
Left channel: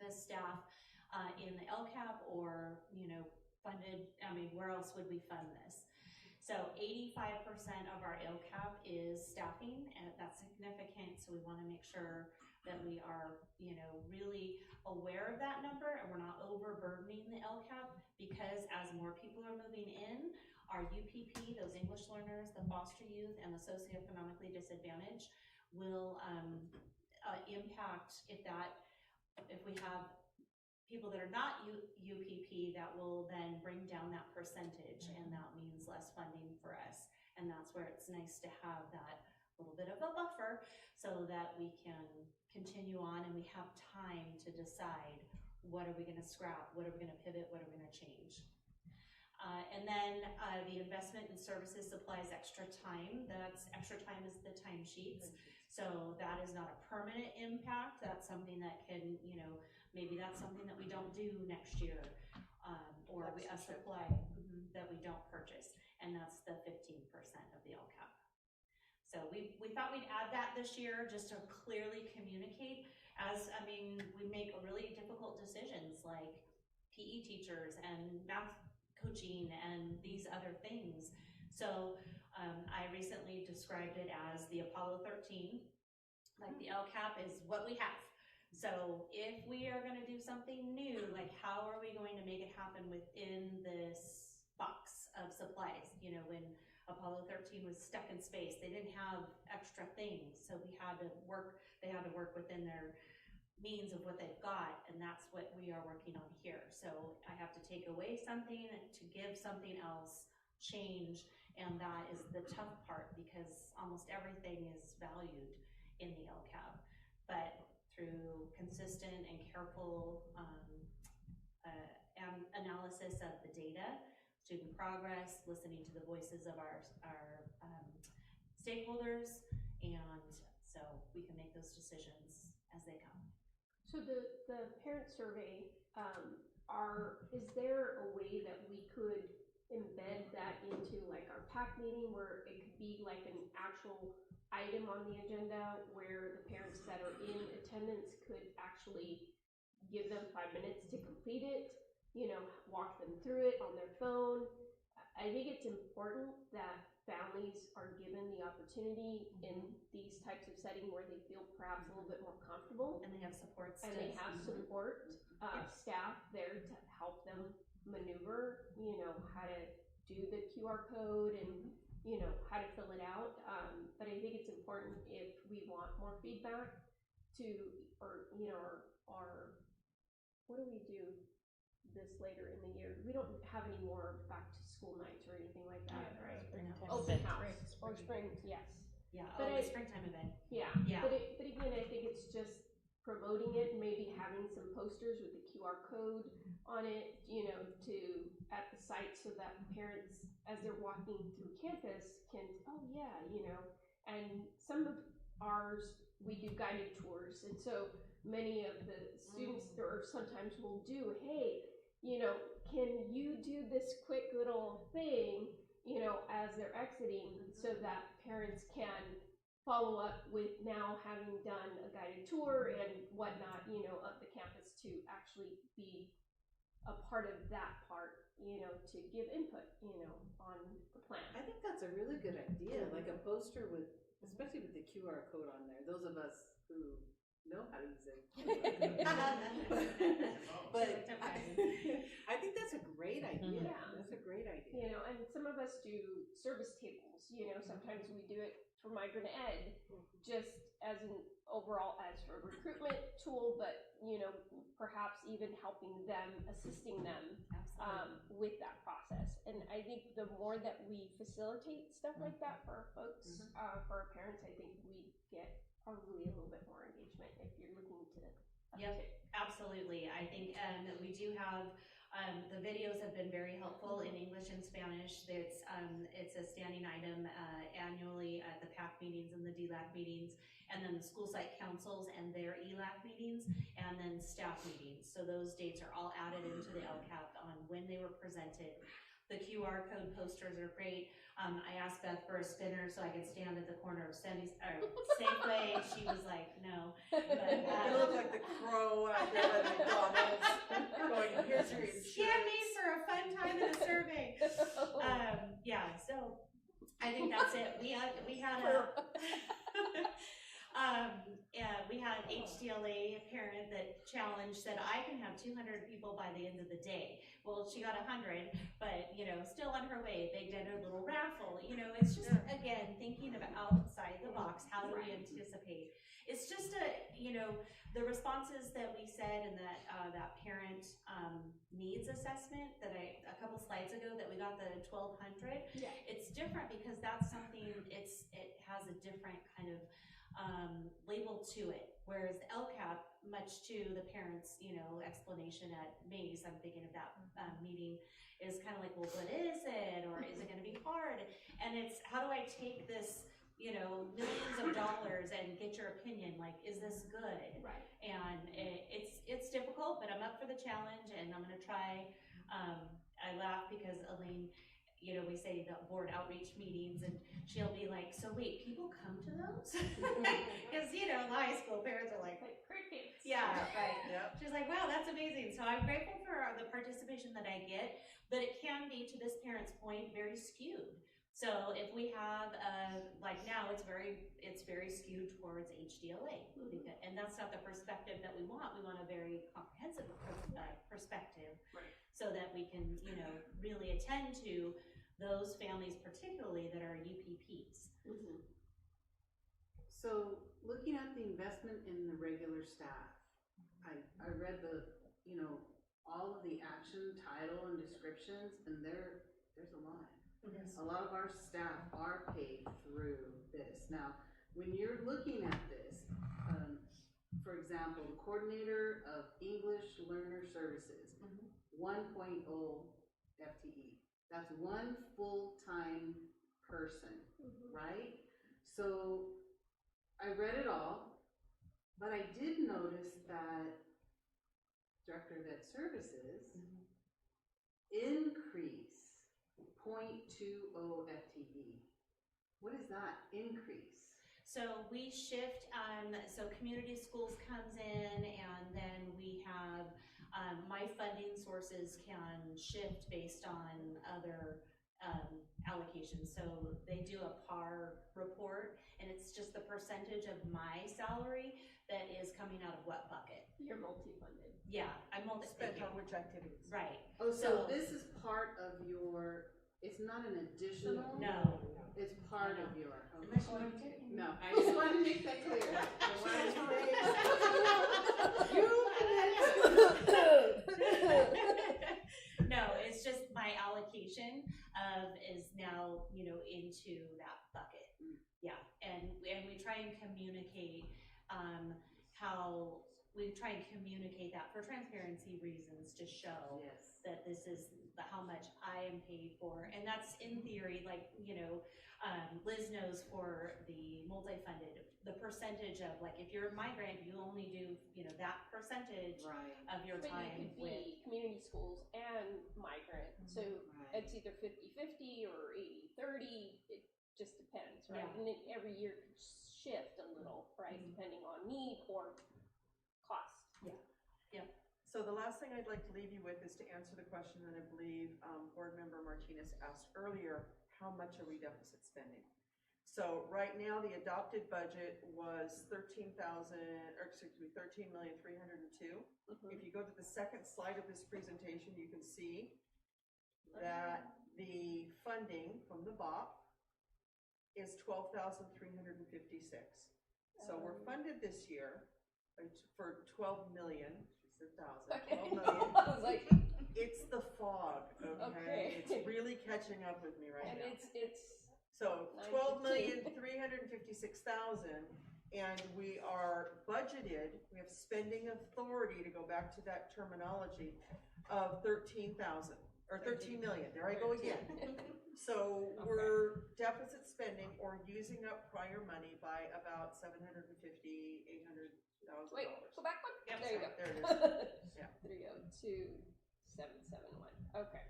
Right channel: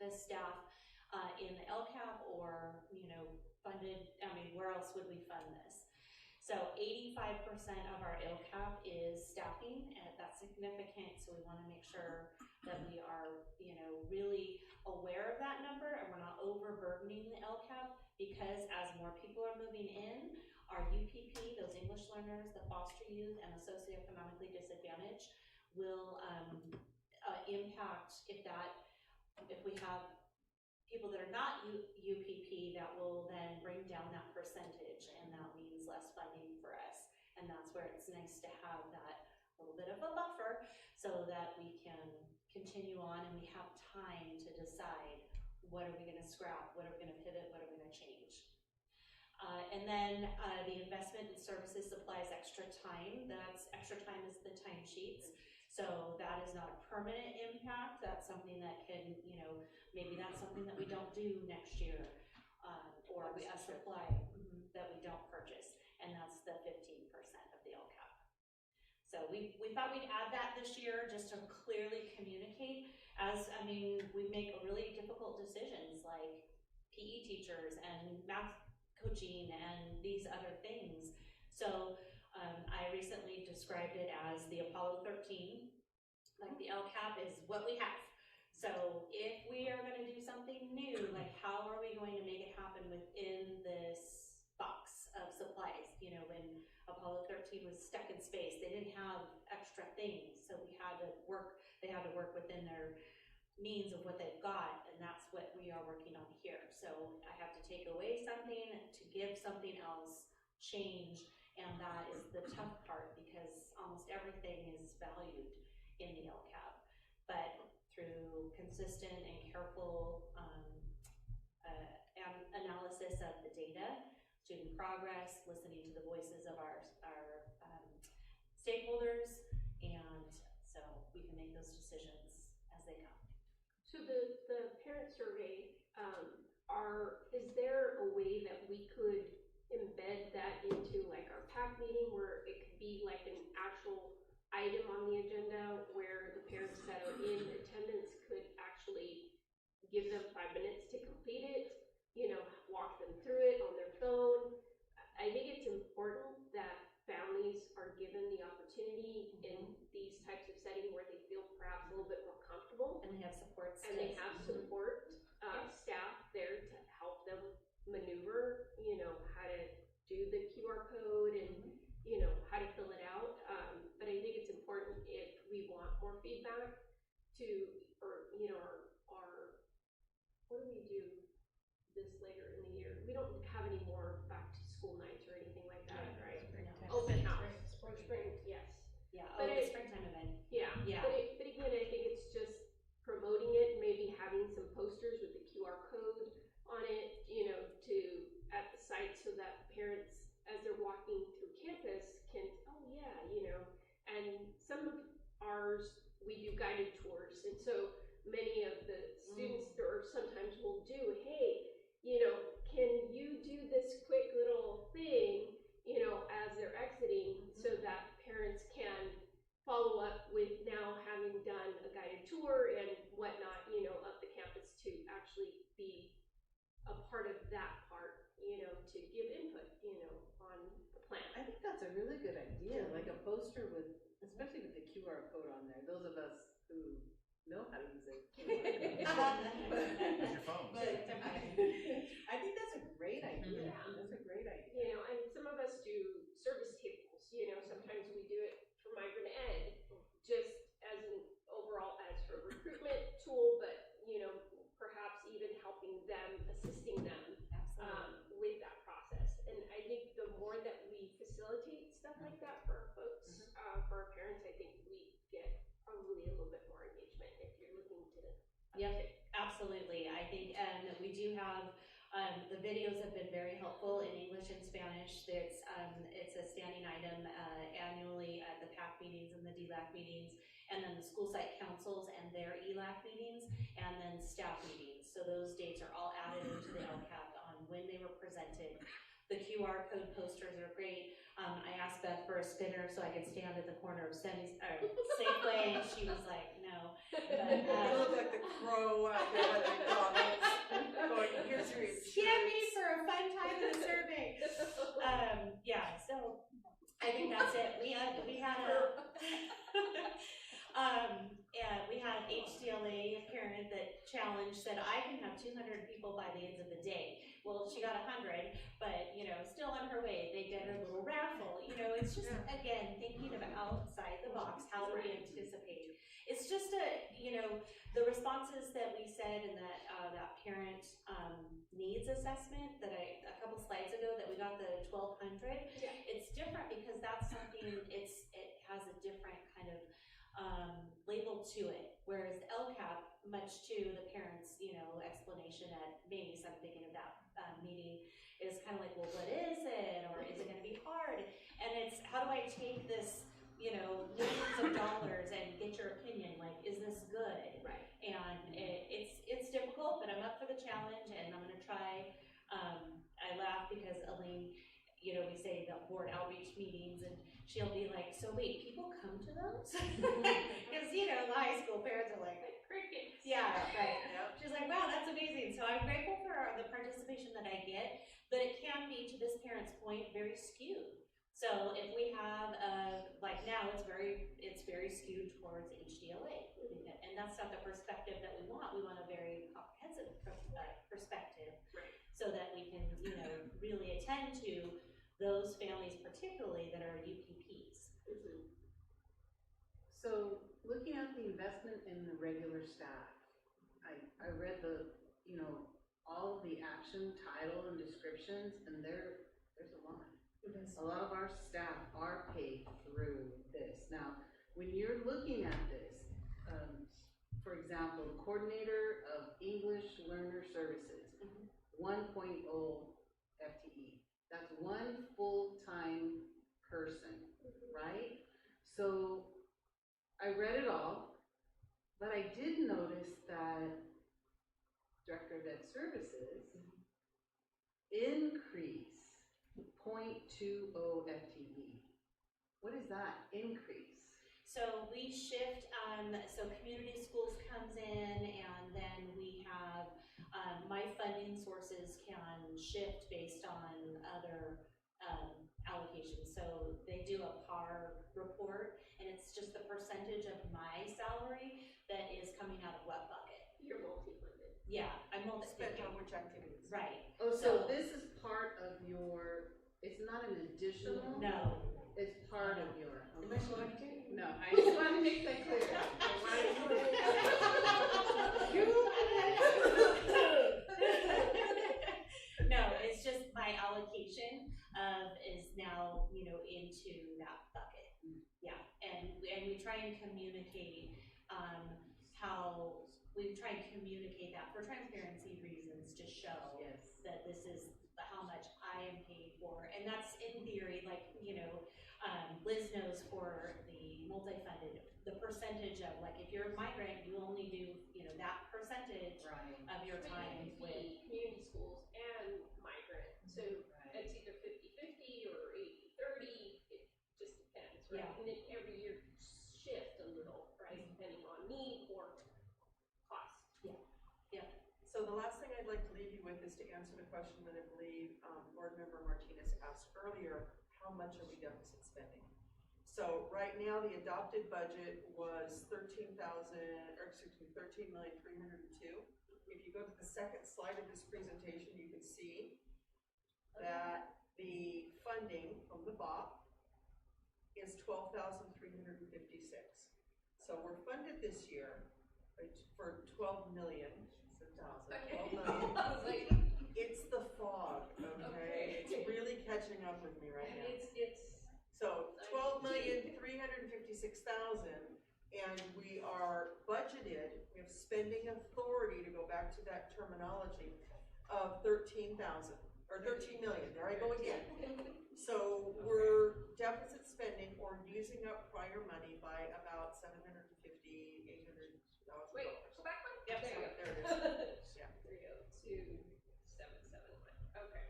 the staff in the LCAP or, funded, where else would we fund this? So 85% of our LCAP is staffing, and that's significant, so we want to make sure that we are, really aware of that number, and we're not overburdening the LCAP, because as more people are moving in, our UPP, those English learners, the foster youth, and the socioeconomically disadvantaged will impact if we have people that are not UPP that will then bring down that percentage, and that means less funding for us. And that's where it's nice to have that little bit of a buffer so that we can continue on and we have time to decide what are we going to scrap, what are we going to pivot, what are we going to change. And then the investment in services, supplies, extra time. That's extra time is the timesheets. So that is not a permanent impact. That's something that can, you know, maybe that's something that we don't do next year, or a supply that we don't purchase, and that's the 15% of the LCAP. So we thought we'd add that this year just to clearly communicate, as, I mean, we make really difficult decisions like PE teachers and math coaching and these other things. So I recently described it as the Apollo 13, like the LCAP is what we have. So if we are going to do something new, like how are we going to make it happen within this box of supplies? You know, when Apollo 13 was stuck in space, they didn't have extra things, so we had to work. They had to work within their means of what they've got, and that's what we are working on here. So I have to take away something to give something else, change, and that is the tough part because almost everything is valued in the LCAP, but through consistent and careful analysis of the data, student progress, listening to the voices of our stakeholders, and so we can make those decisions as they come. So the parent survey, is there a way that we could embed that into like our PAC meeting where it could be like an actual item on the agenda where the parents that are in attendance could actually give them 5 minutes to complete it, you know, walk them through it on their phone. I think it's important that families are given the opportunity in these types of settings where they feel perhaps a little bit more comfortable. And they have support And they have support staff there to help them maneuver, you know, how to do the QR code and, you know, how to fill it out. But I think it's important if we want more feedback to, or, you know, our what do we do this later in the year? We don't have any more back to school nights or anything like that, right? Open house or spring, yes. Yeah, But the springtime event. Yeah, Yeah. But again, I think it's just promoting it, maybe having some posters with the QR code on it, you know, at the site so that parents, as they're walking through campus, can, oh yeah, you know, and some of ours, we do guided tours, and so many of the students or sometimes will do, hey, you know, can you do this quick little thing, you know, as they're exiting, so that parents can follow up with now having done a guided tour and whatnot, you know, of the campus to actually be a part of that part, you know, to give input, you know, on the plan. I think that's a really good idea, like a poster with, especially with the QR code on there, those of us who know how to use it. But I think that's a great idea. Yeah. That's a great idea. You know, and some of us do service tables, you know, sometimes we do it for migrant ed, just as an overall, as a recruitment tool, but, you know, perhaps even helping them, assisting them with that process. And I think the more that we facilitate stuff like that for our folks, for our parents, I think we get probably a little bit more engagement if you're looking to Yep, absolutely. I think we do have the videos have been very helpful in English and Spanish. It's a standing item annually at the PAC meetings and the DLAC meetings, and then the school site councils and their ELAC meetings, and then staff meetings. So those dates are all added into the LCAP on when they were presented. The QR code posters are great. I asked Beth for a spinner so I could stand at the corner of Safeway, and she was like, no. But, you look like the crow out there at McDonald's going, here's your insurance. Scan me for a fun time in the survey. Yeah, so I think that's it. We had HDLA parent that challenged, said I can have 200 people by the end of the day. Well, she got 100, but, you know, still on her way. They did a little raffle. You know, it's just, again, thinking of outside the box. How do we anticipate? It's just you know, the responses that we said in that, that parent, needs assessment that a couple slides ago that we got the 1,200, Yeah. it's different because that's something, it has a different kind of, label to it. Whereas the LCAP, much to the parents, you know, explanation at Mace, I'm thinking of that, meeting, is kind of like, well, what is it? Or is it gonna be hard? And it's, how do I take this, you know, millions of dollars and get your opinion, like, is this good? Right. And it's difficult, but I'm up for the challenge and I'm gonna try. I laugh because Elaine, you know, we say the board outreach meetings and she'll be like, so wait, people come to those? Because, you know, the high school parents are like crickets. Yeah, right. Yep. She's like, wow, that's amazing. So I'm grateful for the participation that I get, but it can be, to this parent's point, very skewed. So if we have, like now, it's very skewed towards HDLA, and that's not the perspective that we want. We want a very comprehensive perspective, Right. so that we can, you know, really attend to those families, particularly that are UPPs. So looking at the investment in the regular staff, I read the, you know, all of the action, title, and descriptions, and there's a lot. A lot of our staff are paid through this. Now, when you're looking at this, for example, coordinator of English Learner Services, 1.0 FTE. That's one full-time person, right? So I read it all, but I did notice that Director of Ed Services increase 0.20 FTE. What is that increase? So we shift, so community schools comes in, and then we have, my funding sources can shift based on other allocations. So they do a PAR report, and it's just the percentage of my salary that is coming out of what bucket. You're multi-funded. Yeah, I'm Spent on which activities? Right. Oh, so this is part of your, it's not an additional? No. It's part of your. Unless you want to. No, I just want to make that clear. No, it's just my allocation is now, you know, into that bucket. Yeah, and we try and communicate how we try and communicate that for transparency reasons to show that this is how much I am paid for, and that's in theory, like, you know, Liz knows for the multi-funded, the percentage of, like, if you're a migrant, you only do, you know, that percentage of your But time you could with. be community schools and migrant, so it's either 50-50 or 80-30, it just depends, right? Yeah. And it every year could shift a little, right, depending on need or cost. Yeah. So the last thing I'd like to leave you with is to answer the question that I believe Board Member Martinez asked earlier, how much are we deficit spending? So right now, the adopted budget was $13,302,000. If you go to the second slide of this presentation, you can see that the funding from the BOP is $12,356. So we're funded this year for 12 million. 12 million. It's the fog, okay? It's really catching up with me right And now. it's So 12,356,000, and we are budgeted, we have spending authority, to go back to that terminology, of 13,000, or 13 million, there I go again. So we're deficit spending or using up prior money by about $750,000, $800,000. Wait, go back one? Yep, There you go. there it is. Yeah. There you go, 2771, okay.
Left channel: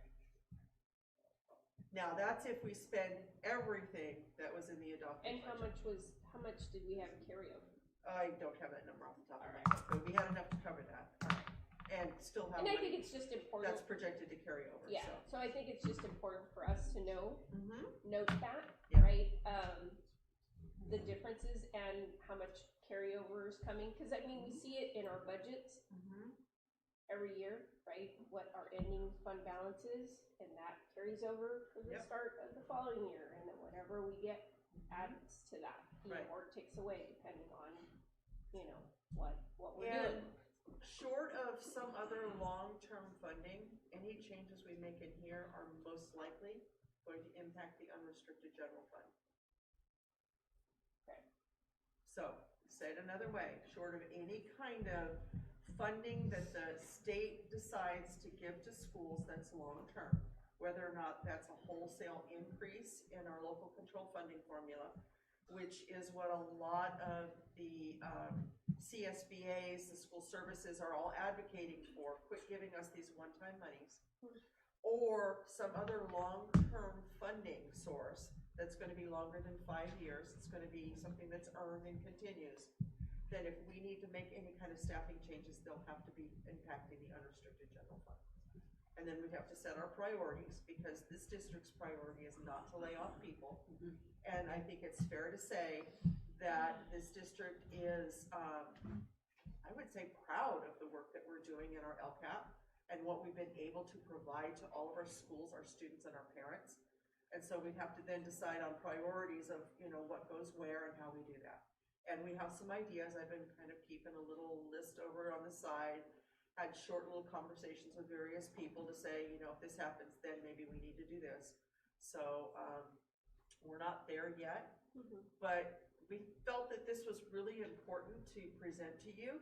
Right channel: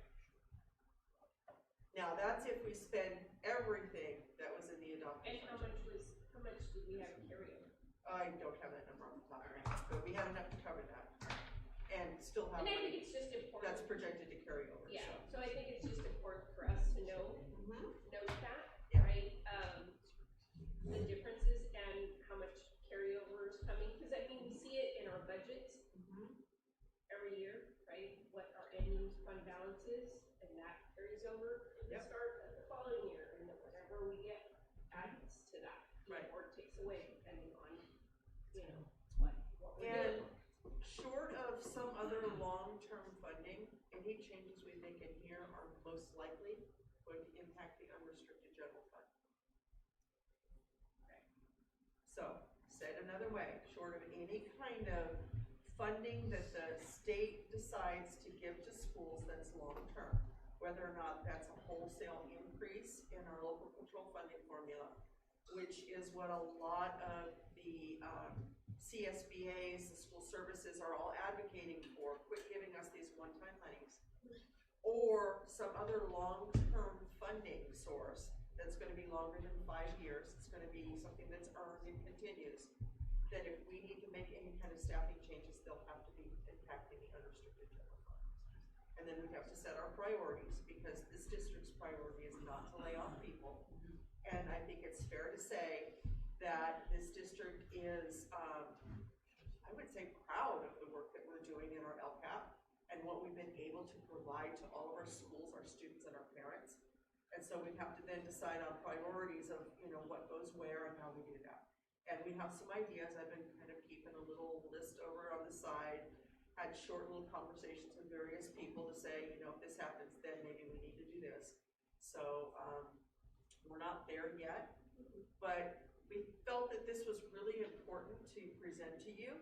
Now, that's if we spend everything that was in the adopted And budget. how much did we have carryover? I don't have that number off the top of my head, but we had enough to cover that. And still have And I money think it's just important. that's projected to carry over, Yeah, so. so I think it's just important for us to know, note that, Yeah. right? The differences and how much carryover is coming, because I mean, we see it in our budgets every year, right? What our ending fund balance is, and that carries over for the Yep. start of the following year, and then whatever we get adds to that, you know, Right. or takes away depending on, you know, what we're And most likely going to impact the unrestricted general fund. So, said another way, short of any kind of funding that the state decides to give to schools that's long-term, whether or not that's a wholesale increase in our local control funding formula, which is what a lot of the CSBAs, the school services, are all advocating for. Quit giving us these one-time monies. Or some other long-term funding source that's going to be longer than 5 years. It's going to be something that's earned and continues. That if we need to make any kind of staffing changes, they'll have to be impacting the unrestricted general fund. And then we have to set our priorities, because this district's priority is not to lay off people. And I think it's fair to say that this district is, I would say, proud of the work that we're doing in our LCAP and what we've been able to provide to all of our schools, our students, and our parents. And so we have to then decide on priorities of, what goes where and how we do that. And we have some ideas. I've been kind of keeping a little list over on the side, had short little conversations with various people to say, if this happens, then maybe we need to do this. So we're not there yet, but we felt that this was really important to present to you,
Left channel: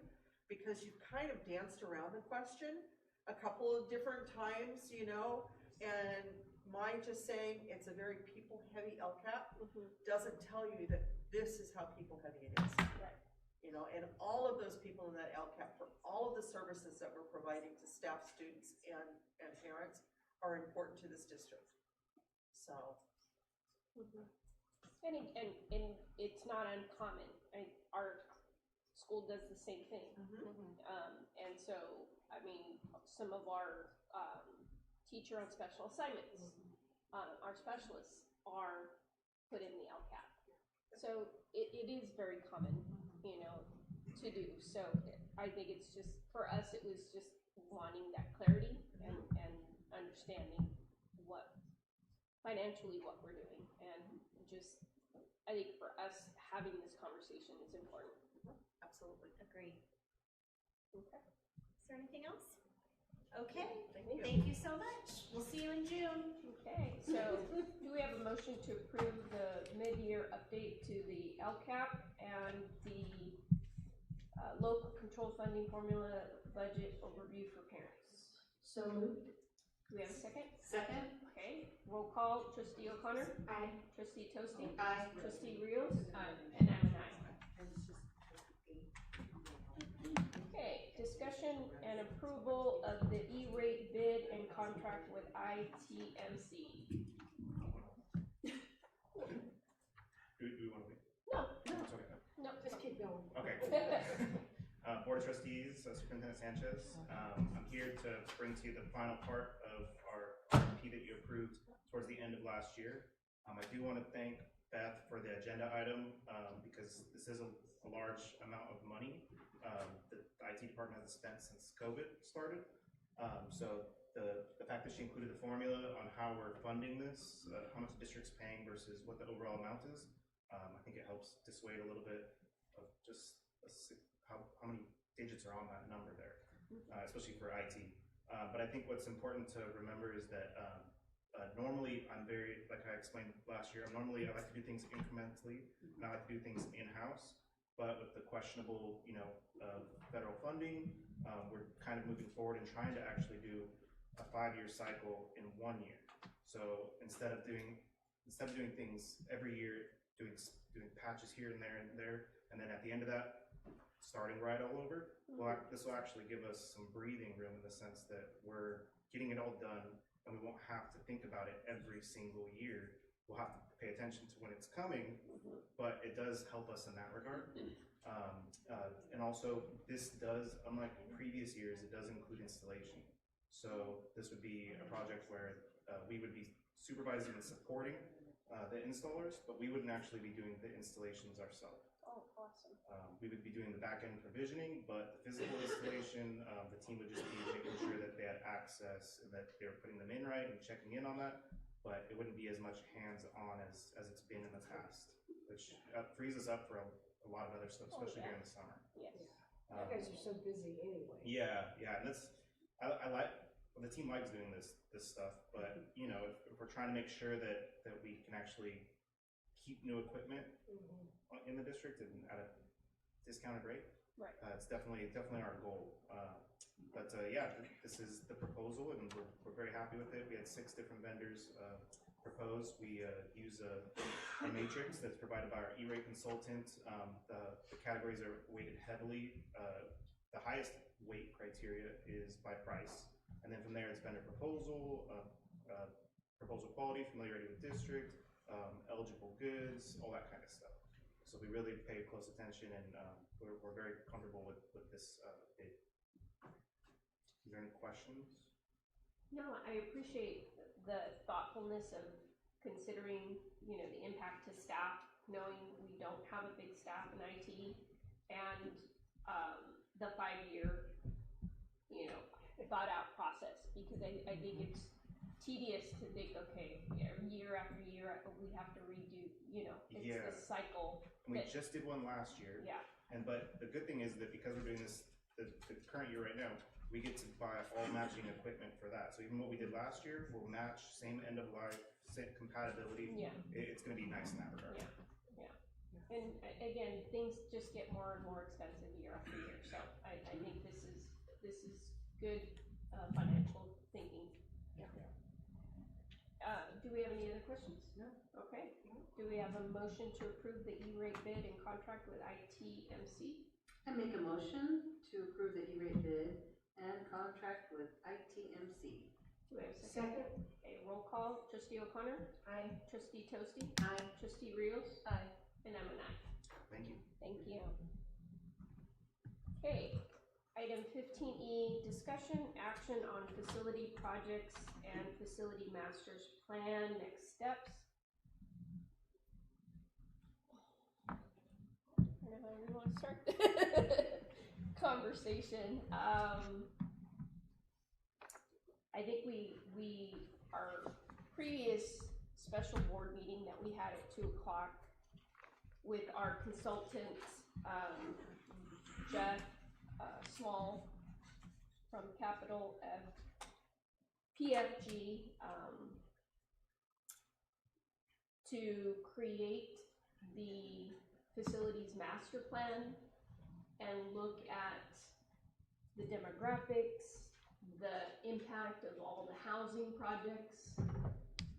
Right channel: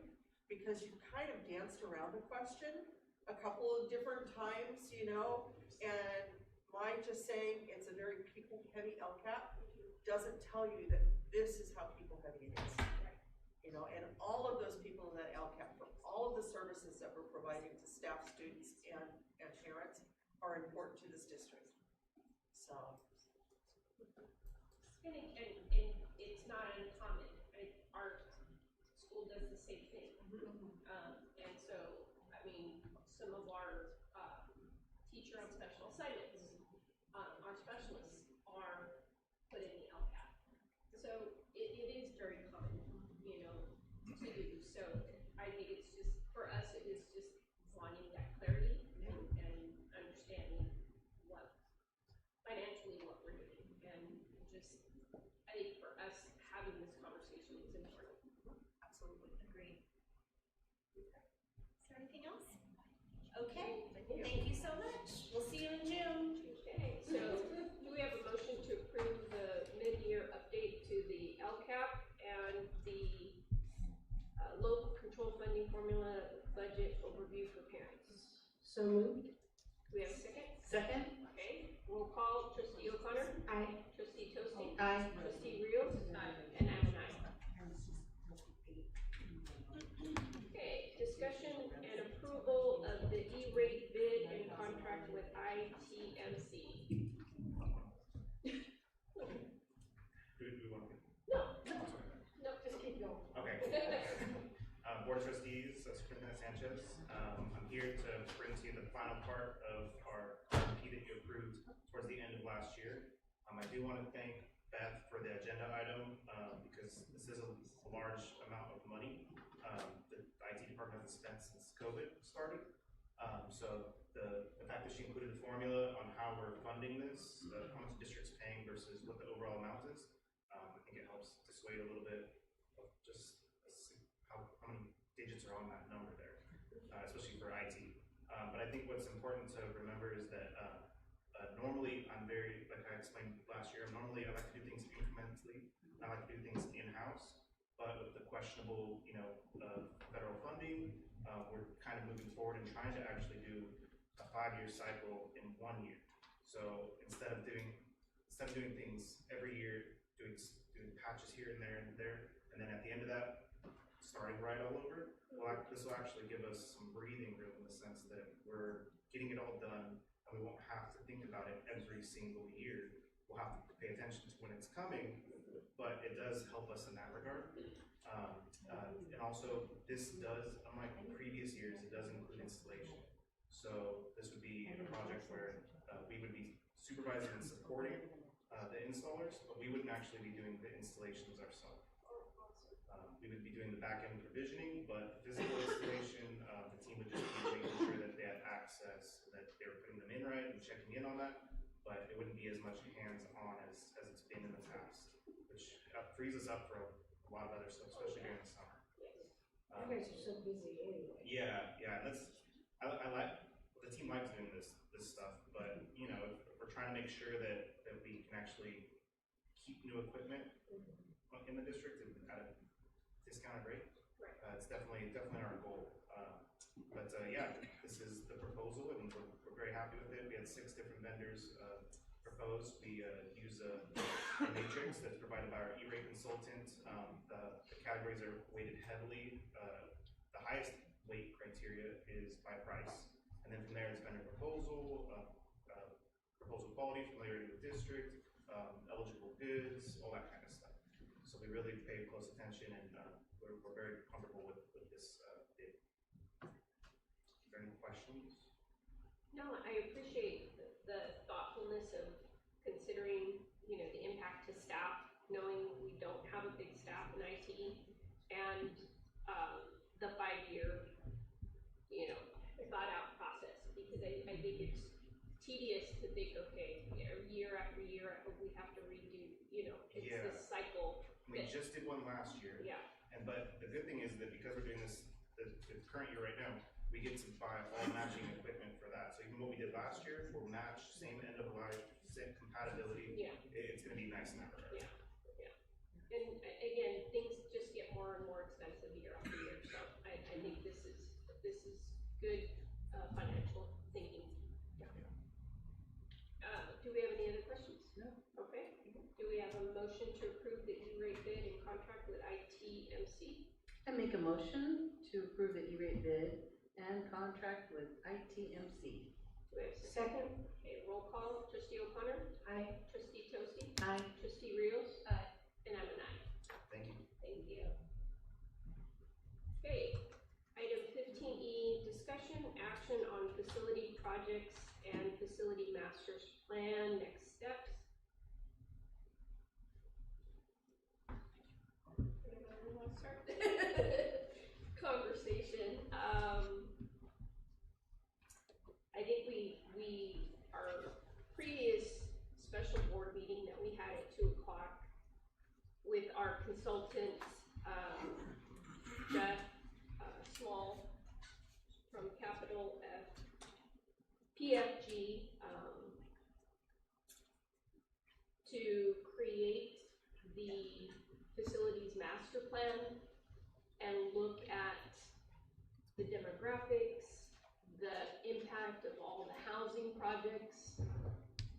because you've kind of danced around the question a couple of different times, and my just saying it's a very people-heavy LCAP doesn't tell you that this is how people-heavy it is. Right. And all of those people in that LCAP, for all of the services that we're providing to staff, students, and parents, are important to this district. So. And it's not uncommon. Our school does the same thing. And so, some of our teacher on special assignments, our specialists are put in the LCAP. So it is very common, to do. So I think it's just, for us, it was just wanting that clarity and understanding financially what we're doing. And just, I think for us, having this conversation is important. Absolutely, agreed. Okay. Is there anything else? Okay, Thank you. Thank you so much. We'll see you in June. Okay, so do we have a motion to approve the mid-year update to the LCAP and the local control funding formula budget overview for parents? So moved. Do we have a second? Second. Okay, roll call. Trustee O'Connor? Aye. Trustee Toasty? Aye. Trustee Rios? Aye. And I'm an aye. Okay, discussion and approval of the E-rate bid and contract with ITMC. Do we want to? No, just keep going. Okay. Board of Trustees, Superintendent Sanchez. I'm here to bring to you the final part of our RFP that you approved towards the end of last year. I do want to thank Beth for the agenda item, because this is a large amount of money that the IT department hasn't spent since COVID started. So the fact that she included the formula on how we're funding this, how much the district's paying versus what the overall amount is, I think it helps dissuade a little bit of just how many digits are on that number there, especially for IT. But I think what's important to remember is that normally I'm very, like I explained last year, I like to do things incrementally, and I like to do things in-house. But with the questionable, federal funding, we're kind of moving forward and trying to actually do a 5-year cycle in 1 year. So instead of doing things every year, doing patches here and there, and then at the end of that, starting right all over, this will actually give us some breathing room in the sense that we're getting it all done, and we won't have to think about it every single year. We'll have to pay attention to when it's coming, but it does help us in that regard. And also, this does, unlike previous years, it does include installation. So this would be a project where we would be supervising and supporting the installers, but we wouldn't actually be doing the installations ourselves. Oh, awesome. We would be doing the back-end provisioning, but the physical installation, the team would just be making sure that they had access and that they were putting them in right and checking in on that, but it wouldn't be as much hands-on as it's been in the past, which frees us up for a lot of other stuff, especially during the summer. Yes. You guys are so busy anyway. Yeah, and I like, the team likes doing this stuff, but if we're trying to make sure that we can actually keep new equipment in the district and at a discounted rate. Right. It's definitely our goal. Yeah, this is the proposal, and we're very happy with it. We had 6 different vendors propose. We use a matrix that's provided by our E-rate consultant. The categories are weighted heavily. The highest weight criteria is by price, and then from there it's vendor proposal, proposal quality, familiarity with district, eligible goods, all that kind of stuff. So we really pay close attention, and we're very comfortable with this bid. Is there any questions? No, I appreciate the thoughtfulness of considering, the impact to staff, knowing we don't have a big staff in IT, and the 5-year, thought out process, because I think it's tedious to think, okay, year after year, we have to redo, it's this cycle. We just did one last year. Yeah. But the good thing is that because we're doing this, the current year right now, we get to buy all matching equipment for that. So even what we did last year, we'll match, same end of life, same compatibility. Yeah. It's gonna be nice in that regard. Yeah. And again, things just get more and more expensive year after year, so I think this is good financial thinking. Yeah. Do we have any other questions? No. Okay. Do we have a motion to approve the E-rate bid and contract with ITMC? I make a motion to approve the E-rate bid and contract with ITMC. Do we have a second? Okay, roll call. Trustee O'Connor? Aye. Trustee Toasty? Aye. Trustee Rios? Aye. And I'm an aye. Thank you. Thank you. Okay, item 15E, discussion action on facility projects and facility master's plan, next steps. Where do I want to start? Conversation. I think our previous special board meeting that we had at 2 o'clock with our consultant, Jeff Small from Capital PFG, to create the facilities master plan and look at the demographics, the impact of all the housing projects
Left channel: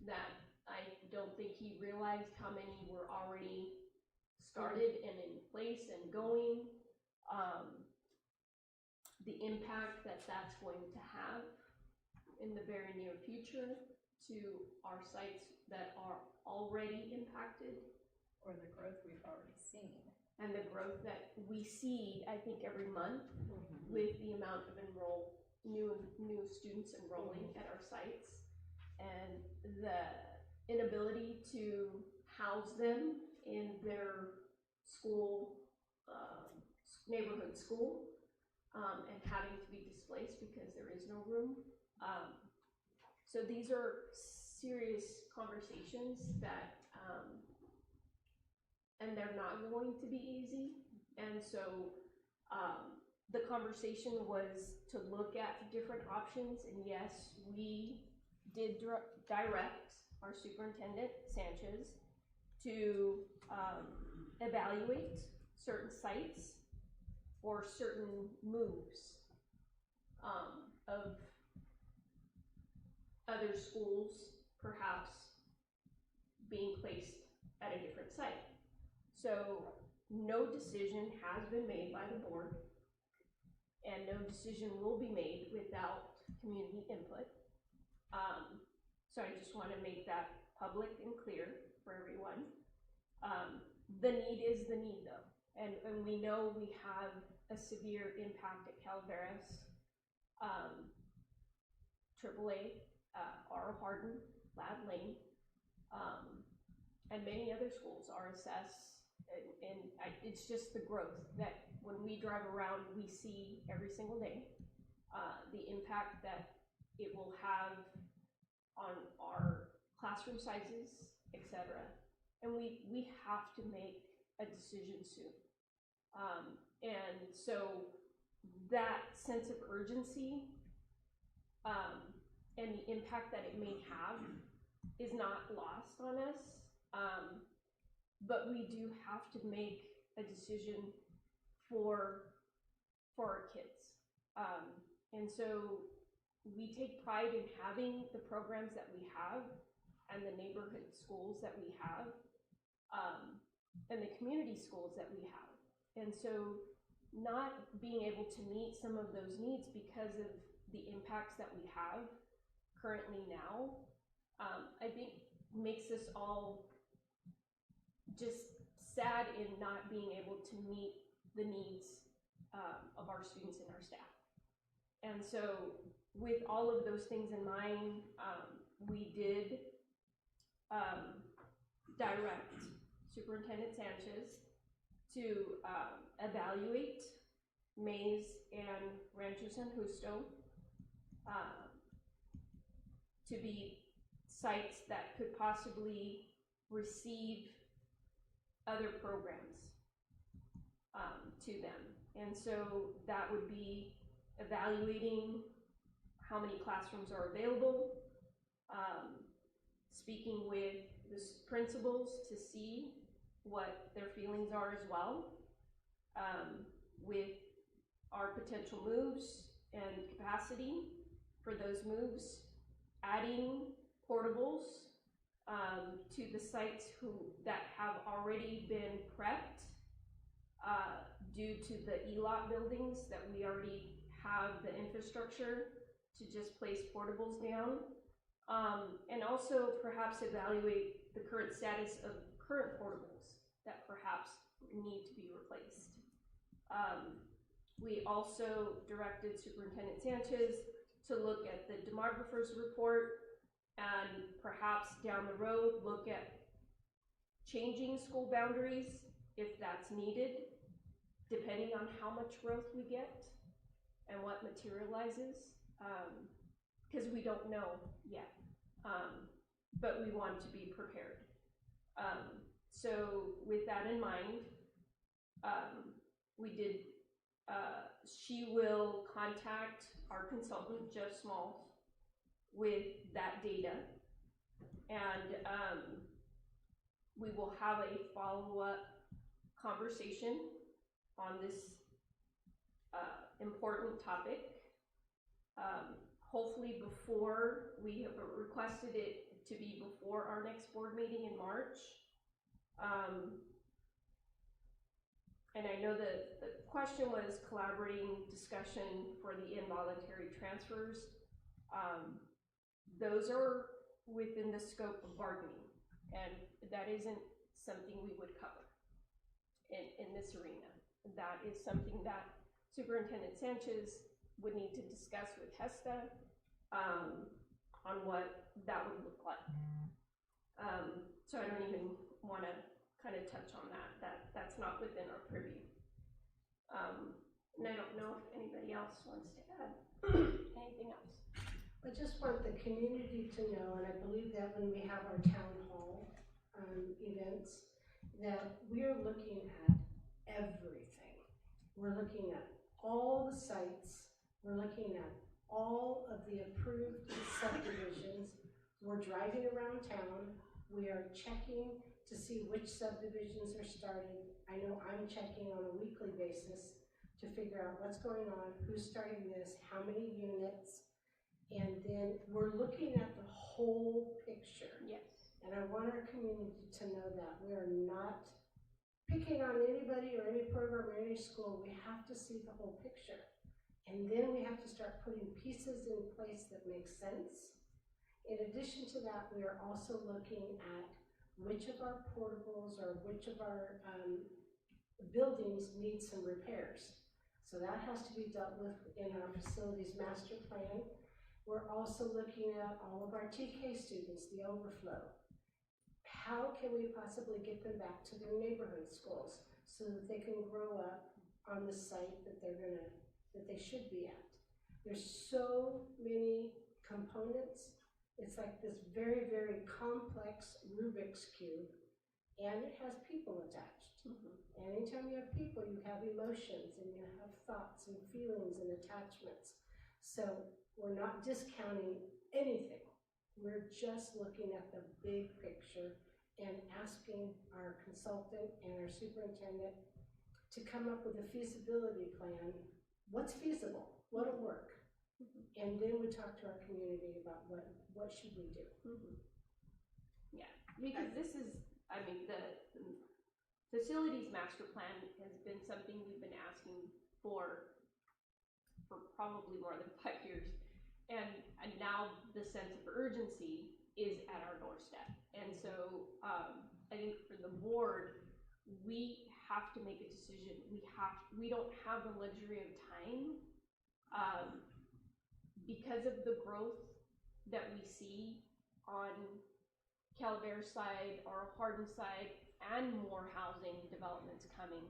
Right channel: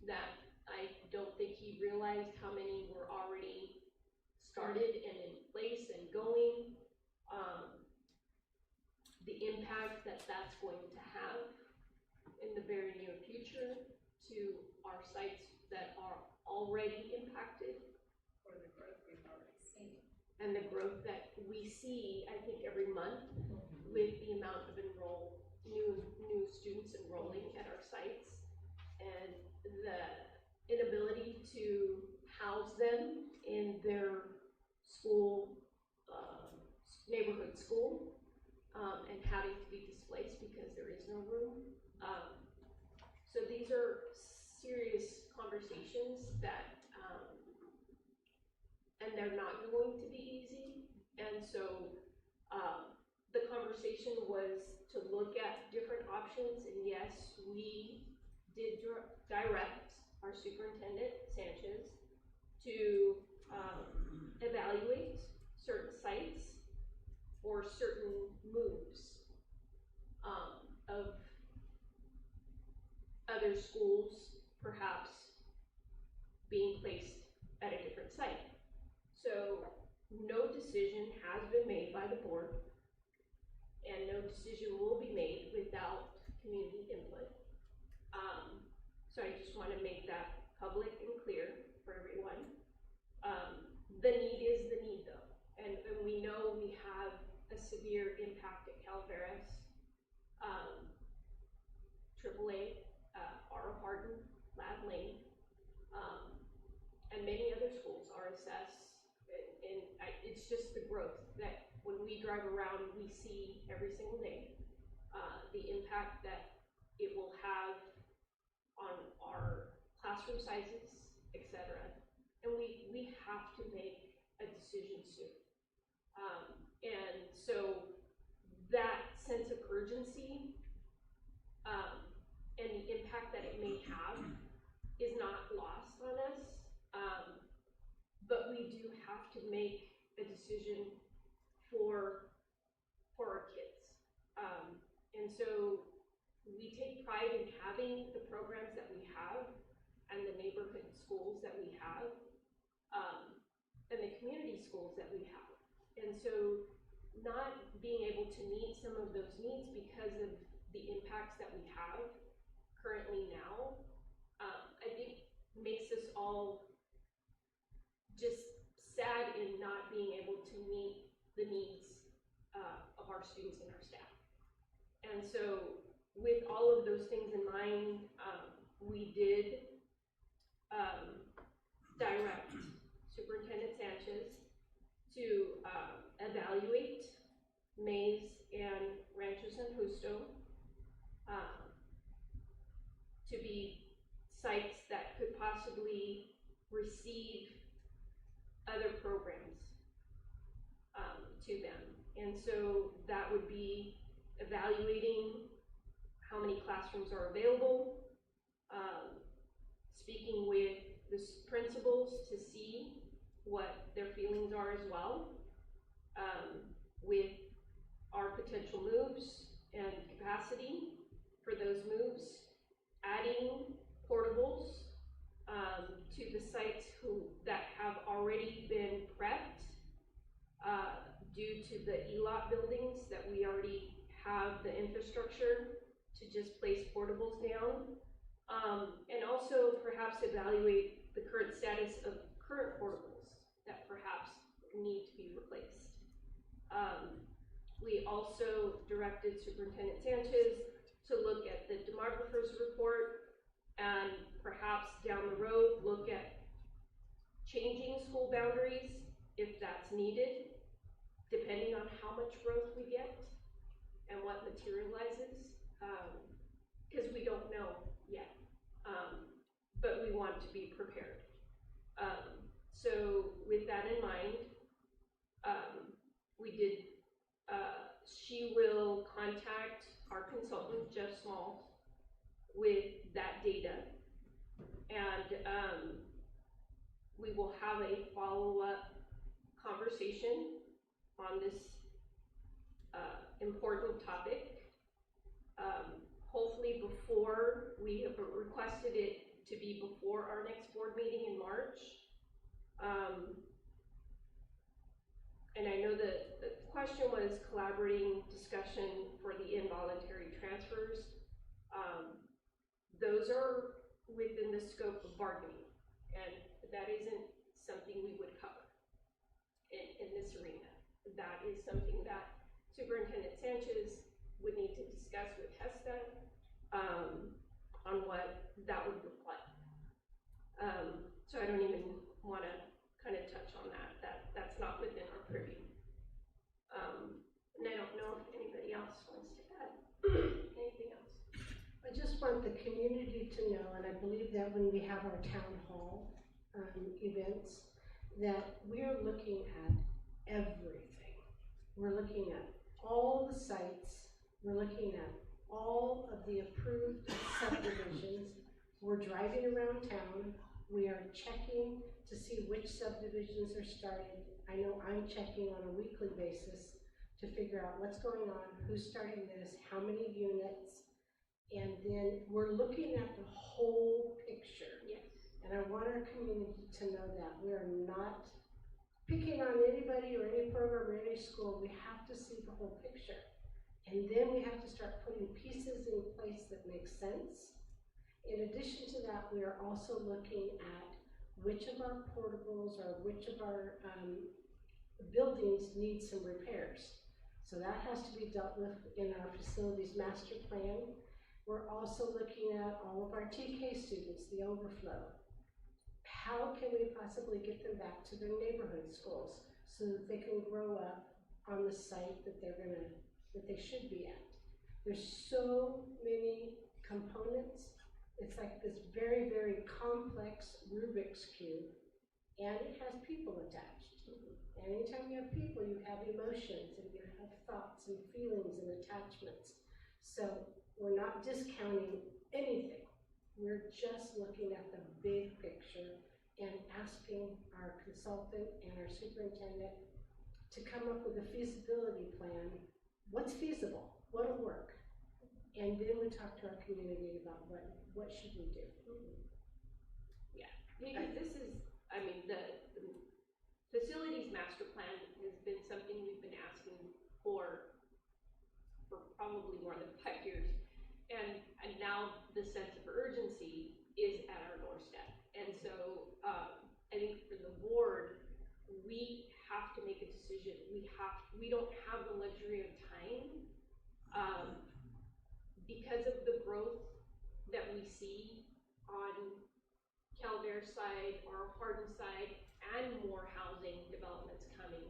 that I don't think he realized how many were already started and in place and going, the impact that that's going to have in the very near future to our sites that are already impacted. Or the growth we've already seen. And the growth that we see, I think, every month with the amount of new students enrolling at our sites, and the inability to house them in their school, neighborhood school, and having to be displaced because there is no room. So these are serious conversations that, and they're not going to be easy. And so the conversation was to look at different options, and yes, we did direct our superintendent, Sanchez, to evaluate certain sites or certain moves of other schools perhaps being placed at a different site. So no decision has been made by the board, and no decision will be made without community input. So I just want to make that public and clear for everyone. The need is the need, though, and we know we have a severe impact at Calveras, AAA, R. Hardin, Lab Lane, and many other schools, RSS, and it's just the growth that when we drive around, we see every single day, the impact that it will have on our classroom sizes, etc. And we have to make a decision soon. And so that sense of urgency, and the impact that it may have is not lost on us. But we do have to make a decision for our kids. And so we take pride in having the programs that we have and the neighborhood schools that we have, and the community schools that we have. And so not being able to meet some of those needs because of the impacts that we have currently now, I think makes us all just sad in not being able to meet the needs of our students and our staff. And so with all of those things in mind, we did direct Superintendent Sanchez to evaluate Mays and Rancho San Justo to be sites that could possibly receive other programs to them. And so that would be evaluating how many classrooms are available, speaking with the principals to see what their feelings are as well, with our potential moves and capacity for those moves, adding portables to the sites that have already been prepped due to the ELOT buildings that we already have the infrastructure to just place portables down, and also perhaps evaluate the current status of current portables that perhaps need to be replaced. We also directed Superintendent Sanchez to look at the demographer's report and perhaps down the road look at changing school boundaries if that's needed, depending on how much growth we get and what materializes, because we don't know yet, but we want to be prepared. So with that in mind, we did, she will contact our consultant, Jeff Smalls, with that data, and we will have a follow-up conversation on this important topic. Hopefully before, we have requested it to be before our next board meeting in March. And I know that the question was collaborating discussion for the involuntary transfers. Those are within the scope of bargaining, and that isn't something we would cover in this arena. That is something that Superintendent Sanchez would need to discuss with HESTA on what that would look like. So I don't even want to kind of touch on that. That's not within our purview. And I don't know if anybody else wants to add anything else. I just want the community to know, and I believe that when we have our town hall events, that we're looking at everything. We're looking at all the sites. We're looking at all of the approved subdivisions. We're driving around town. We are checking to see which subdivisions are started. I know I'm checking on a weekly basis to figure out what's going on, who's starting this, how many units, and then we're looking at the whole picture. Yes. And I want our community to know that we are not picking on anybody or any program or any school. We have to see the whole picture. And then we have to start putting pieces in place that make sense. In addition to that, we are also looking at which of our portables or which of our buildings need some repairs. So that has to be dealt with in our facilities master plan. We're also looking at all of our TK students, the overflow. How can we possibly get them back to their neighborhood schools so that they can grow up on the site that they should be at? There's so many components. It's like this very, very complex Rubik's Cube, and it has people attached. And anytime you have people, you have emotions, and you have thoughts and feelings and attachments. So we're not discounting anything. We're just looking at the big picture and asking our consultant and our superintendent to come up with a feasibility plan. What's feasible? What'll work? And then we talk to our community about what should we do. Yeah, because this is, I mean, the facilities master plan has been something we've been asking for probably more than 5 years. And now the sense of urgency is at our doorstep. And so I think for the board, we have to make a decision. We don't have the luxury of time because of the growth that we see on Calaveras side or Hardin side and more housing developments coming.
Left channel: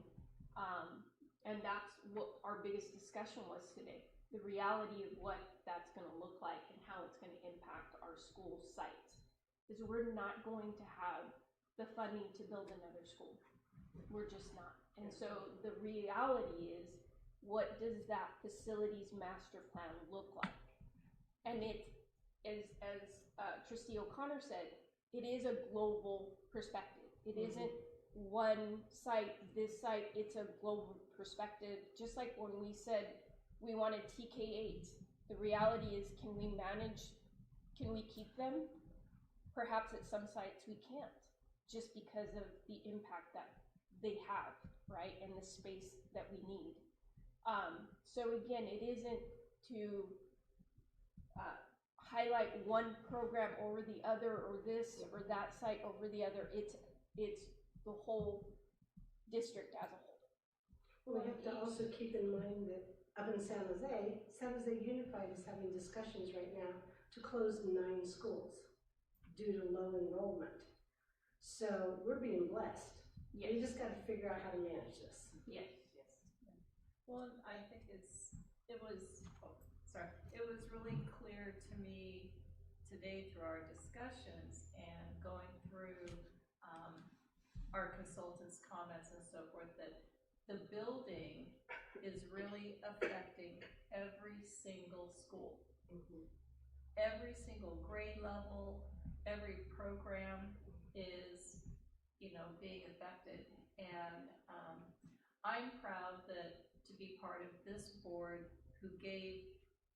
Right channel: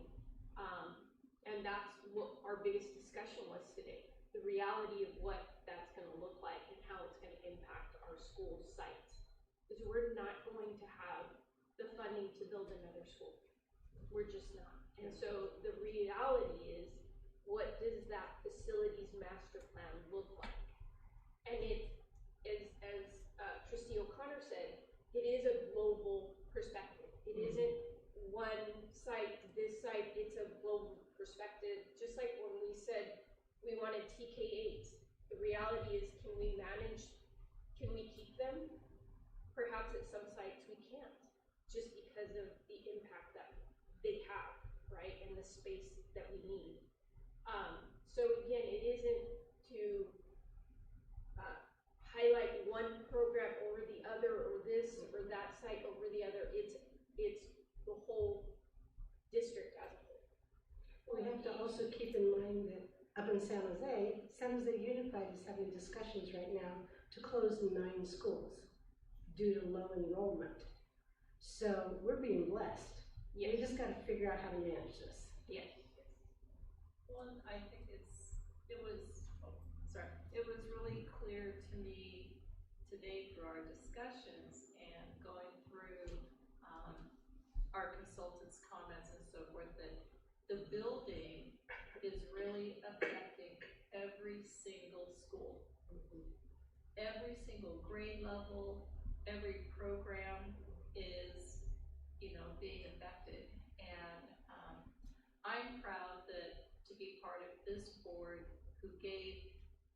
And that's what our biggest discussion was today. The reality of what that's going to look like and how it's going to impact our school sites. Is we're not going to have the funding to build another school. We're just not. And so the reality is, what does that facilities master plan look like? And it is, as Trustee O'Connor said, it is a global perspective. It isn't one site, this site, it's a global perspective. Just like when we said we wanted TK8, the reality is, can we keep them? Perhaps at some sites we can't, just because of the impact that they have, right, and the space that we need. So again, it isn't to highlight one program over the other, or this or that site over the other. It's the whole district as a whole. Well, we have to also keep in mind that up in San Jose Unified is having discussions right now to close 9 schools due to low enrollment. So we're being blessed. Yes. We just got to figure out how to manage this. Yes. Well, I think it was really clear to me today through our discussions and going through our consultants' comments and so forth, that the building is really affecting every single school. Every single grade level, every program is, being affected. And I'm proud to be part of this board who gave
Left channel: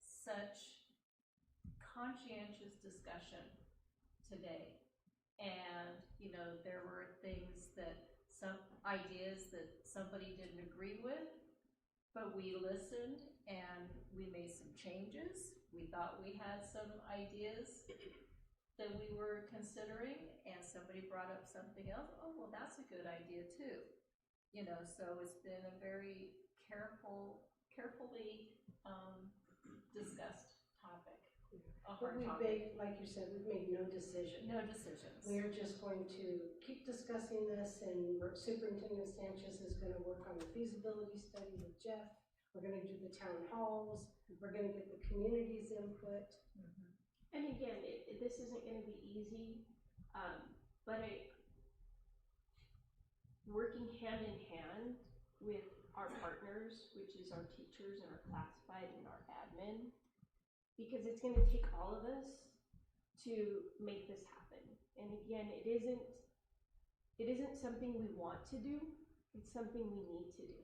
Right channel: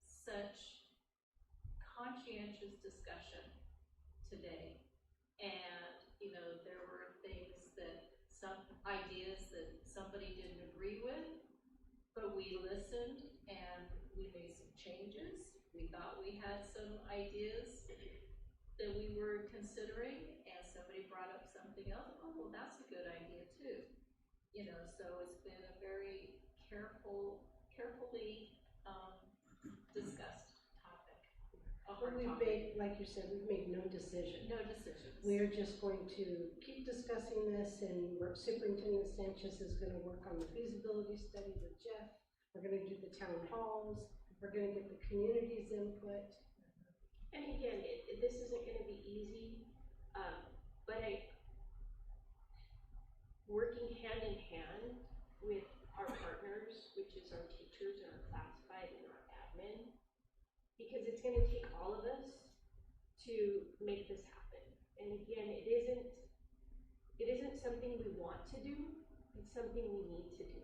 such conscientious discussion today. And, there were things some ideas that somebody didn't agree with, but we listened and we made some changes. We thought we had some ideas that we were considering, and somebody brought up something else. Oh, well, that's a good idea too. So it's been a very carefully discussed topic. But we've made, like you said, we've made no decision. No decisions. We're just going to keep discussing this, and Superintendent Sanchez is going to work on the feasibility study with Jeff. We're going to do the town halls. We're going to get the community's input. And again, this isn't going to be easy, but working hand in hand with our partners, which is our teachers and our classified and our admin, because it's going to take all of us to make this happen. And again, it isn't something we want to do, it's something we need to do.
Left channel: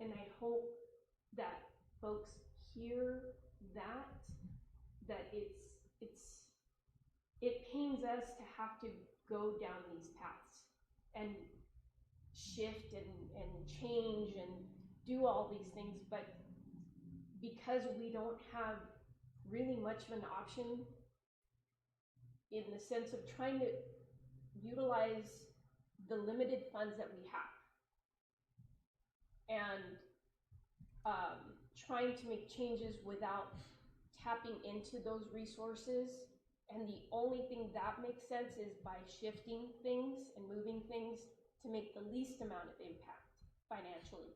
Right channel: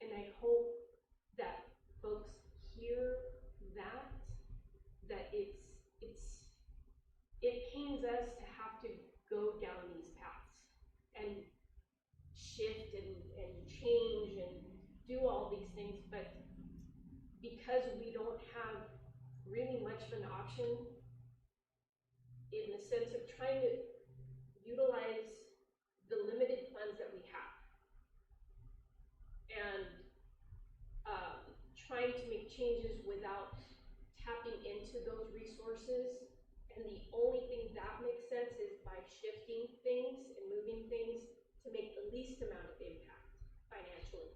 And I hope that folks hear that it pains us to have to go down these paths and shift and change and do all these things, but because we don't have really much of an option in the sense of trying to utilize the limited funds that we have and trying to make changes without tapping into those resources. And the only thing that makes sense is by shifting things and moving things to make the least amount of impact financially,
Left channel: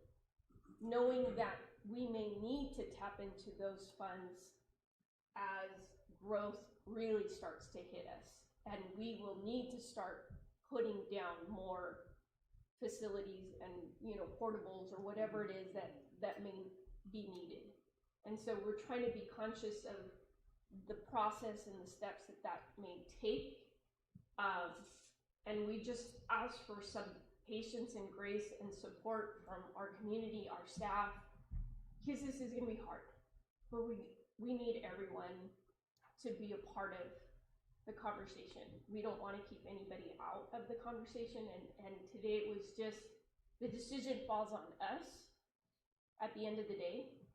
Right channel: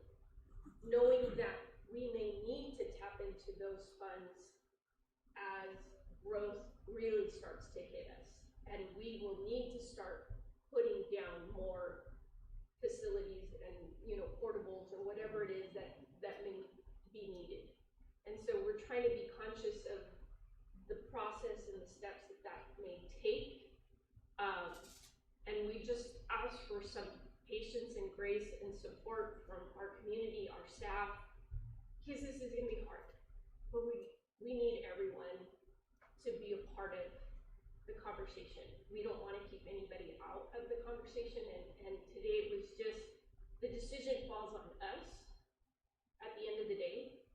knowing that we may need to tap into those funds as growth really starts to hit us, and we will need to start putting down more facilities and portables or whatever it is that may be needed. And so we're trying to be conscious of the process and the steps that may take. And we just ask for some patience and grace and support from our community, our staff, because this is gonna be hard. But we need everyone to be a part of the conversation. We don't wanna keep anybody out of the conversation, and today it was just, the decision falls on us at the end of the day.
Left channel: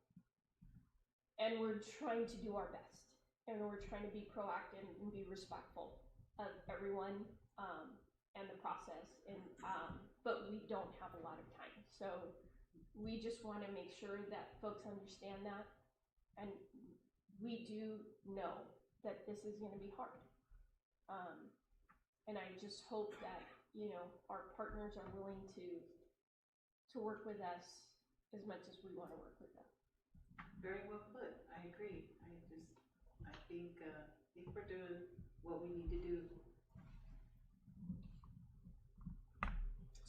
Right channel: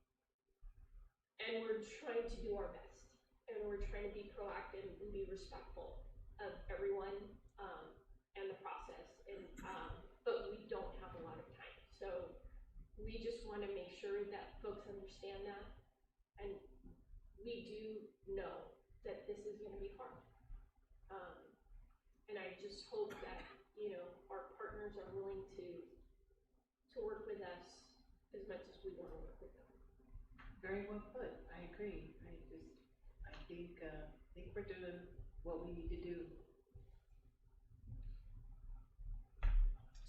And we're trying to do our best, and we're trying to be proactive and be respectful of everyone, and the process, and, but we don't have a lot of time. So we just wanna make sure that folks understand that, and we do know that this is gonna be hard. And I just hope that, you know, our partners are willing to work with us as much as we wanna work with them. Very well put, I agree. I think we're doing what we need to do.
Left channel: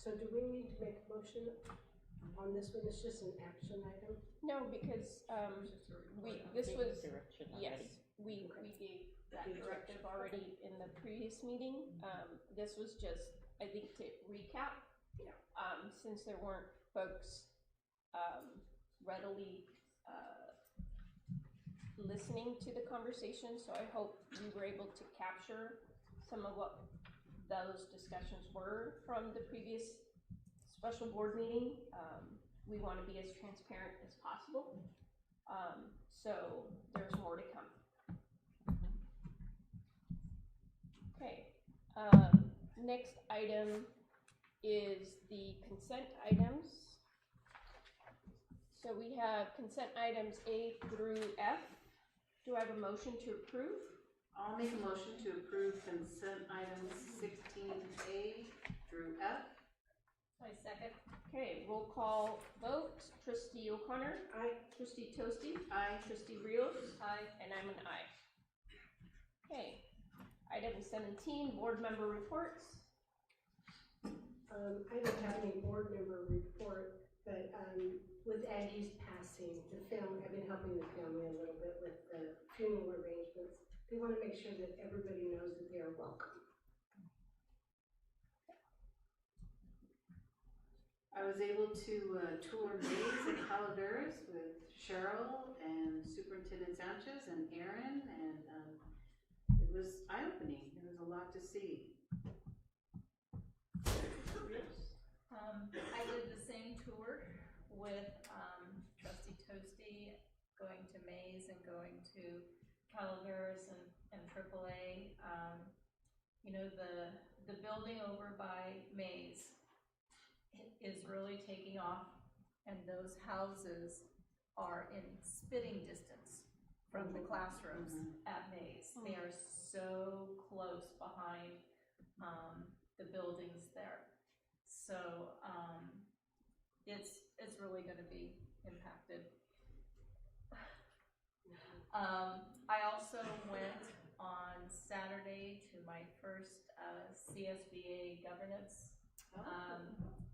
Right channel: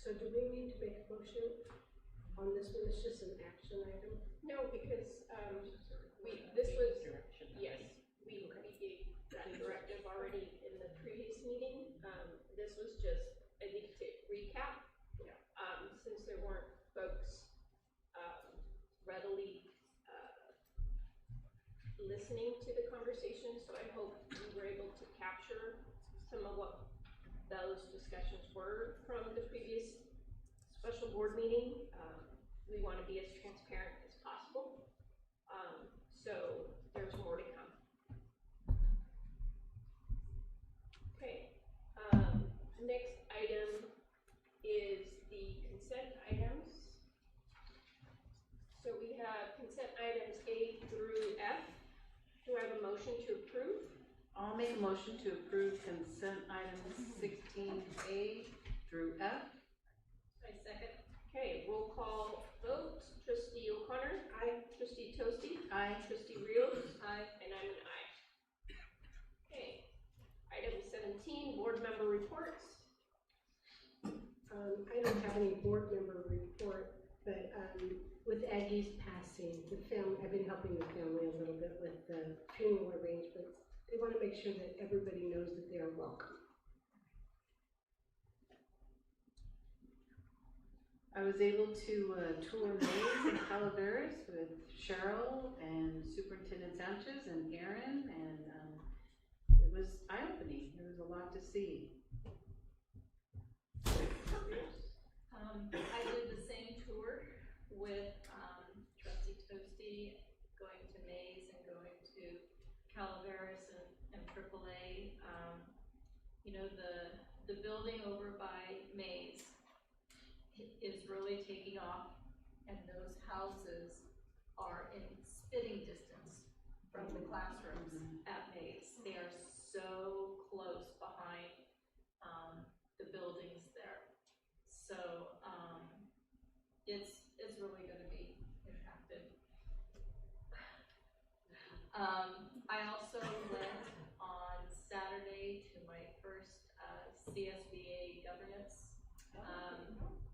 So do we need to make a motion on this one? It's just an action item? No, because, we gave that directive already in the previous meeting. This was just, I think, to recap, since there weren't folks, readily, listening to the conversation, so I hope we were able to capture some of what those discussions were from the previous special board meeting. We want to be as transparent as possible, so there's more to come. Okay, next item is the consent items. So we have consent items A through F. Do I have a motion to approve? I'll make a motion to approve consent items 16A through F. I second. Okay, roll call vote. Trustee O'Connor? Aye. Trustee Toasty? Aye. Trustee Rios? Aye. And I'm an aye. Okay, item 17, board member reports. I don't have any board member report, but, with Aggie's passing, the family, I've been helping the family a little bit with the funeral arrangements. They want to make sure that everybody knows that they are welcome. I was able to tour Mays and Calaveras with Cheryl and Superintendent Sanchez and Aaron, and it was eye-opening. There was a lot to see. I did the same tour with Trustee Toasty, going to Mays and going to Calaveras and AAA. You know, the building over by Mays is really taking off, and those houses are in spitting distance from the classrooms at Mays. They are so close behind the buildings there. So it's really going to be impacted. I also went on Saturday to my first CSBA governance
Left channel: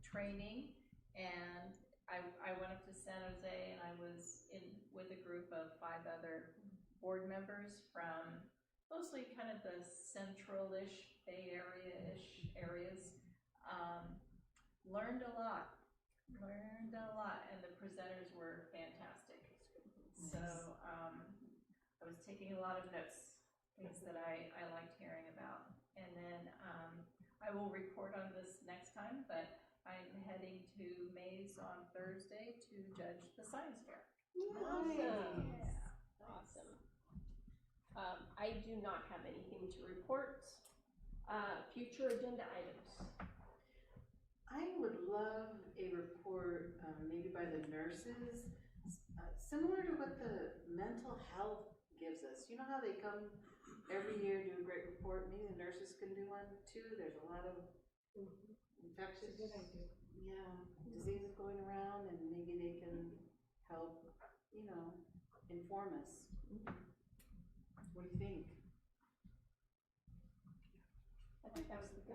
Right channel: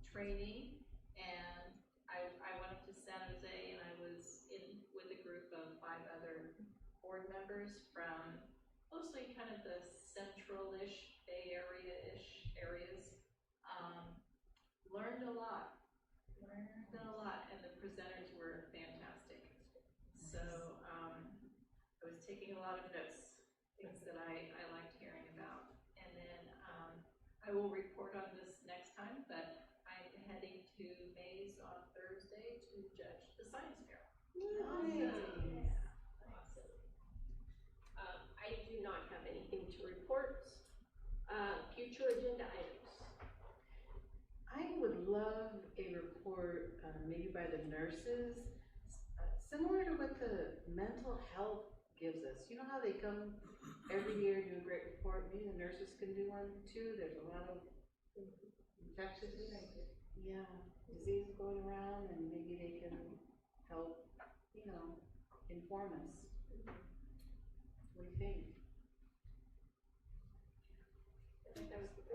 training, and I went up to San Jose, and I was with a group of 5 other board members from mostly kind of the central-ish, Bay Area-ish areas. Learned a lot, and the presenters were fantastic. So I was taking a lot of notes, things that I liked hearing about. And then I will report on this next time, but I'm heading to Mays on Thursday to judge the science fair. Nice. Awesome. I do not have anything to report. Future agenda items. I would love a report, maybe by the nurses, similar to what the mental health gives us. You know how they come every year, do a great report? Maybe the nurses can do one too. There's a lot of infectious, diseases going around, and maybe they can help, you know, inform us. What do you think? I think that was the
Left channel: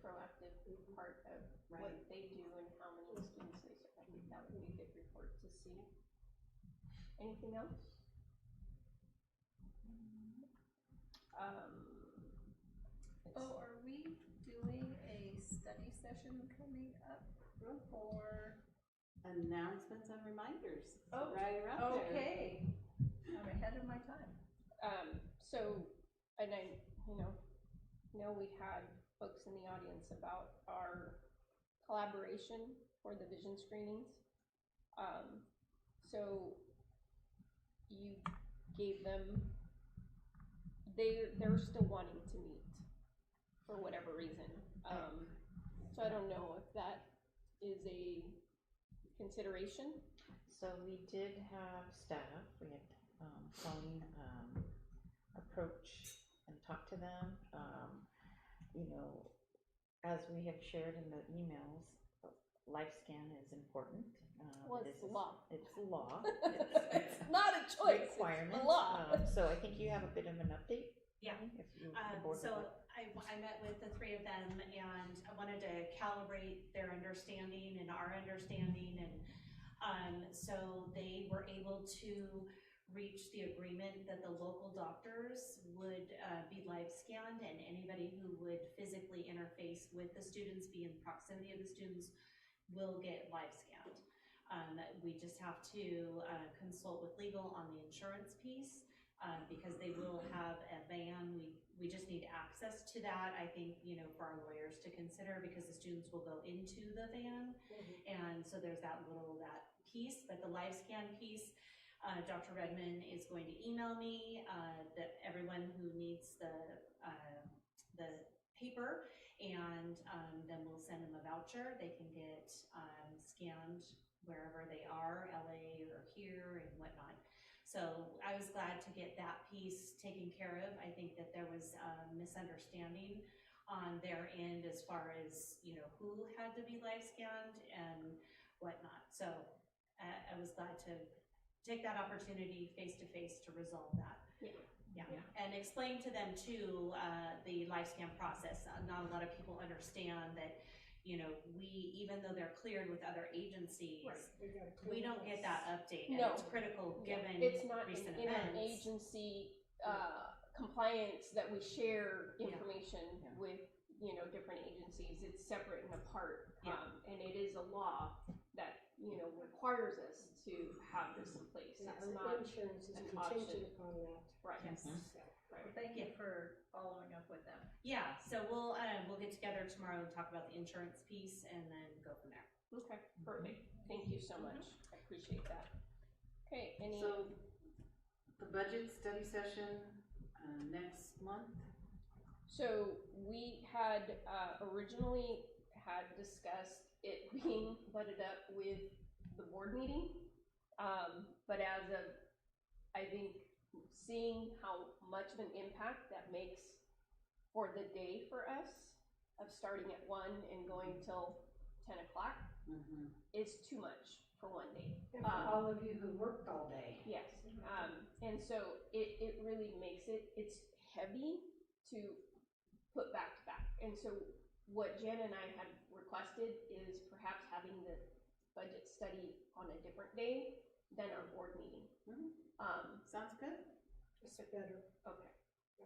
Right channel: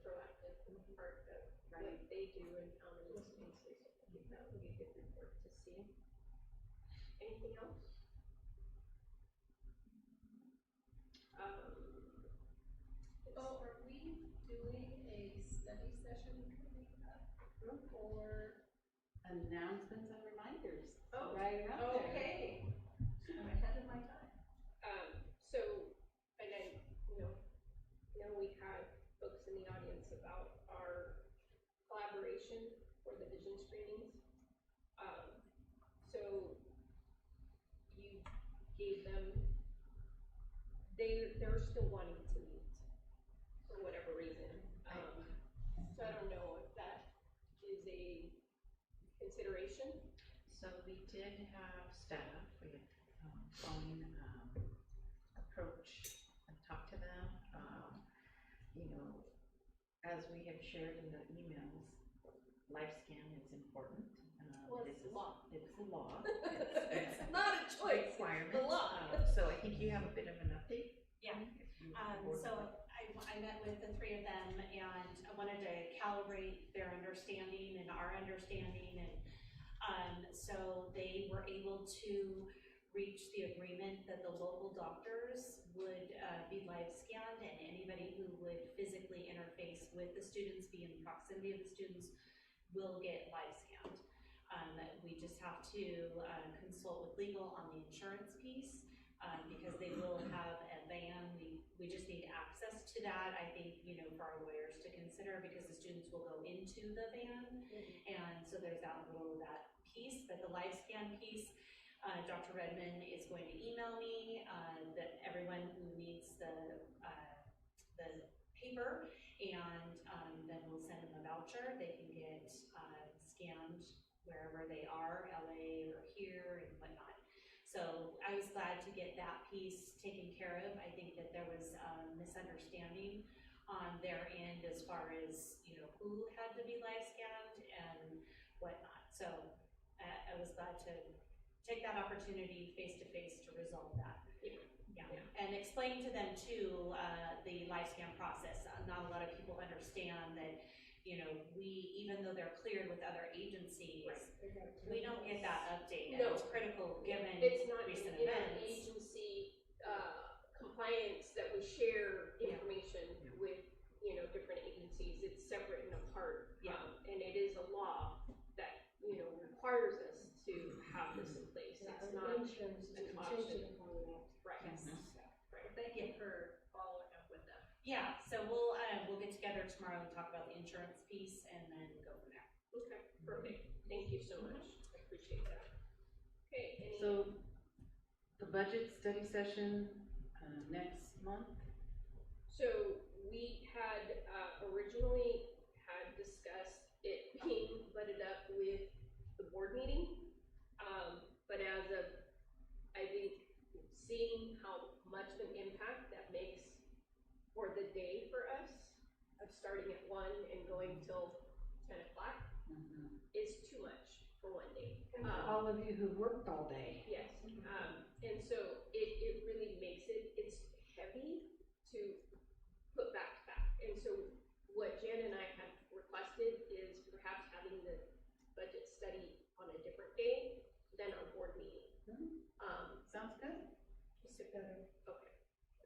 proactive part of what they do and how many students they serve. I think that would be a good report to see. Anything else? announcements and reminders. Oh, Right around there. okay. I'm ahead of my time. So, and I, know we had folks in the audience about our collaboration for the vision screenings. So you gave them, they're still wanting to meet for whatever reason. So I don't know if that is a consideration. So we did have staff, we had Colleen approach and talk to them. As we have shared in the emails, LifeScan is important. Well, it's a law. It's a law. It's not a choice, Requirement. it's a law. So I think you have a bit of an update. Yeah. If you- So I met with the three of them and I wanted to calibrate their understanding and our understanding, and so they were able to reach the agreement that the local doctors would be live scanned, and anybody who would physically interface with the students, be in proximity of the students, will get live scanned. We just have to consult with legal on the insurance piece, because they will have a van. We just need access to that, I think, for our lawyers to consider, because the students will go into the van. And so there's that piece, but the live scan piece, Dr. Redmond is going to email me that everyone who needs the paper, and then we'll send them a voucher. They can get scanned wherever they are, LA or here and whatnot. So I was glad to get that piece taken care of. I think that there was a misunderstanding on their end as far as, who had to be live scanned and whatnot. So I was glad to take that opportunity face-to-face to resolve that. Yeah. And explain to them too, the live scan process. Not a lot of people understand that, even though they're cleared with other agencies, we don't get that update. And it's critical given It's not recent in our events. agency compliance that we share information with, different agencies. It's separate and apart. And it is a law that, requires us to have this in place. Yeah, It's our not insurance is an contingent option. upon that. Right. Yes. Right. Well, thank you for following up with them. Yeah, so we'll get together tomorrow and talk about the insurance piece and then go from there. Okay, perfect. Thank you so much. I appreciate that. Okay, So, the budget study session, next month? So we had originally had discussed it being butted up with the board meeting. But as of, I think, seeing how much of an impact that makes for the day for us, of starting at 1 and going till 10 o'clock, is too much for one day. And for all of you who worked all day. Yes, and so it really makes it's heavy to put back to back. And so what Jen and I had requested is perhaps having the budget study on a different day than our board meeting. Sounds good. Is it better? Okay.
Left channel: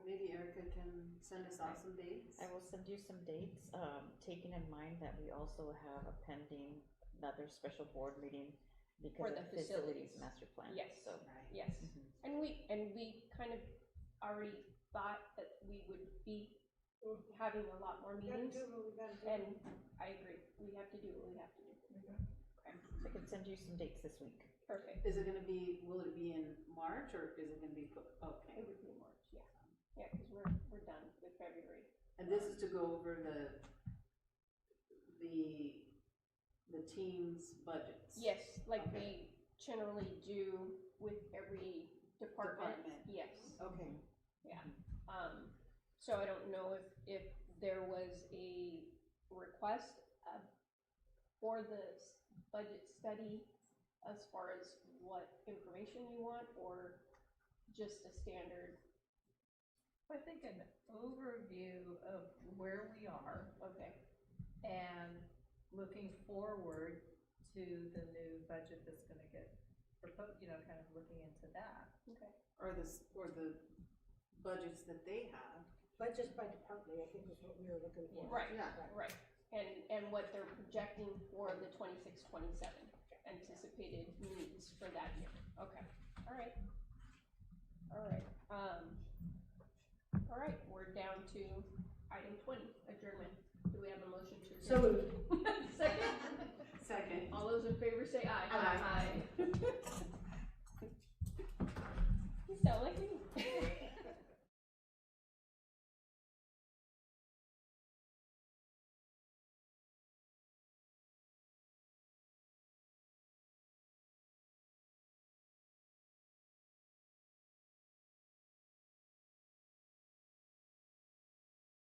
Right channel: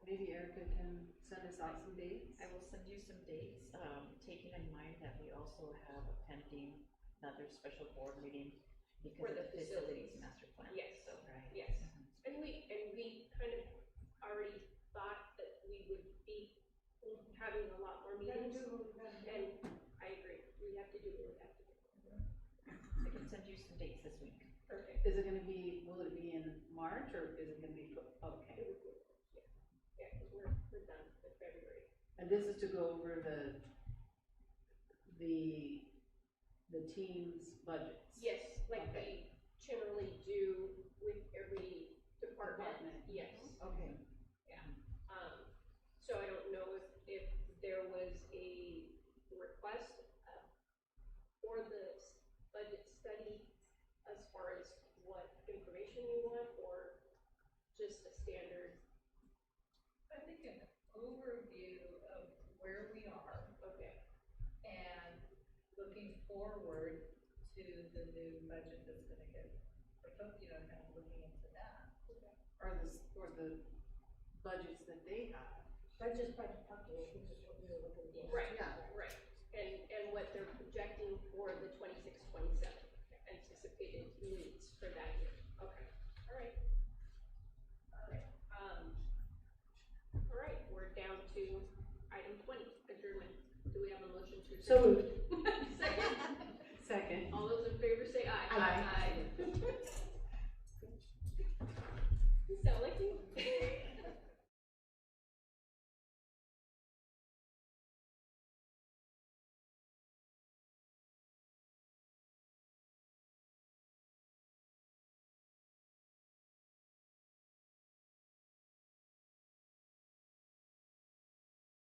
Maybe Erica can send us out some dates. I will send you some dates, taking in mind that we also have a pending another special board meeting because For of the the facilities facilities. master plan. Yes. So, Yes. And we kind of already thought that we would be having a lot more Gotta meetings. do what we gotta do. And I agree, we have to do what we have to do. I can send you some dates this week. Perfect. Will it be in March or is it gonna be, okay. It would be March, yeah. Yeah, because we're done with February. And this is to go over the team's budgets? Yes, like Okay. we generally do with every department. Yes. Okay. Yeah. So I don't know if there was a request for the budget study as far as what information you want, or just a standard. I think an overview of where we are. Okay. And looking forward to the new budget that's gonna get proposed, kind of looking into that. Okay. Or the budgets that they have. Budgets by department, I think is what we were looking for. Right, Yeah. right. And what they're projecting for the 26-27, and for that year. Okay, all right. All right, all right, we're down to item 20, adjournment. Do we have a motion to adjourn? So moved.